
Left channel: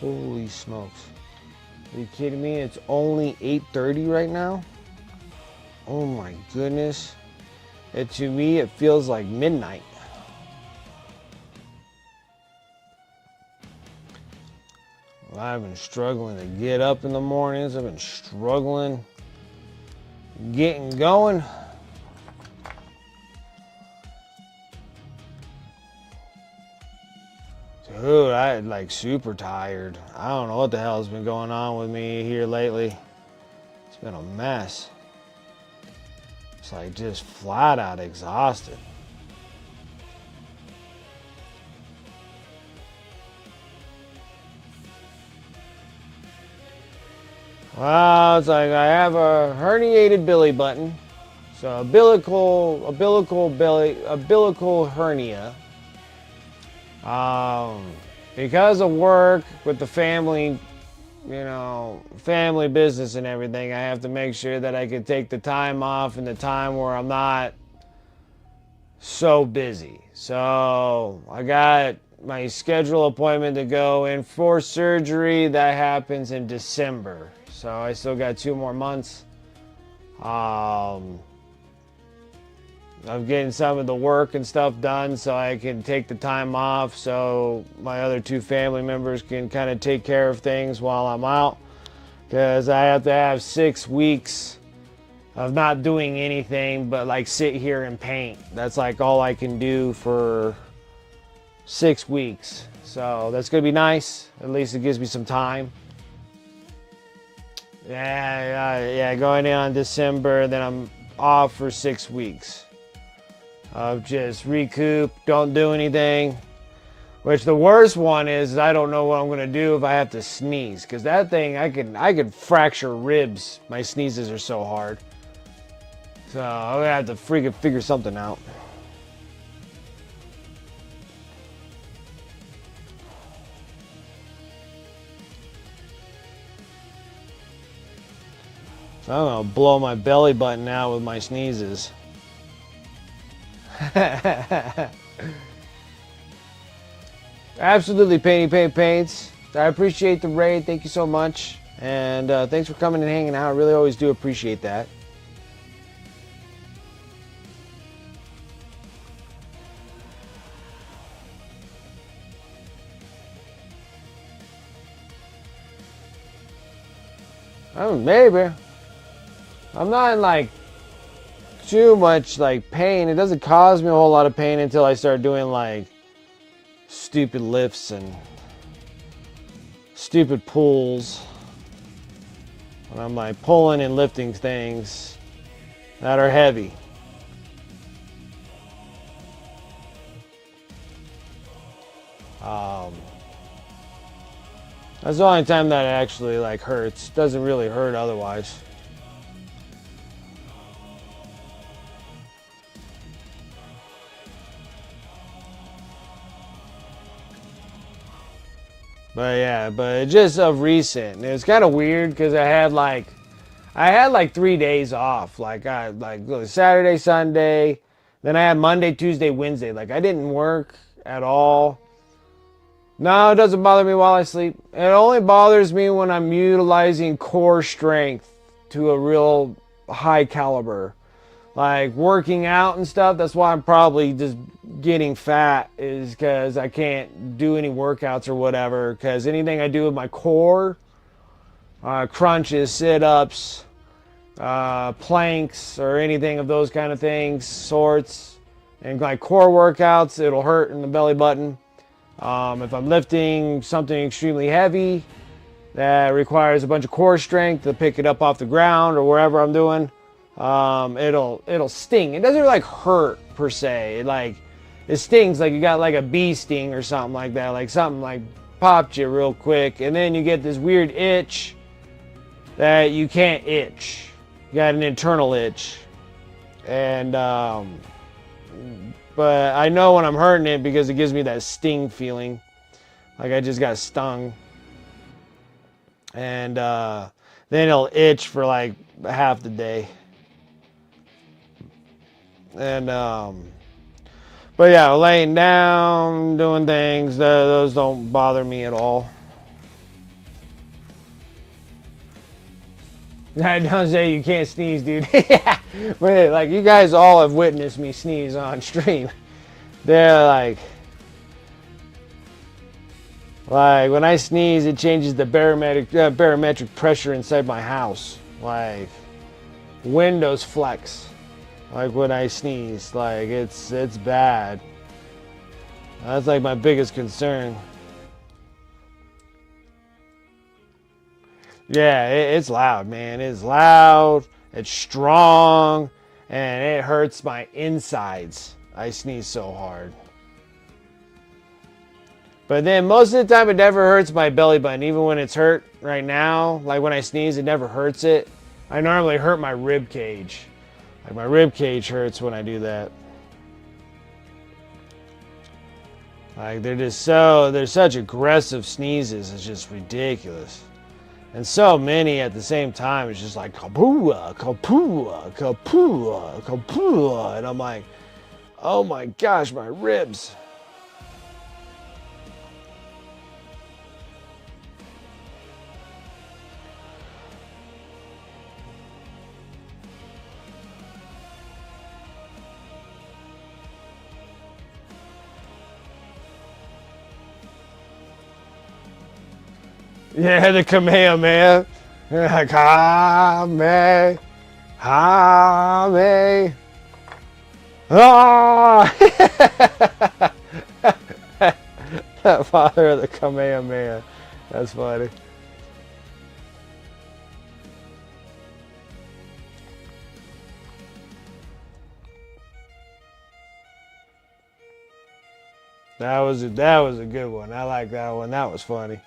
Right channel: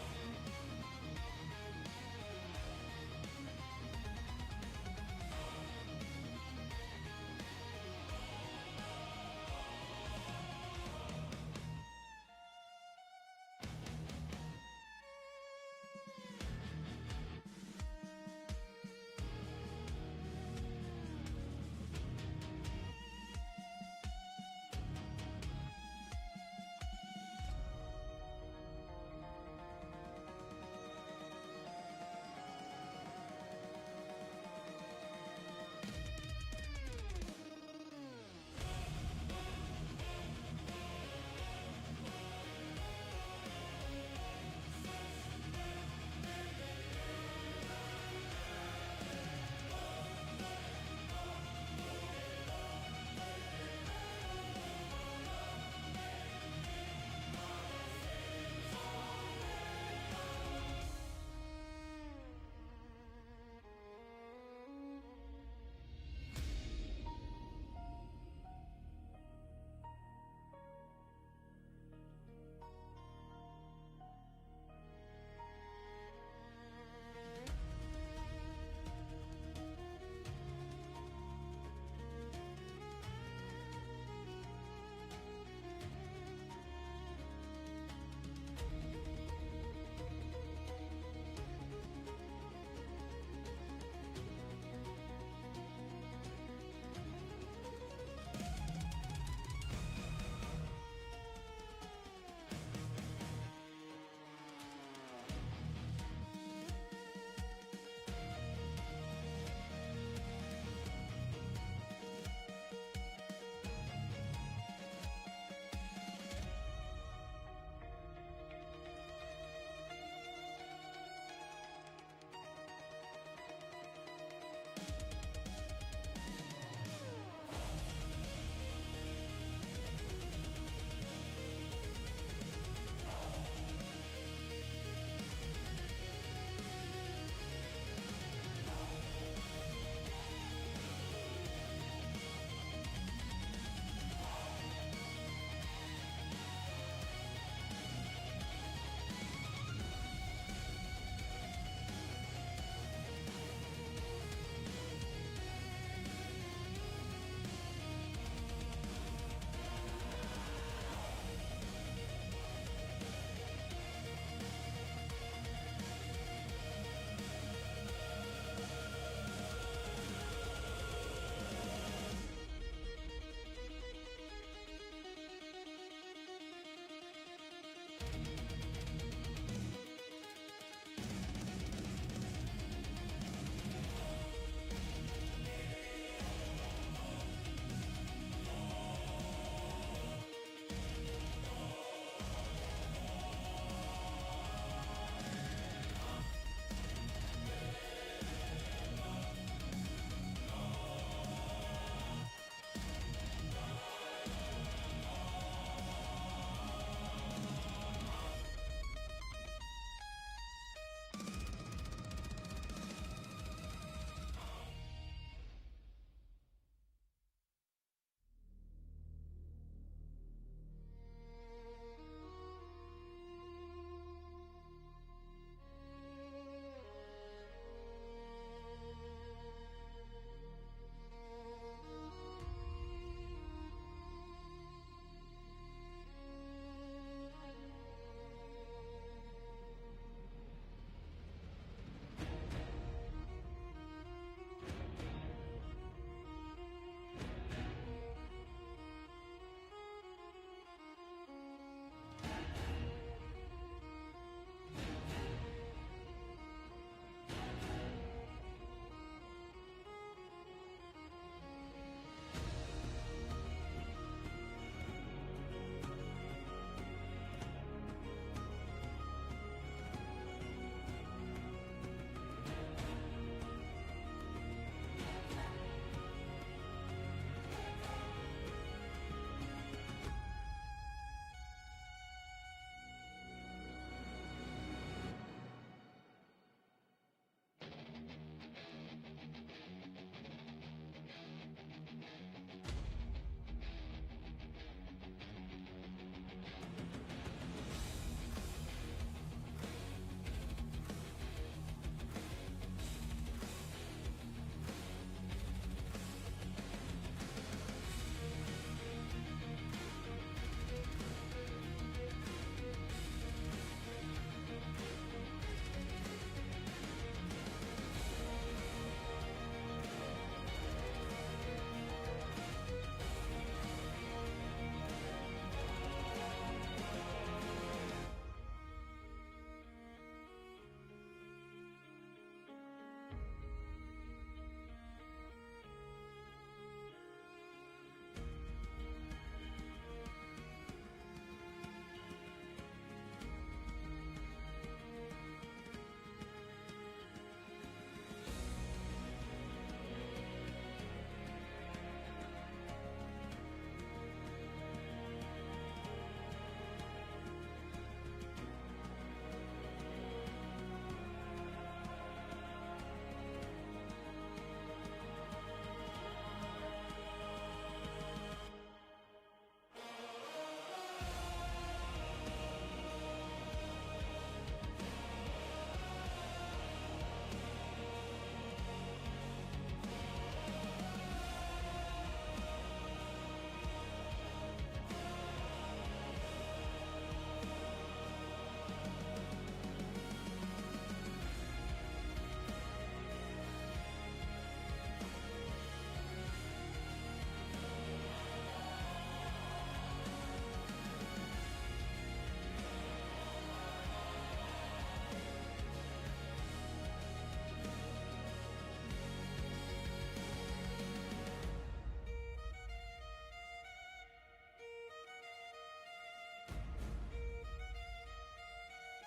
Holy smokes. Are you kidding me? It's only 8:30 right now? Oh my goodness. To me, it feels like midnight. I've been struggling to get up in the mornings. I've been struggling getting going. Dude, I'm like super tired. I don't know what the hell's been going on with me here lately. It's been a mess. It's like just flat out exhausted. Well, it's like I have a herniated belly button. So umbilical hernia. Because of work with the family, family business and everything, I have to make sure that I can take the time off in the time where I'm not so busy. So I got my schedule appointment to go in for surgery that happens in December. So I still got 2 more months. I'm getting some of the work and stuff done so I can take the time off so my other 2 family members can kind of take care of things while I'm out. Because I have to have 6 weeks of not doing anything but like sit here and paint. That's like all I can do for 6 weeks. So that's going to be nice. At least it gives me some time. Yeah, going in on December, then I'm off for 6 weeks. Of just recoup, don't do anything. Which the worst one is I don't know what I'm gonna do if I have to sneeze, because that thing I could fracture ribs. My sneezes are so hard. So I'm gonna have to freaking figure something out. I'm gonna blow my belly button out with my sneezes. Absolutely, Paints. I appreciate the raid. Thank you so much. And thanks for coming and hanging out. I really always do appreciate that. Oh, maybe. I'm not in like too much like pain. It doesn't cause me a whole lot of pain until I start doing like stupid lifts and stupid pulls. And I'm like pulling and lifting things that are heavy. That's the only time that it actually like hurts. It doesn't really hurt otherwise. But just of recent, it was kind of weird because I had like 3 days off. Like I Saturday, Sunday, then I had Monday, Tuesday, Wednesday. Like I didn't work at all. No, it doesn't bother me while I sleep. It only bothers me when I'm utilizing core strength to a real high caliber. Like working out and stuff, that's why I'm probably just getting fat, is because I can't do any workouts or whatever. Because anything I do with my core, crunches, sit-ups, planks, or anything of those kind of things, sorts, and like core workouts, it'll hurt in the belly button. If I'm lifting something extremely heavy that requires a bunch of core strength to pick it up off the ground or wherever I'm doing, it'll sting. It doesn't like hurt per se. It stings like you got like a bee sting or something like that. Like something like popped you real quick, and then you get this weird itch that you can't itch. You got an internal itch, and but I know when I'm hurting it because it gives me that sting feeling, like I just got stung. And then it'll itch for like half the day. And but yeah, laying down, doing things, those don't bother me at all. Don't say you can't sneeze, dude. Yeah. Wait, like you guys all have witnessed me sneeze on stream. They're like when I sneeze, it changes the barometric pressure inside my house. Like windows flex. Like when I sneeze, like it's bad. That's like my biggest concern. Yeah, it's loud, man. It's loud, it's strong, and it hurts my insides. I sneeze so hard. But then most of the time it never hurts my belly button. Even when it's hurt right now, like when I sneeze, it never hurts it. I normally hurt my rib cage. Like my rib cage hurts when I do that. Like they're such aggressive sneezes. It's just ridiculous. And so many at the same time. It's just like kapua, kapua, kapua, kapua. And I'm like, oh my gosh, my ribs. Yeah, the Kamehameha. Kame, Hame. Ah! Father of the Kamehameha. That's funny. That was a good one. I like that one. That was funny.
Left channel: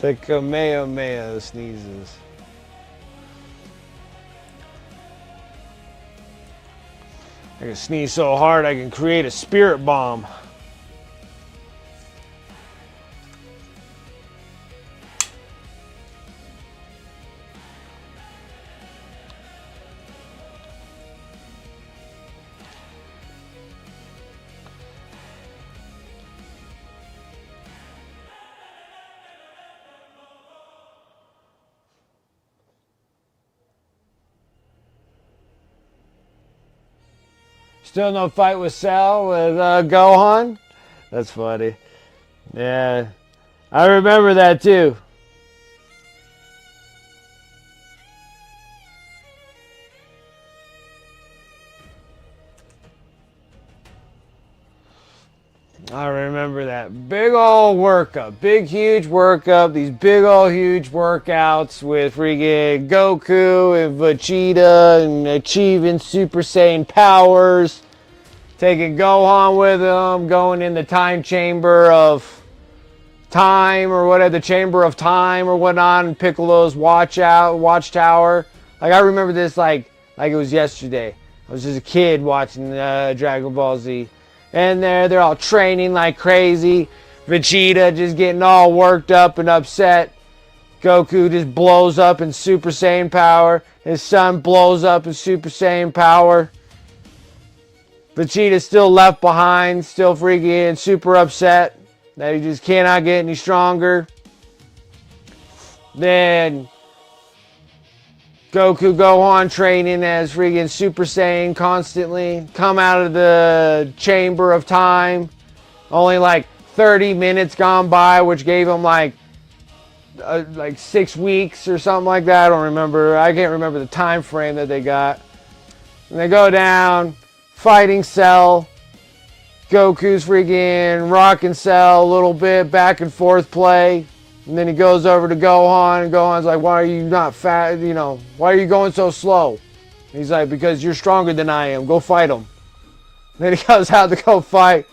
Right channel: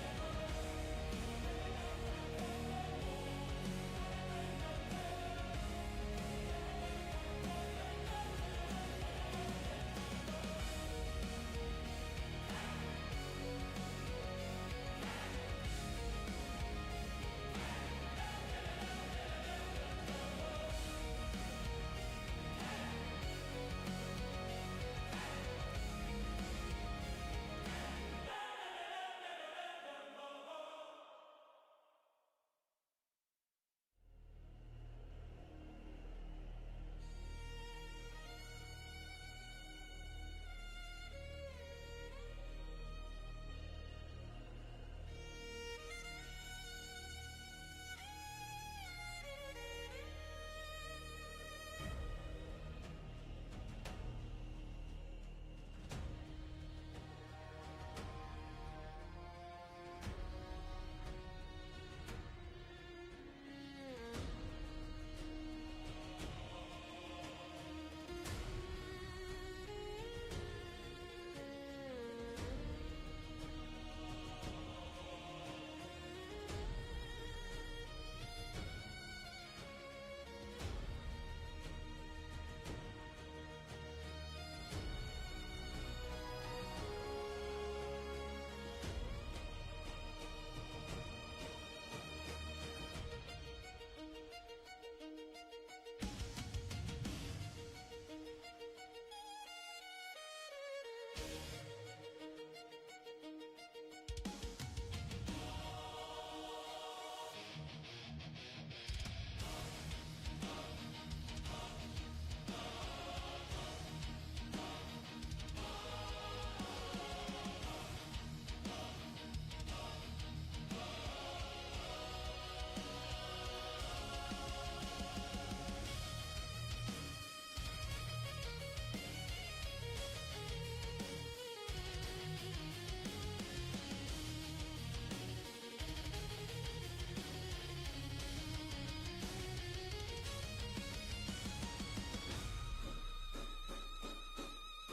The Kamehameha sneezes. I can sneeze so hard I can create a spirit bomb. Still no fight with Cell with Gohan? That's funny. Yeah, I remember that too. I remember that big old workup, big huge workup, these big old huge workouts with freaking Goku and Vegeta and achieving Super Saiyan powers, taking Gohan with them, going in the time chamber of time or whatever, the chamber of time or whatnot, and Piccolo's watchtower. Like I remember this like it was yesterday. I was just a kid watching Dragon Ball Z. And they're all training like crazy. Vegeta just getting all worked up and upset. Goku just blows up in Super Saiyan power. His son blows up in Super Saiyan power. Vegeta's still left behind, still freaking super upset that he just cannot get any stronger. Then Gohan training as freaking Super Saiyan constantly. Come out of the chamber of time. Only like 30 minutes gone by, which gave him like 6 weeks or something like that. I don't remember. I can't remember the time frame that they got. And they go down, fighting Cell. Goku's freaking rocking Cell a little bit, back and forth play. And then he goes over to Gohan, and Gohan's like, why are you not fat, why are you going so slow? And he's like, because you're stronger than I am, go fight him. And then he goes out to go fight,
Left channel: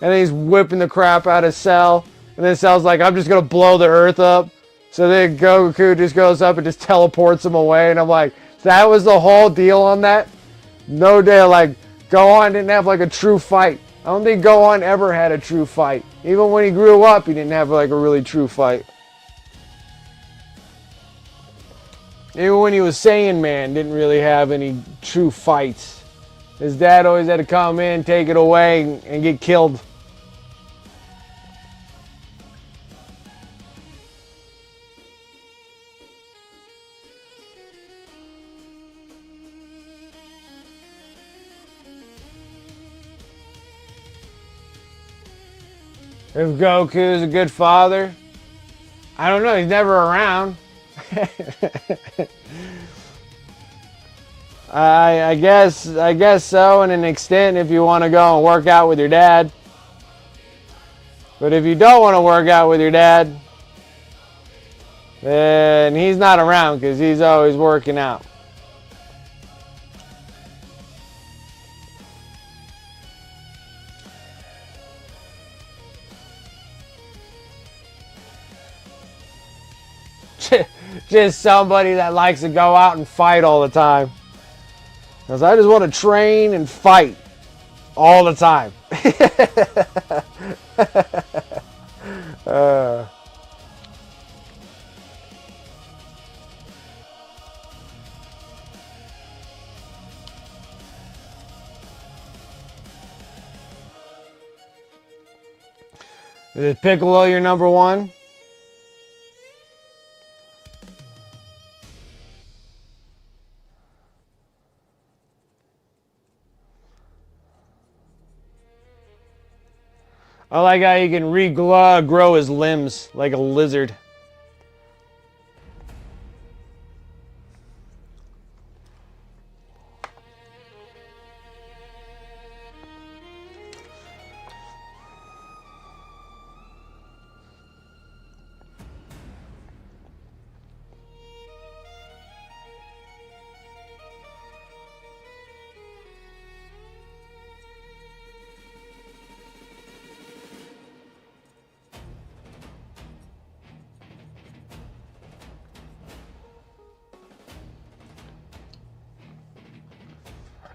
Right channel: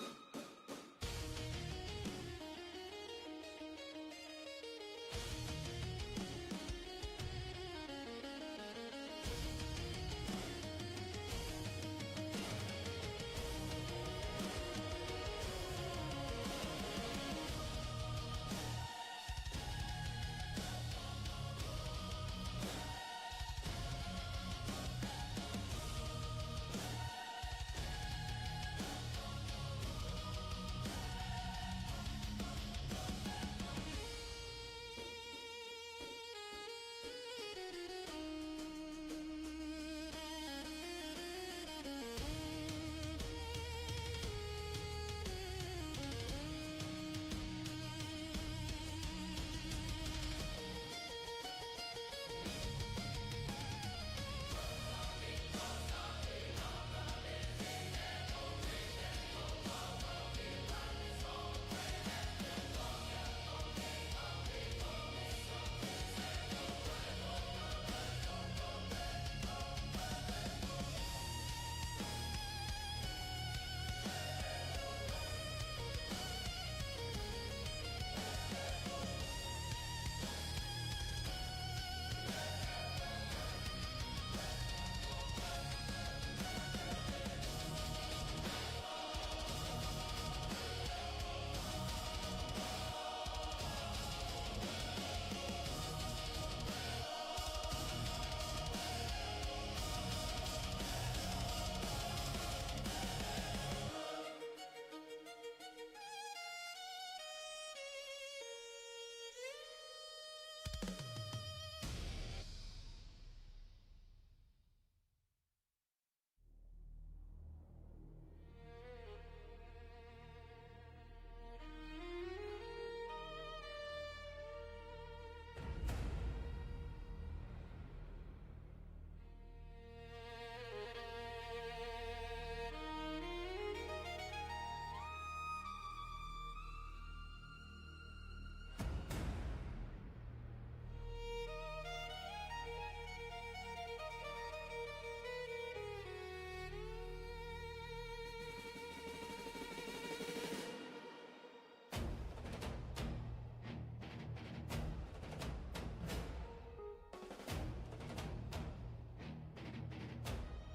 and then he's whipping the crap out of Cell. And then Cell's like, I'm just going to blow the earth up. So then Goku just goes up and just teleports him away, and I'm like, that was the whole deal on that? No day like Gohan didn't have like a true fight. I don't think Gohan ever had a true fight. Even when he grew up, he didn't have like a really true fight. Even when he was Saiyan Man, didn't really have any true fights. His dad always had to come in, take it away, and get killed. If Goku's a good father, I don't know. He's never around. I guess so, in an extent, if you want to go and work out with your dad. But if you don't want to work out with your dad, then he's not around because he's always working out. Just somebody that likes to go out and fight all the time. Because I just want to train and fight all the time. Is Piccolo your number one? I like how you can regrow his limbs like a lizard.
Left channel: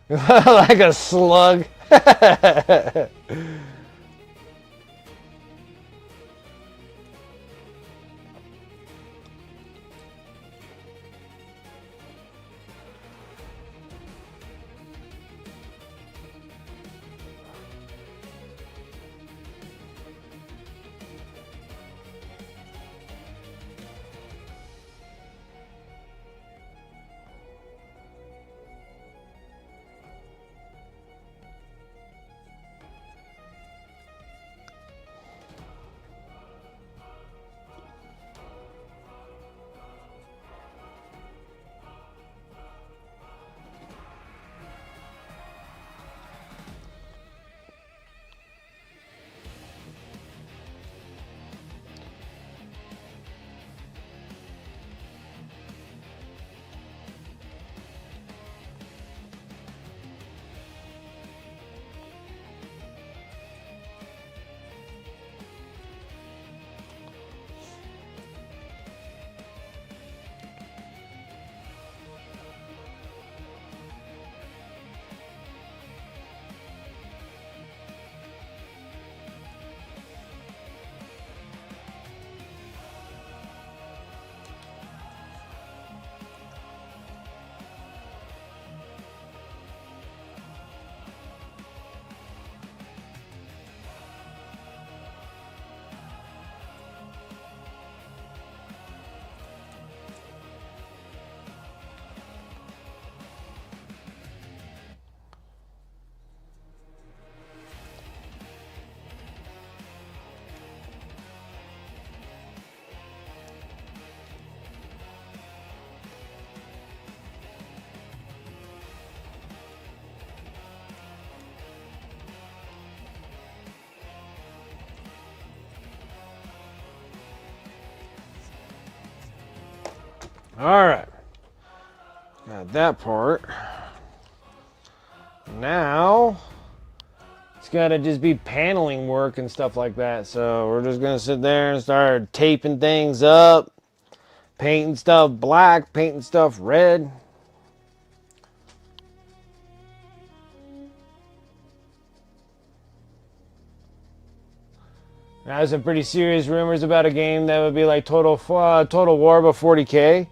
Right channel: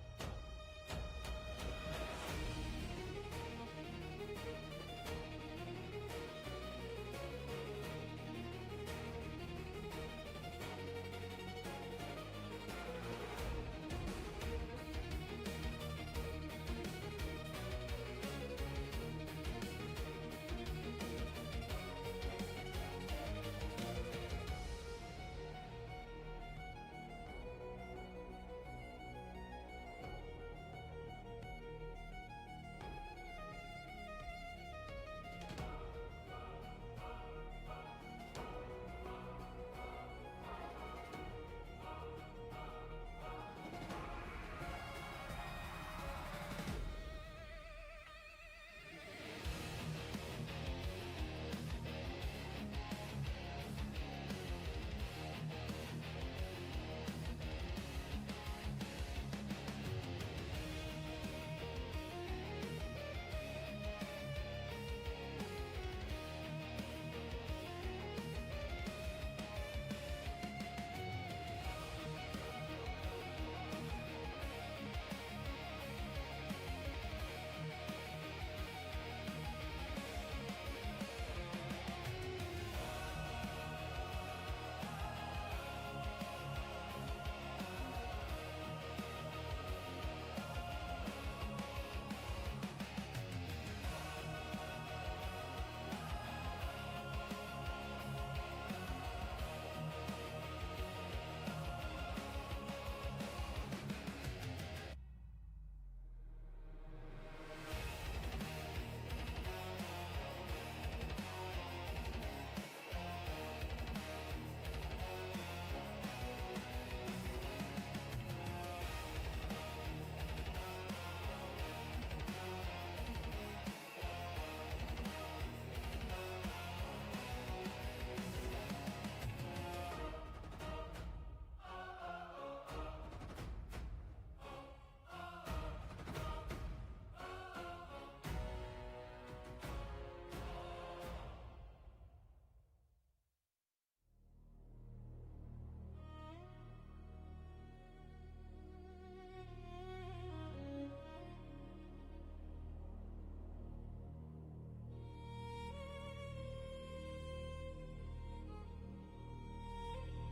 Like a slug. All right, got that part. Now it's gotta just be paneling work and stuff like that. So we're just gonna sit there and start taping things up, painting stuff black, painting stuff red. I have some pretty serious rumors about a game that would be like Total War but 40K.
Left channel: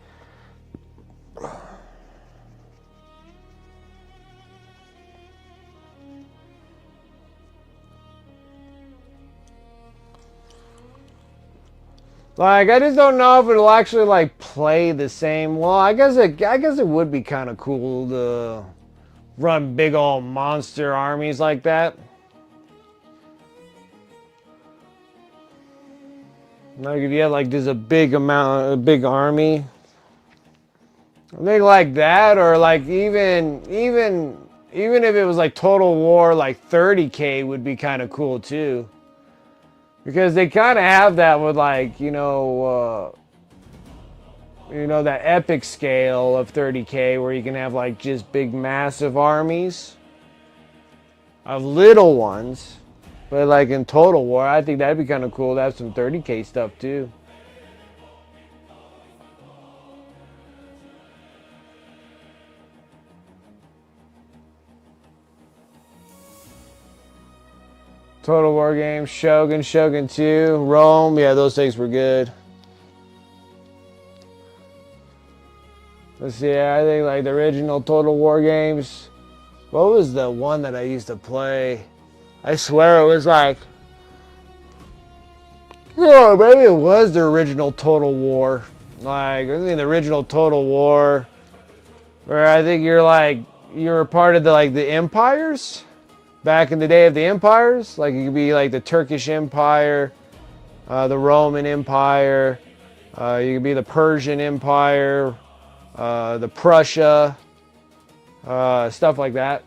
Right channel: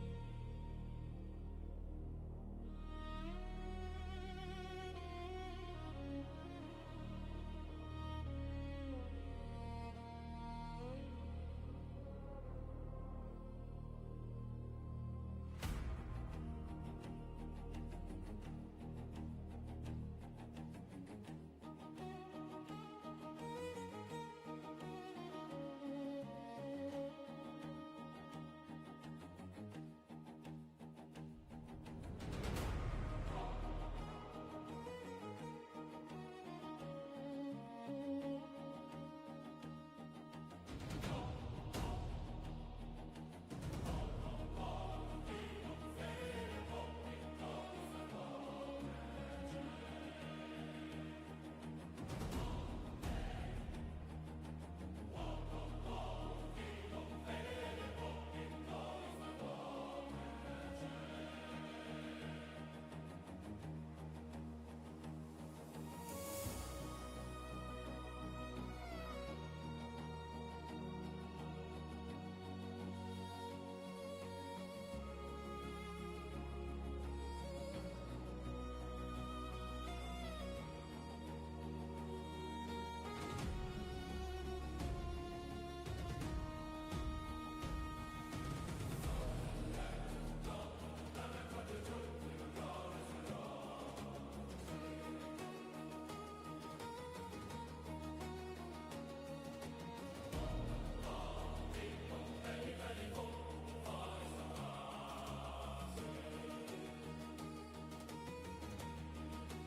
Like, I just don't know if it'll actually like play the same. Well, I guess it would be kind of cool to run big old monster armies like that. Like if you had like just a big army. I think like that, or like even if it was like Total War, like 30K would be kind of cool too. Because they kind of have that with like, that epic scale of 30K where you can have like just big massive armies of little ones. But like in Total War, I think that'd be kind of cool to have some 30K stuff too. Total War games, Shogun, Shogun 2, Rome. Yeah, those things were good. Let's see, I think like the original Total War games. What was the one that I used to play? I swear it was like, oh, maybe it was the original Total War. Like, I think the original Total War, where I think you're part of the empires. Back in the day of the empires, like you could be like the Turkish Empire, the Roman Empire, you could be the Persian Empire, the Prussia, stuff like that.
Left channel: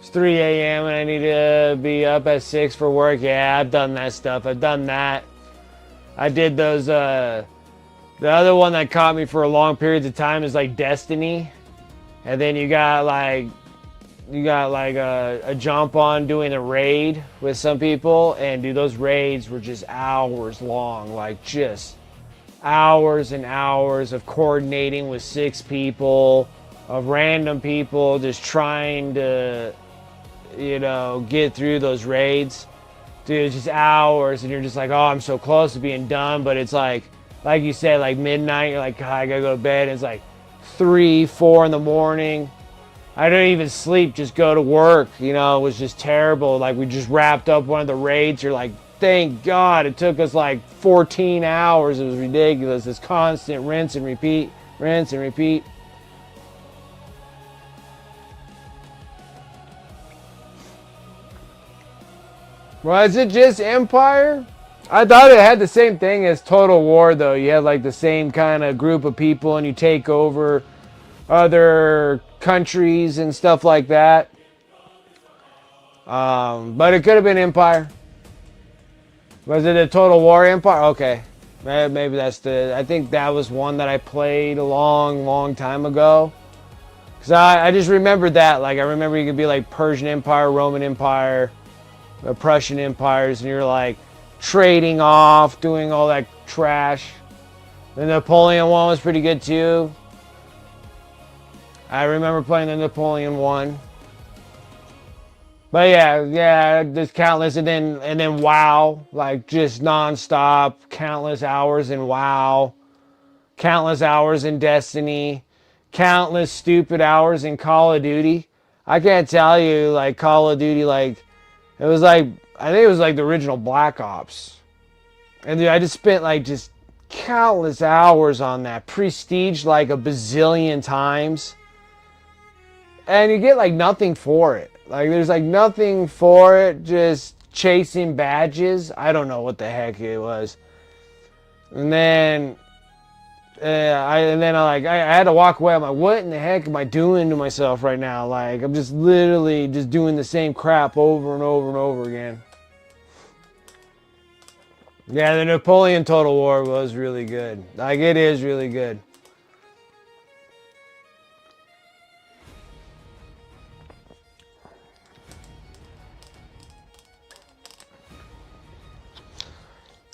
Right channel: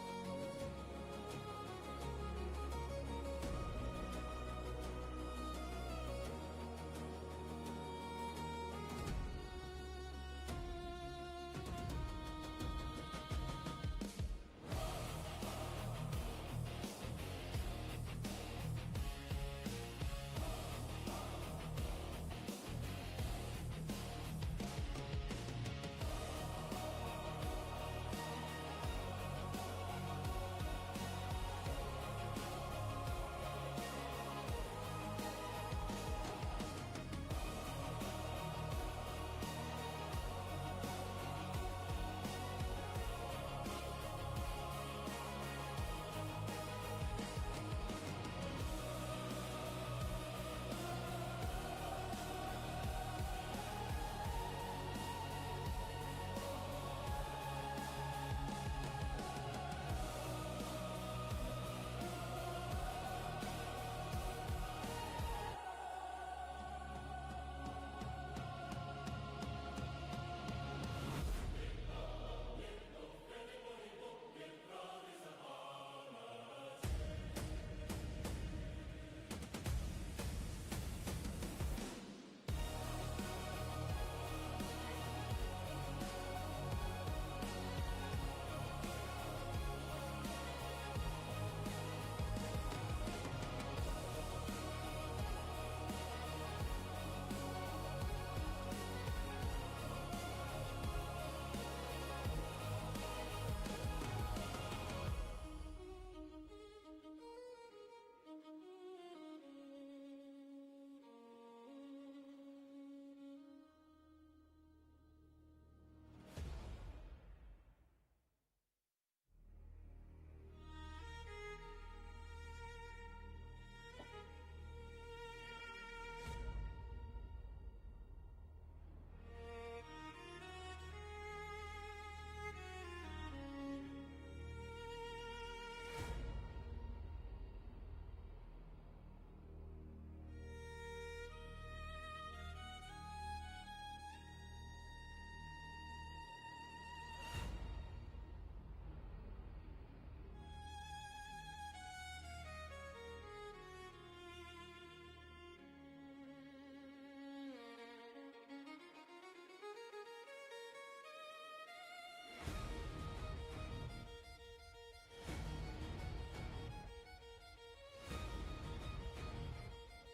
It's 3 a.m. and I need to be up at 6 for work. Yeah, I've done that stuff. I've done that. I did those, the other one that caught me for a long periods of time is like Destiny. And then you got like a jump on doing a raid with some people. And dude, those raids were just hours long. Like just hours and hours of coordinating with 6 people, of random people just trying to, get through those raids. Dude, it's just hours, and you're just like, oh, I'm so close to being done, but it's like you said, like midnight, you're like, God, I gotta go to bed, and it's like 3, 4 in the morning. I don't even sleep, just go to work, it was just terrible. Like, we just wrapped up one of the raids, you're like, thank God, it took us like 14 hours, it was ridiculous, this constant rinse and repeat, rinse and repeat. Was it just Empire? I thought it had the same thing as Total War, though. You had like the same kind of group of people and you take over other countries and stuff like that. But it could have been Empire. Was it a Total War Empire? Okay. Maybe that's I think that was one that I played a long, long time ago. Because I just remembered that. Like, I remember you could be like Persian Empire, Roman Empire, the Prussian empires, and you're like trading off, doing all that trash. The Napoleon one was pretty good too. I remember playing the Napoleon one. But yeah, just countless, and then WoW, like just non-stop, countless hours in WoW, countless hours in Destiny, countless stupid hours in Call of Duty. I can't tell you, like Call of Duty, like it was like, I think it was like the original Black Ops. And dude, I just spent like just countless hours on that. Prestige like a bazillion times. And you get like nothing for it. Like there's like nothing for it, just chasing badges. I don't know what the heck it was. And then I had to walk away. I'm like, what in the heck am I doing to myself right now? Like, I'm just literally just doing the same crap over and over and over again. Yeah, the Napoleon Total War was really good. Like, it is really good.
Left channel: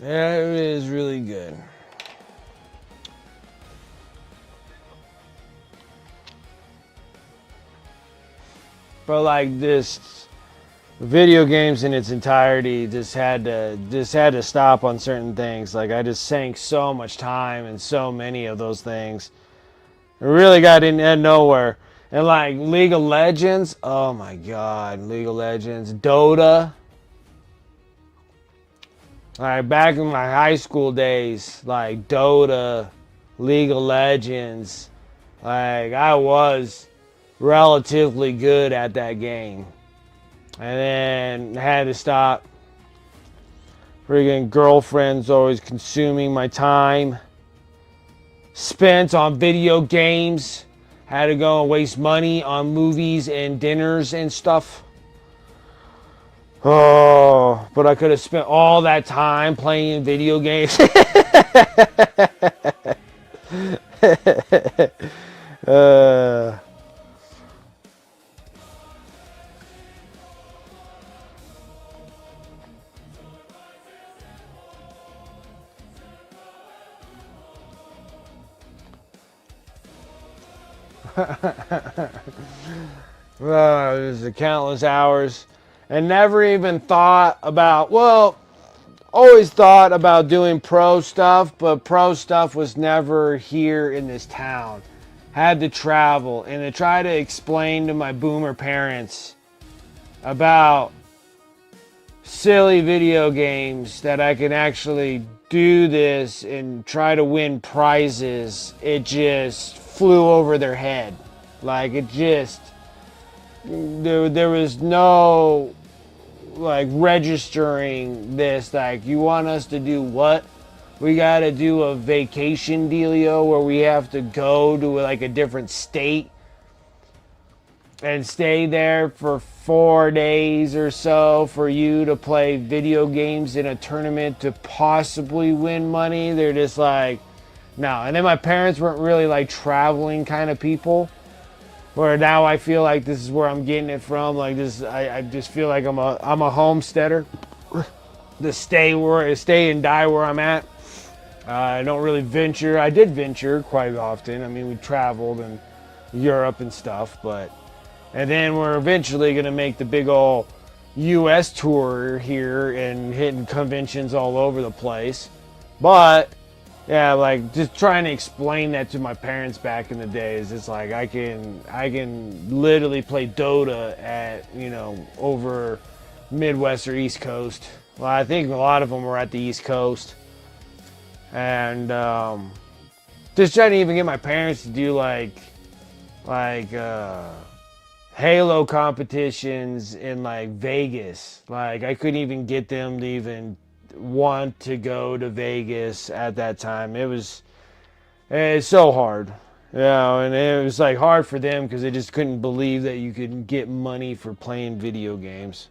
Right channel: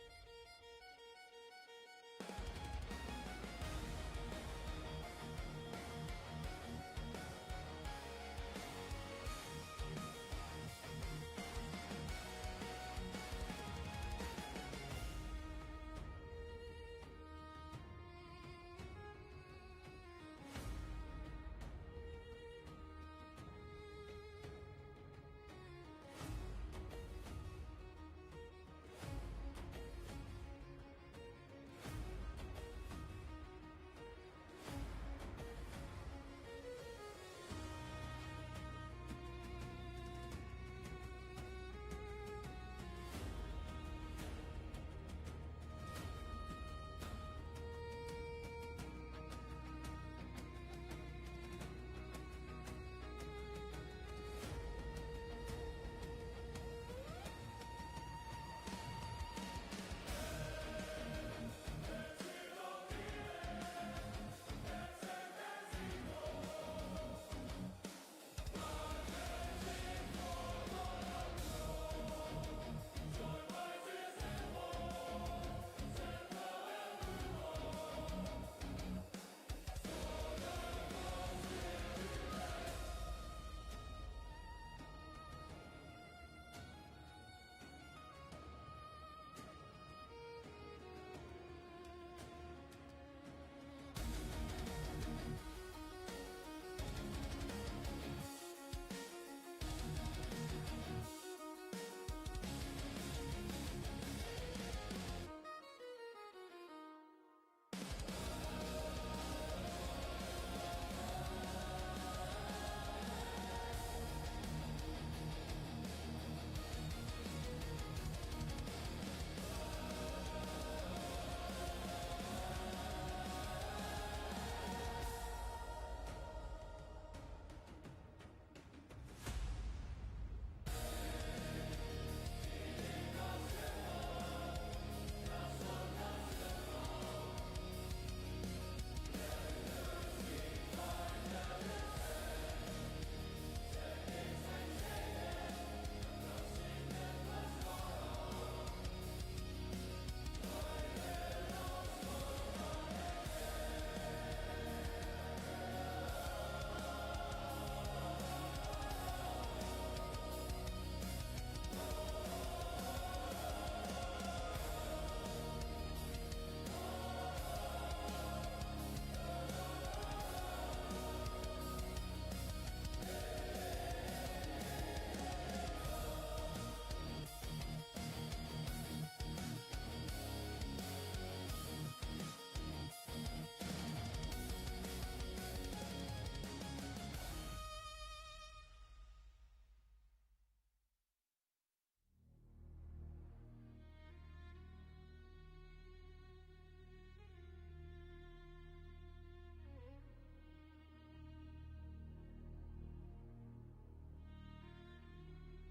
Yeah, it is really good. but like this video games in its entirety just had to stop on certain things. Like I just sank so much time in so many of those things. It really got in nowhere. And like League of Legends, oh my god, League of Legends, Dota. Like back in my high school days, like Dota, League of Legends, like I was relatively good at that game. And then had to stop. Friggin' girlfriends always consuming my time spent on video games. Had to go and waste money on movies and dinners and stuff. Oh, but I could have spent all that time playing video games. uh, There's countless hours, and never even thought about, well, always thought about doing pro stuff, but pro stuff was never here in this town. Had to travel and to try to explain to my boomer parents about silly video games that I can actually do this and try to win prizes. It just flew over their head. Like it just, there was no like registering this. Like, you want us to do what? We gotta do a vacation dealio where we have to go to like a different state and stay there for 4 days or so for you to play video games in a tournament to possibly win money. They're just like, no. And then my parents weren't really like traveling kind of people, where now I feel like this is where I'm getting it from. Like this, I just feel like I'm a homesteader. To stay and die where I'm at. I don't really venture. I did venture quite often. I mean, we traveled in Europe and stuff, and then we're eventually gonna make the big old U.S. tour here and hitting conventions all over the place. But yeah, like just trying to explain that to my parents back in the days. It's like I can literally play Dota at, over Midwest or East Coast. Well, I think a lot of them were at the East Coast. And just trying to even get my parents to do like Halo competitions in like Vegas. Like I couldn't even get them to even want to go to Vegas at that time. It's so hard, and it was like hard for them because they just couldn't believe that you could get money for playing video games.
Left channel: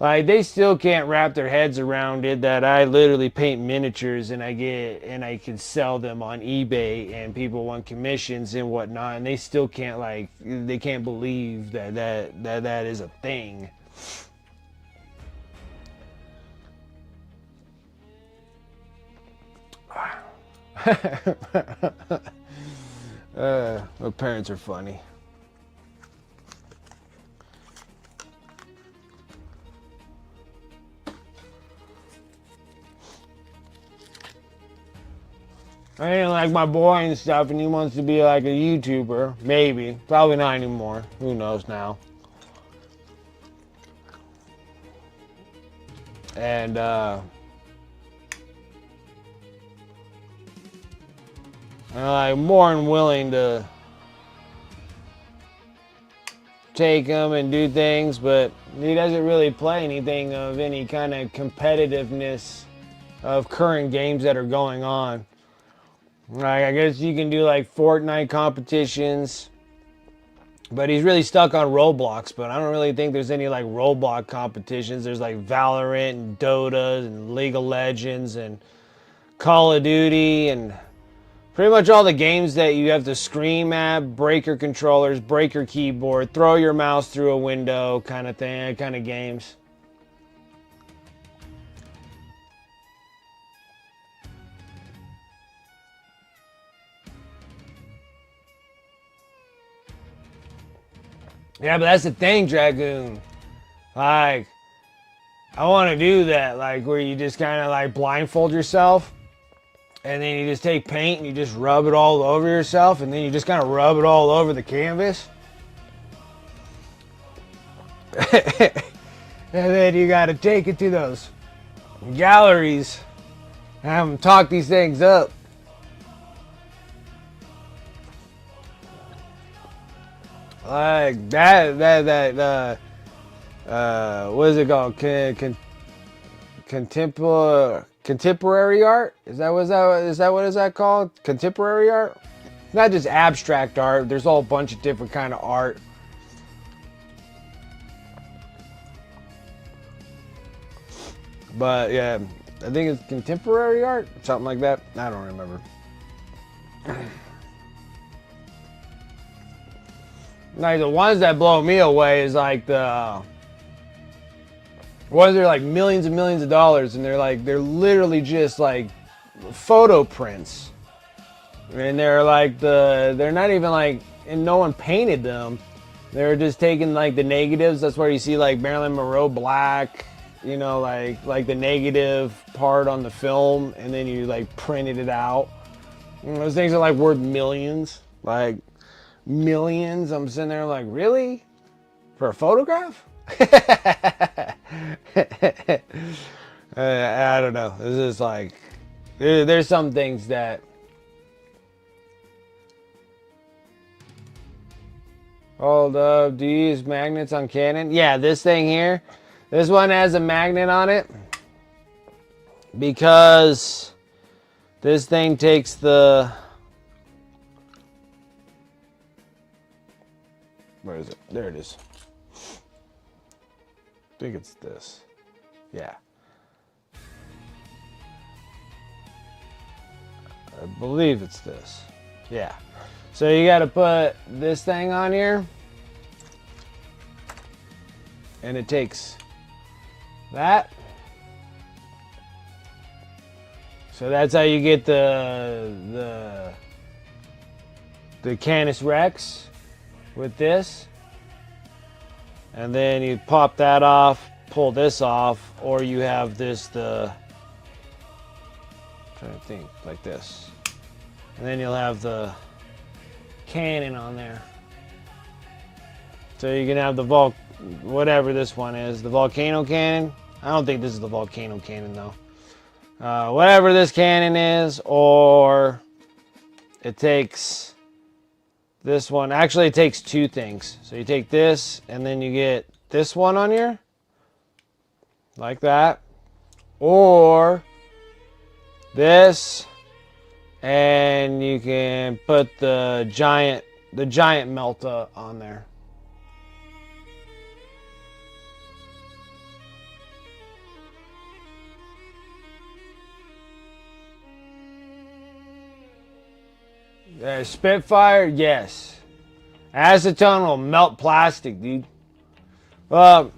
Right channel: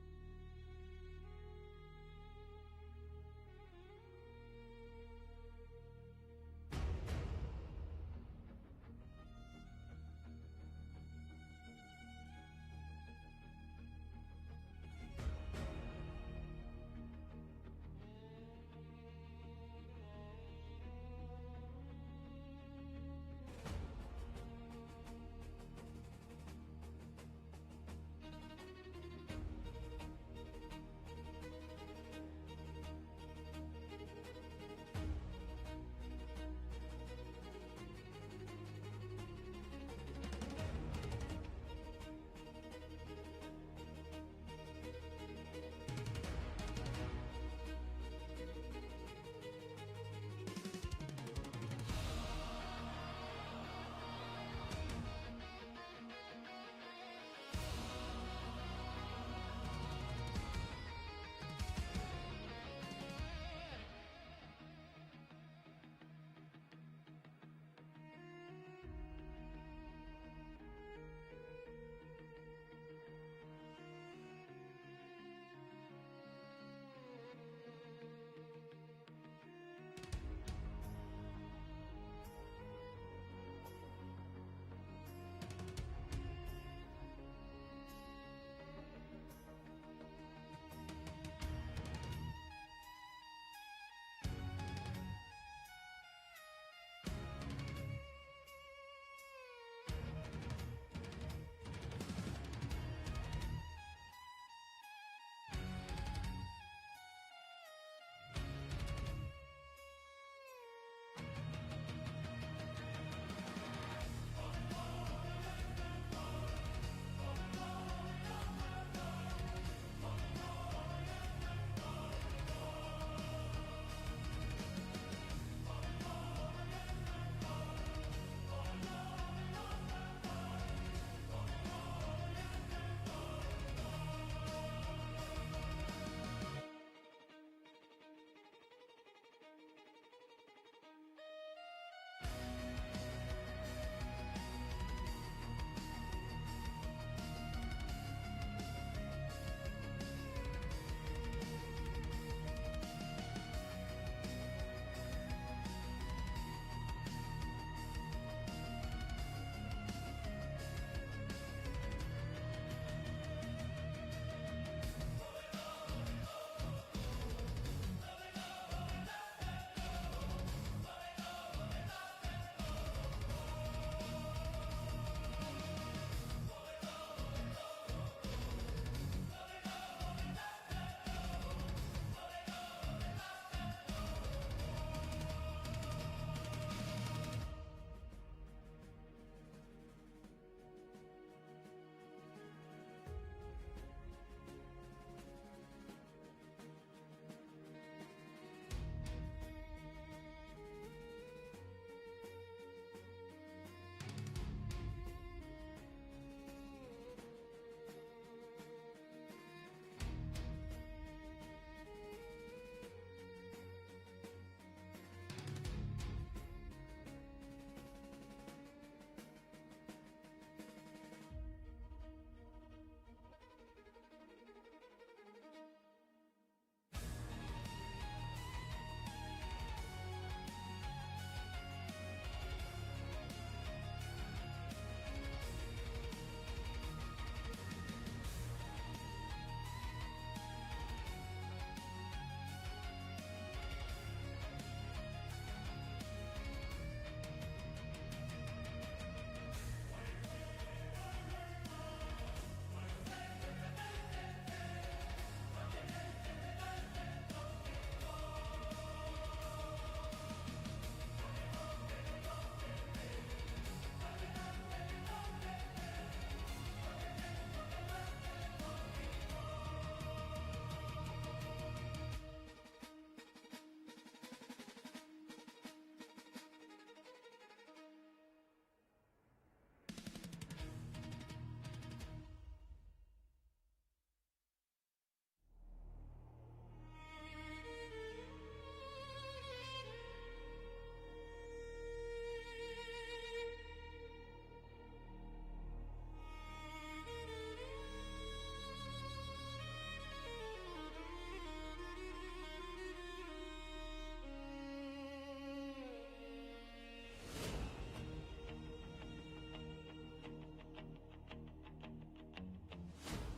Like they still can't wrap their heads around it that I literally paint miniatures and I can sell them on eBay and people want commissions and whatnot, and they still can't they can't believe that is a thing. My parents are funny. I ain't like my boy and stuff, and he wants to be like a YouTuber. Maybe. Probably not anymore. Who knows now. And, I'm like more than willing to take him and do things, but he doesn't really play anything of any kind of competitiveness of current games that are going on. Like, I guess you can do like Fortnite competitions, but he's really stuck on Roblox. But I don't really think there's any like Roblox competitions. There's like Valorant and Dota and League of Legends and Call of Duty and pretty much all the games that you have to scream at, break your controllers, break your keyboard, throw your mouse through a window kind of thing, kind of games. Yeah, but that's the thing, Dragoon. Like, I want to do that, like, where you just kind of, like, blindfold yourself, and then you just take paint and you just rub it all over yourself, and then you just kind of rub it all over the canvas. And then you got to take it to those galleries and have them talk these things up. Like what is it called? Contemporary art? Is that what is that called? Contemporary art? Not just abstract art. There's a whole bunch of different kind of art. But yeah, I think it's contemporary art, something like that. I don't remember. Like the ones that blow me away is like the ones that are like millions and millions of dollars, and they're literally just like photo prints, and they're not even like, and no one painted them. They're just taking like the negatives. That's where you see like Marilyn Monroe black, you know, like the negative part on the film, and then you like printed it out. You know, those things are like worth millions, like millions. I'm sitting there like, really? For a photograph? I don't know. This is like, there's some things that. Hold up, do you use magnets on Canon? Yeah, this thing here. This one has a magnet on it because this thing takes the, where is it? There it is. I think it's this. Yeah. I believe it's this. Yeah. So you got to put this thing on here, and it takes that. So that's how you get the Canis Rex with this. And then you pop that off, pull this off, or you have this, I'm trying to think, like this. And then you'll have the Canon on there. So you can have the whatever this one is, the Volcano Cannon. I don't think this is the Volcano Cannon though. Whatever this cannon is, or it takes this one. Actually, it takes two things. So you take this, and then you get this one on here, like that, or this, and you can put the giant Melta on there. Spitfire, yes. Acetone will melt plastic, dude. Well,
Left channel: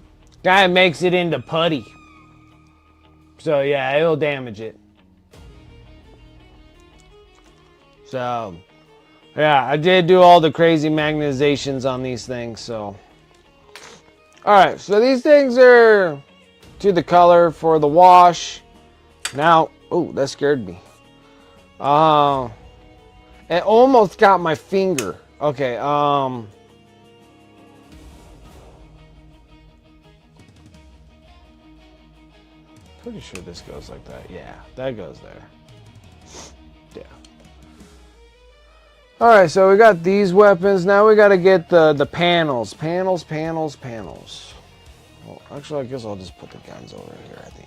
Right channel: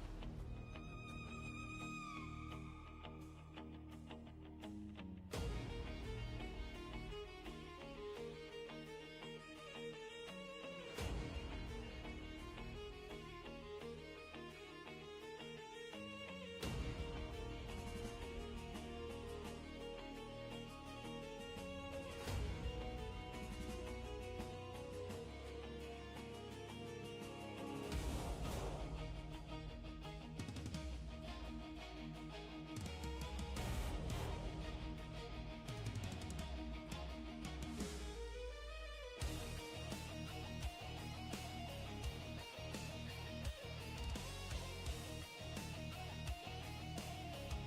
guy makes it into putty. So yeah, it'll damage it. So yeah, I did do all the crazy magnetizations on these things. So alright, so these things are to the color for the wash. Now, oh, that scared me. It almost got my finger. Okay, pretty sure this goes like that. Yeah, that goes there. Yeah. Alright, so we got these weapons. Now we gotta get the panels. Panels. Well, actually, I guess I'll just put the guns over here, I think.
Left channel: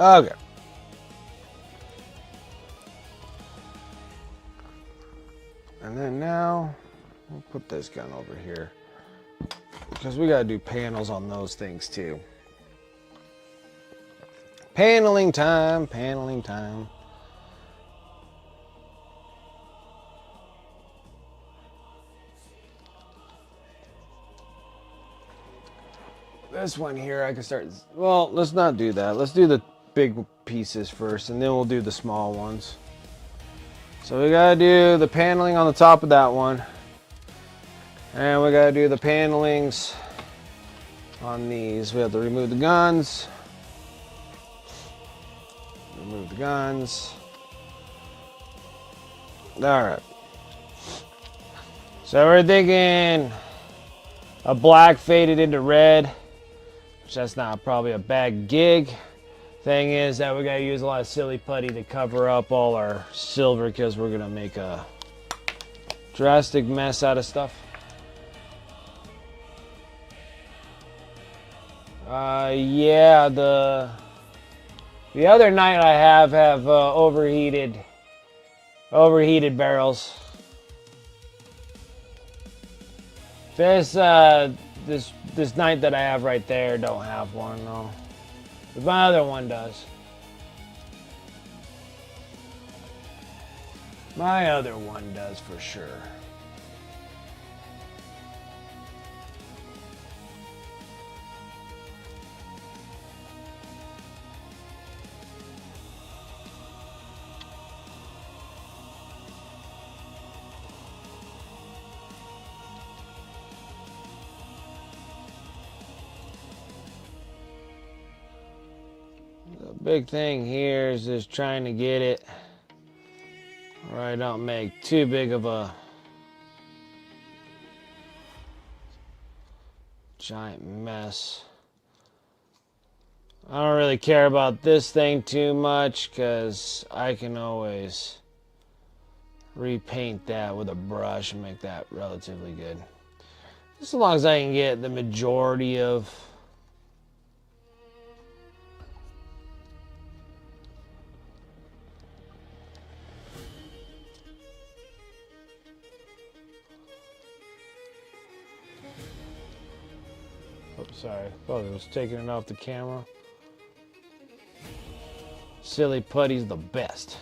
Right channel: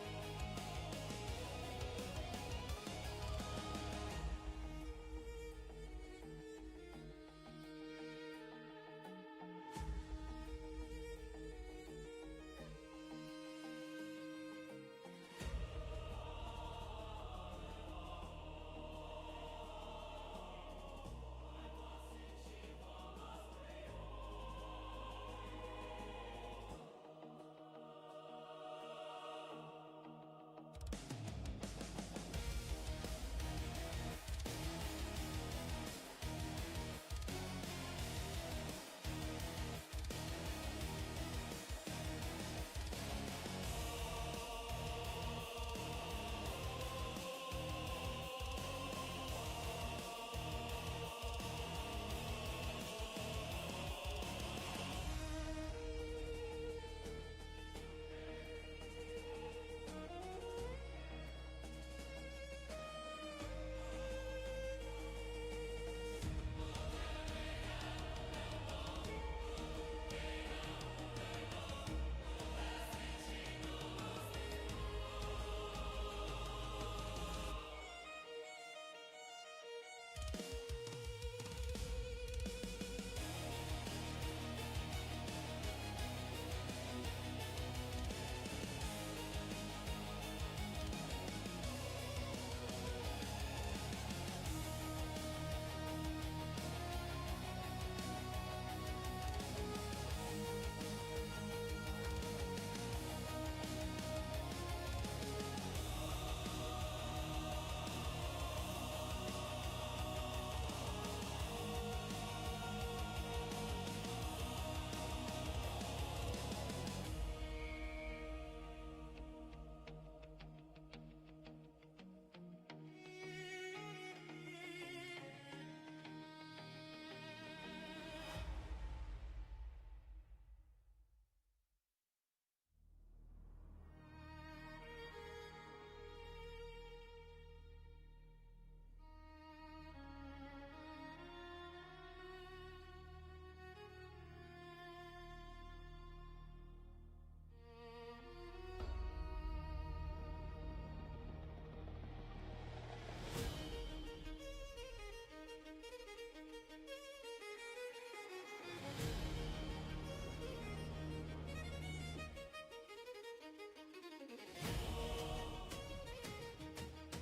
Okay. And then now, we'll put this gun over here, because we gotta do panels on those things too. Paneling time. This one here, I can start, well, let's not do that. Let's do big pieces first, and then we'll do the small ones. So we gotta do the paneling on the top of that one, and we gotta do the panelings on these. We have to remove the guns. Remove the guns. All right. So we're thinking a black faded into red, which that's not probably a bad gig. Thing is that we gotta use a lot of silly putty to cover up all our silver because we're gonna make a drastic mess out of stuff. Yeah, the other night I have overheated barrels. This night that I have right there don't have one, no. But my other one does. My other one does for sure. Big thing here is just trying to get it where I don't make too big of a giant mess. I don't really care about this thing too much because I can always repaint that with a brush and make that relatively good. Just as long as I can get the majority of sorry, thought I was taking it off the camera. Silly putty's the best.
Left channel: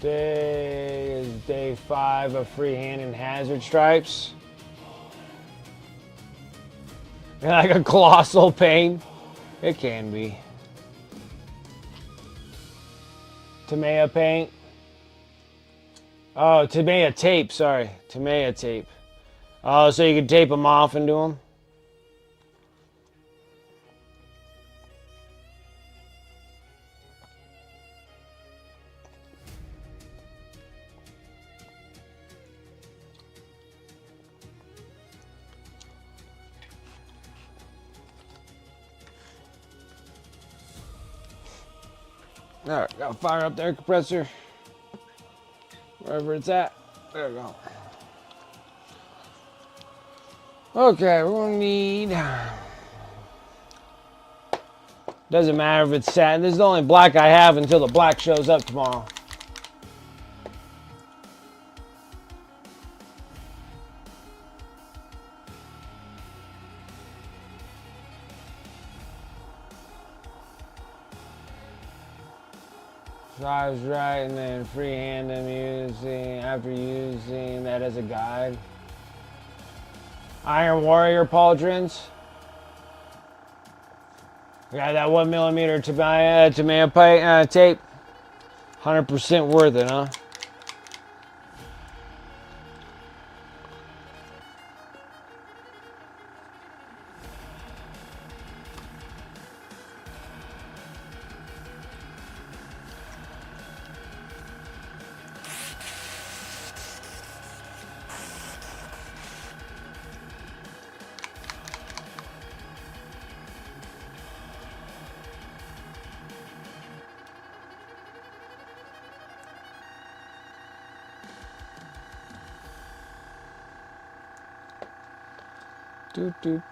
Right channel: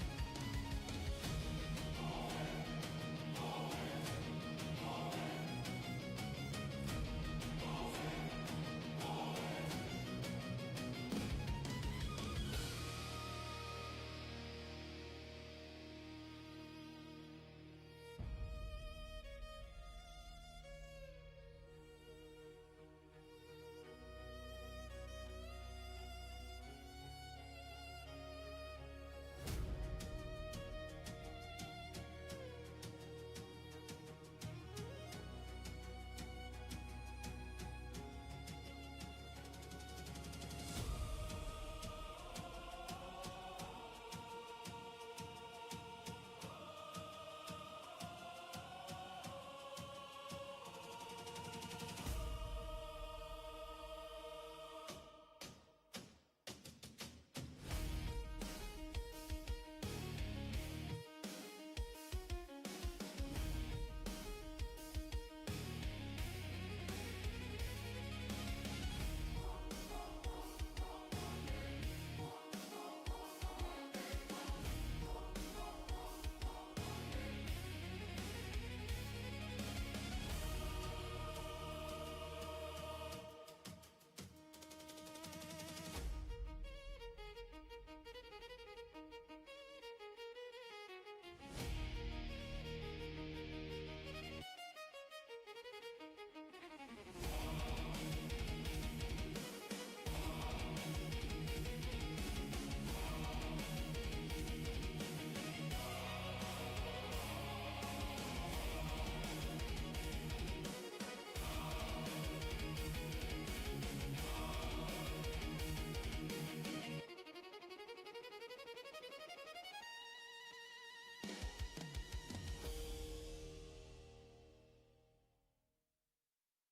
Today is day 5 of freehand and hazard stripes. Like a colossal pain. It can be. Tamiya paint. Oh, Tamiya tape, sorry. Tamiya tape. Oh, so you can tape them off and do them? Alright, gotta fire up the air compressor. Wherever it's at. There we go. Okay, we're gonna need... Doesn't matter if it's satin. This is the only black I have until the black shows up tomorrow. Drives right, and then freehand them after using that as a guide. Iron Warrior pauldrons. Got that 1mm Tamiya tape. 100% worth it, huh?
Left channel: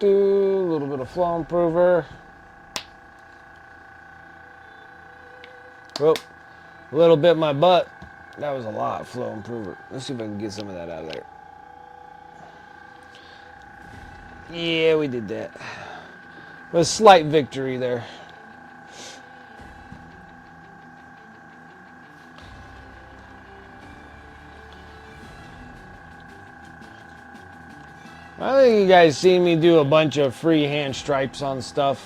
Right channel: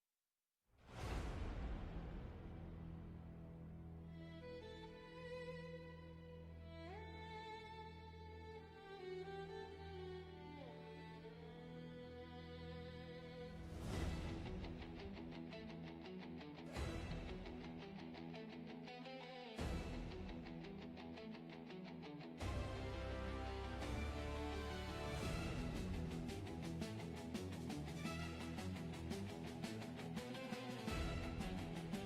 A little bit of flow improver. Whoop. A little bit my butt. That was a lot. Flow improver. Let's see if I can get some of that out of there. Yeah, we did that. A slight victory there. I think you guys seen me do a bunch of freehand stripes on stuff.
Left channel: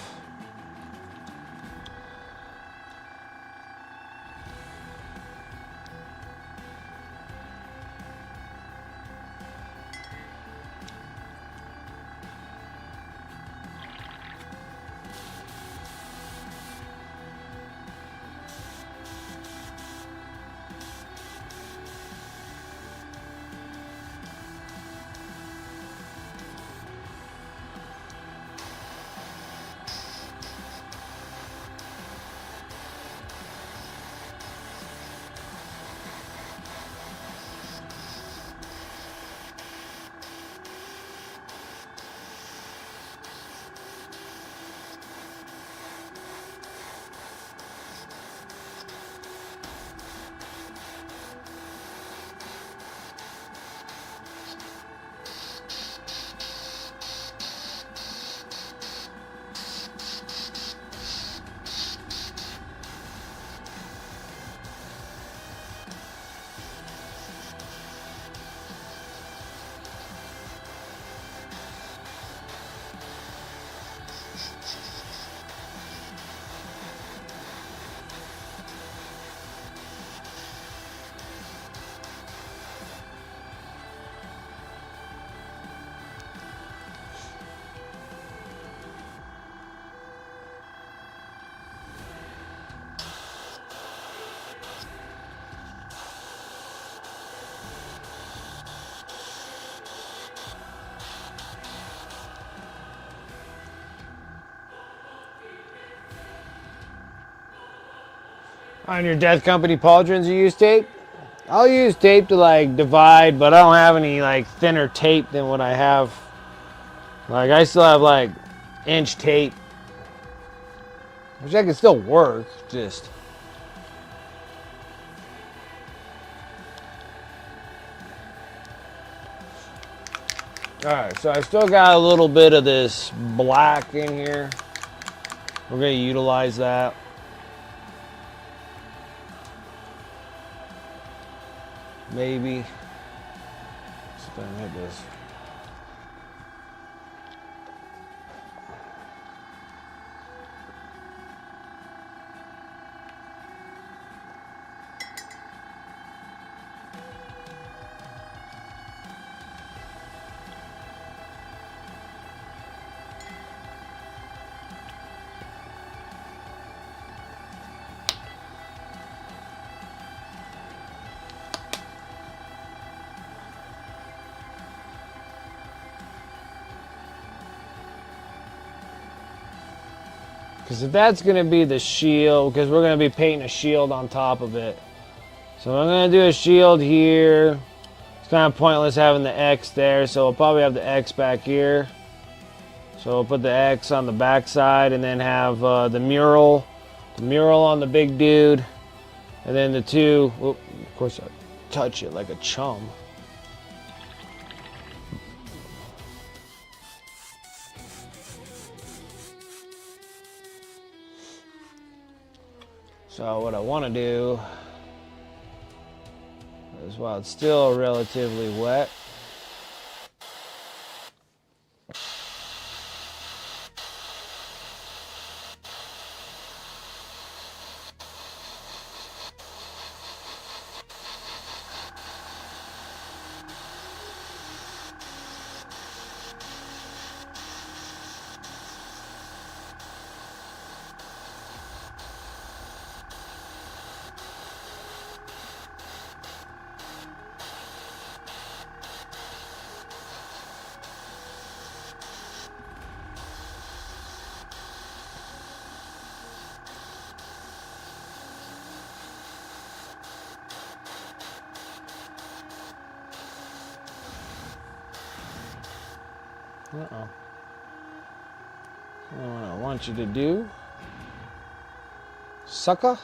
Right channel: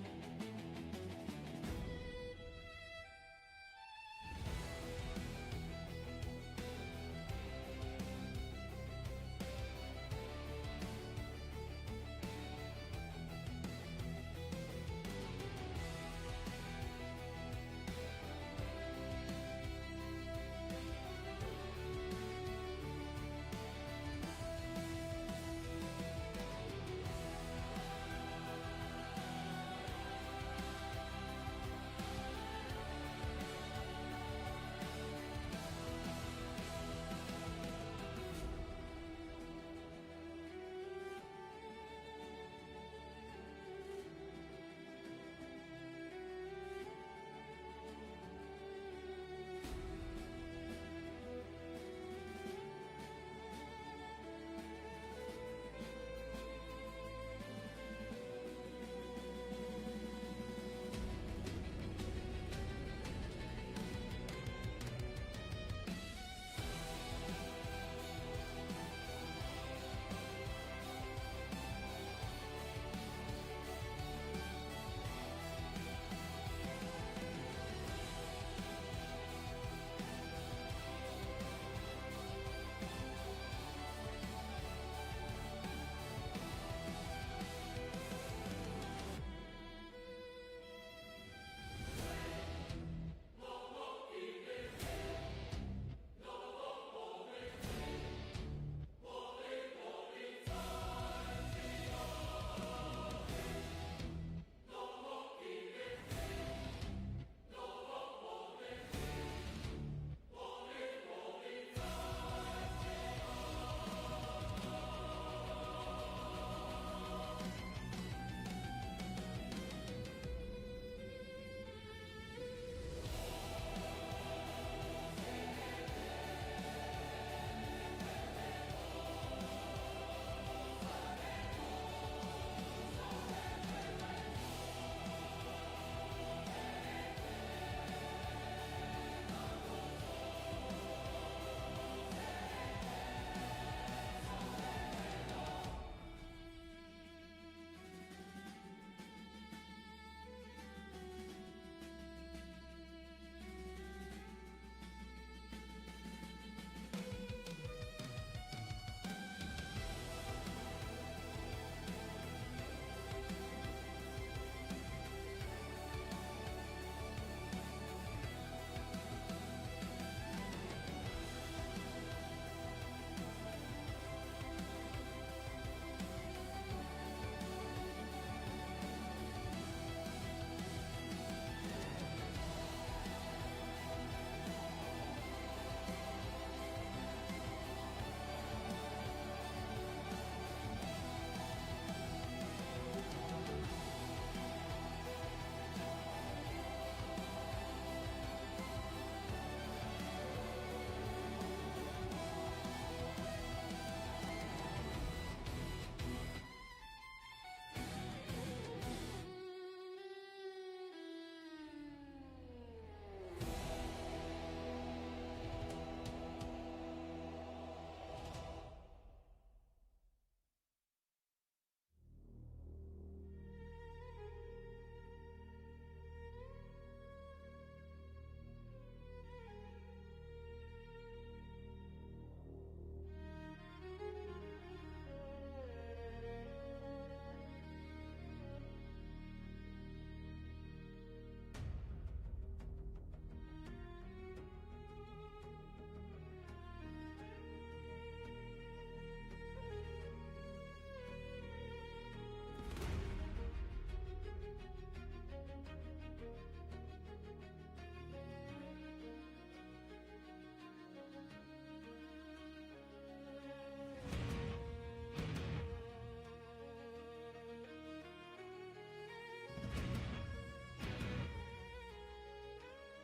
On your Death Company pauldrons, you use tape? I'll use tape to like divide, but I don't have any like thinner tape than what I have. Like I still have like inch tape, which I can still work, just. Alright, so I still got a little bit of this black in here. We're going to utilize that. Maybe. Let's go and hit this. Because if that's going to be the shield, because we're going to be painting a shield on top of it. So I'm going to do a shield here. It's kind of pointless having the X there, so we'll probably have the X back here. So we'll put the X on the back side and then have the mural on the big dude. And then the two, of course I touch it like a chum. So what I want to do is, while it's still relatively wet, what I want you to do, sucker,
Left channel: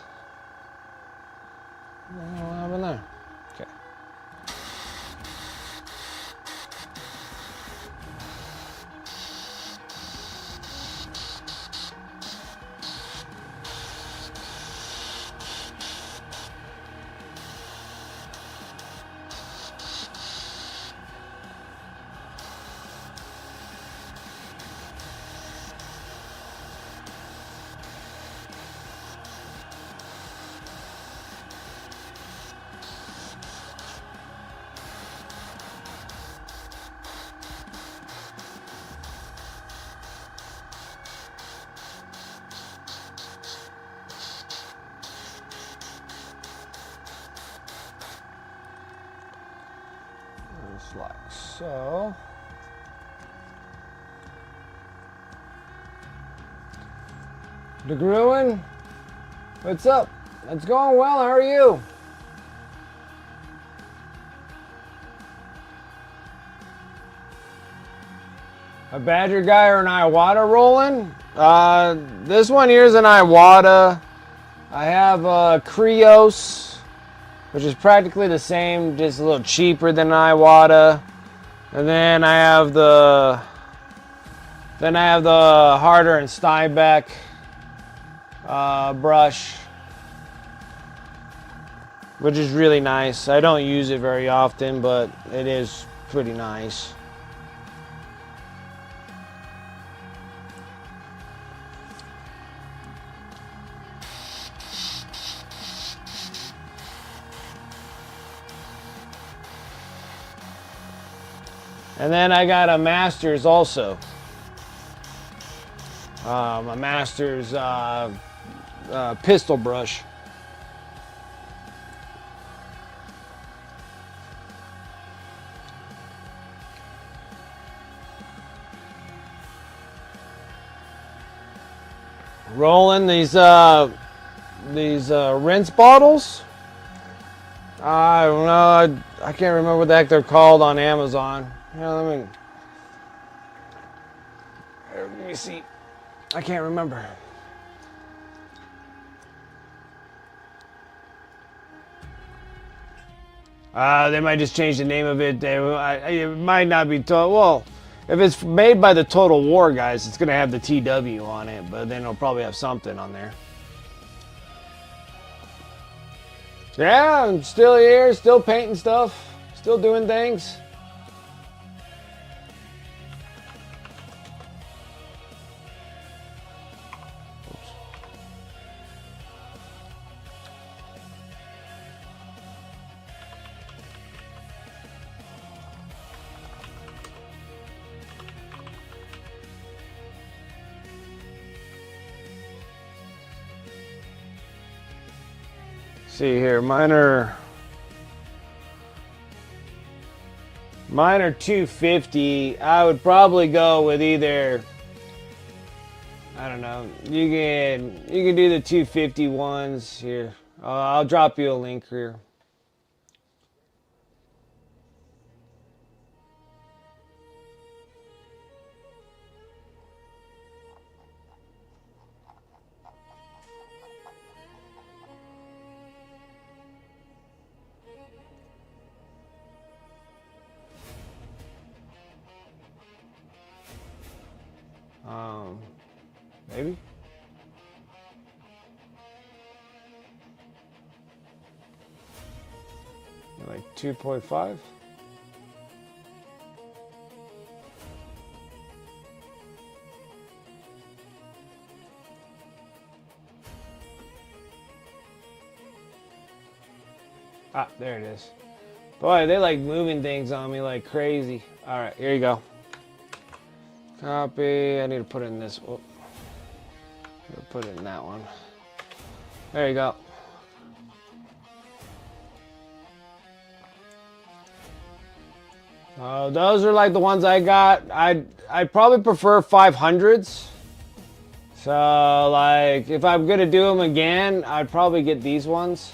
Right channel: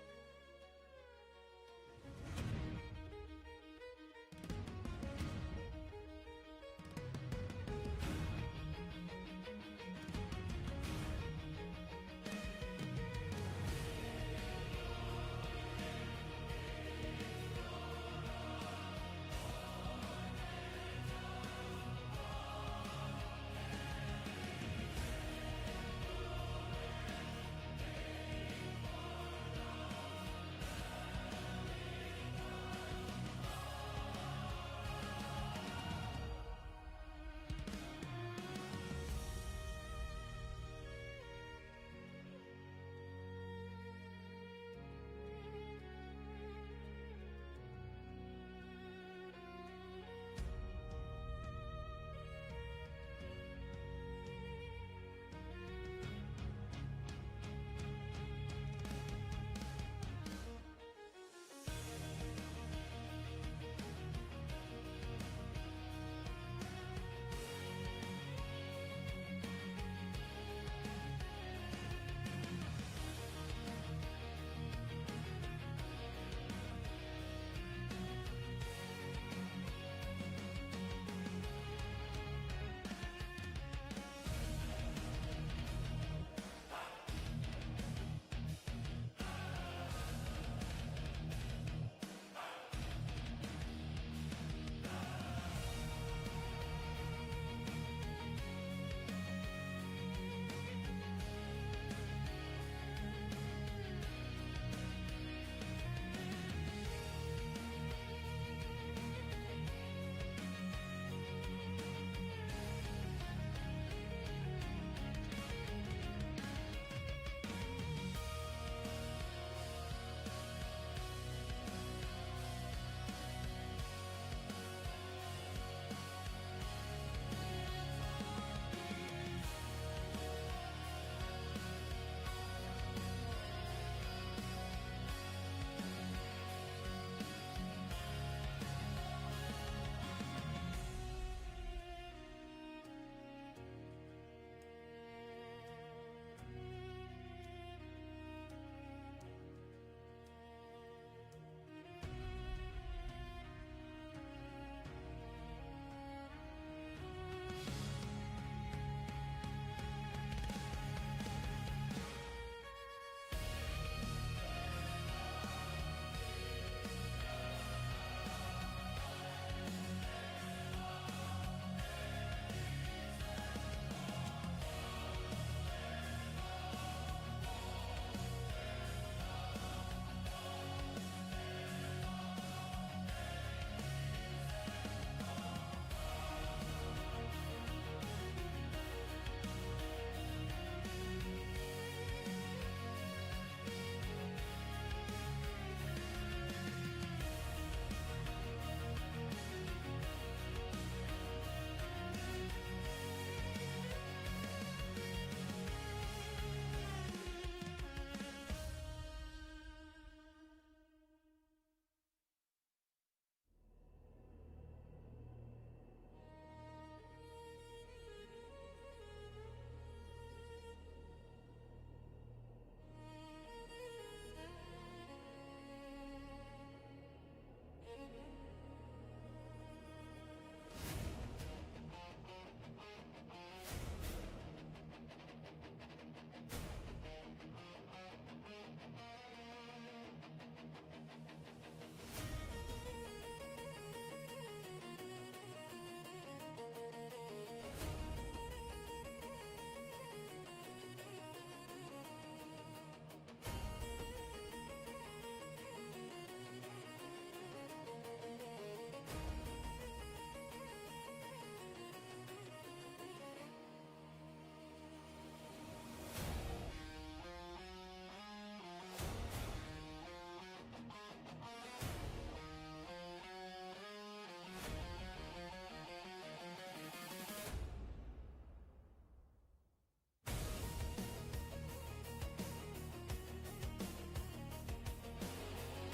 like so. DeGruin, what's up? It's going well. How are you? A Badger guy or an Iwata rolling? This one here is an Iwata. I have a Krios, which is practically the same, just a little cheaper than an Iwata. And then I have the Harder and Steinbeck brush, which is really nice. I don't use it very often, but it is pretty nice. And then I got a Masters also. A Masters pistol brush. Rolling these rinse bottles. I don't know. I can't remember what the heck they're called on Amazon. Yeah, let me see. I can't remember. They might just change the name of it. It might not be total. Well, if it's made by the Total War guys, it's gonna have the TW on it, but then it'll probably have something on there. Yeah, I'm still here, still painting stuff, still doing things. See here, mine are 250. I would probably go with either, I don't know. You can do the 250 ones here. I'll drop you a link here. Maybe. Like 2.5. Ah, there it is. Boy, they like moving things on me like crazy. All right, here you go. Copy. I need to put it in this. Oh. Put it in that one. There you go. Those are like the ones I got. I'd probably prefer 500s. So like if I'm gonna do them again, I'd probably get these ones.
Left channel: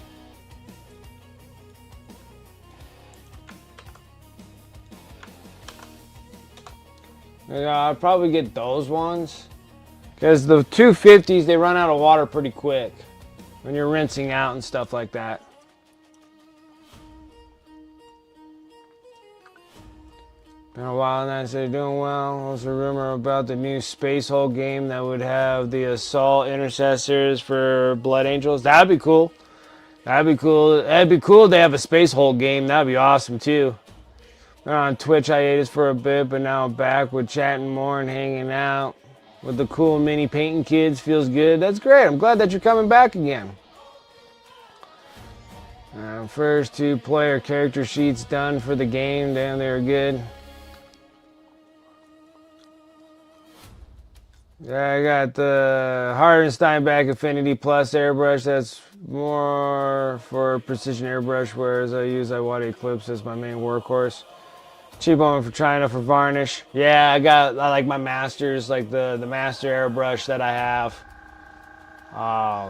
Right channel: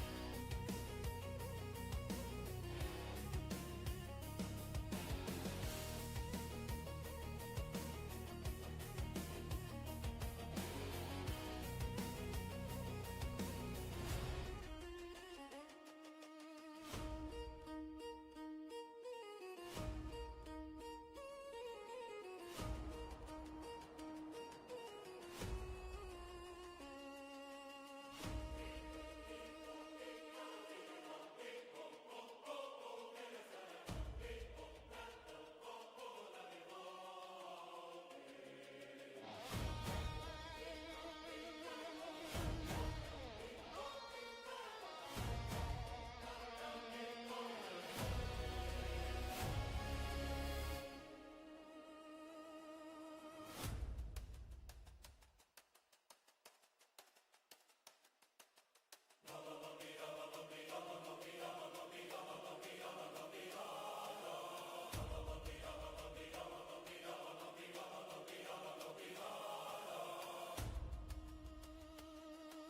Yeah, I'd probably get those ones. Because the 250s, they run out of water pretty quick when you're rinsing out and stuff like that. Been a while now, so they're doing well. There's a rumor about the new Space Hole game that would have the Assault Intercessors for Blood Angels. That'd be cool. That'd be cool. That'd be cool if they have a Space Hole game. That'd be awesome too. Been on Twitch hiatus for a bit, but now I'm back with chatting more and hanging out with the cool mini painting kids. Feels good. That's great. I'm glad that you're coming back again. First 2 player character sheets done for the game. Damn, they were good. Yeah, I got the Harder and Steinbeck Affinity Plus airbrush. That's more for precision airbrush, whereas I use Iwata Eclipse as my main workhorse. Cheap one for China for varnish. Yeah, I like my masters, like the master airbrush that I have. I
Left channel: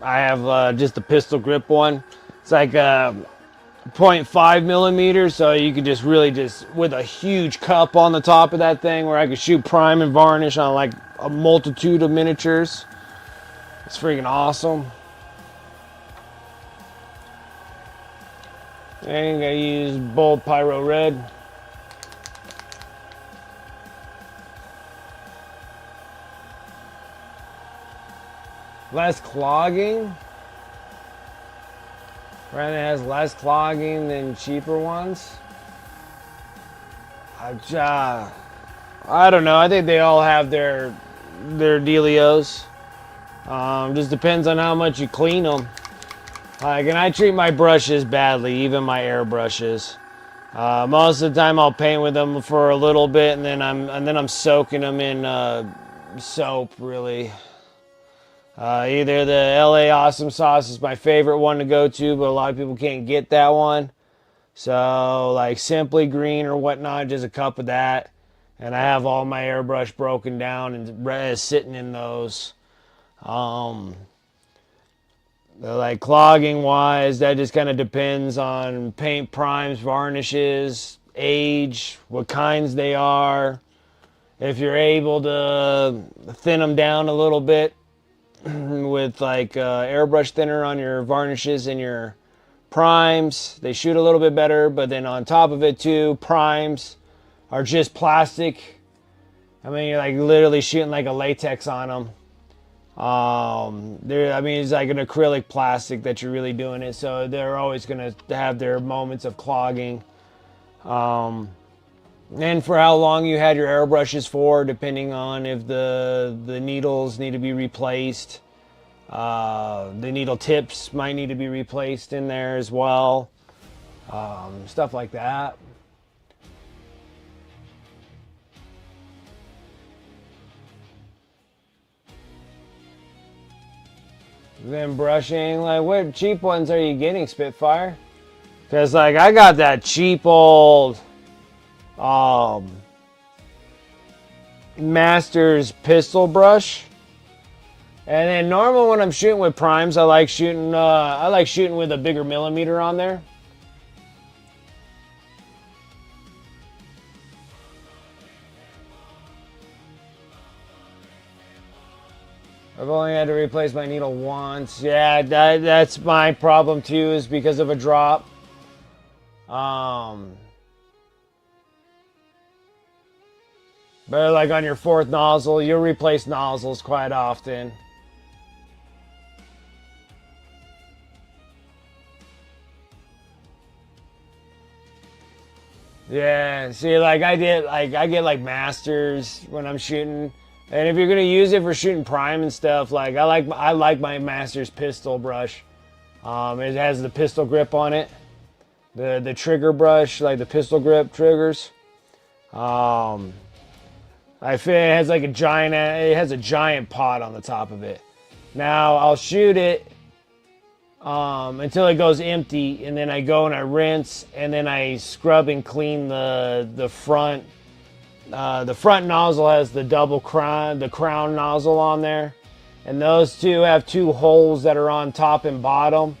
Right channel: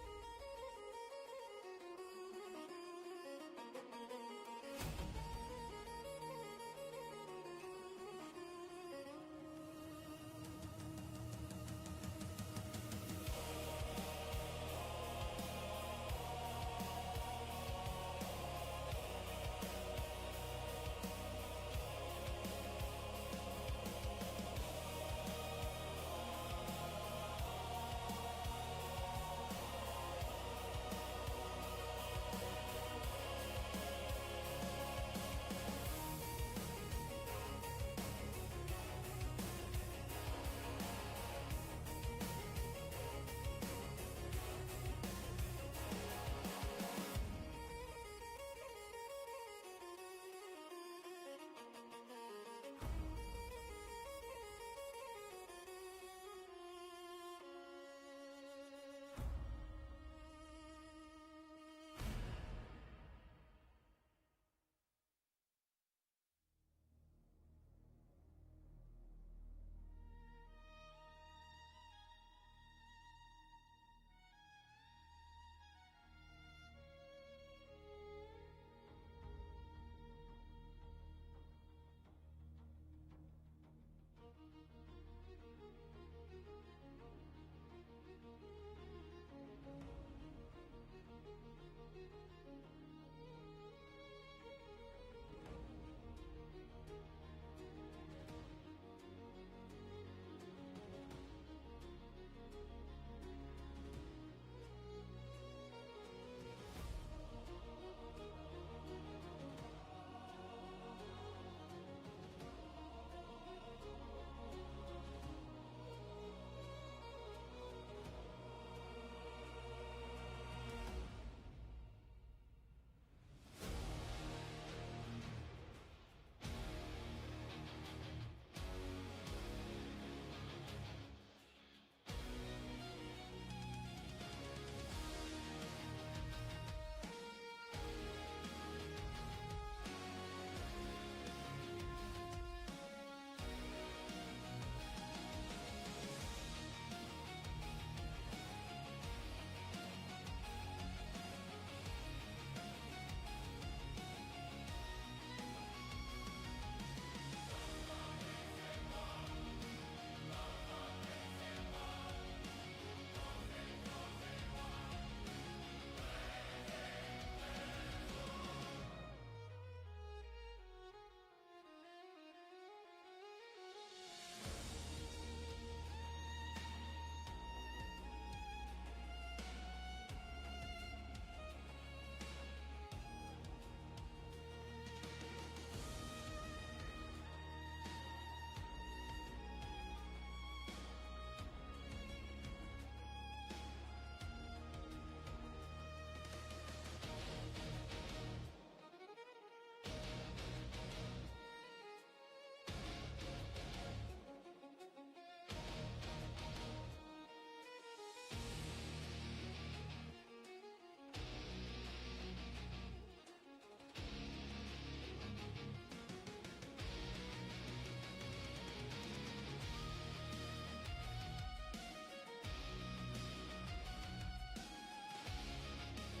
have just the pistol grip one. It's like 0.5 millimeters, so you could just really just with a huge cup on the top of that thing, where I could shoot prime and varnish on like a multitude of miniatures. It's freaking awesome. And I use bold pyro red. Less clogging. Brand has less clogging than cheaper ones. I don't know. I think they all have their dealios. Just depends on how much you clean them. Like, and I treat my brushes badly, even my airbrushes. Most of the time, I'll paint with them for a little bit, and then I'm soaking them in soap. Really, either the LA Awesome Sauce is my favorite one to go to, but a lot of people can't get that one. So, like Simply Green or whatnot, just a cup of that, and I have all my airbrush broken down and sitting in those. Like clogging wise, that just kind of depends on paint primes, varnishes, age, what kinds they are. If you're able to thin them down a little bit with like airbrush thinner on your varnishes and your primes, they shoot a little bit better. But then on top of it too, primes are just plastic. I mean, you're like literally shooting like a latex on them. It's like an acrylic plastic that you're really doing it, so they're always going to have their moments of clogging. And for how long you had your airbrushes for, depending on if the needles need to be replaced. The needle tips might need to be replaced in there as well. Stuff like that. Then brushing, like what cheap ones are you getting, Spitfire? Because like I got that cheap old Masters pistol brush, and then normal when I'm shooting with primes, I like shooting with a bigger millimeter on there. I've only had to replace my needle once. Yeah, that's my problem too, is because of a drop. But like on your fourth nozzle, you'll replace nozzles quite often. Yeah, see, like I get like masters when I'm shooting. And if you're gonna use it for shooting prime and stuff, like I like my Masters pistol brush. It has the pistol grip on it, the trigger brush, like the pistol grip triggers. I feel it has like it has a giant pot on the top of it. Now I'll shoot it until it goes empty, and then I go and I rinse, and then I scrub and clean the front. The front nozzle has the crown nozzle on there, and those two have two holes that are on top and bottom,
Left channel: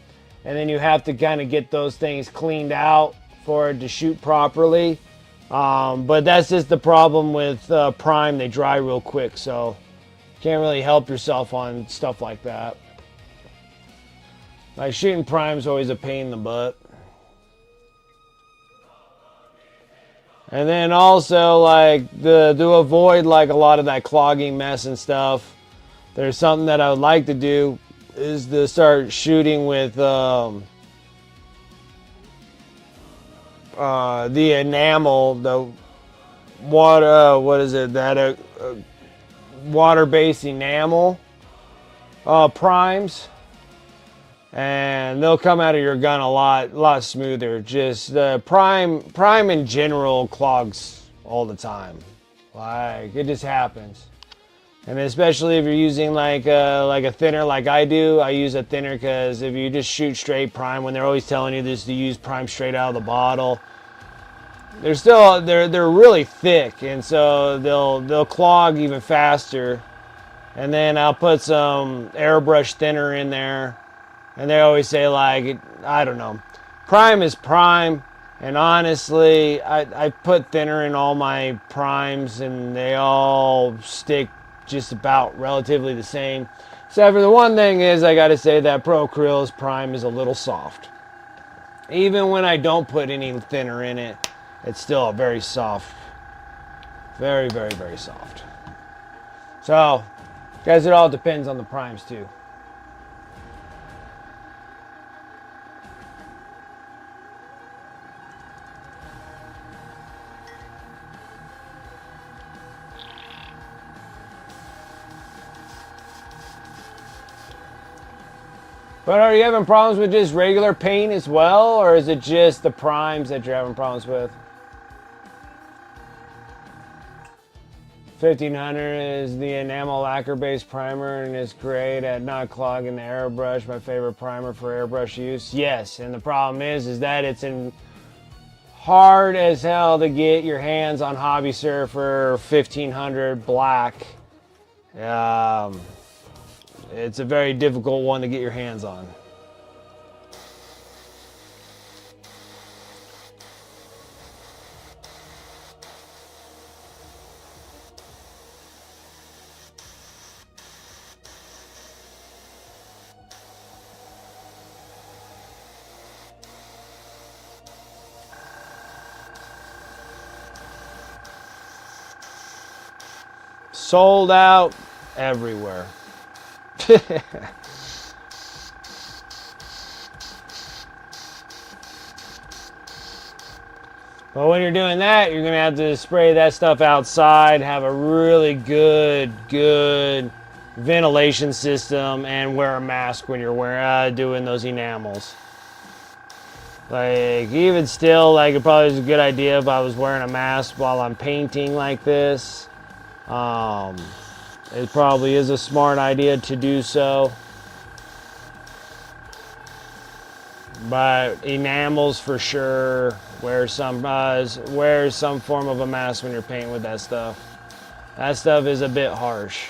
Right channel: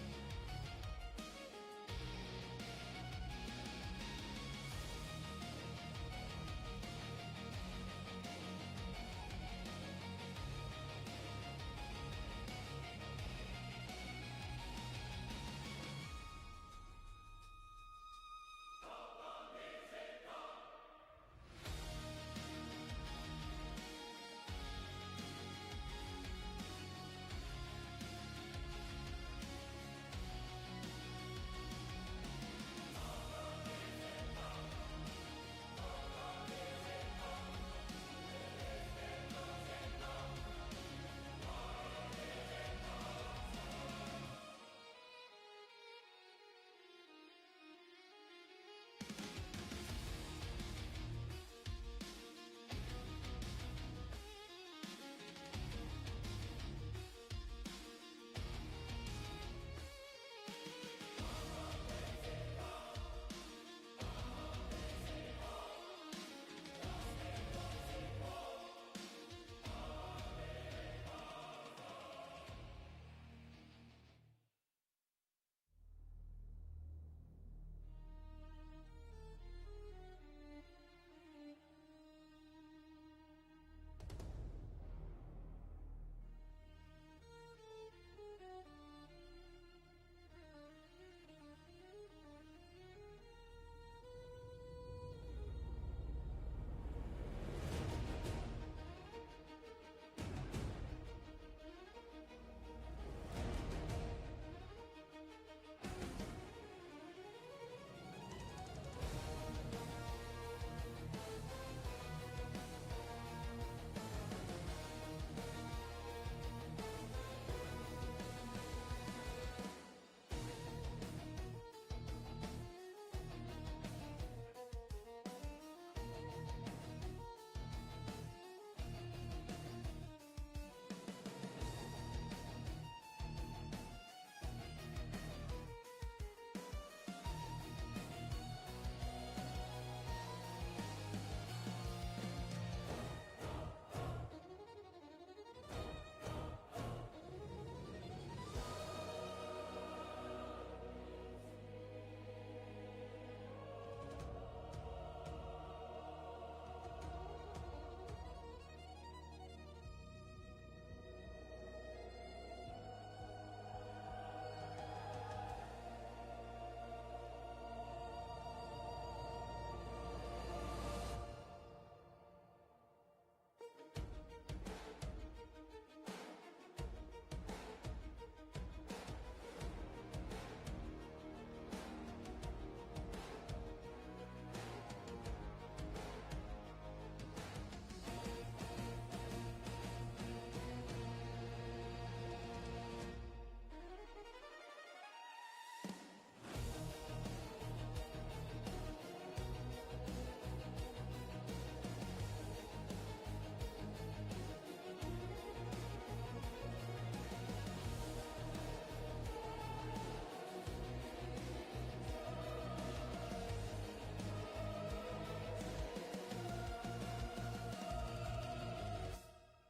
and then you have to kind of get those things cleaned out for it to shoot properly. But that's just the problem with prime; they dry real quick, so can't really help yourself on stuff like that. Like shooting prime's always a pain in the butt. And then also, like, to avoid, like, a lot of that clogging mess and stuff, there's something that I would like to do is to start shooting with the enamel, the water, what is it, that water-based enamel primes. And they'll come out of your gun a lot smoother. Just prime in general clogs all the time. Like it just happens. And especially if you're using like a thinner like I do. I use a thinner because if you just shoot straight prime, when they're always telling you this to use prime straight out of the bottle, they're really thick, and so they'll clog even faster. And then I'll put some airbrush thinner in there. And they always say, like, I don't know, prime is prime. And honestly, I put thinner in all my primes, and they all stick just about relatively the same. Except for the one thing is, I got to say that Pro Acryl's prime is a little soft. Even when I don't put any thinner in it, it's still very soft. Very, very, very soft. So, guys, it all depends on the primes too. But are you having problems with just regular paint as well, or is it just the primes that you're having problems with? 1500 is the enamel lacquer based primer, and it's great at not clogging the airbrush. My favorite primer for airbrush use. Yes, and the problem is that it's hard as hell to get your hands on Hobby Surfer 1500 black. It's a very difficult one to get your hands on. Sold out everywhere. But when you're doing that, you're gonna have to spray that stuff outside, have a really good ventilation system, and wear a mask when you're doing those enamels. Like, even still, like, it probably is a good idea if I was wearing a mask while I'm painting like this. It probably is a smart idea to do so. But enamels for sure. Wear some form of a mask when you're painting with that stuff. That stuff is a bit harsh.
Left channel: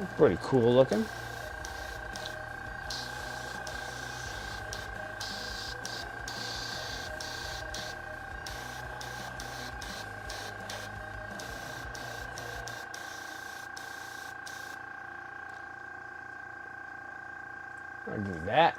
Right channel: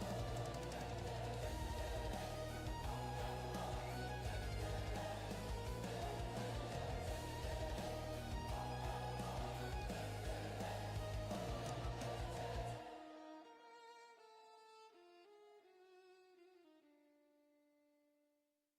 It's pretty cool looking. I'll do that.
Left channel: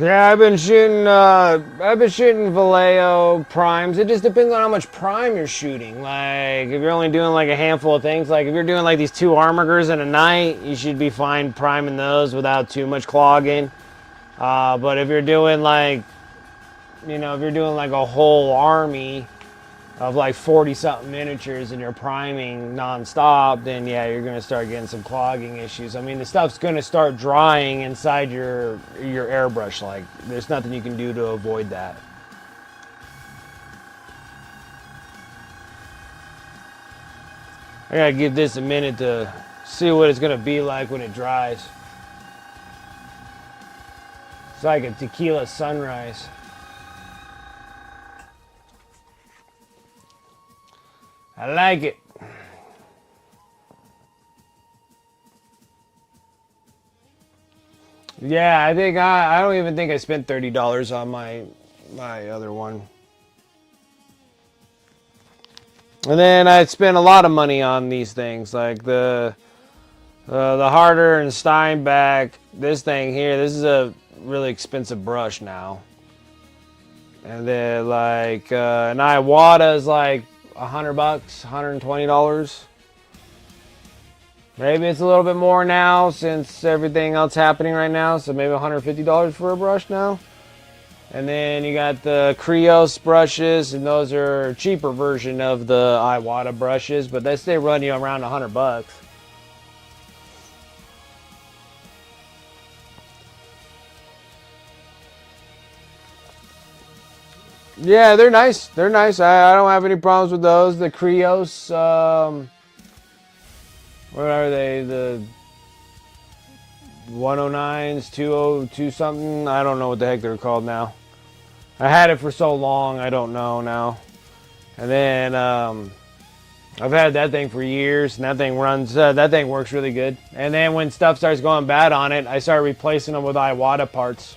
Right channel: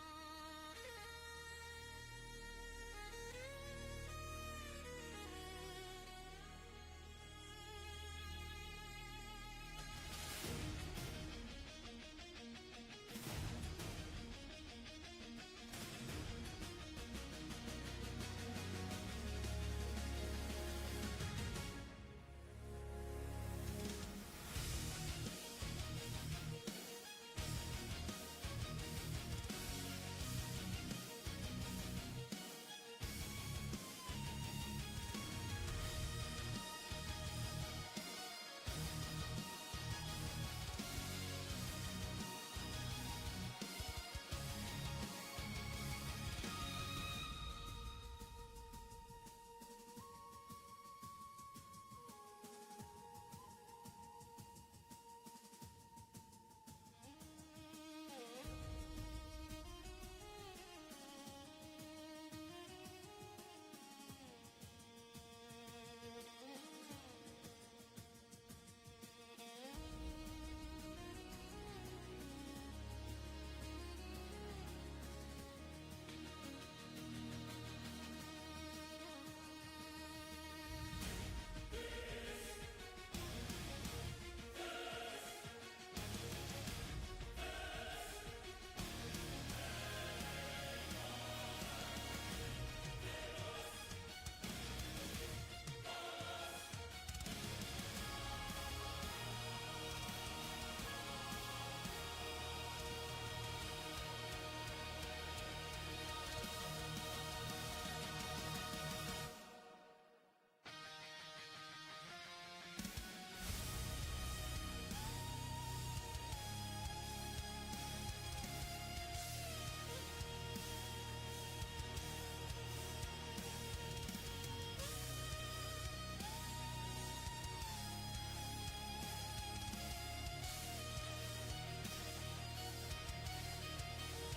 Yeah, I've been shooting Vallejo primes. It just depends on how much prime you're shooting. Like, if you're only doing like a handful of things, like if you're doing like these 2 armigers in a night, you should be fine priming those without too much clogging. But if you're doing like, if you're doing like a whole army of like 40 something miniatures and you're priming non-stop, then yeah, you're gonna start getting some clogging issues. I mean, the stuff's gonna start drying inside your airbrush. Like, there's nothing you can do to avoid that. I gotta give this a minute to see what it's gonna be like when it dries. It's like a tequila sunrise. I like it. Yeah, I think I don't even think I spent $30 on my other one. And then I spent a lot of money on these things, like the Harder and Steinbeck. This thing here, this is a really expensive brush now. And then like an Iwata is like $100, $120. Maybe it's a little bit more now since everything else happening right now. So maybe $150 for a brush now. And then you got the Krios brushes, and those are a cheaper version of the Iwata brushes, but they run you around $100. Yeah, they're nice. They're nice. I don't have any problems with those. The Krios, what are they? The 109s, 202 something. I don't know what the heck they're called now. I had it for so long, I don't know now. And then I've had that thing for years, and that thing runs. That thing works really good. And then when stuff starts going bad on it, I start replacing them with Iwata parts.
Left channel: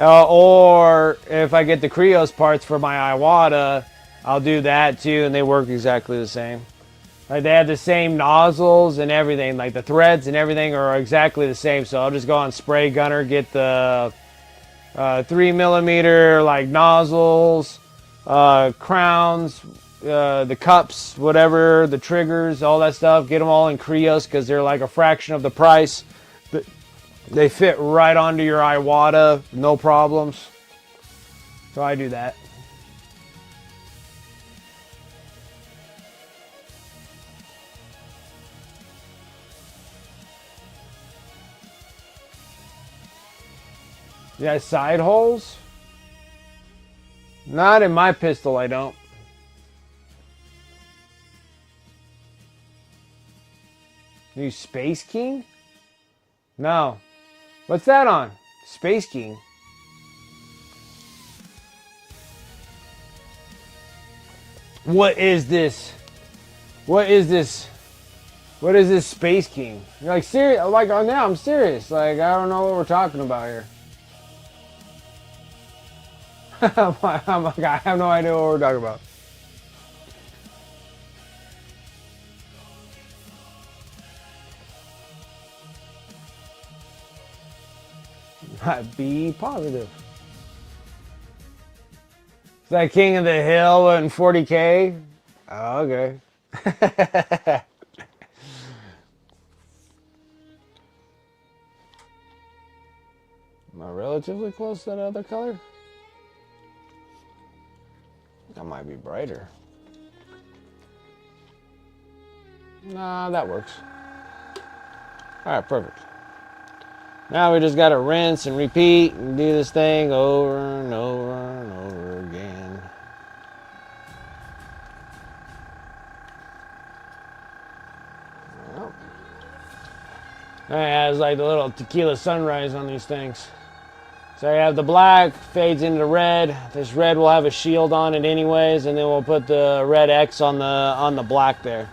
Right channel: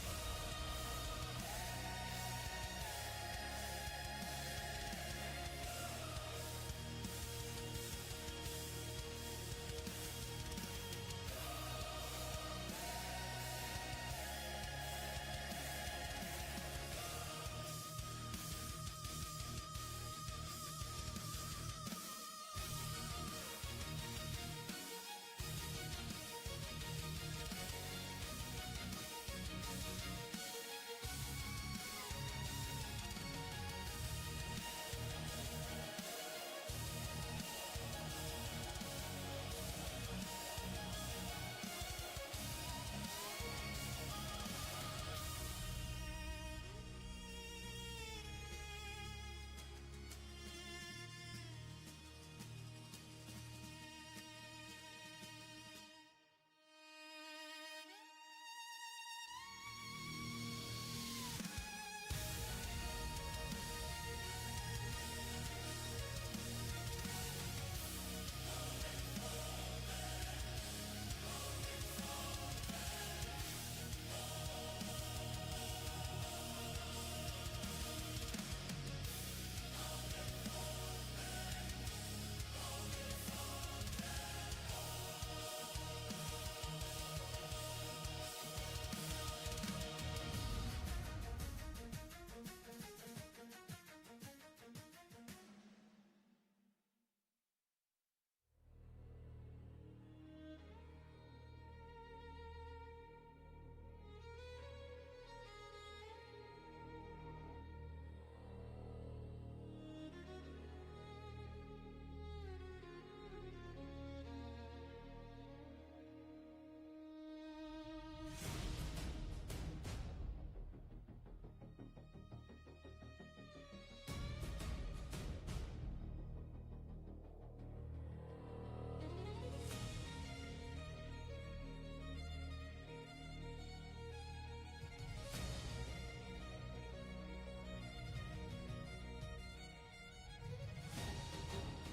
Or if I get the Krios parts for my Iwata, I'll do that too, and they work exactly the same. Like they have the same nozzles and everything, like the threads and everything are exactly the same. So I'll just go on Spray Gunner, get the 3mm like nozzles, crowns, the cups, whatever, the triggers, all that stuff. Get them all in Krios because they're like a fraction of the price. They fit right onto your Iwata, no problems. So I do that. You got side holes? Not in my pistol, I don't. You Space King? No. What's that on? Space King. What is this? What is this? What is this Space King? You're like serious? Like now I'm serious. Like I don't know what we're talking about here. I'm like, I have no idea what we're talking about. Be positive. Is that King of the Hill and 40K? Oh, okay. Am I relatively close to that other color? That might be brighter. Nah, that works. Alright, perfect. Now we just gotta rinse and repeat and do this thing over and over and over again. Well, it has like the little tequila sunrise on these things. So you have the black, fades into red. This red will have a shield on it anyways, and then we'll put the red X on the black there.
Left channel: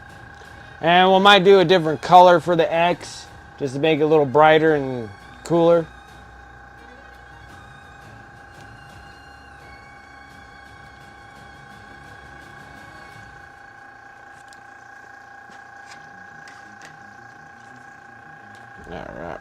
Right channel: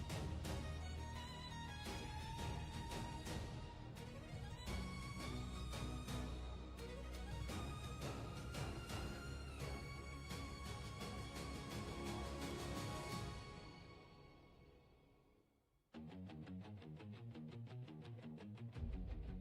And we might do a different color for the X, just to make it a little brighter and cooler. All right.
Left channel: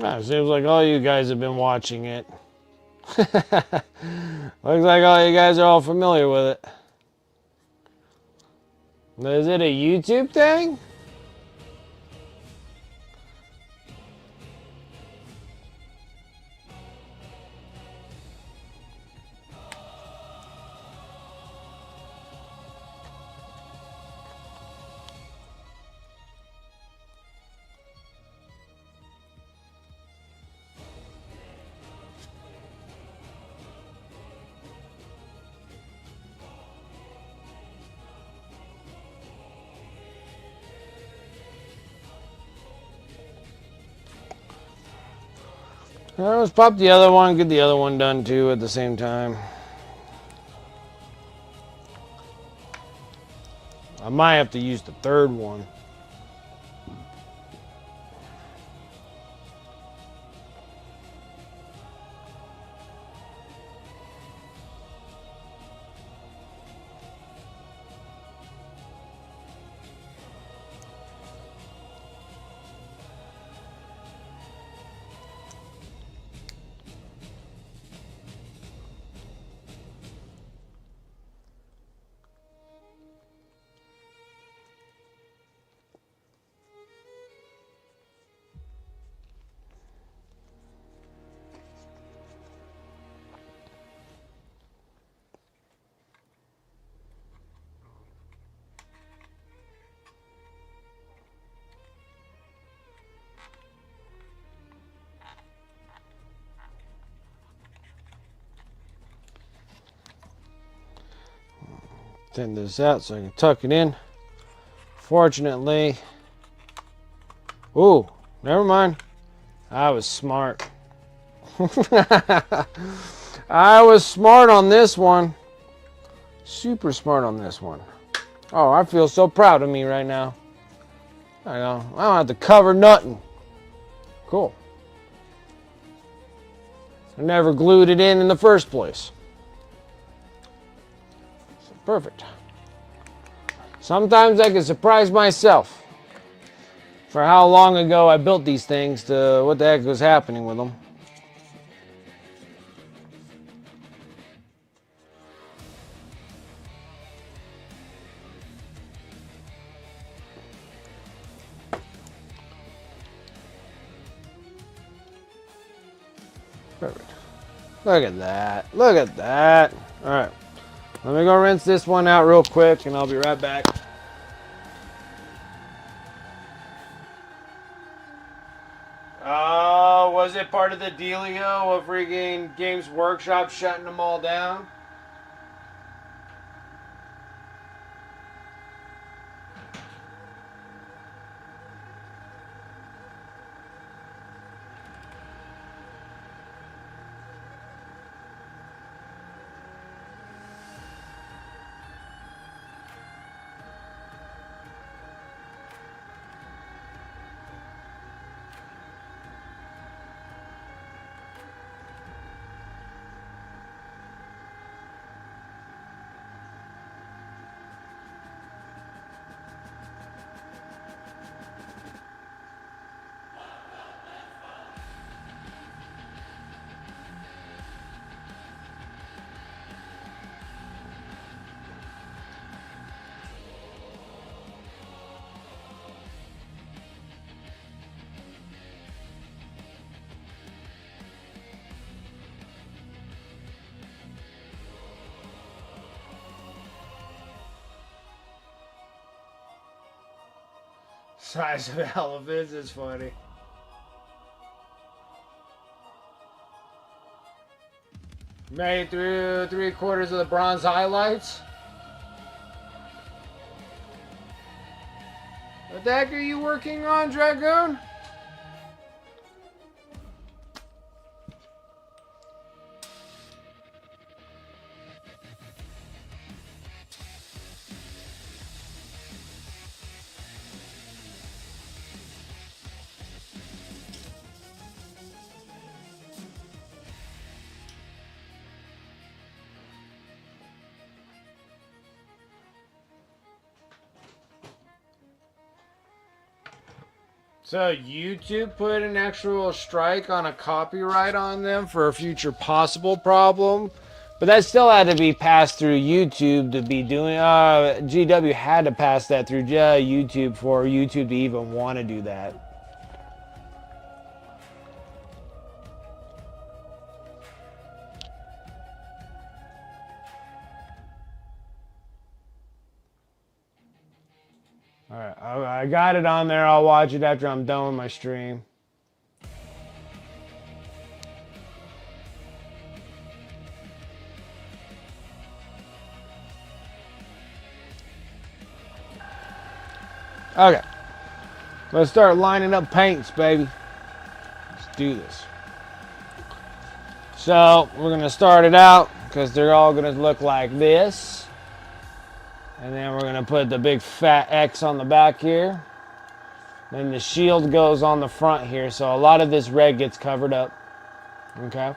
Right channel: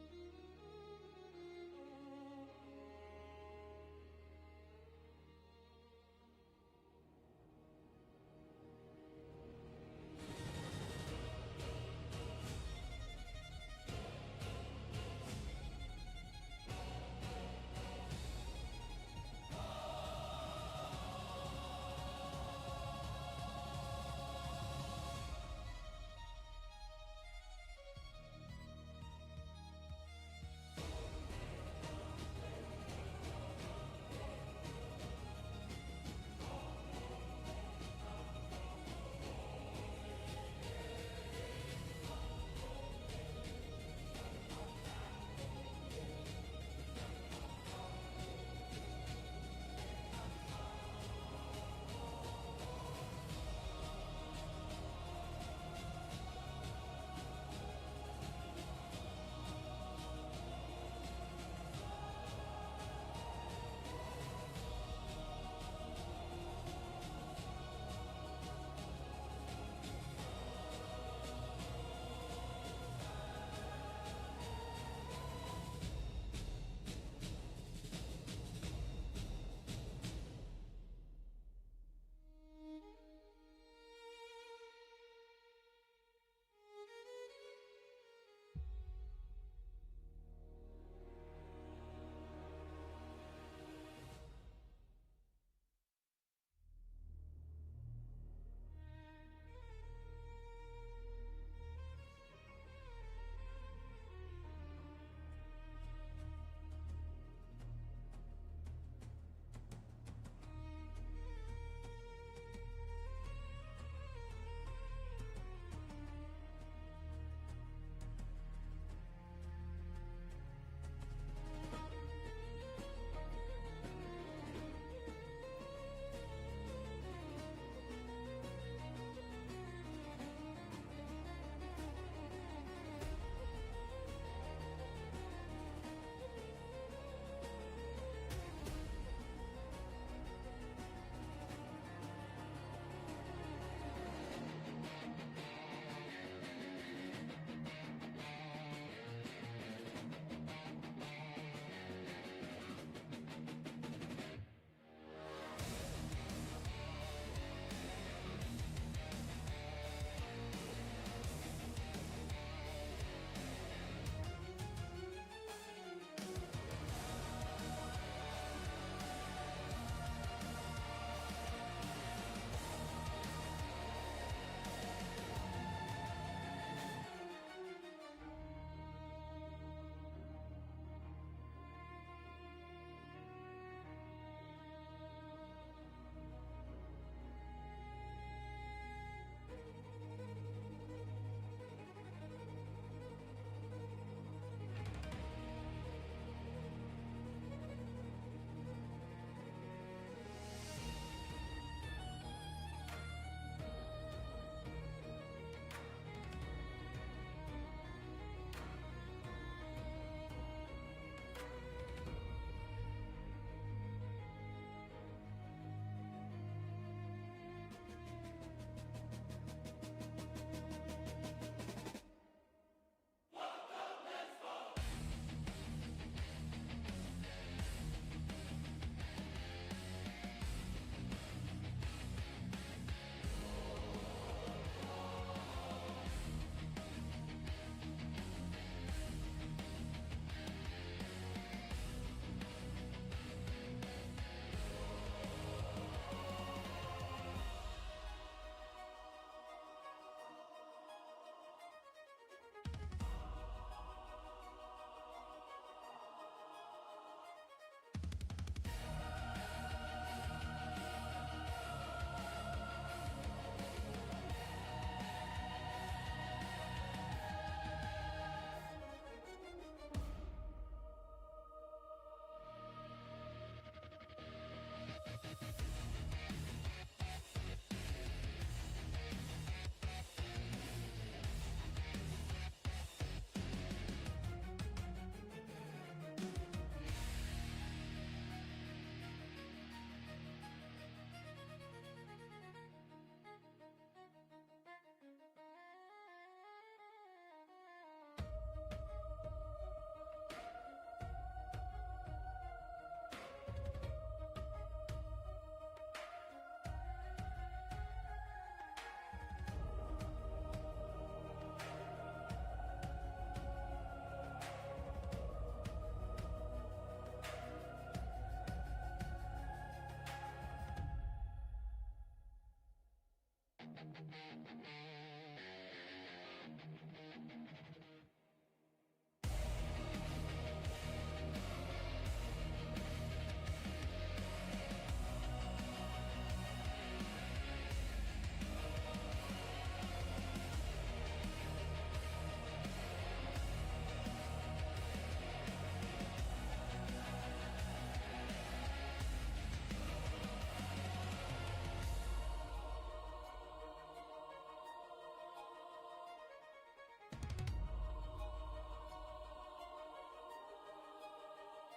Ah, seems like all you guys have been watching it. Looks like all you guys are all familiar with it. Is it a YouTube thing? Let's pop the other one, get the other one done too at the same time. I might have to use the third one. Thin this out so I can tuck it in. Fortunately, ooh, never mind. I was smart. I was smart on this one. Super smart on this one. Oh, I feel so proud of me right now. I don't have to cover nothing. Cool. I never glued it in the first place. Perfect. Sometimes I can surprise myself for how long ago I built these things to what the heck was happening with them. Perfect. Look at that. Look at that. All right. Let me go rinse this one out real quick and I'll be right back. Oh, was it part of the dealio of freaking Games Workshop shutting them all down? Size of elephants is funny. Made through 3/4 of the bronze highlights. What the heck are you working on, Dragoon? So YouTube put an actual strike on a copyright on them for a future possible problem, but that still had to be passed through YouTube to be doing. GW had to pass that through YouTube for YouTube to even want to do that. Alright, I got it on there. I'll watch it after I'm done with my stream. Okay. Let's start lining up paints, baby. Let's do this. So we're gonna start it out because they're all gonna look like this. And then we're gonna put the big fat X on the back here. Then the shield goes on the front here, so a lot of this red gets covered up. Okay.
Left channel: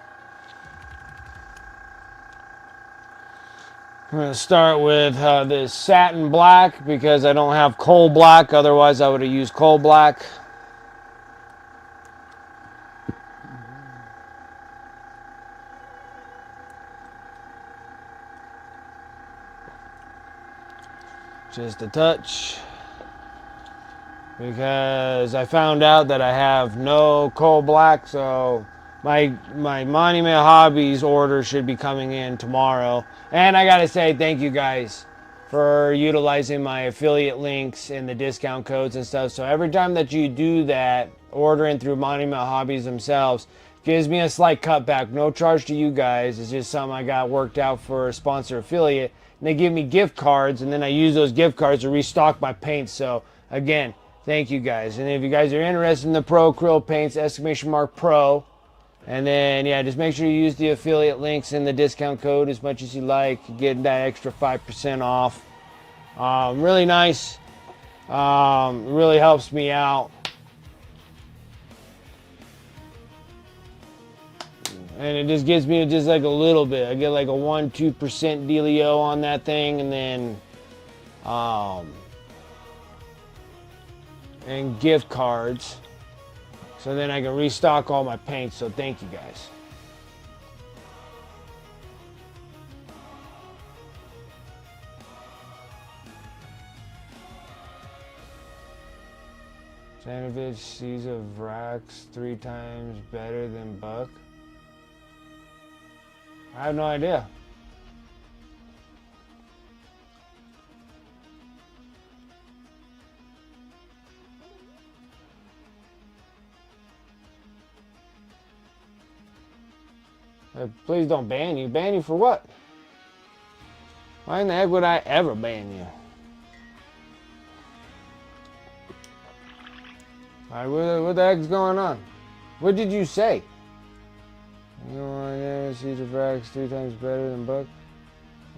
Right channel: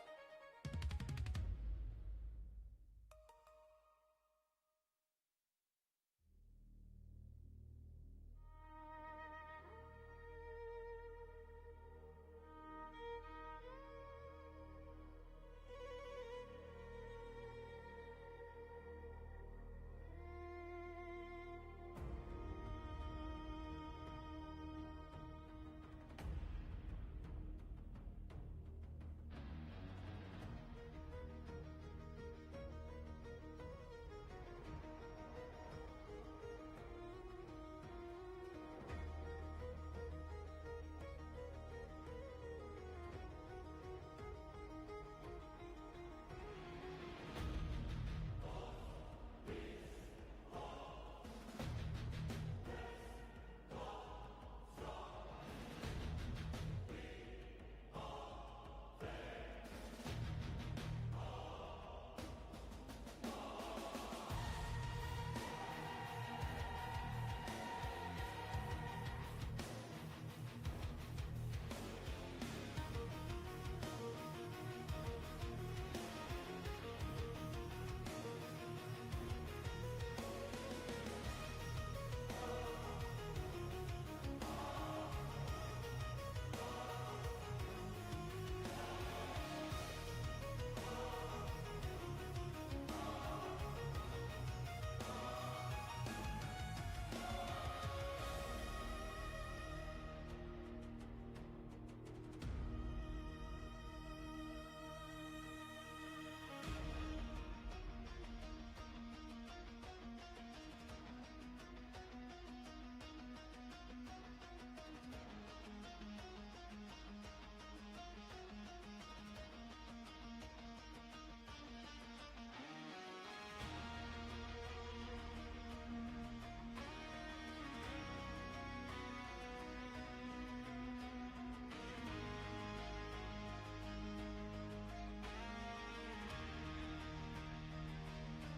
I'm gonna start with this satin black because I don't have coal black. Otherwise, I would have used coal black. Just a touch. Because I found out that I have no coal black, so my Monument Hobbies order should be coming in tomorrow. And I gotta say thank you guys for utilizing my affiliate links and the discount codes and stuff. So every time that you do that, ordering through Monument Hobbies themselves, gives me a slight cutback. No charge to you guys. It's just something I got worked out for a sponsor affiliate. And they give me gift cards, and then I use those gift cards to restock my paints. So again, thank you guys. And if you guys are interested in the Pro Acrylic paints, !Pro. And then, yeah, just make sure you use the affiliate links and the discount code as much as you like. You get that extra 5% off. Really nice. Really helps me out. And it just gives me just like a little bit. I get like a 1-2% dealio on that thing. And then, and gift cards. So then I can restock all my paints. So thank you guys. Janovich sees a Vrax 3 times better than Buck. I have no idea. Please don't ban you. Ban you for what? Why in the heck would I ever ban you? Alright, what the heck's going on? What did you say? You know, see the Vrax 3 times better than Buck.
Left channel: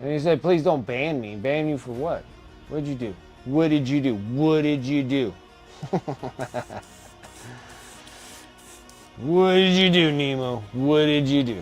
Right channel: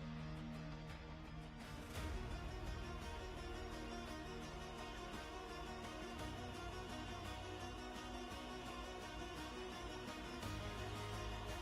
And you said, please don't ban me. Ban you for what? What did you do? What did you do? What did you do? What did you do, Nemo? What did you do?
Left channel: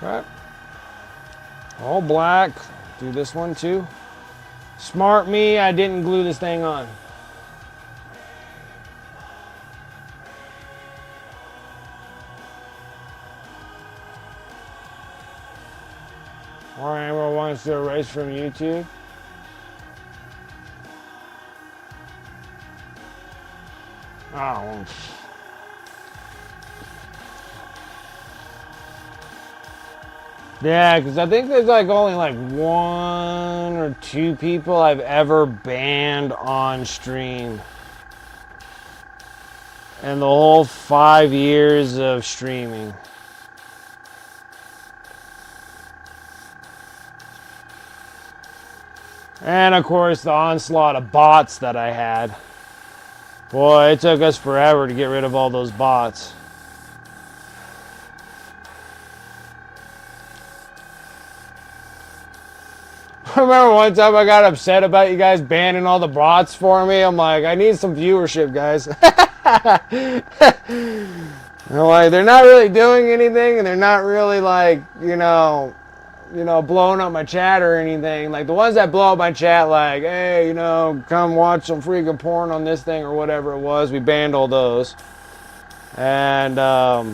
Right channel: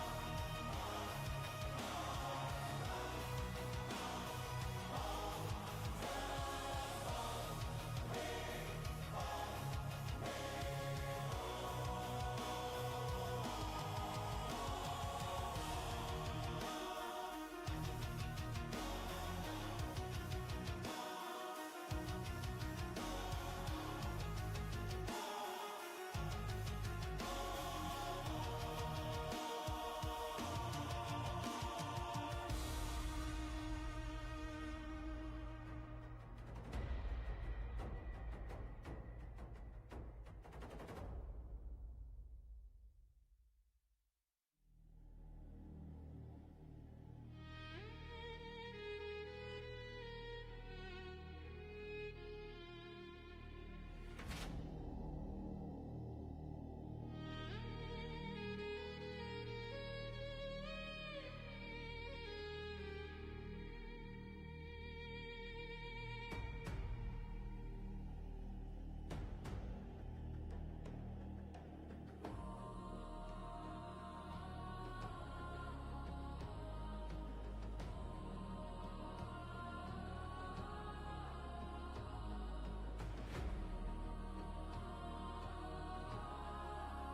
Alright. All black. Do this one too. Smart me, I didn't glue this thing on. Or anyone wants to erase from YouTube. Oh. Yeah, because I think there's like only like 1 or 2 people I've ever banned on stream. And the whole 5 years of streaming. And of course the onslaught of bots that I had. Boy, it took us forever to get rid of all those bots. I remember one time I got upset about you guys banning all the bots for me. I'm like, I need some viewership, guys. I'm like, they're not really doing anything, and they're not really like, blowing up my chat or anything. Like the ones that blow up my chat, like, hey, come watch some freaking porn on this thing or whatever it was. We banned all those. And but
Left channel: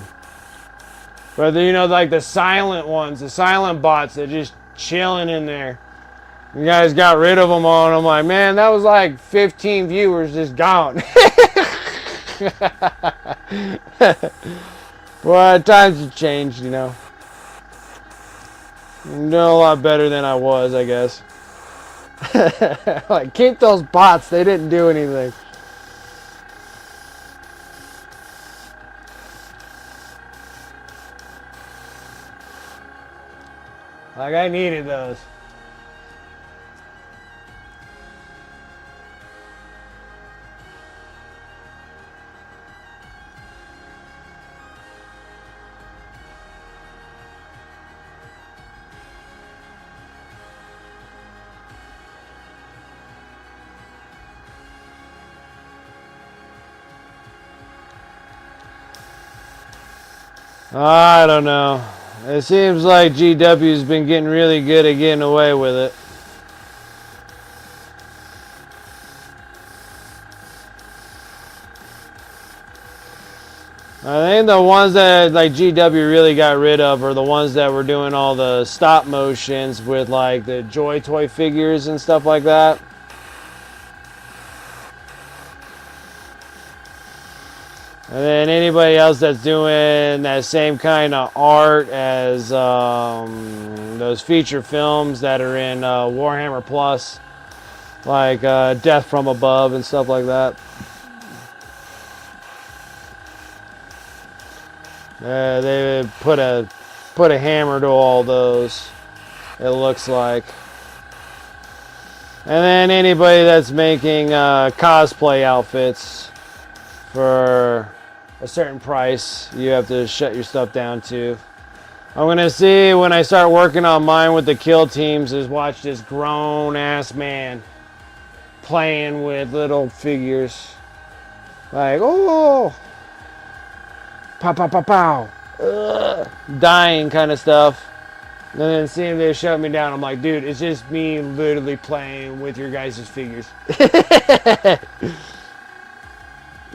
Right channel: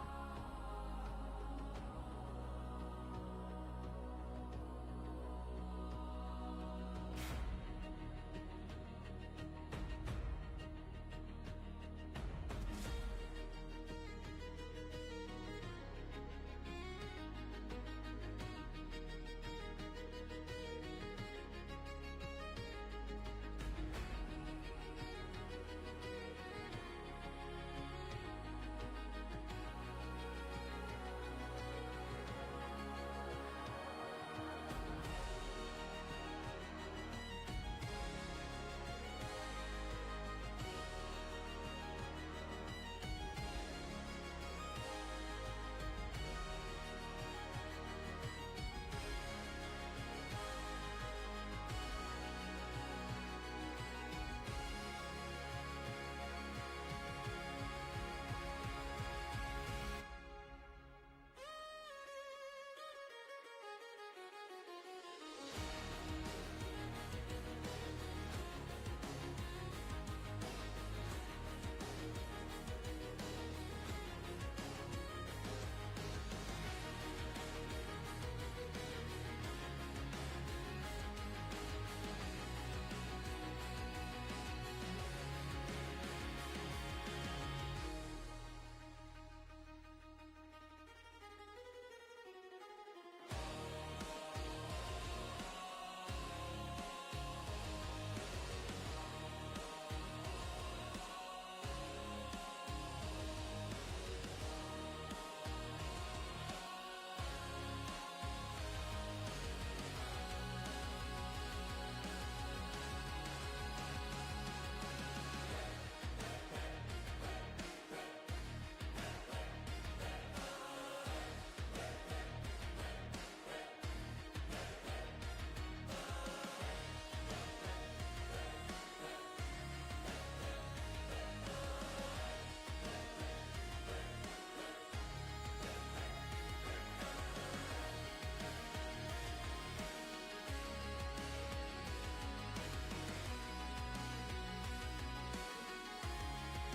like the silent ones, the silent bots, they're just chilling in there. You guys got rid of them all, and I'm like, man, that was like 15 viewers just gone. Well, times have changed, I'm doing a lot better than I was, I guess. Like, keep those bots. They didn't do anything. Like, I needed those. I don't know. It seems like GW's been getting really good at getting away with it. I think the ones that like GW really got rid of are the ones that were doing all the stop motions with like the Joy Toy figures and stuff like that. And then anybody else that's doing that same kind of art as those feature films that are in Warhammer Plus, like Death from Above and stuff like that. They put a hammer to all those, it looks like. And then anybody that's making cosplay outfits for a certain price, you have to shut your stuff down too. I'm gonna see when I start working on mine with the kill teams is watch this grown ass man playing with little figures. Like, oh, pow, pow, pow, pow. Ugh. Dying kind of stuff. And then seeing they shut me down, I'm like, dude, it's just me literally playing with your guys' figures.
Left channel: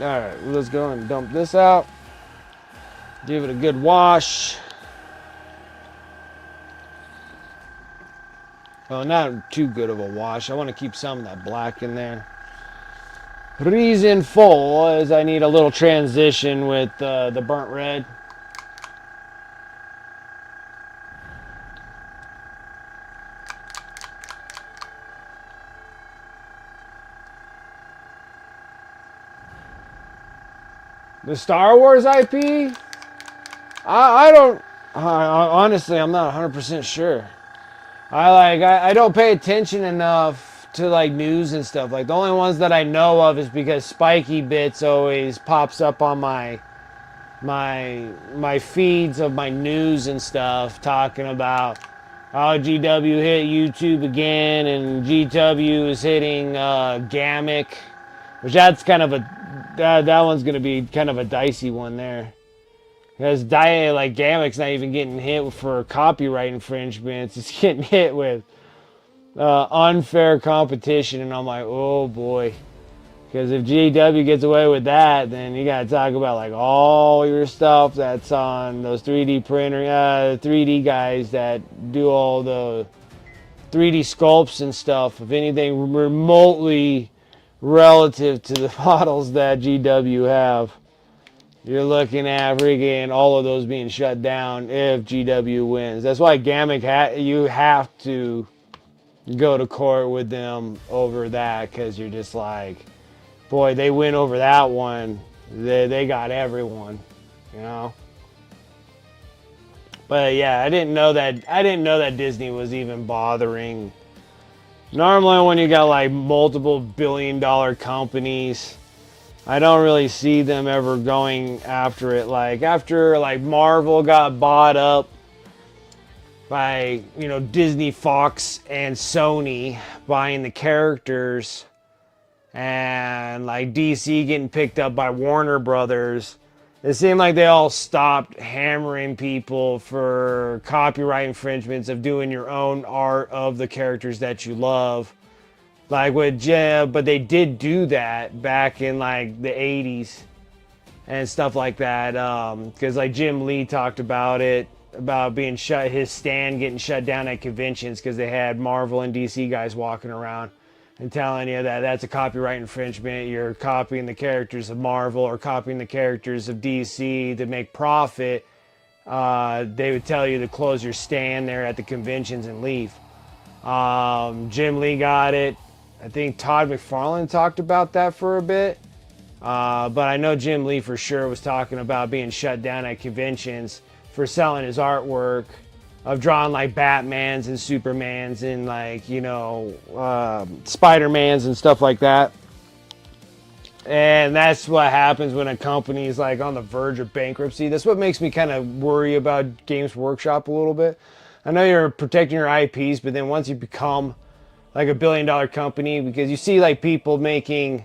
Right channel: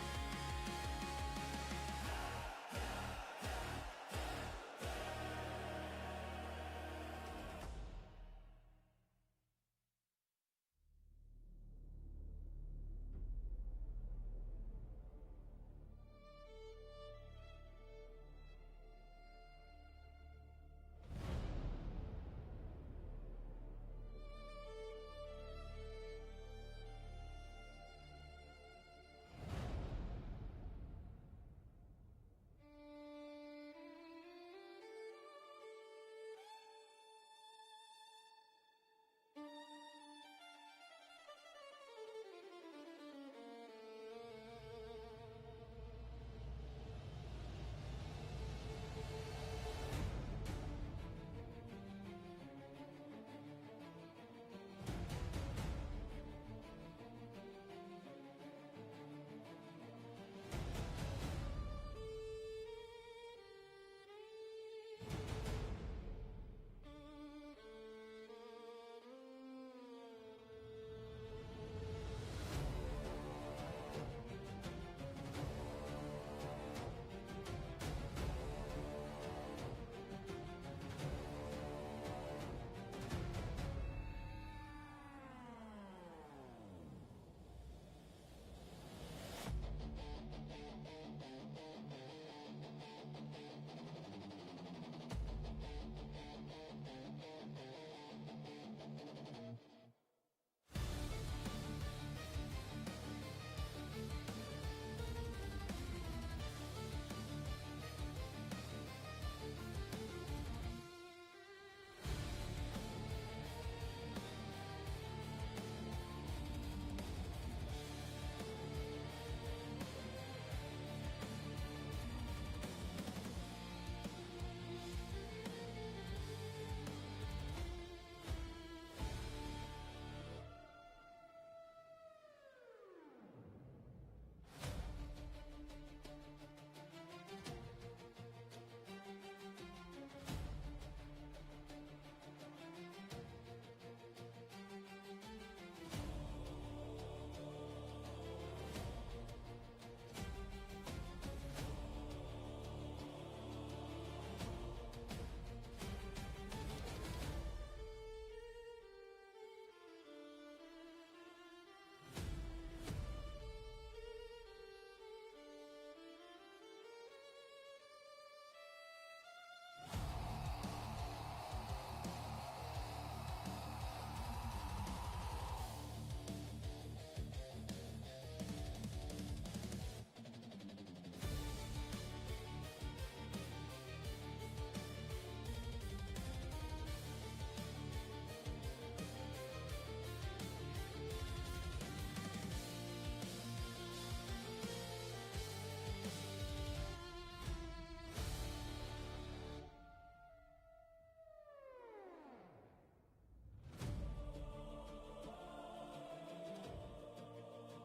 Alright, let's go and dump this out. Give it a good wash. Well, not too good of a wash. I want to keep some of that black in there. Reason for is I need a little transition with the burnt red. The Star Wars IP? I don't... honestly, I'm not 100% sure. I don't pay attention enough to like news and stuff. Like the only ones that I know of is because Spiky Bits always pops up on my feeds of my news and stuff, talking about how GW hit YouTube again, and GW is hitting Gamic, which that's kind of a that one's gonna be kind of a dicey one there, because like Gamic's not even getting hit for copyright infringements; it's getting hit with unfair competition, and I'm like, oh boy. Because if GW gets away with that, then you gotta talk about like all your stuff that's on those 3D printer, 3D guys that do all the 3D sculpts and stuff. If anything remotely relative to the models that GW have, you're looking at freaking all of those being shut down if GW wins. That's why Gamic you have to go to court with them over that, because you're just like, boy, they win over that one, they got everyone, you know. But yeah, I didn't know that Disney was even bothering Normally when you got like multiple billion-dollar companies, I don't really see them ever going after it. Like after like Marvel got bought up by, you know, Disney, Fox, and Sony buying the characters, and like DC getting picked up by Warner Brothers, it seemed like they all stopped hammering people for copyright infringements of doing your own art of the characters that you love. Like with Jim, but they did do that back in like the 80s and stuff like that. Because like Jim Lee talked about it, about being shut, his stand getting shut down at conventions because they had Marvel and DC guys walking around and telling you that that's a copyright infringement. You're copying the characters of Marvel or copying the characters of DC to make profit. They would tell you to close your stand there at the conventions and leave. Jim Lee got it. I think Todd McFarlane talked about that for a bit. But I know Jim Lee for sure was talking about being shut down at conventions for selling his artwork of drawing like Batmans and Supermans and like, you know, Spider-Mans and stuff like that. And that's what happens when a company is like on the verge of bankruptcy. That's what makes me kind of worry about Games Workshop a little bit. I know you're protecting your IPs, but then once you become like a billion-dollar company, because you see like people making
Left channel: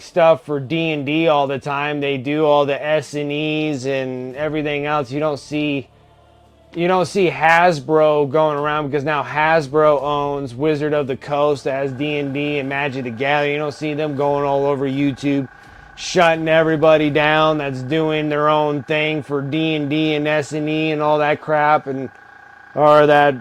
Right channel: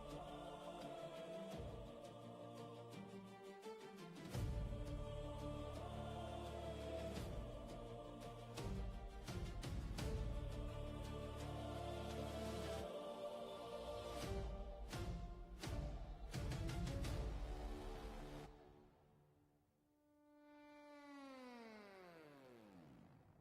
stuff for D&D all the time. They do all the S&Es and everything else. You don't see Hasbro going around, because now Hasbro owns Wizard of the Coast that has D&D and Magic the Gathering. You don't see them going all over YouTube shutting everybody down that's doing their own thing for D&D and S&E and all that crap, and or that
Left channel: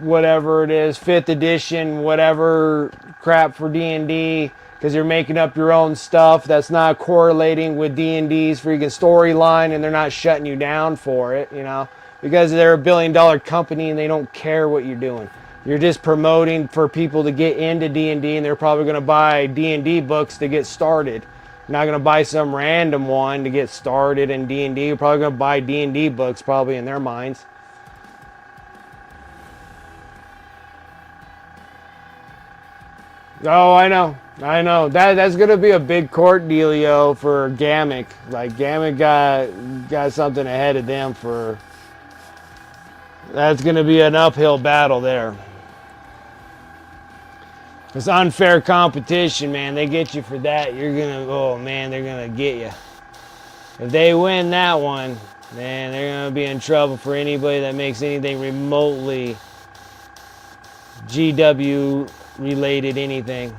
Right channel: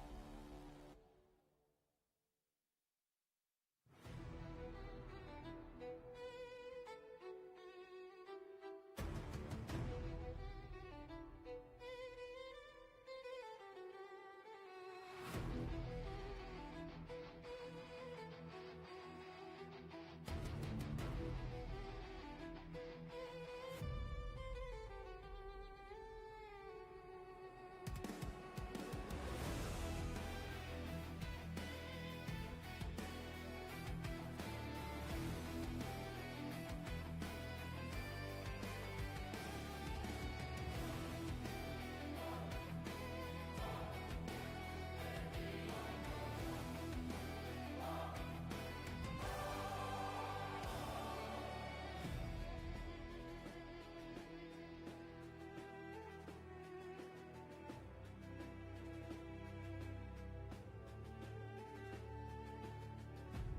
whatever it is, 5th edition whatever crap for D&D, because you're making up your own stuff that's not correlating with D&D's freaking storyline, and they're not shutting you down for it, you know, because they're a billion-dollar company and they don't care what you're doing. You're just promoting for people to get into D&D, and they're probably going to buy D&D books to get started. You're not going to buy some random one to get started in D&D. You're probably going to buy D&D books, probably in their minds. Oh, I know. That's gonna be a big court dealio for Gamic. Like Gamic got something ahead of them for. That's gonna be an uphill battle there. It's unfair competition, man. They get you for that. Oh man, they're gonna get you. If they win that one, man, they're gonna be in trouble for anybody that makes anything remotely GW related anything.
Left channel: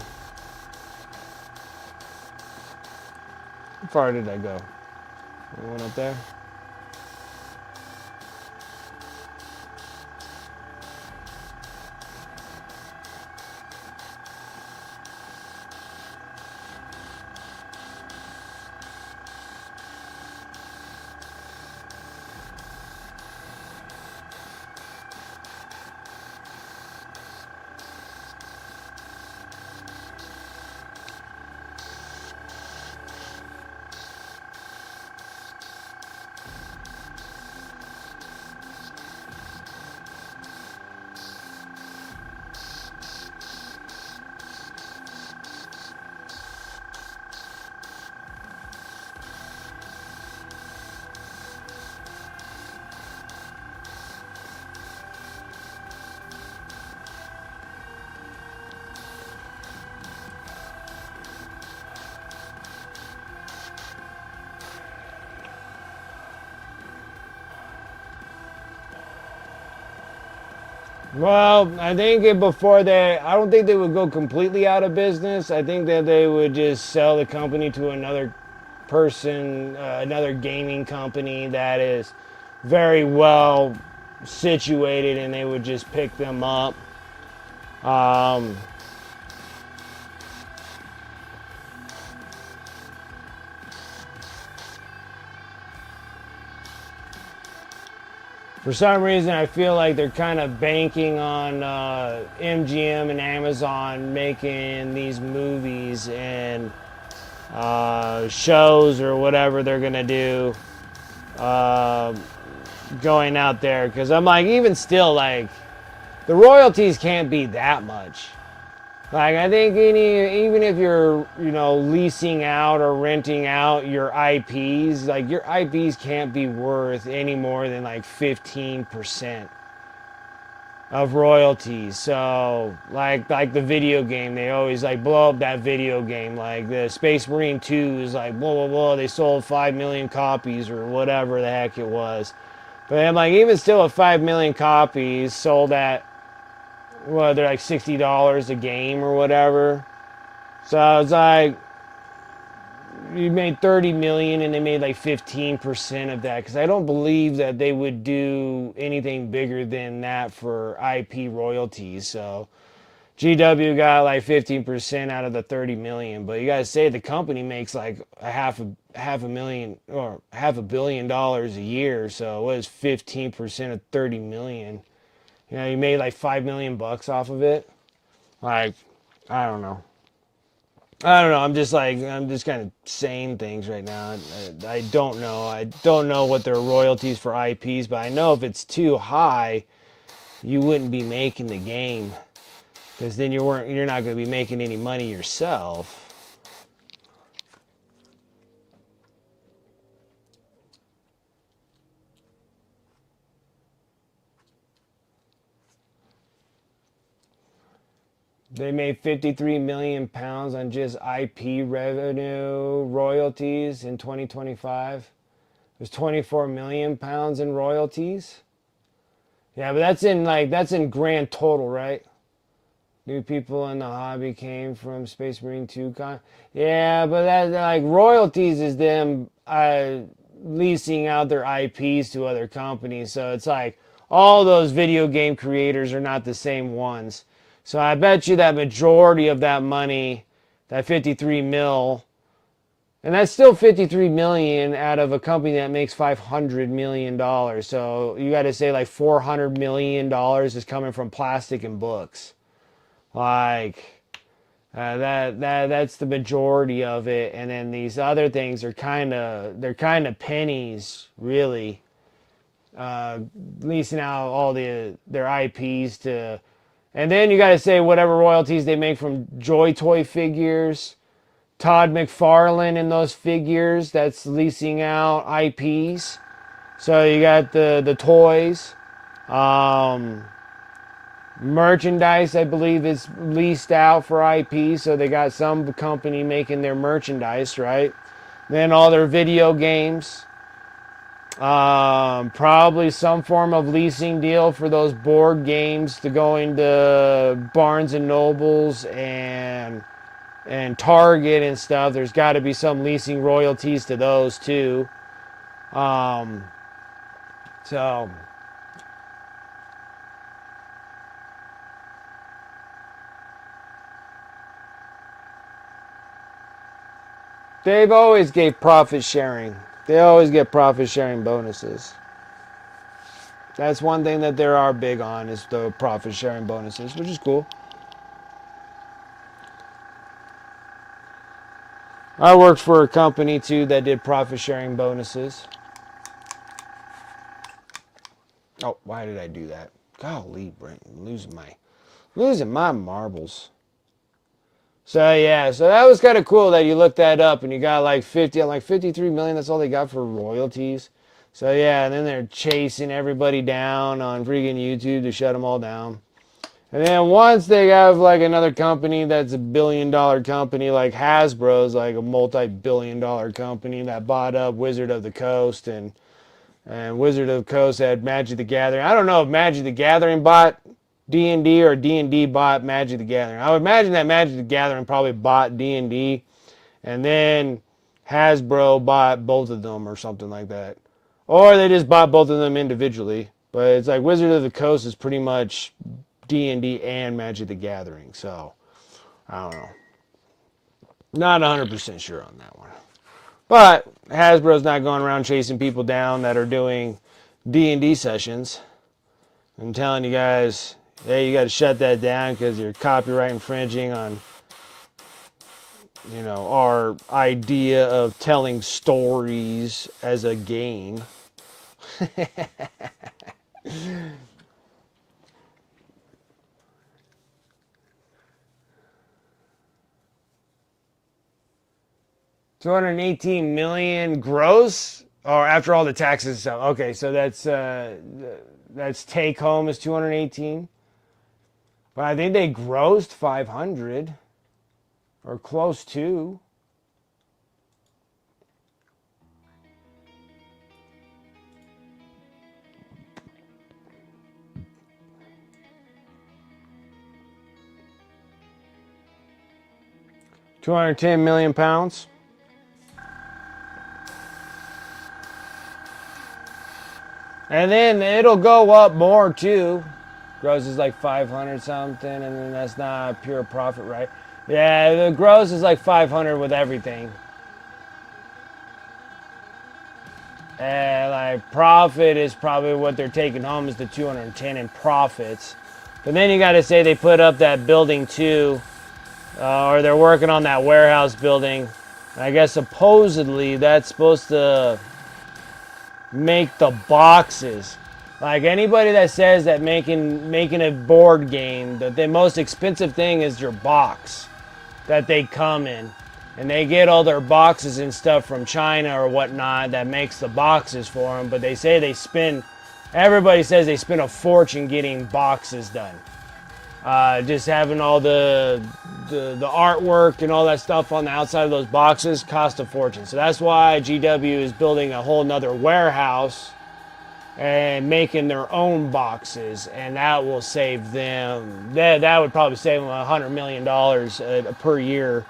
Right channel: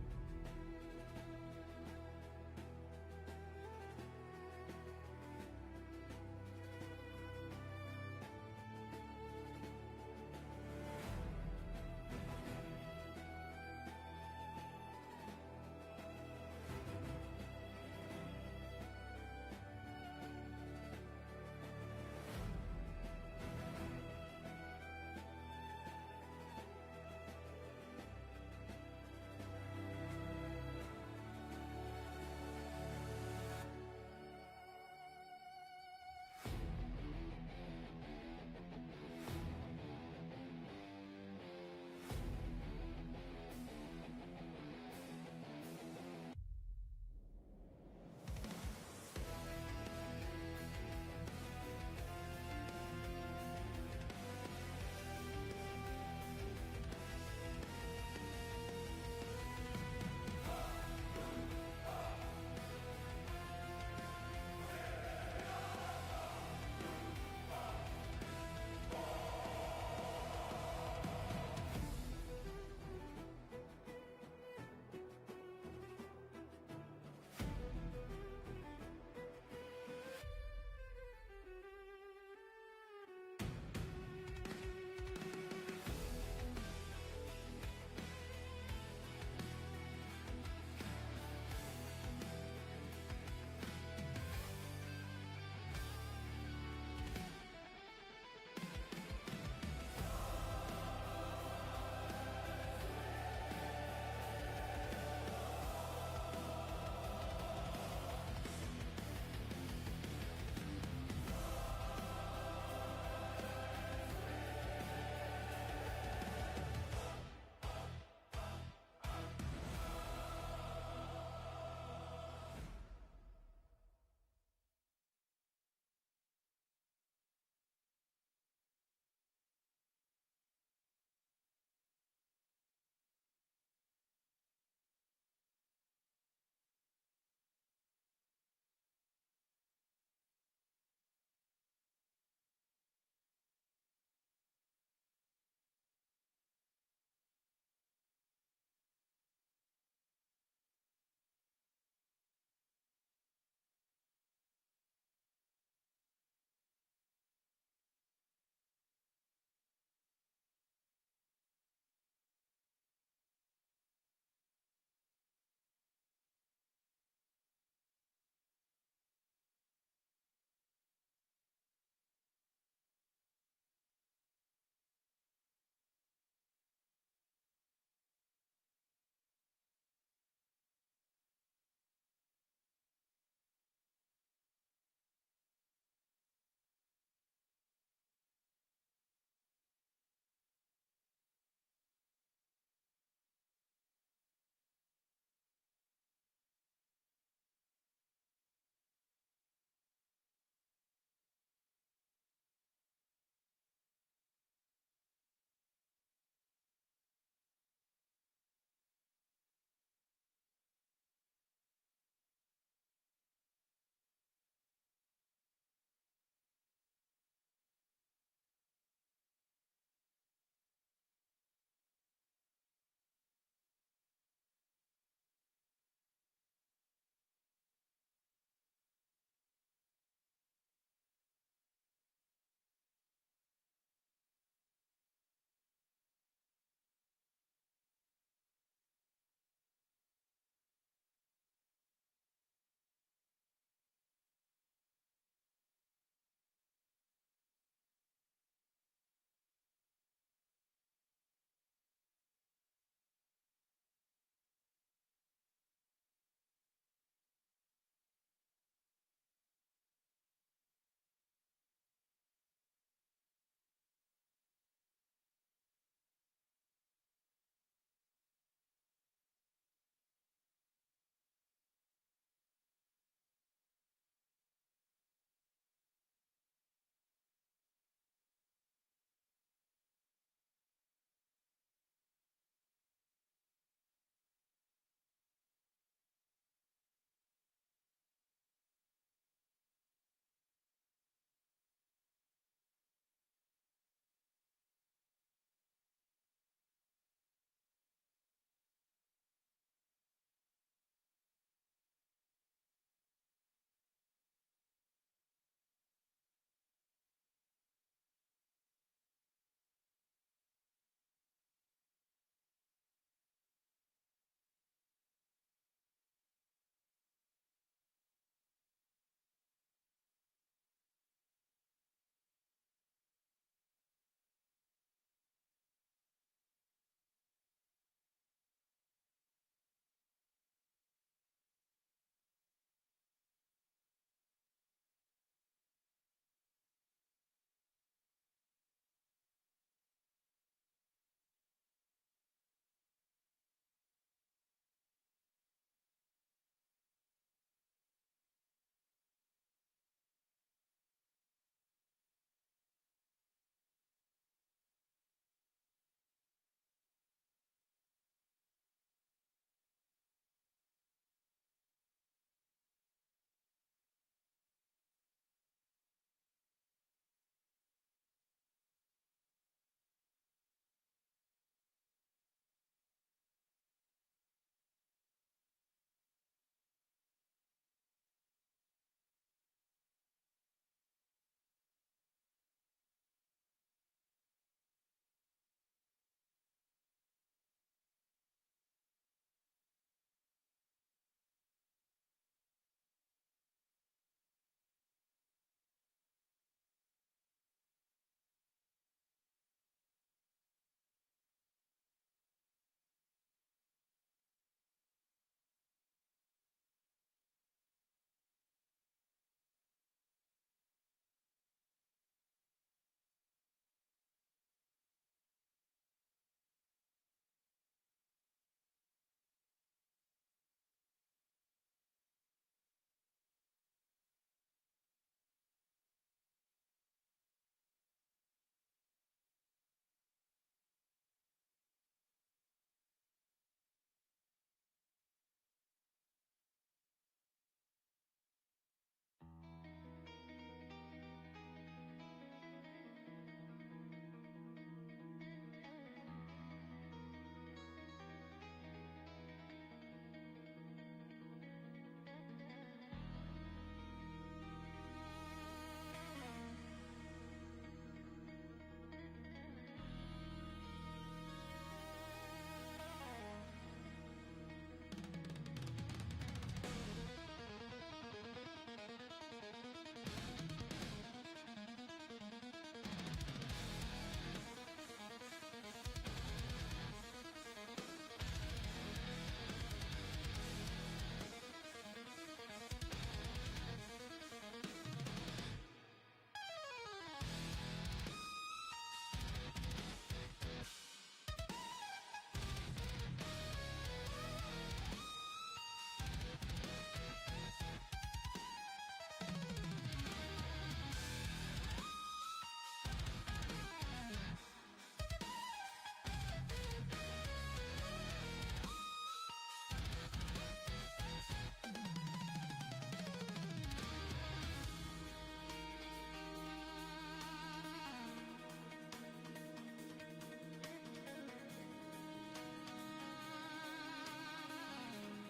How far did I go? I went up there. Well, I think I don't think they would go completely out of business. I think that they would just sell the company to another person, another gaming company that is very well situated, and they would just pick them up. For some reason, I feel like they're kind of banking on MGM and Amazon making these movies and shows or whatever they're gonna do, going out there. Because I'm like, even still, like, the royalties can't be that much. Like, I think even if you're, leasing out or renting out your IPs, like, your IPs can't be worth any more than like 15% of royalties. So, like the video game, they always like blow up that video game. Like the Space Marine 2 is like blah blah blah. They sold 5 million copies or whatever the heck it was. But I'm like, even still, at 5 million copies sold at, well, they're like $60 a game or whatever. So it's like you made 30 million and they made like 15% of that, because I don't believe that they would do anything bigger than that for IP royalties. So GW got like 15% out of the 30 million, but you gotta say the company makes like a half a million or $500 million a year. So what is 15% of 30 million? You made like 5 million bucks off of it. Like, I don't know. I'm just kind of saying things right now. I don't know. I don't know what their royalties for IPs, but I know if it's too high, you wouldn't be making the game, because then you're not going to be making any money yourself. They made 53 million pounds on just IP revenue royalties in 2025. There's 24 million pounds in royalties. Yeah, but that's in grand total, right? New people in the hobby came from Space Marine 2 con. Yeah, but that, like, royalties is them leasing out their IPs to other companies. So it's like all those video game creators are not the same ones. So I bet you that majority of that money, that 53 mil, and that's still 53 million out of a company that makes $500 million. So you got to say like $400 million is coming from plastic and books. Like, that's the majority of it, and then these other things are they're kind of pennies, really. Leasing out all their IPs to, and then you got to say whatever royalties they make from Joy Toy figures, Todd McFarlane and those figures. That's leasing out IPs. So you got the toys. Merchandise, I believe, is leased out for IP, so they got some company making their merchandise, right? Then all their video games, probably some form of leasing deal for those board games to go into Barnes and Nobles and Target and stuff. There's got to be some leasing royalties to those too. So. They've always gave profit sharing. They always get profit sharing bonuses. That's one thing that they are big on, is the profit sharing bonuses, which is cool. I worked for a company too that did profit sharing bonuses. Oh, why did I do that? Golly, Brent, losing my marbles. So yeah, so that was kind of cool that you looked that up and you got like 53 million. That's all they got for royalties. So yeah, and then they're chasing everybody down on freaking YouTube to shut them all down. And then once they have like another company that's a $1 billion company, like Hasbro's like a multi-billion-dollar company that bought up Wizard of the Coast, and Wizard of the Coast had Magic the Gathering. I don't know if Magic the Gathering bought D&D or D&D bought Magic the Gathering. I would imagine that Magic the Gathering probably bought D&D, and then Hasbro bought both of them or something like that. Or they just bought both of them individually. But it's like Wizard of the Coast is pretty much D&D and Magic the Gathering. So, I don't know. Not 100% sure on that one. But Hasbro's not going around chasing people down that are doing D&D sessions. I'm telling you guys, hey, you got to shut that down because you're copyright infringing on, our idea of telling stories as a game. 218 million gross, or after all the taxes and stuff. Okay, so that's take home is 218. But I think they grossed 500 or close to. £210 million. And then it'll go up more too. Gross is like 500 something, and then that's not pure profit, right? Yeah, the gross is like 500 with everything. And like profit is probably what they're taking home is the 210 in profits. But then you got to say they put up that building too, or they're working on that warehouse building. I guess supposedly that's supposed to make the boxes. Like anybody that says that making a board game, the most expensive thing is your box that they come in. And they get all their boxes and stuff from China or whatnot that makes the boxes for them. But they say everybody says they spend a fortune getting boxes done. Just having all the artwork and all that stuff on the outside of those boxes cost a fortune. So that's why GW is building a whole nother warehouse and making their own boxes, and that will save them. That would probably save them $100 million per year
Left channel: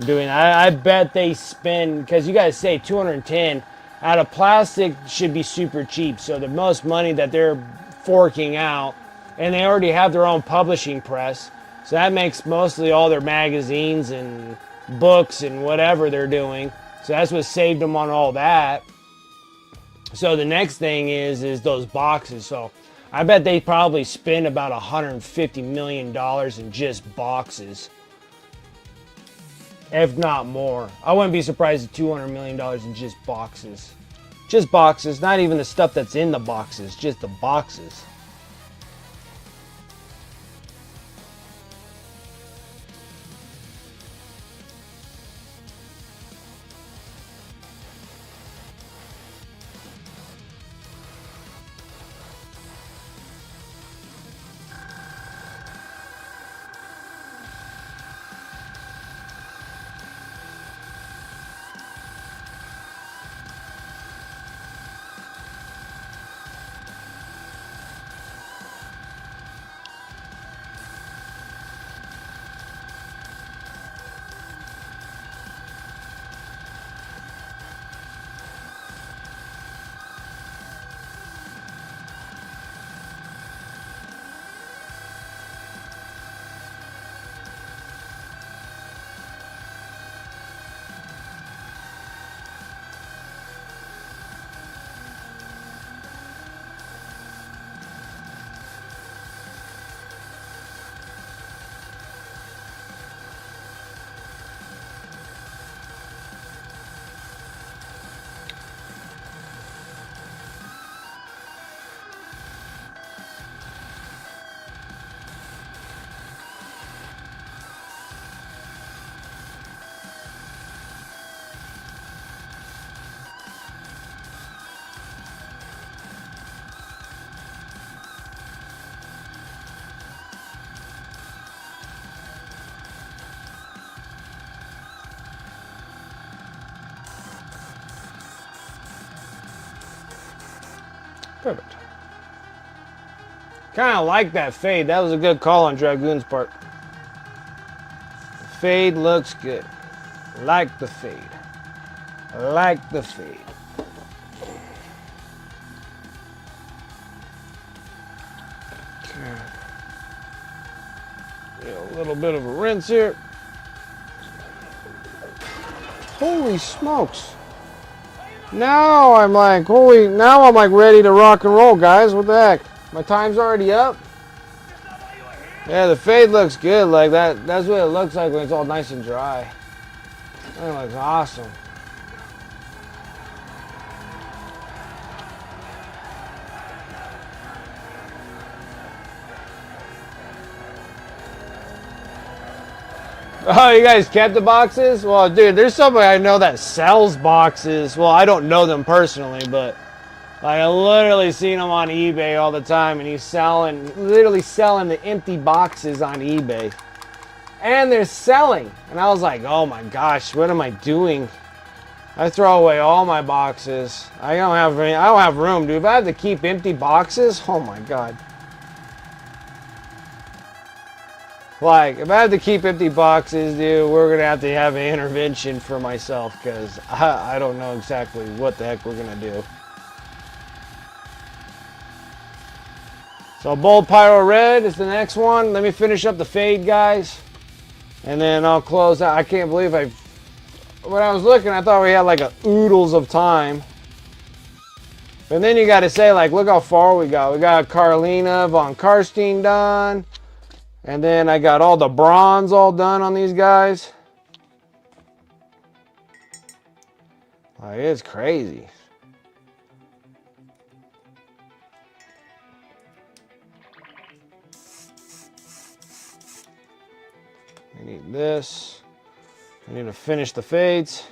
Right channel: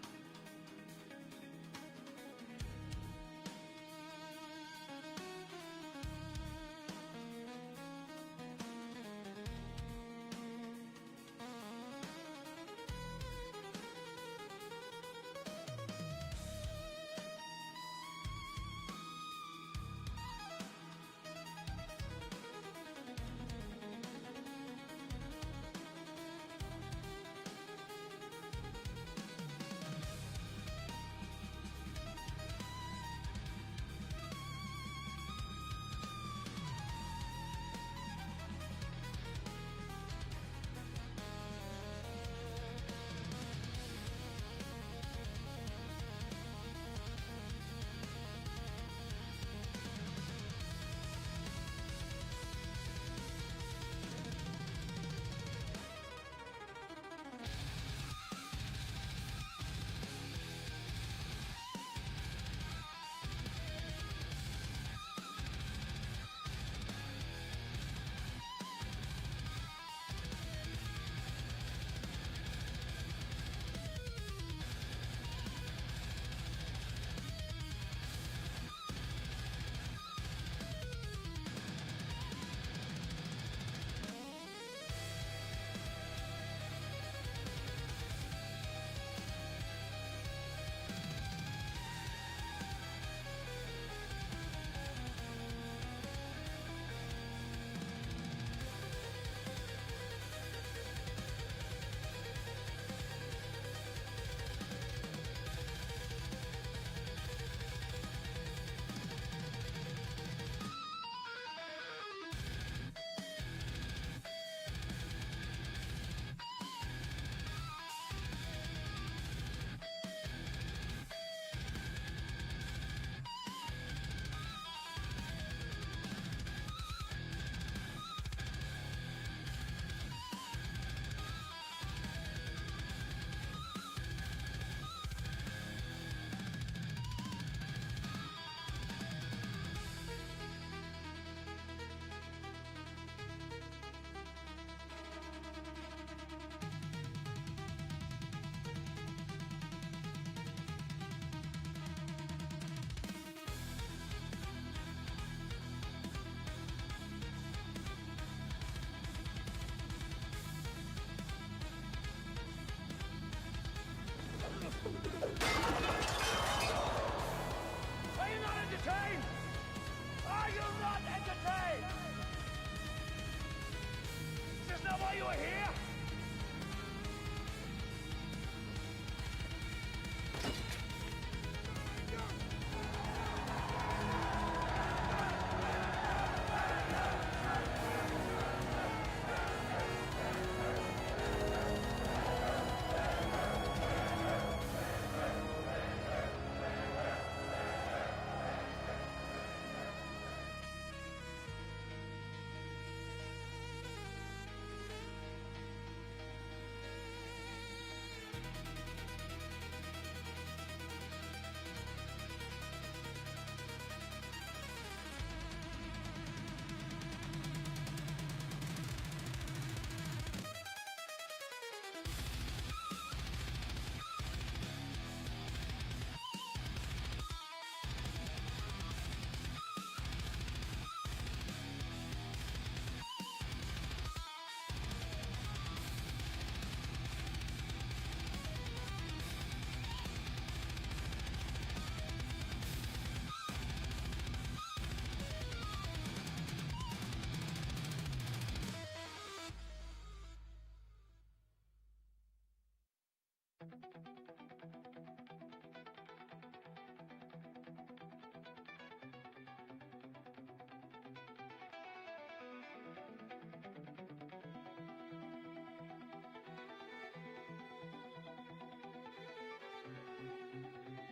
doing that. I bet they spend, because you guys say 210 out of plastic should be super cheap. So the most money that they're forking out, and they already have their own publishing press. So that makes mostly all their magazines and books and whatever they're doing. So that's what saved them on all that. So the next thing is those boxes. So I bet they probably spend about $150 million in just boxes, if not more. I wouldn't be surprised at $200 million in just boxes. Just boxes, not even the stuff that's in the boxes, just the boxes. Perfect. Kind of like that fade. That was a good call on Dragoon's part. The fade looks good. Like the fade. Like the fade. A little bit of a rinse here. Holy smokes. Now I'm like, ready to rock and roll, guys. What the heck? My time's already up. Yeah, the fade looks good. Like that. That's what it looks like when it's all nice and dry. That looks awesome. Oh, you guys kept the boxes? Well, dude, there's somebody I know that sells boxes. Well, I don't know them personally, but like, I literally seen him on eBay all the time, and he's literally selling the empty boxes on eBay. And they're selling. And I was like, oh my gosh, what am I doing? I throw away all my boxes. I don't have room, dude. If I have to keep empty boxes, oh my god. Like, if I have to keep empty boxes, dude, we're gonna have to have an intervention for myself, because I don't know exactly what the heck we're gonna do. So Bold Pyro Red is the next one. Let me finish up the fade, guys. And then I'll close out. I can't believe when I was looking, I thought we had like a oodles of time. But then you got to say, like, look how far we got. We got Carlina von Karstein done. And then I got all the bronze all done on these guys. Like, it's crazy. I need this. I need to finish the fades.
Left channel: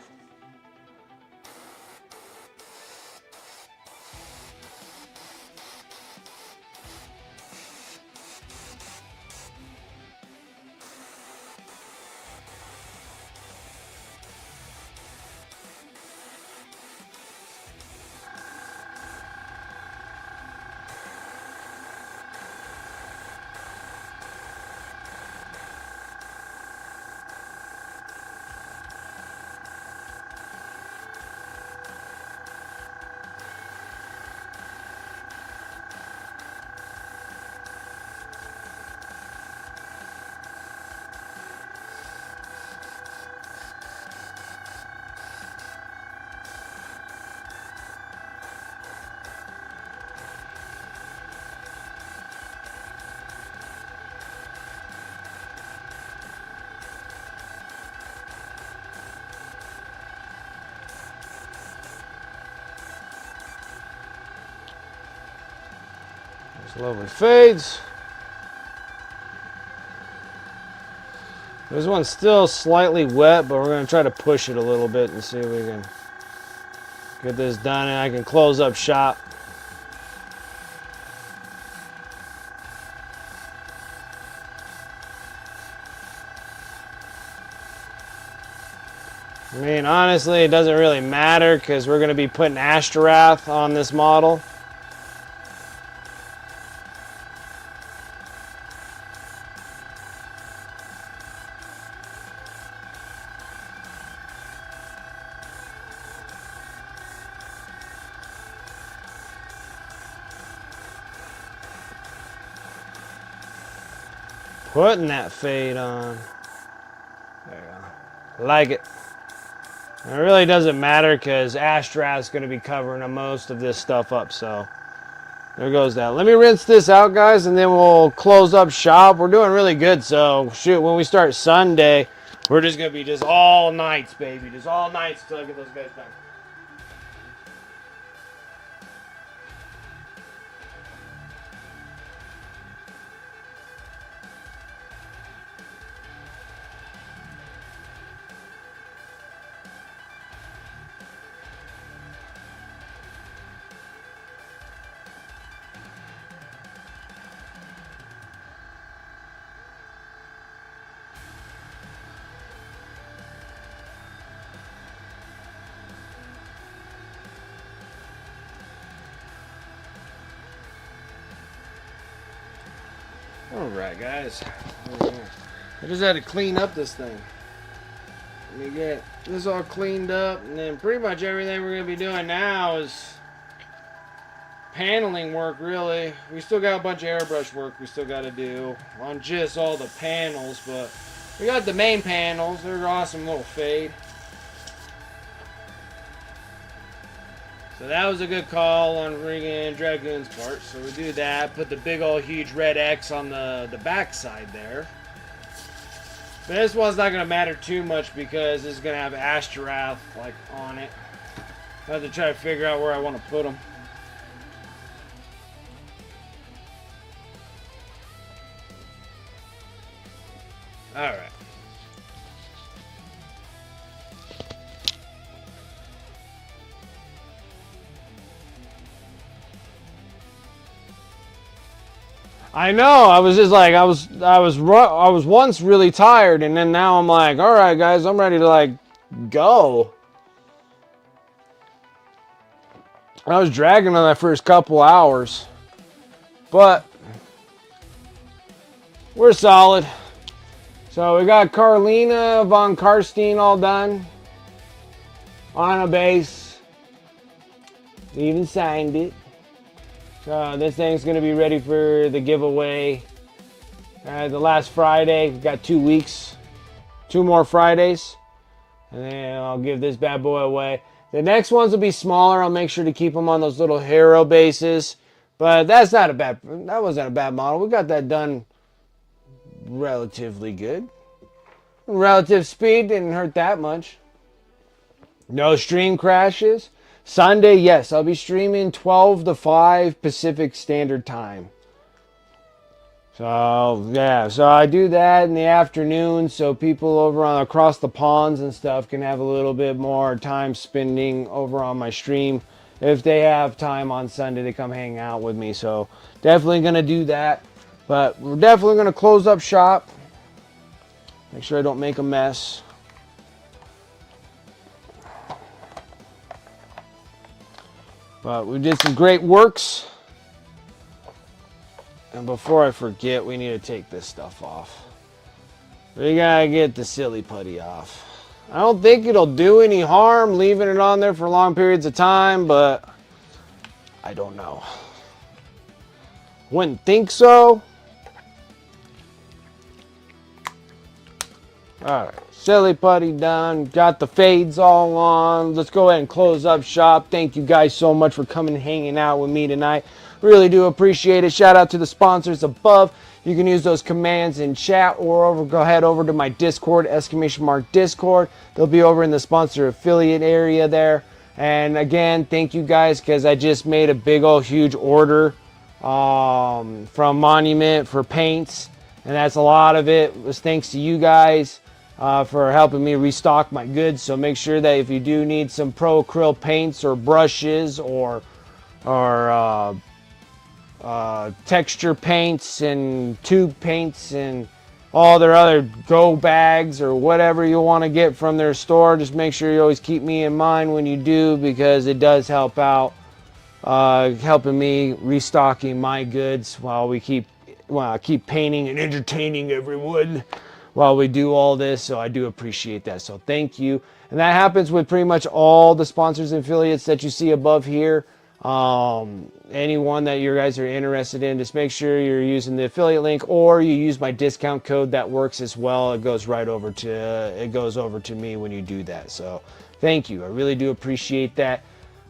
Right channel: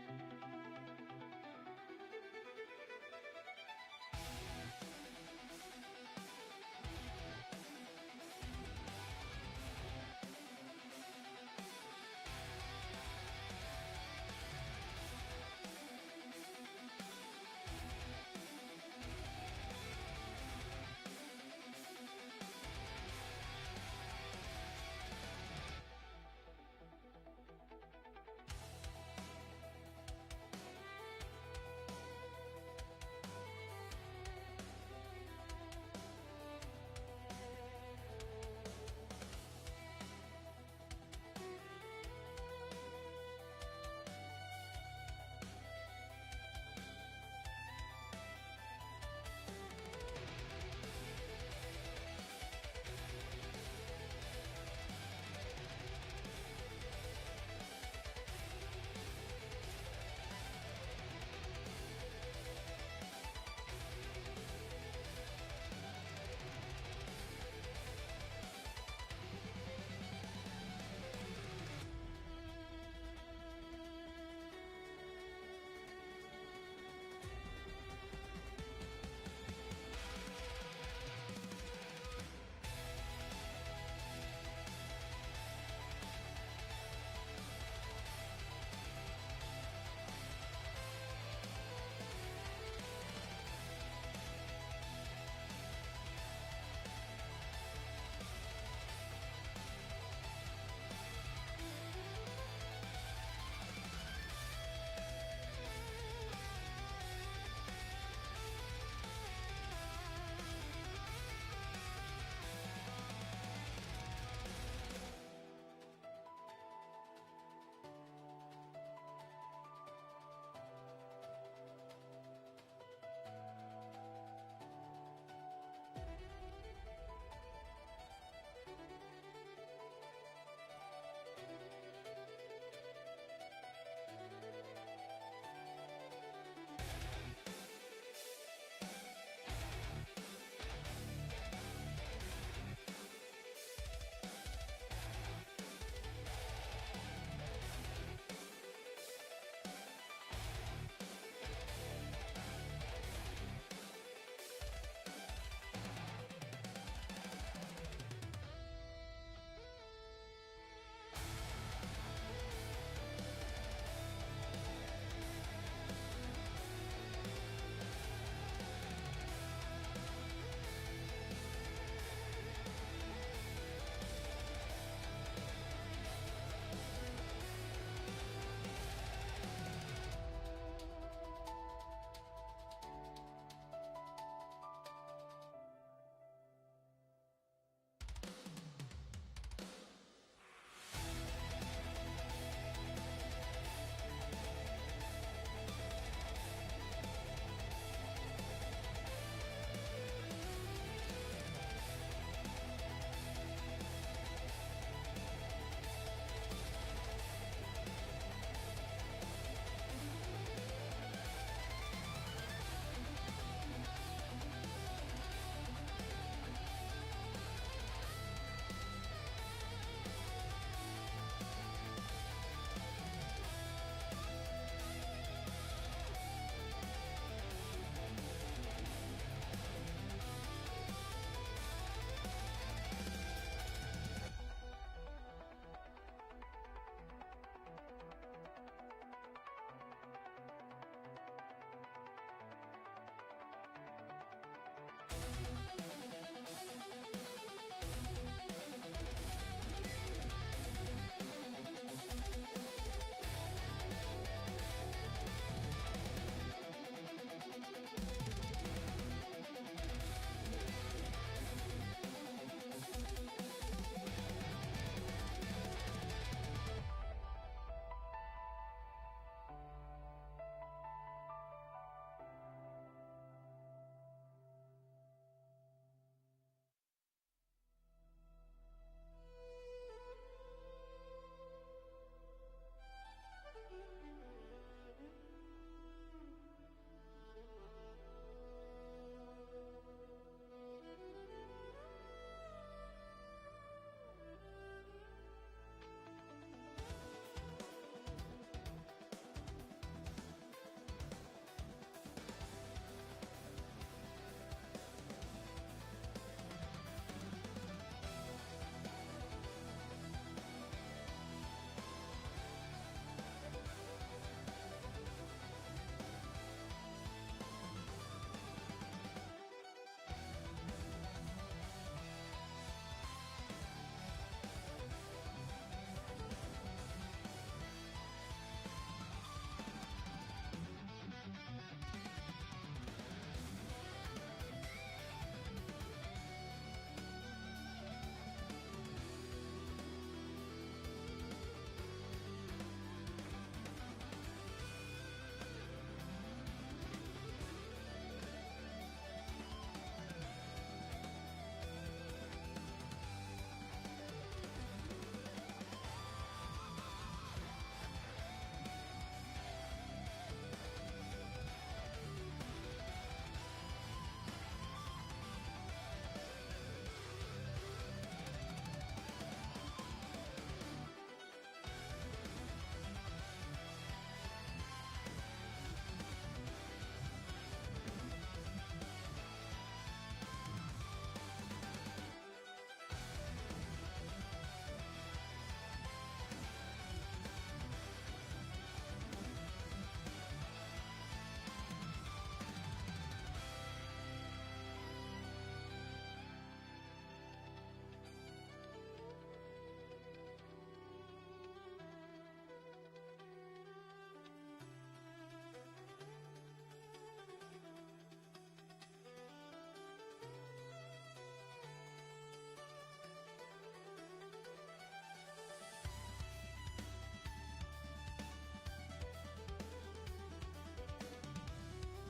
Lovely fades. This one's still slightly wet, but we're going to try to push it a little bit and see if we can get this done, and I can close up shop. I mean, honestly, it doesn't really matter because we're going to be putting Ashtaroth on this model. Putting that fade on. There you go. Like it. And it really doesn't matter because Ashtaroth's going to be covering most of this stuff up, so there goes that. Let me rinse this out, guys, and then we'll close up shop. We're doing really good, so shoot, when we start Sunday, we're just going to be just all nights, baby. Just all nights until I get those guys done. Alright, guys. I just had to clean up this thing. Let me get this all cleaned up, and then pretty much everything we're going to be doing now is paneling work, really. We still got a bunch of airbrush work we still got to do on just all the panels, but we got the main panels. They're awesome little fade. So that was a good call on Regan Dragoon's part. So we do that. Put the big old huge red X on the back side there. But this one's not going to matter too much because it's going to have Ashtaroth like on it. I have to try to figure out where I want to put them. Alright. I know. I was just like, I was once really tired, and then now I'm like, all right, guys, I'm ready to like go. I was dragging on that first couple hours, but we're solid. So we got Carlina von Karstein all done on a base. We even signed it. So this thing's gonna be ready for the giveaway. The last Friday, we've got 2 weeks, 2 more Fridays, and then I'll give this bad boy away. The next ones will be smaller. I'll make sure to keep them on those little hero bases, but that wasn't a bad model. We got that done relatively good. Relative speed didn't hurt that much. No stream crashes. Sunday, yes, I'll be streaming 12 to 5 Pacific Standard Time. So, yeah, so I do that in the afternoon so people over on across the ponds and stuff can have a little bit more time spending over on my stream. If they have time on Sunday to come hang out with me. So, definitely going to do that. But we're definitely going to close up shop. Make sure I don't make a mess. But we did some great works. And before I forget, we need to take this stuff off. We gotta get the silly putty off. I don't think it'll do any harm leaving it on there for long periods of time, but I don't know. Wouldn't think so. Alright, silly putty done. Got the fades all on. Let's go ahead and close up shop. Thank you guys so much for coming and hanging out with me tonight. Really do appreciate it. Shout out to the sponsors above. You can use those commands in chat or go ahead over to my Discord, !Discord. They'll be over in the sponsor affiliate area there. And again, thank you guys because I just made a big old huge order from Monument for paints. And that's a lot of it. It was thanks to you guys for helping me restock my goods. So make sure that if you do need some pro acrylic paints or brushes or texture paints and tube paints and all their other go bags or whatever you want to get from their store, just make sure you always keep me in mind when you do, because it does help out helping me restocking my goods while I keep painting and entertaining everyone while we do all this. So I do appreciate that, so thank you. And that happens with pretty much all the sponsors and affiliates that you see above here. Anyone that you guys are interested in, just make sure you're using the affiliate link or you use my discount code. That works as well. It goes over to me when you do that. So thank you. I really do appreciate that.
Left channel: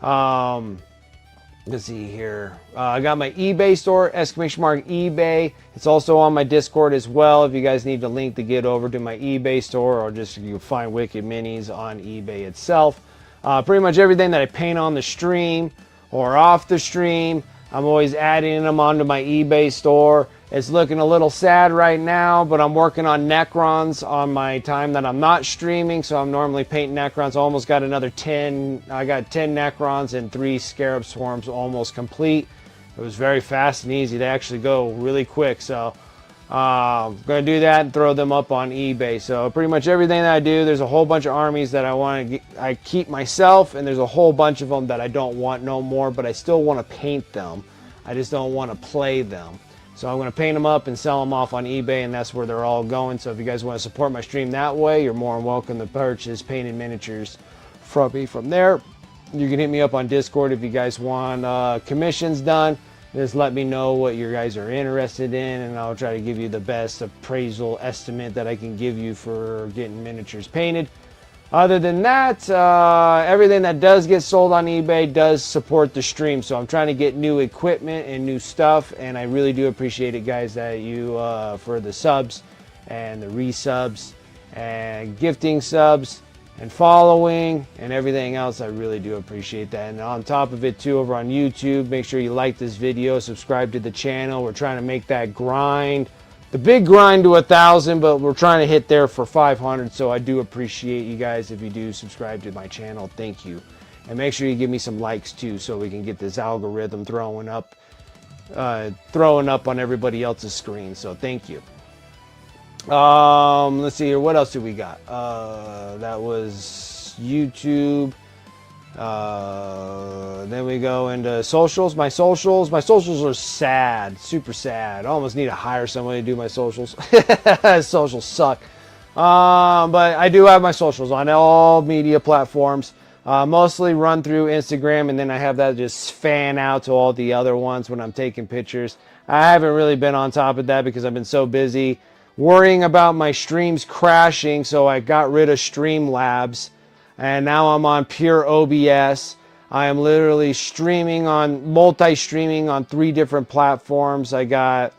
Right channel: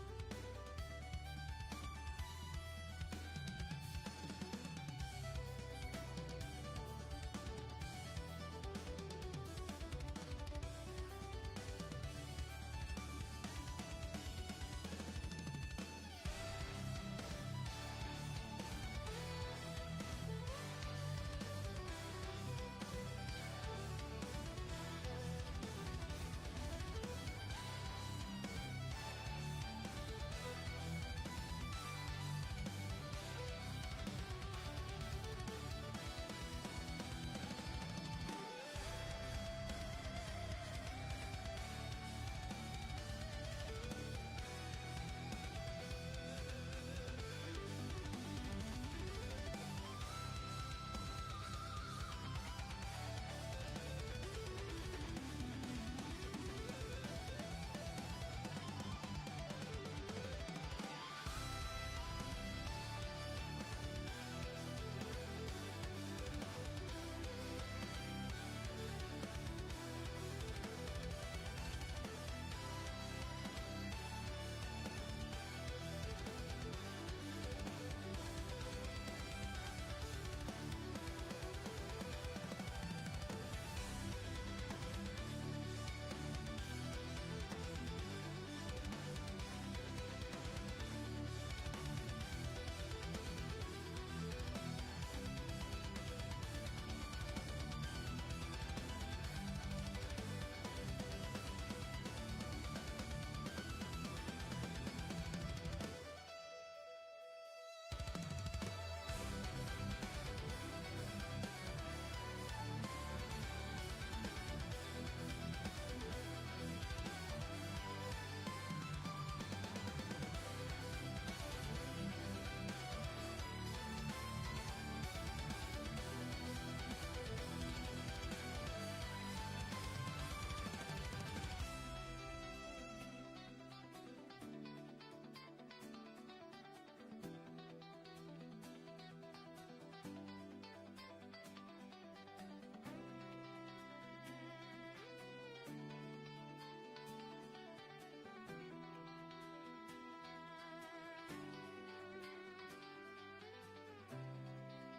Let's see here. I got my eBay store, !eBay. It's also on my Discord as well. If you guys need the link to get over to my eBay store, or just you can find Wicked Minis on eBay itself. Pretty much everything that I paint on the stream or off the stream, I'm always adding them onto my eBay store. It's looking a little sad right now, but I'm working on Necrons on my time that I'm not streaming, so I'm normally painting Necrons. Almost got another 10. I got 10 Necrons and 3 Scarab Swarms almost complete. It was very fast and easy. They actually go really quick, so I'm going to do that and throw them up on eBay. So pretty much everything that I do, there's a whole bunch of armies that I keep myself, and there's a whole bunch of them that I don't want no more, but I still want to paint them. I just don't want to play them. So I'm going to paint them up and sell them off on eBay, and that's where they're all going. So if you guys want to support my stream that way, you're more than welcome to purchase painted miniatures from me from there. You can hit me up on Discord if you guys want commissions done. Just let me know what you guys are interested in, and I'll try to give you the best appraisal estimate that I can give you for getting miniatures painted. Other than that, everything that does get sold on eBay does support the stream. So I'm trying to get new equipment and new stuff, and I really do appreciate it, guys, that you for the subs and the resubs and gifting subs and following and everything else. I really do appreciate that. And on top of it too, over on YouTube, make sure you like this video, subscribe to the channel. We're trying to make that grind, the big grind, to 1,000, but we're trying to hit there for 500. So I do appreciate you guys if you do subscribe to my channel. Thank you. And make sure you give me some likes too, so we can get this algorithm throwing up throwing up on everybody else's screen. So thank you. Let's see here. What else do we got? That was YouTube. Then we go into socials. My socials are sad, super sad. I almost need to hire somebody to do my socials. Socials suck. But I do have my socials on all media platforms. Mostly run through Instagram, and then I have that just fan out to all the other ones when I'm taking pictures. I haven't really been on top of that because I've been so busy worrying about my streams crashing, so I got rid of Streamlabs, and now I'm on pure OBS. I am literally multi-streaming on 3 different platforms. I got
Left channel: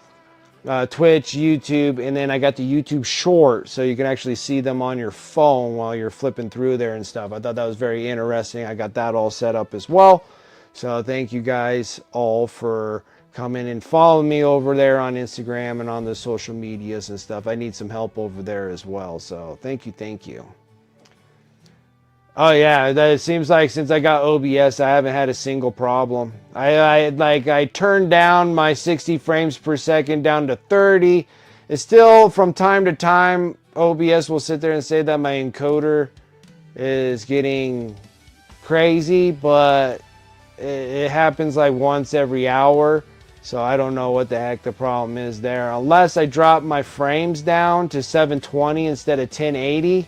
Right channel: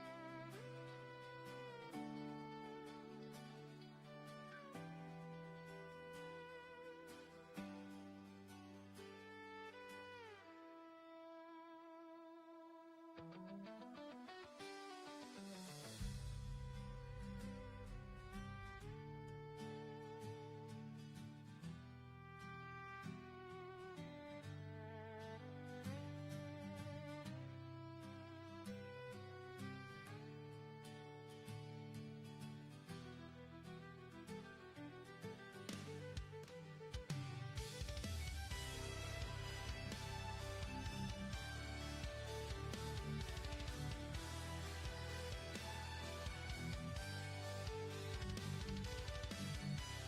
Twitch, YouTube, and then I got the YouTube Short, so you can actually see them on your phone while you're flipping through there and stuff. I thought that was very interesting. I got that all set up as well. So thank you guys all for coming and following me over there on Instagram and on the social medias and stuff. I need some help over there as well. So thank you. Oh yeah, it seems like since I got OBS, I haven't had a single problem. I turned down my 60 frames per second down to 30. It's still from time to time OBS will sit there and say that my encoder is getting crazy, but it happens like once every hour. So I don't know what the heck the problem is there. Unless I drop my frames down to 720 instead of 1080.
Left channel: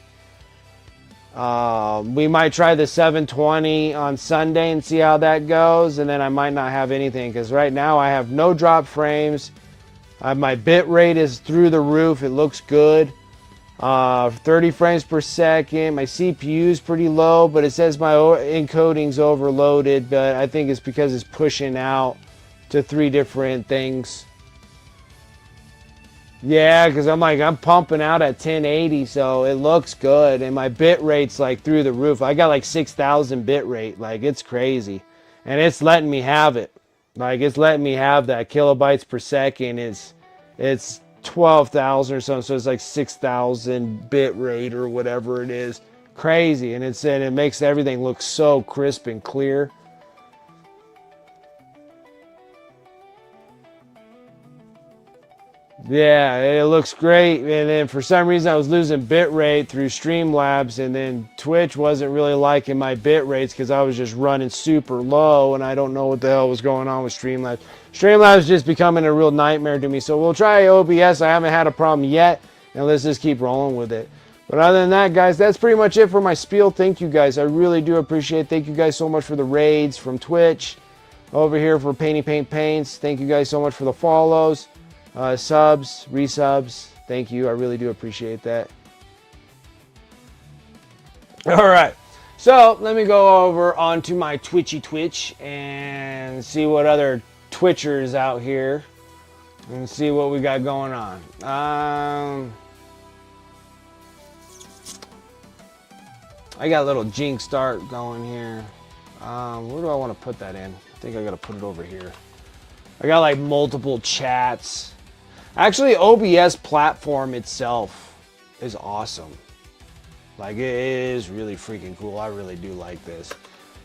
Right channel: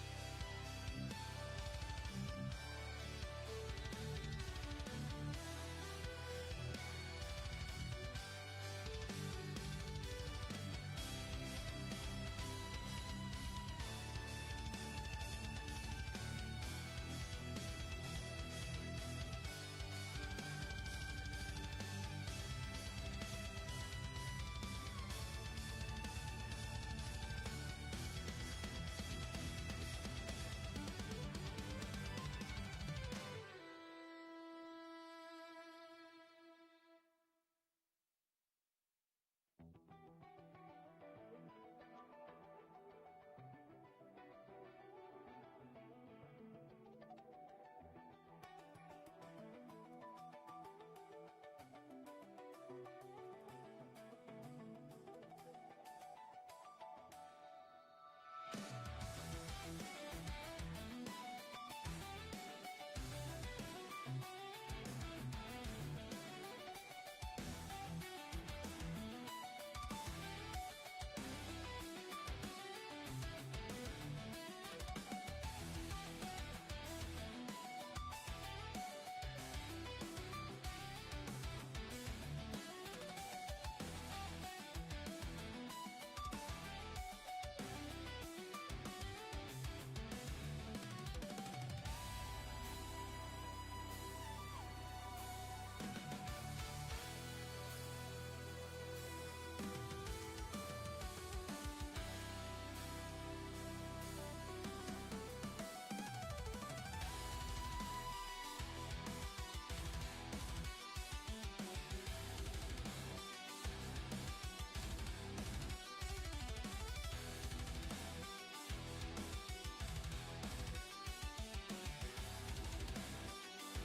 We might try the 720 on Sunday and see how that goes, and then I might not have anything because right now I have no drop frames. My bit rate is through the roof. It looks good. 30 frames per second. My CPU is pretty low, but it says my encoding's overloaded, but I think it's because it's pushing out to 3 different things. Yeah, because I'm pumping out at 1080, so it looks good, and my bit rate's like through the roof. I got like 6,000 bit rate, like it's crazy, and it's letting me have it. Like it's letting me have that kilobytes per second. It's 12,000 or something, so it's like 6,000 bit rate or whatever it is. Crazy, and it makes everything look so crisp and clear. Yeah, it looks great, and then for some reason I was losing bit rate through Streamlabs, and then Twitch wasn't really liking my bit rates because I was just running super low, and I don't know what the hell was going on with Streamlabs. Streamlabs is just becoming a real nightmare to me, so we'll try OBS. I haven't had a problem yet, and let's just keep rolling with it. But other than that, guys, that's pretty much it for my spiel. Thank you, guys. I really do appreciate it. Thank you guys so much for the raids from Twitch. Over here for Painty Paint Paints. Thank you guys so much for the follows. Subs, resubs, thank you. I really do appreciate that. All right, so let me go over onto my Twitch and see what other Twitchers out here and see what we got going on. I got a little Jinx start going here. Where do I want to put that in? I think I got to put it over here. I got like multiple chats. Actually, OBS platform itself is awesome. Like it is really freaking cool. I really do like this.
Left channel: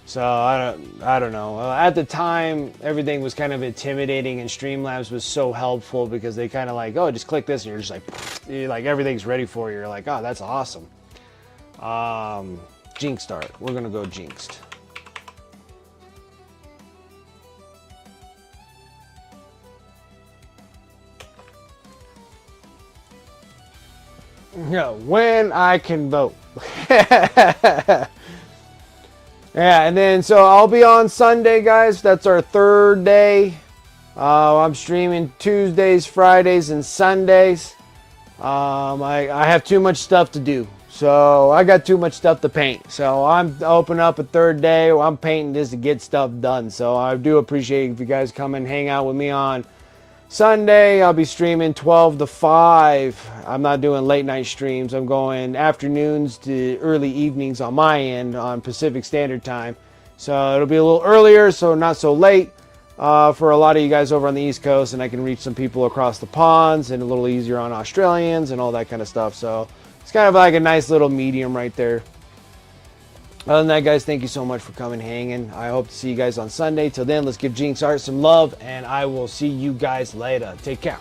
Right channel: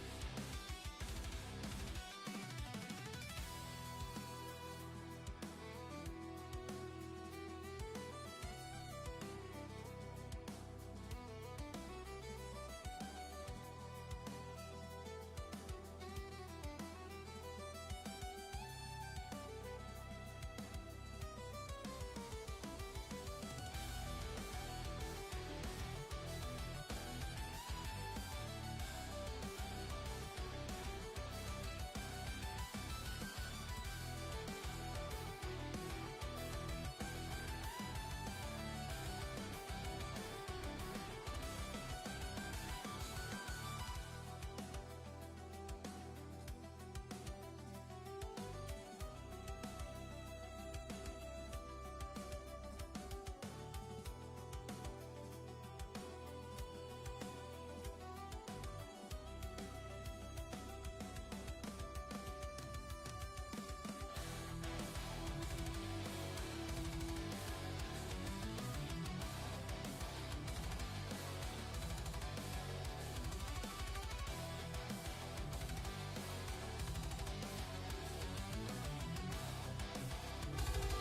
So I don't know. At the time, everything was kind of intimidating, and Streamlabs was so helpful because they kind of like, oh, just click this, and you're just like everything's ready for you. You're like, oh, that's awesome. Jinx start. We're gonna go Jinxed. Yeah, when I can vote. Yeah, and then so I'll be on Sunday, guys. That's our 3rd day. I'm streaming Tuesdays, Fridays, and Sundays. I have too much stuff to do. So I got too much stuff to paint. So I'm opening up a 3rd day. I'm painting this to get stuff done. So I do appreciate if you guys come and hang out with me on Sunday. I'll be streaming 12 to 5. I'm not doing late night streams. I'm going afternoons to early evenings on my end on Pacific Standard Time. So it'll be a little earlier, so not so late for a lot of you guys over on the East Coast, and I can reach some people across the ponds, and a little easier on Australians and all that kind of stuff. So it's kind of like a nice little medium right there. Other than that, guys, thank you so much for coming, hanging. I hope to see you guys on Sunday. Till then, let's give Jinx Art some love, and I will see you guys later. Take care.